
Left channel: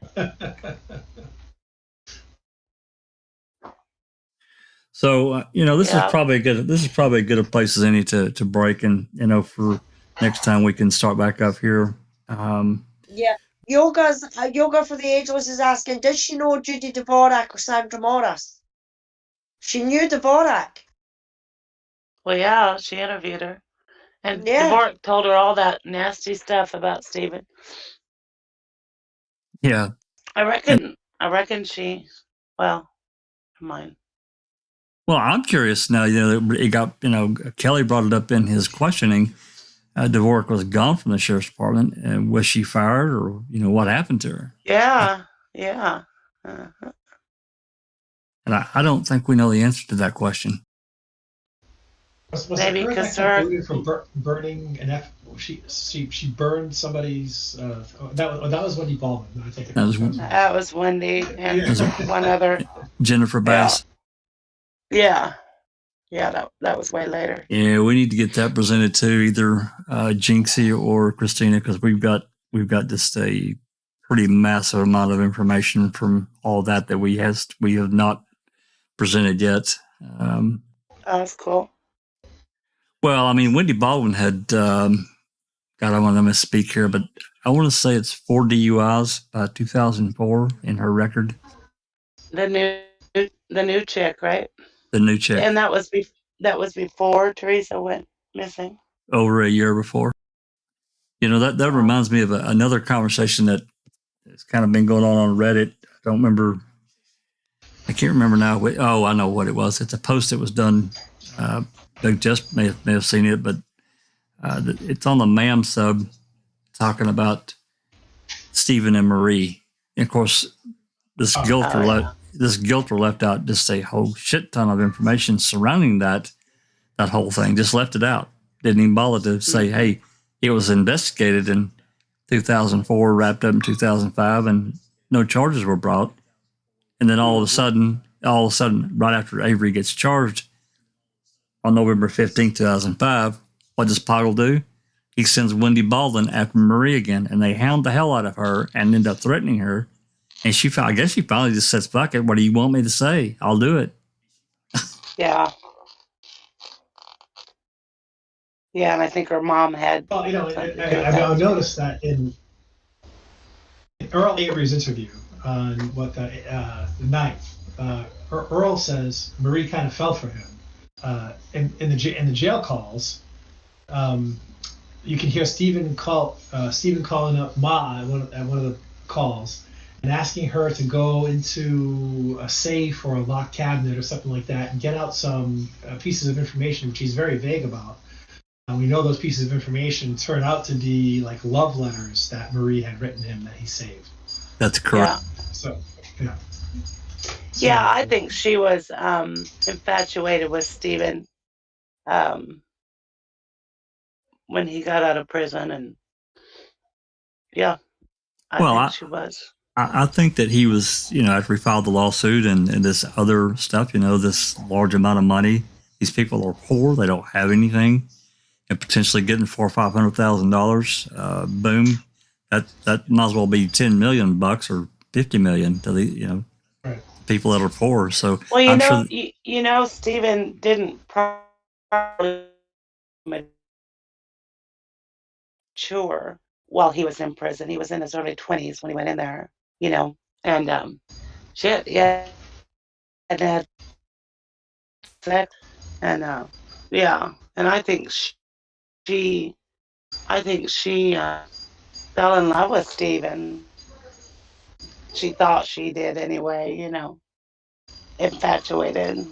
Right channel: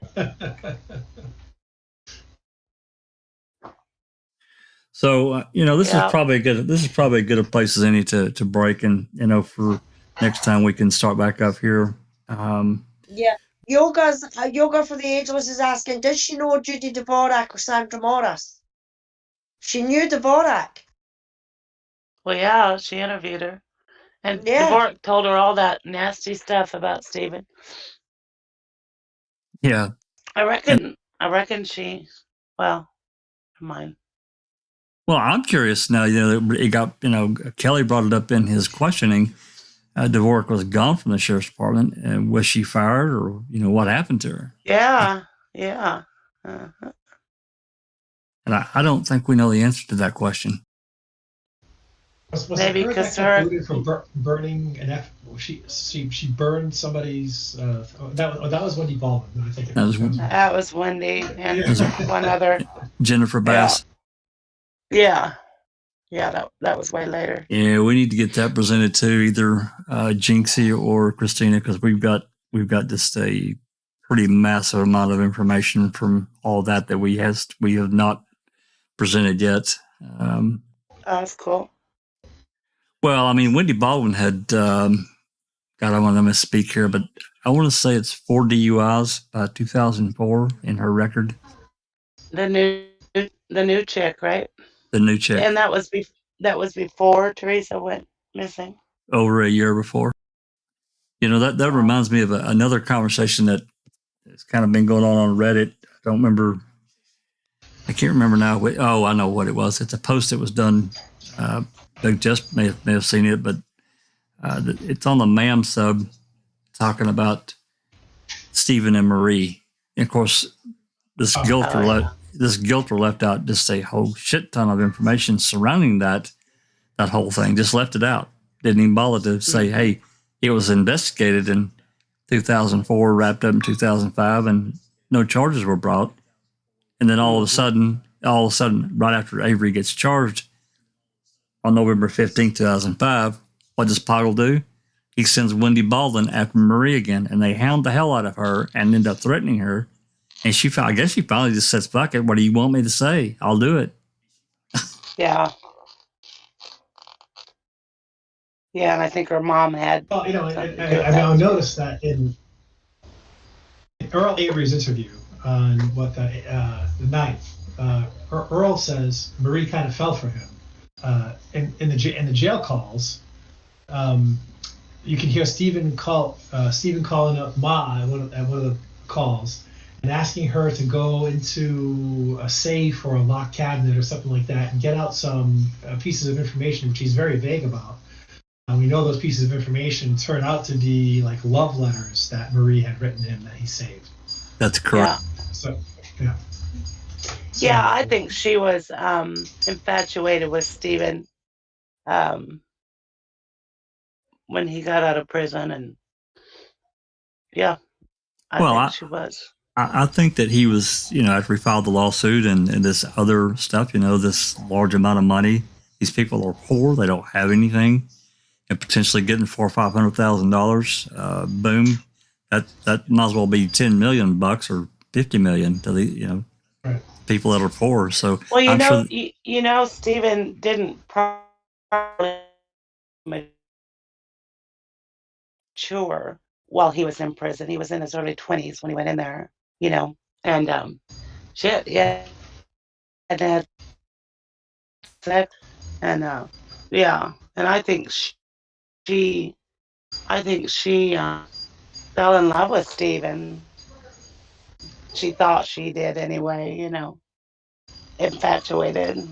So this is probably good. This is probably as good a place as any to break, and for next time we can start back up here. Yeah, Yoga for the Ageless is asking, did she know Judy Dvorak or Sandra Morris? She knew Dvorak. Well, yeah, she interviewed her, and Dvorak told her all that nasty stuff about Stephen. Yeah, I reckon she. Well, never mind. Well, I'm curious now. It got Kelly brought it up in his questioning. Dvorak was gone from the sheriff's department, and was she fired, or what happened to her? Yeah. And I don't think we know the answer to that question. Was Maybe because her for burning an she burned somebody's. That was Wendy Baldwin. I think that was Wendy and one other Jennifer Bass. Yeah, that was way later. Yeah, we need to get that presented to either Jinxie or Christina, because we've got just a pretty massive amount of information from all that we have not presented yet. That's cool. Well, I mean, Wendy Baldwin had, God, I want to misspeak here, but I want to say it's 4 DUIs by 2004 in her record. The new chick, right? The new chick. And that was before Teresa went missing. Over a year before. That reminds me of another conversation that has kind of been going on Reddit. I can't remember now. I know what it was. It's a post that was done. Doug just may have seen it, but It's on the MAM sub talking about Stephen and Marie. And of course, this guilt were left out just a whole shit ton of information surrounding that whole thing. Just left it out. Didn't even bother to say, hey, it was investigated in 2004, wrapped up in 2005, and no charges were brought. And then all of a sudden, right after Avery gets charged on November 15th, 2005, what does Poggle do? He sends Wendy Baldwin after Marie again, and they hound the hell out of her and end up threatening her. And I guess she finally just says, fuck it, what do you want me to say? I'll do it. Yeah. Yeah, and I think her mom had. Well, I noticed that in Earl Avery's interview on the 9th, Earl says Marie kind of fell for him. In the jail calls, you can hear Stephen calling up Ma at one of the calls and asking her to go into a safe or a locked cabinet or something like that and get out some pieces of information which he's very vague about. We know those pieces of information turn out to be like love letters that Marie had written him that he saved. That's correct. Yeah. So, yeah. Yeah, I think she was infatuated with Stephen when he got out of prison, and yeah, I think she was. I think that he was, after he filed the lawsuit and this other stuff, this large amount of money. These people are poor; they don't have anything. And potentially getting $400,000 or $500,000, boom, that might as well be $10 million or $50 million to the right. people that are poor. So well, I'm sure Stephen didn't properly mature while he was in prison. He was in his early 20s when he went in there, and shit, yeah, and had sex, and yeah, and I think she fell in love with Stephen. She thought she did anyway, infatuated.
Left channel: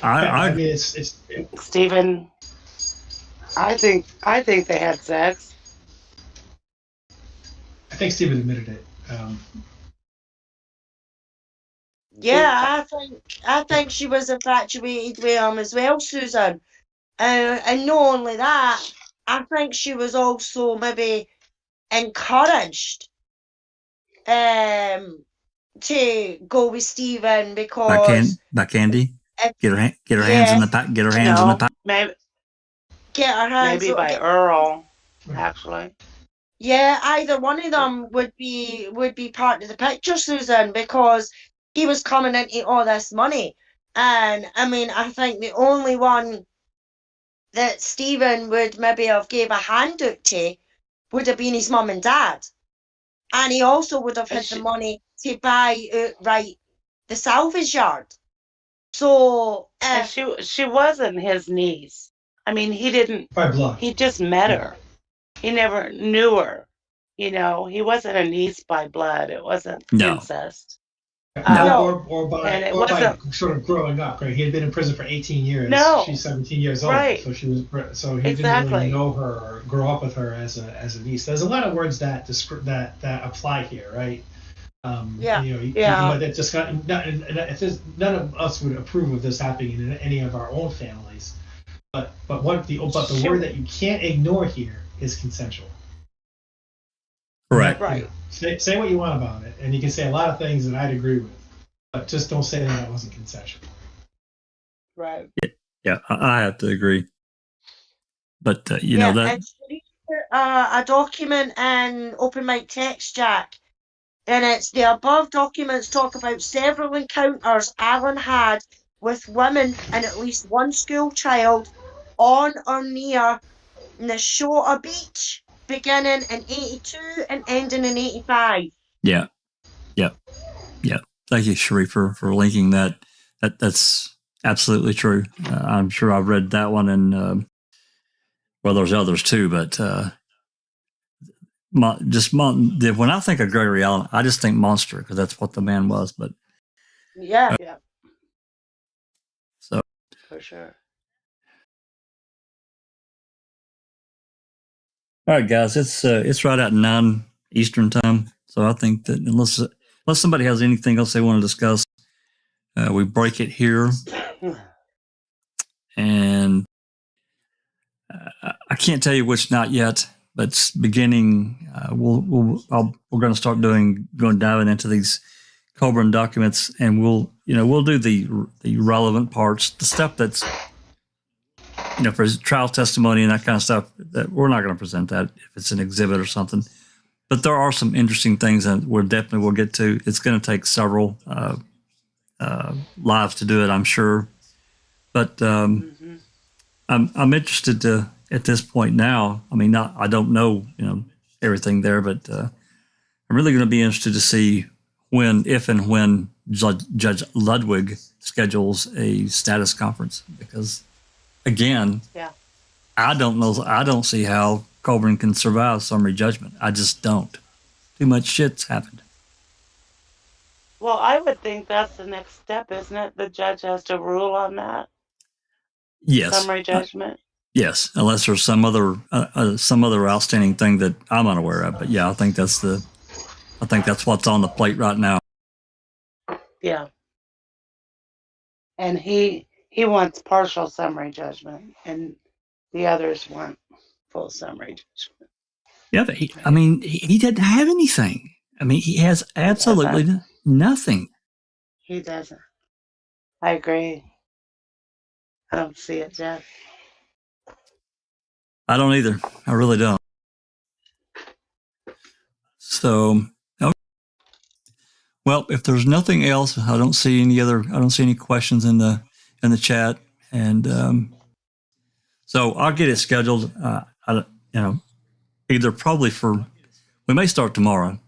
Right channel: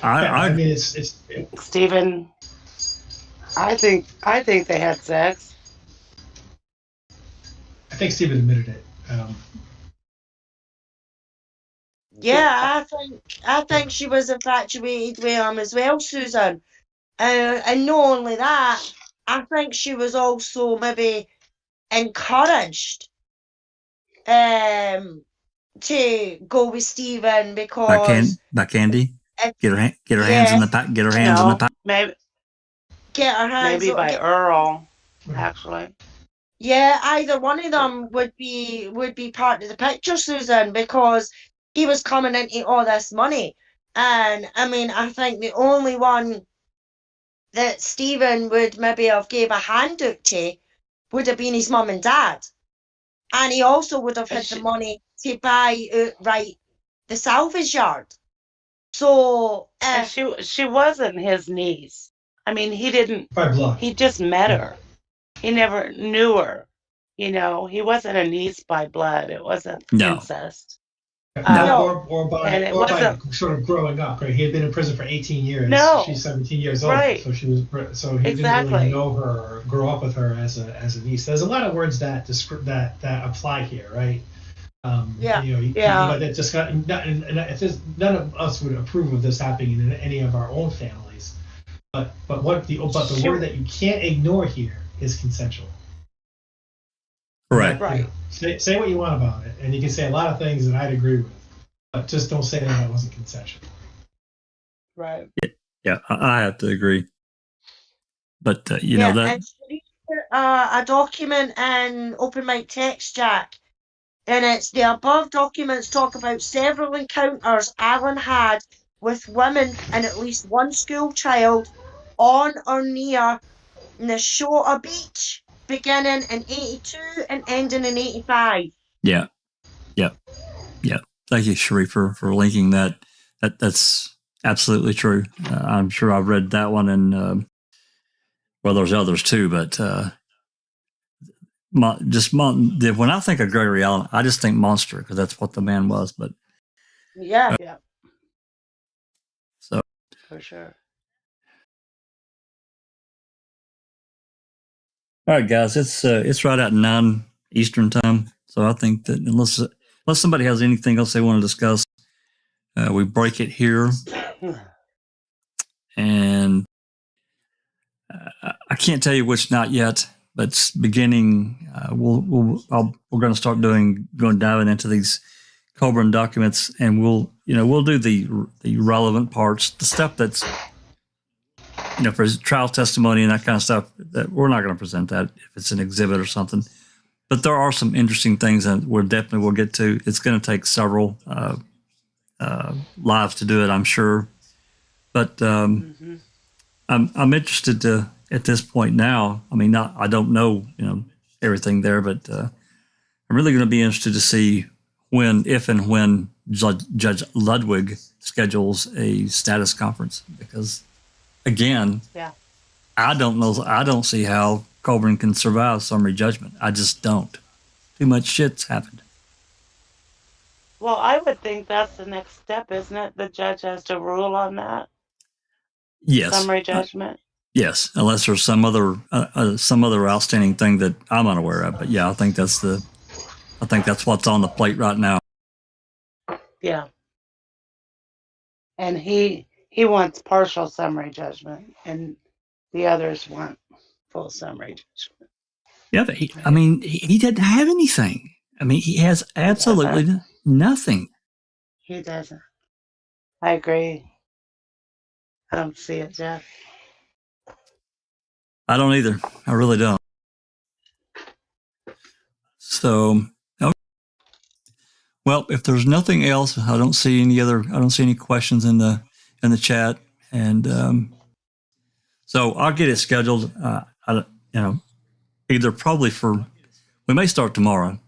I mean, it's Stephen. I think they had sex. I think Stephen admitted it. Yeah, I think she was infatuated with him as well, Susan. And not only that, I think she was also maybe encouraged to go with Stephen because by Candy, get her hands in the pack. Get her hands in the pack. Maybe get her hands. Maybe by Earl, actually. Yeah, either one of them would be part of the picture, Susan, because he was coming into all this money, and I mean, I think the only one that Stephen would maybe have gave a handout to would have been his mum and dad. And he also would have had the money to buy outright the salvage yard. So she wasn't his niece. I mean, he didn't. By blood. He just met her. He never knew her. He wasn't a niece by blood. It wasn't incest. Or by sort of growing up, right? He had been in prison for 18 years. No. She's 17 years old, right. So he didn't really know her or grow up with her as a niece. There's a lot of words that apply here, right? That just got none of us would approve of this happening in any of our own families. But the word that you can't ignore here is consensual. Correct. Right. Say what you want about it, and you can say a lot of things that I'd agree with, but just don't say that it wasn't consensual. Right. Yeah, I have to agree. But that a document in Open Mic Text, Jack, and it's the above documents talk about several encounters Alan had with women and at least one school child on or near Nashota Beach, beginning in 82 and ending in 85. Yeah. Thank you, Sheree, for linking that. That's absolutely true. I'm sure I've read that one, and there's others too. But when I think of Gregory Allen, I just think monster because that's what the man was. But yeah. So for sure. All right, guys, it's right at 9 Eastern time, so I think that unless somebody has anything else they want to discuss, we break it here. And I can't tell you which night yet, but it's beginning. We're going to start diving into these Coburn documents, and we'll do the relevant parts, the stuff that's for trial testimony and that kind of stuff. That we're not going to present that if it's an exhibit or something. But there are some interesting things that we'll get to. It's going to take several lives to do it, I'm sure. But I'm interested to at this point now. I mean, I don't know everything there, but I'm really going to be interested to see if and when Judge Ludwig schedules a status conference, because again, I don't know. I don't see how Coburn can survive summary judgment. I just don't. Too much shit's happened. Well, I would think that's the next step, isn't it? The judge has to rule on that. Yes. Summary judgment. Yes, unless there's some other outstanding thing that I'm unaware of. But yeah, I think that's what's on the plate right now. Yeah. And he wants partial summary judgment, and the others want full summary judgment. Yeah, but he didn't have anything. I mean, he has absolutely nothing. He doesn't. I agree. I don't see it, Jeff. I don't either. I really don't. So, okay. Well, if there's nothing else, I don't see any questions in the chat, and so I'll get it scheduled. Either probably we may start tomorrow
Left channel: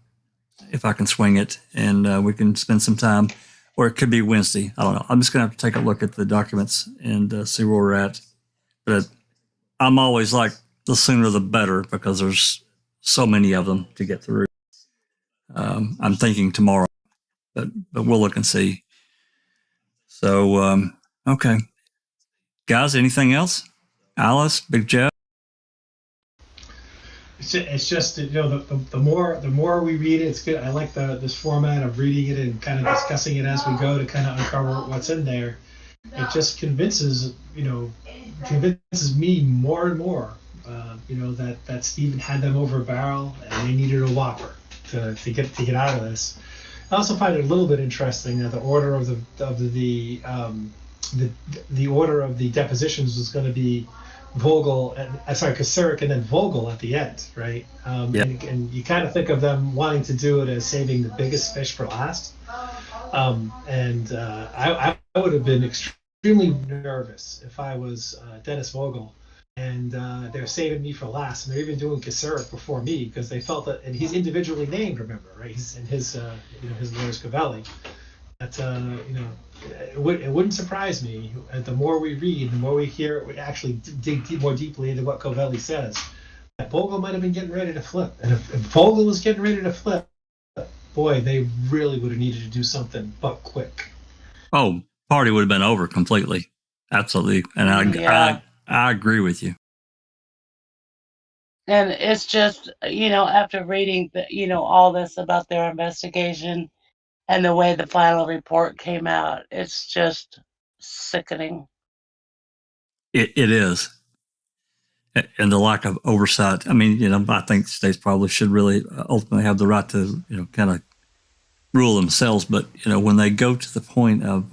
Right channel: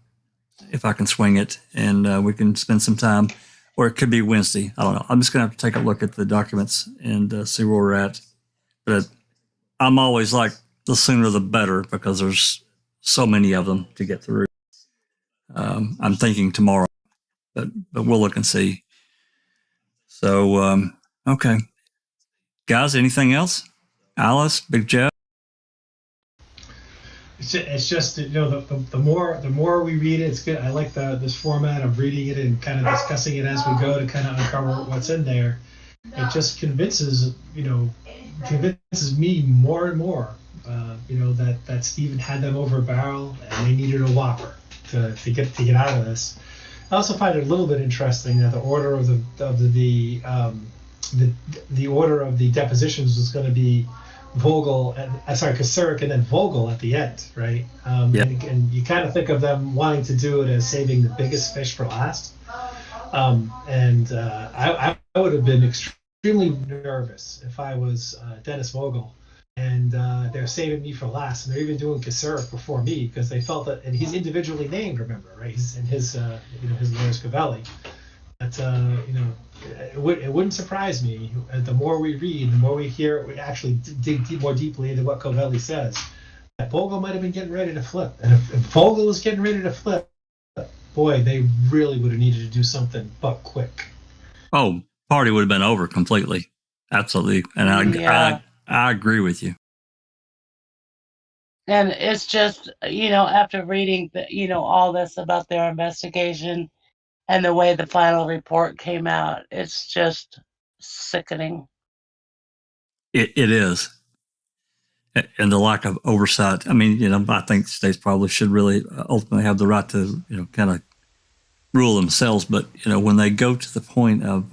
if I can swing it, and we can spend some time, or it could be Wednesday. I don't know. I'm just gonna have to take a look at the documents and see where we're at. But I'm always like, the sooner the better, because there's so many of them to get through. I'm thinking tomorrow, but we'll look and see. So, okay. Guys, anything else? Alice, Big Jeff? It's just the more we read it, it's good. I like this format of reading it and kind of discussing it as we go to kind of uncover what's in there. It just convinces me more and more, that Stephen had them over a barrel and they needed a whopper to get out of this. I also find it a little bit interesting that the order of the order of the depositions was going to be Vogel, Kasurek and then Vogel at the end, right? And you kind of think of them wanting to do it as saving the biggest fish for last. I would have been extremely nervous if I was Dennis Vogel, and they're saving me for last, and they're even doing Kasurek before me because they felt that, and he's individually named, remember, right? He's in his lawyer's Covelli. That it wouldn't surprise me. The more we read, the more we hear, we actually dig more deeply into what Covelli says. That Vogel might have been getting ready to flip, and if Vogel was getting ready to flip, boy, they really would have needed to do something, but quick. Oh, party would have been over completely, absolutely, and I agree with you. And it's just after reading all this about their investigation and the way the final report came out, it's just sickening. It is. And the lack of oversight. I mean, I think states probably should really ultimately have the right to, kind of rule themselves. But, when they go to the point of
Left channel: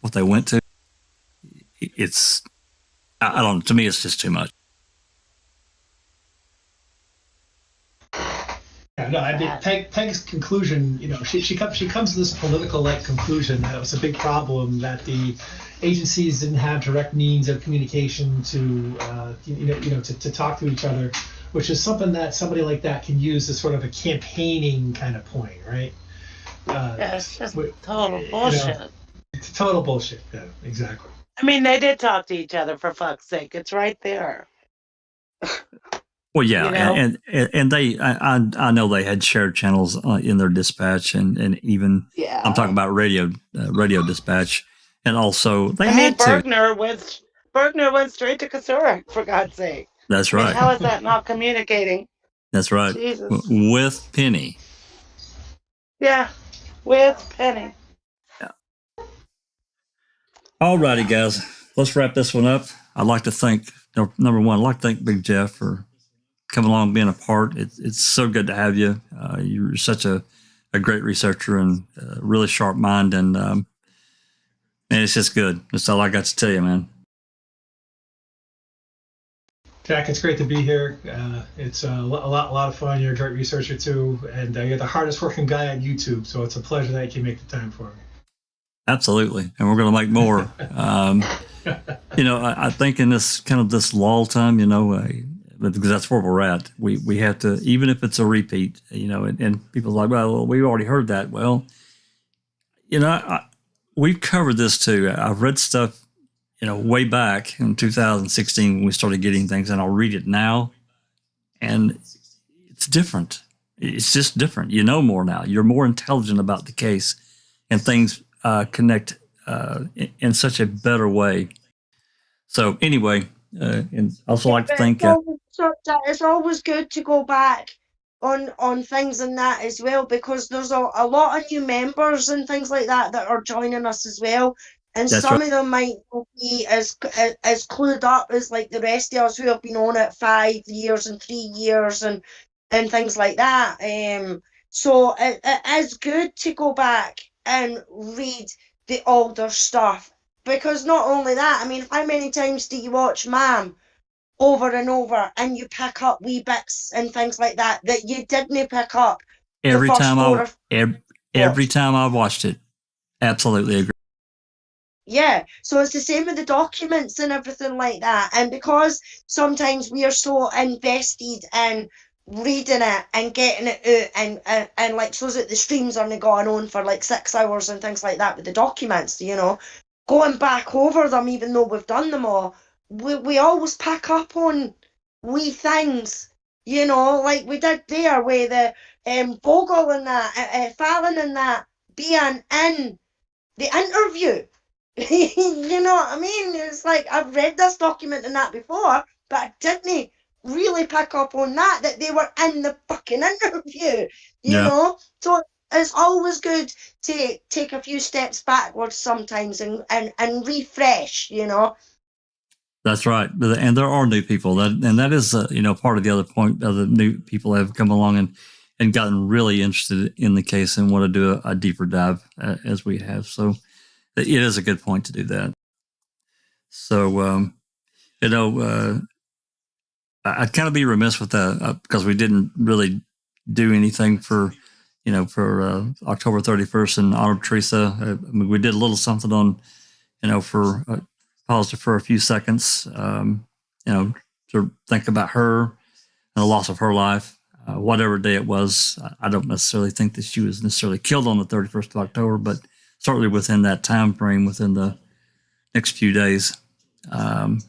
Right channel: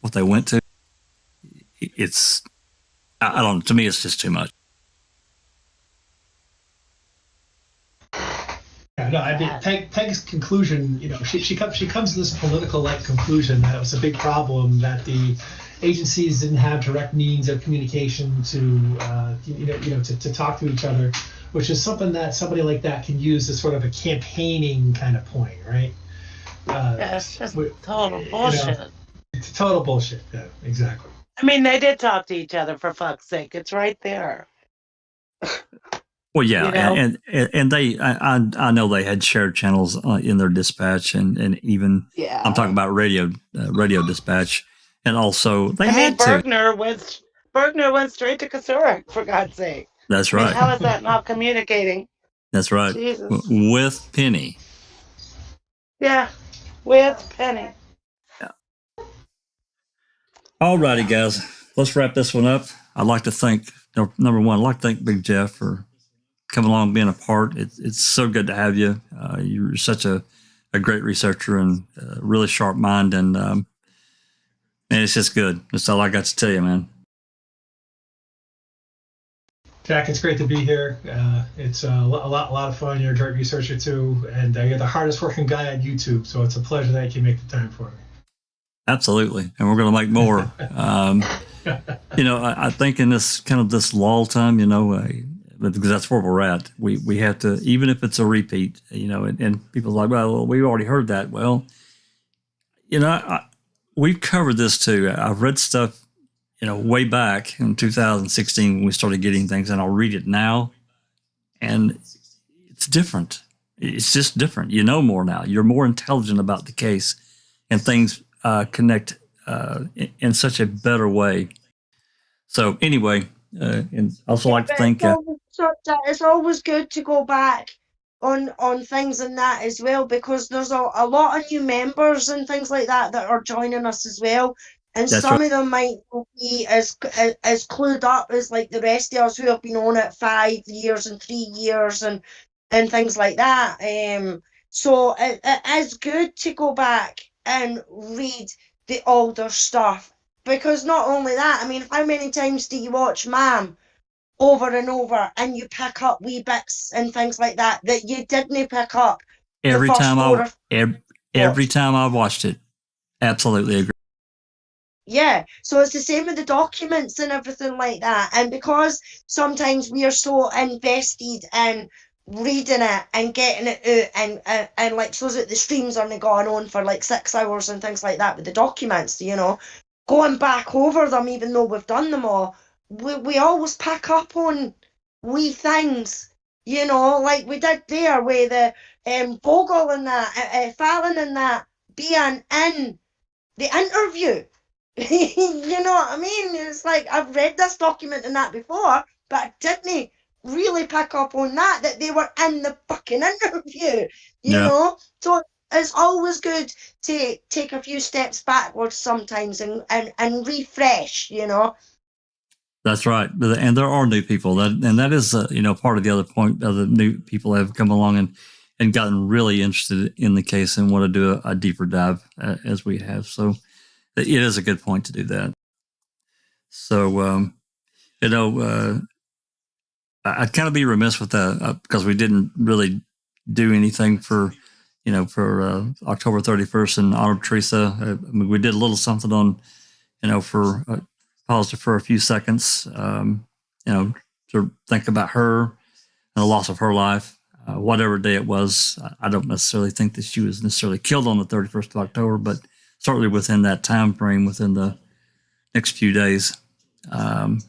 what they went to, it's, I don't know, to me, it's just too much. No, I mean, Peg's conclusion, she comes to this political-like conclusion that it was a big problem that the agencies didn't have direct means of communication to talk to each other, which is something that somebody like that can use as sort of a campaigning kind of point, right? It's just total bullshit. It's total bullshit. Yeah, exactly. I mean, they did talk to each other, for fuck's sake. It's right there. Well, yeah, and they, I know they had shared channels in their dispatch, and even I'm talking about radio dispatch, and also they had Bergner went straight to Kasurek, for God's sake. That's I mean, right. how is that not communicating? That's right. Jesus. With Penny. Yeah, with Penny. All righty, guys. Let's wrap this one up. I'd like to thank, number one, I'd like to thank Big Jeff for coming along and being a part. It's so good to have you. You're such a great researcher and really sharp mind. And man, it's just good. That's all I got to tell you, man. Jack, it's great to be here. It's a lot of fun. You're a great researcher too, and you're the hardest working guy on YouTube. So it's a pleasure that you can make the time for me. Absolutely, and we're going to make more. I think in this lull time, because that's where we're at. We have to, even if it's a repeat, and people are like, well, we already heard that. Well, we've covered this too. I've read stuff, way back in 2016 when we started getting things, and I'll read it now, and it's different. It's just different. You know more now. You're more intelligent about the case, and things connect in such a better way. So anyway, and I also like to thank. It's always good to go back on things and that as well, because there's a lot of new members and things like that are joining us as well. And That's some right. of them might not be as clued up as like the rest of us who have been on it 5 years and 3 years and things like that. So it is good to go back and read the older stuff, because not only that, I mean, how many times do you watch Ma'am over and over and you pick up wee bits and things like that you didn't pick up Every time I've watched it. Absolutely agree. Yeah, so it's the same with the documents and everything like that. And because sometimes we are so invested in reading it and getting it out, and like, so that the streams aren't going on for like 6 hours and things like that with the documents, going back over them, even though we've done them all, we always pick up on wee things, like we did there with the Vogel and that, Fallon and that being in the interview. You know what I mean? It's like, I've read this document and that before, but I didn't really pick up on that they were in the fucking interview, you know? So it's always good to take a few steps backwards sometimes and refresh, That's right. And there are new people that is, part of the other point of the new people have come along and gotten really interested in the case and want to do a deeper dive as we have. So it is a good point to do that. So, I'd kind of be remiss with that because we didn't really do anything for October 31st in honor of Teresa. We did a little something on, for paused for a few seconds, to think about her and the loss of her life, whatever day it was. I don't necessarily think that she was necessarily killed on the 31st of October, but certainly within that time frame, within the next few days. And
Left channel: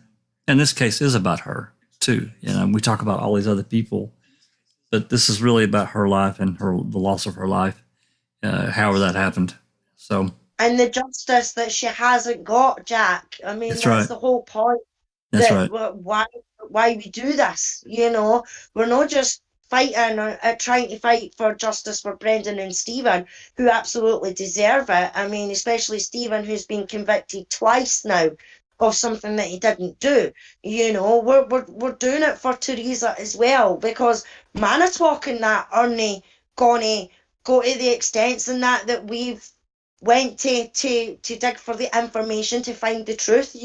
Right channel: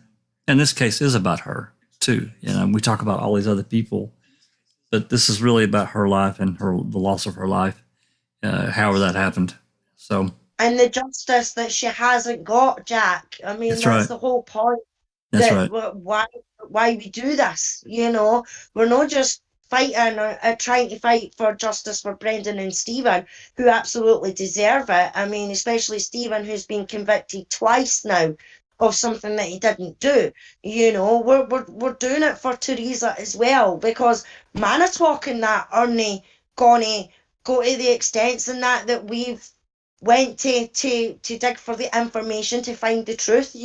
this case is about her too. We talk about all these other people, but this is really about her life and the loss of her life, however that happened. So. And the justice that she hasn't got, Jack. I mean, that's right. The whole point. That's right. Why we do this, We're not just fighting trying to fight for justice for Brendan and Stephen, who absolutely deserve it. I mean, especially Stephen, who's been convicted twice now of something that he didn't do. We're doing it for Teresa as well, because Manitowoc and that aren't gonna go to the extents and that we've went to dig for the information to find the truth,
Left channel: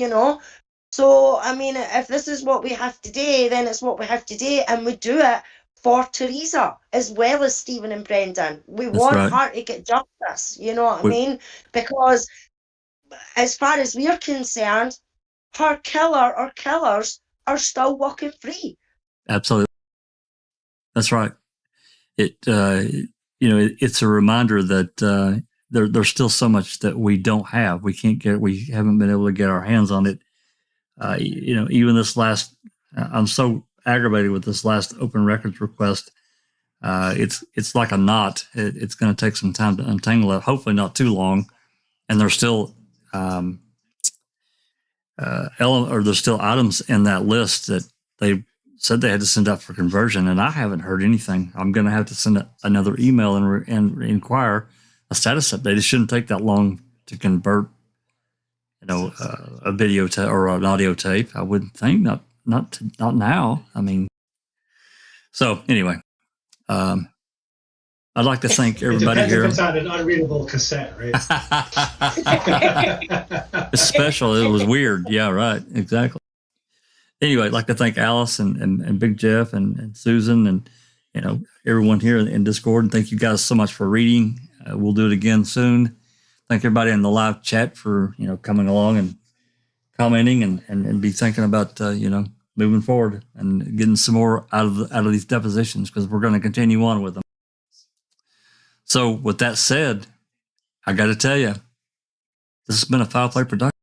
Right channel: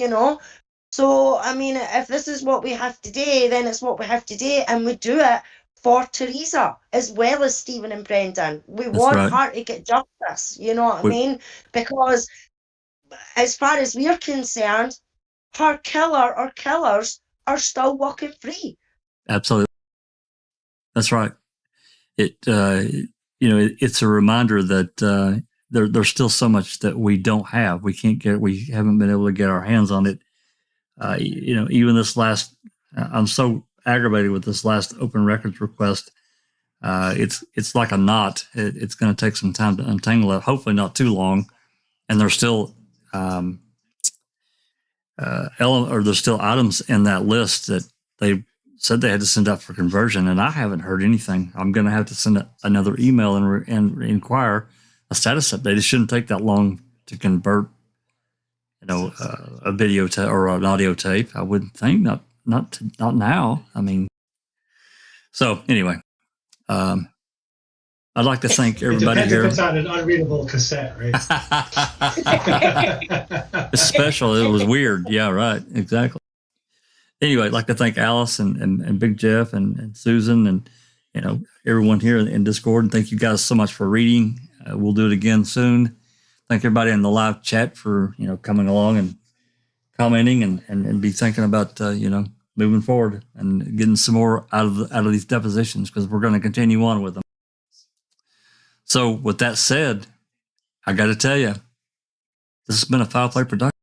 So, I mean, if this is what we have to do, then it's what we have to do, and we do it for Teresa as well as Stephen and Brendan. We want her to get justice, you know what I mean? Because as far as we're concerned, her killer or killers are still walking free. Absolutely. That's right. It's a reminder that there's still so much that we don't have. We haven't been able to get our hands on it. Even this last, I'm so aggravated with this last open records request. It's like a knot. It's going to take some time to untangle it. Hopefully not too long. And there's still there's still items in that list that they said they had to send out for conversion, and I haven't heard anything. I'm going to have to send another email and inquire a status update. It shouldn't take that long to convert, a video tape or an audio tape. I wouldn't think. Not now. I mean, so anyway, I'd like to thank everybody it here. depends if it's on an unreadable cassette, right? It's special. It was weird. Yeah, right. Exactly. Anyway, I'd like to thank Alice and Big Jeff and Susan and, everyone here in Discord. And thank you guys so much for reading. We'll do it again soon. Thank everybody in the live chat for, coming along and commenting and be thinking about, moving forward and getting some more out of these depositions, because we're going to continue on with them. So with that said, I got to tell you, this has been a Foul Play production.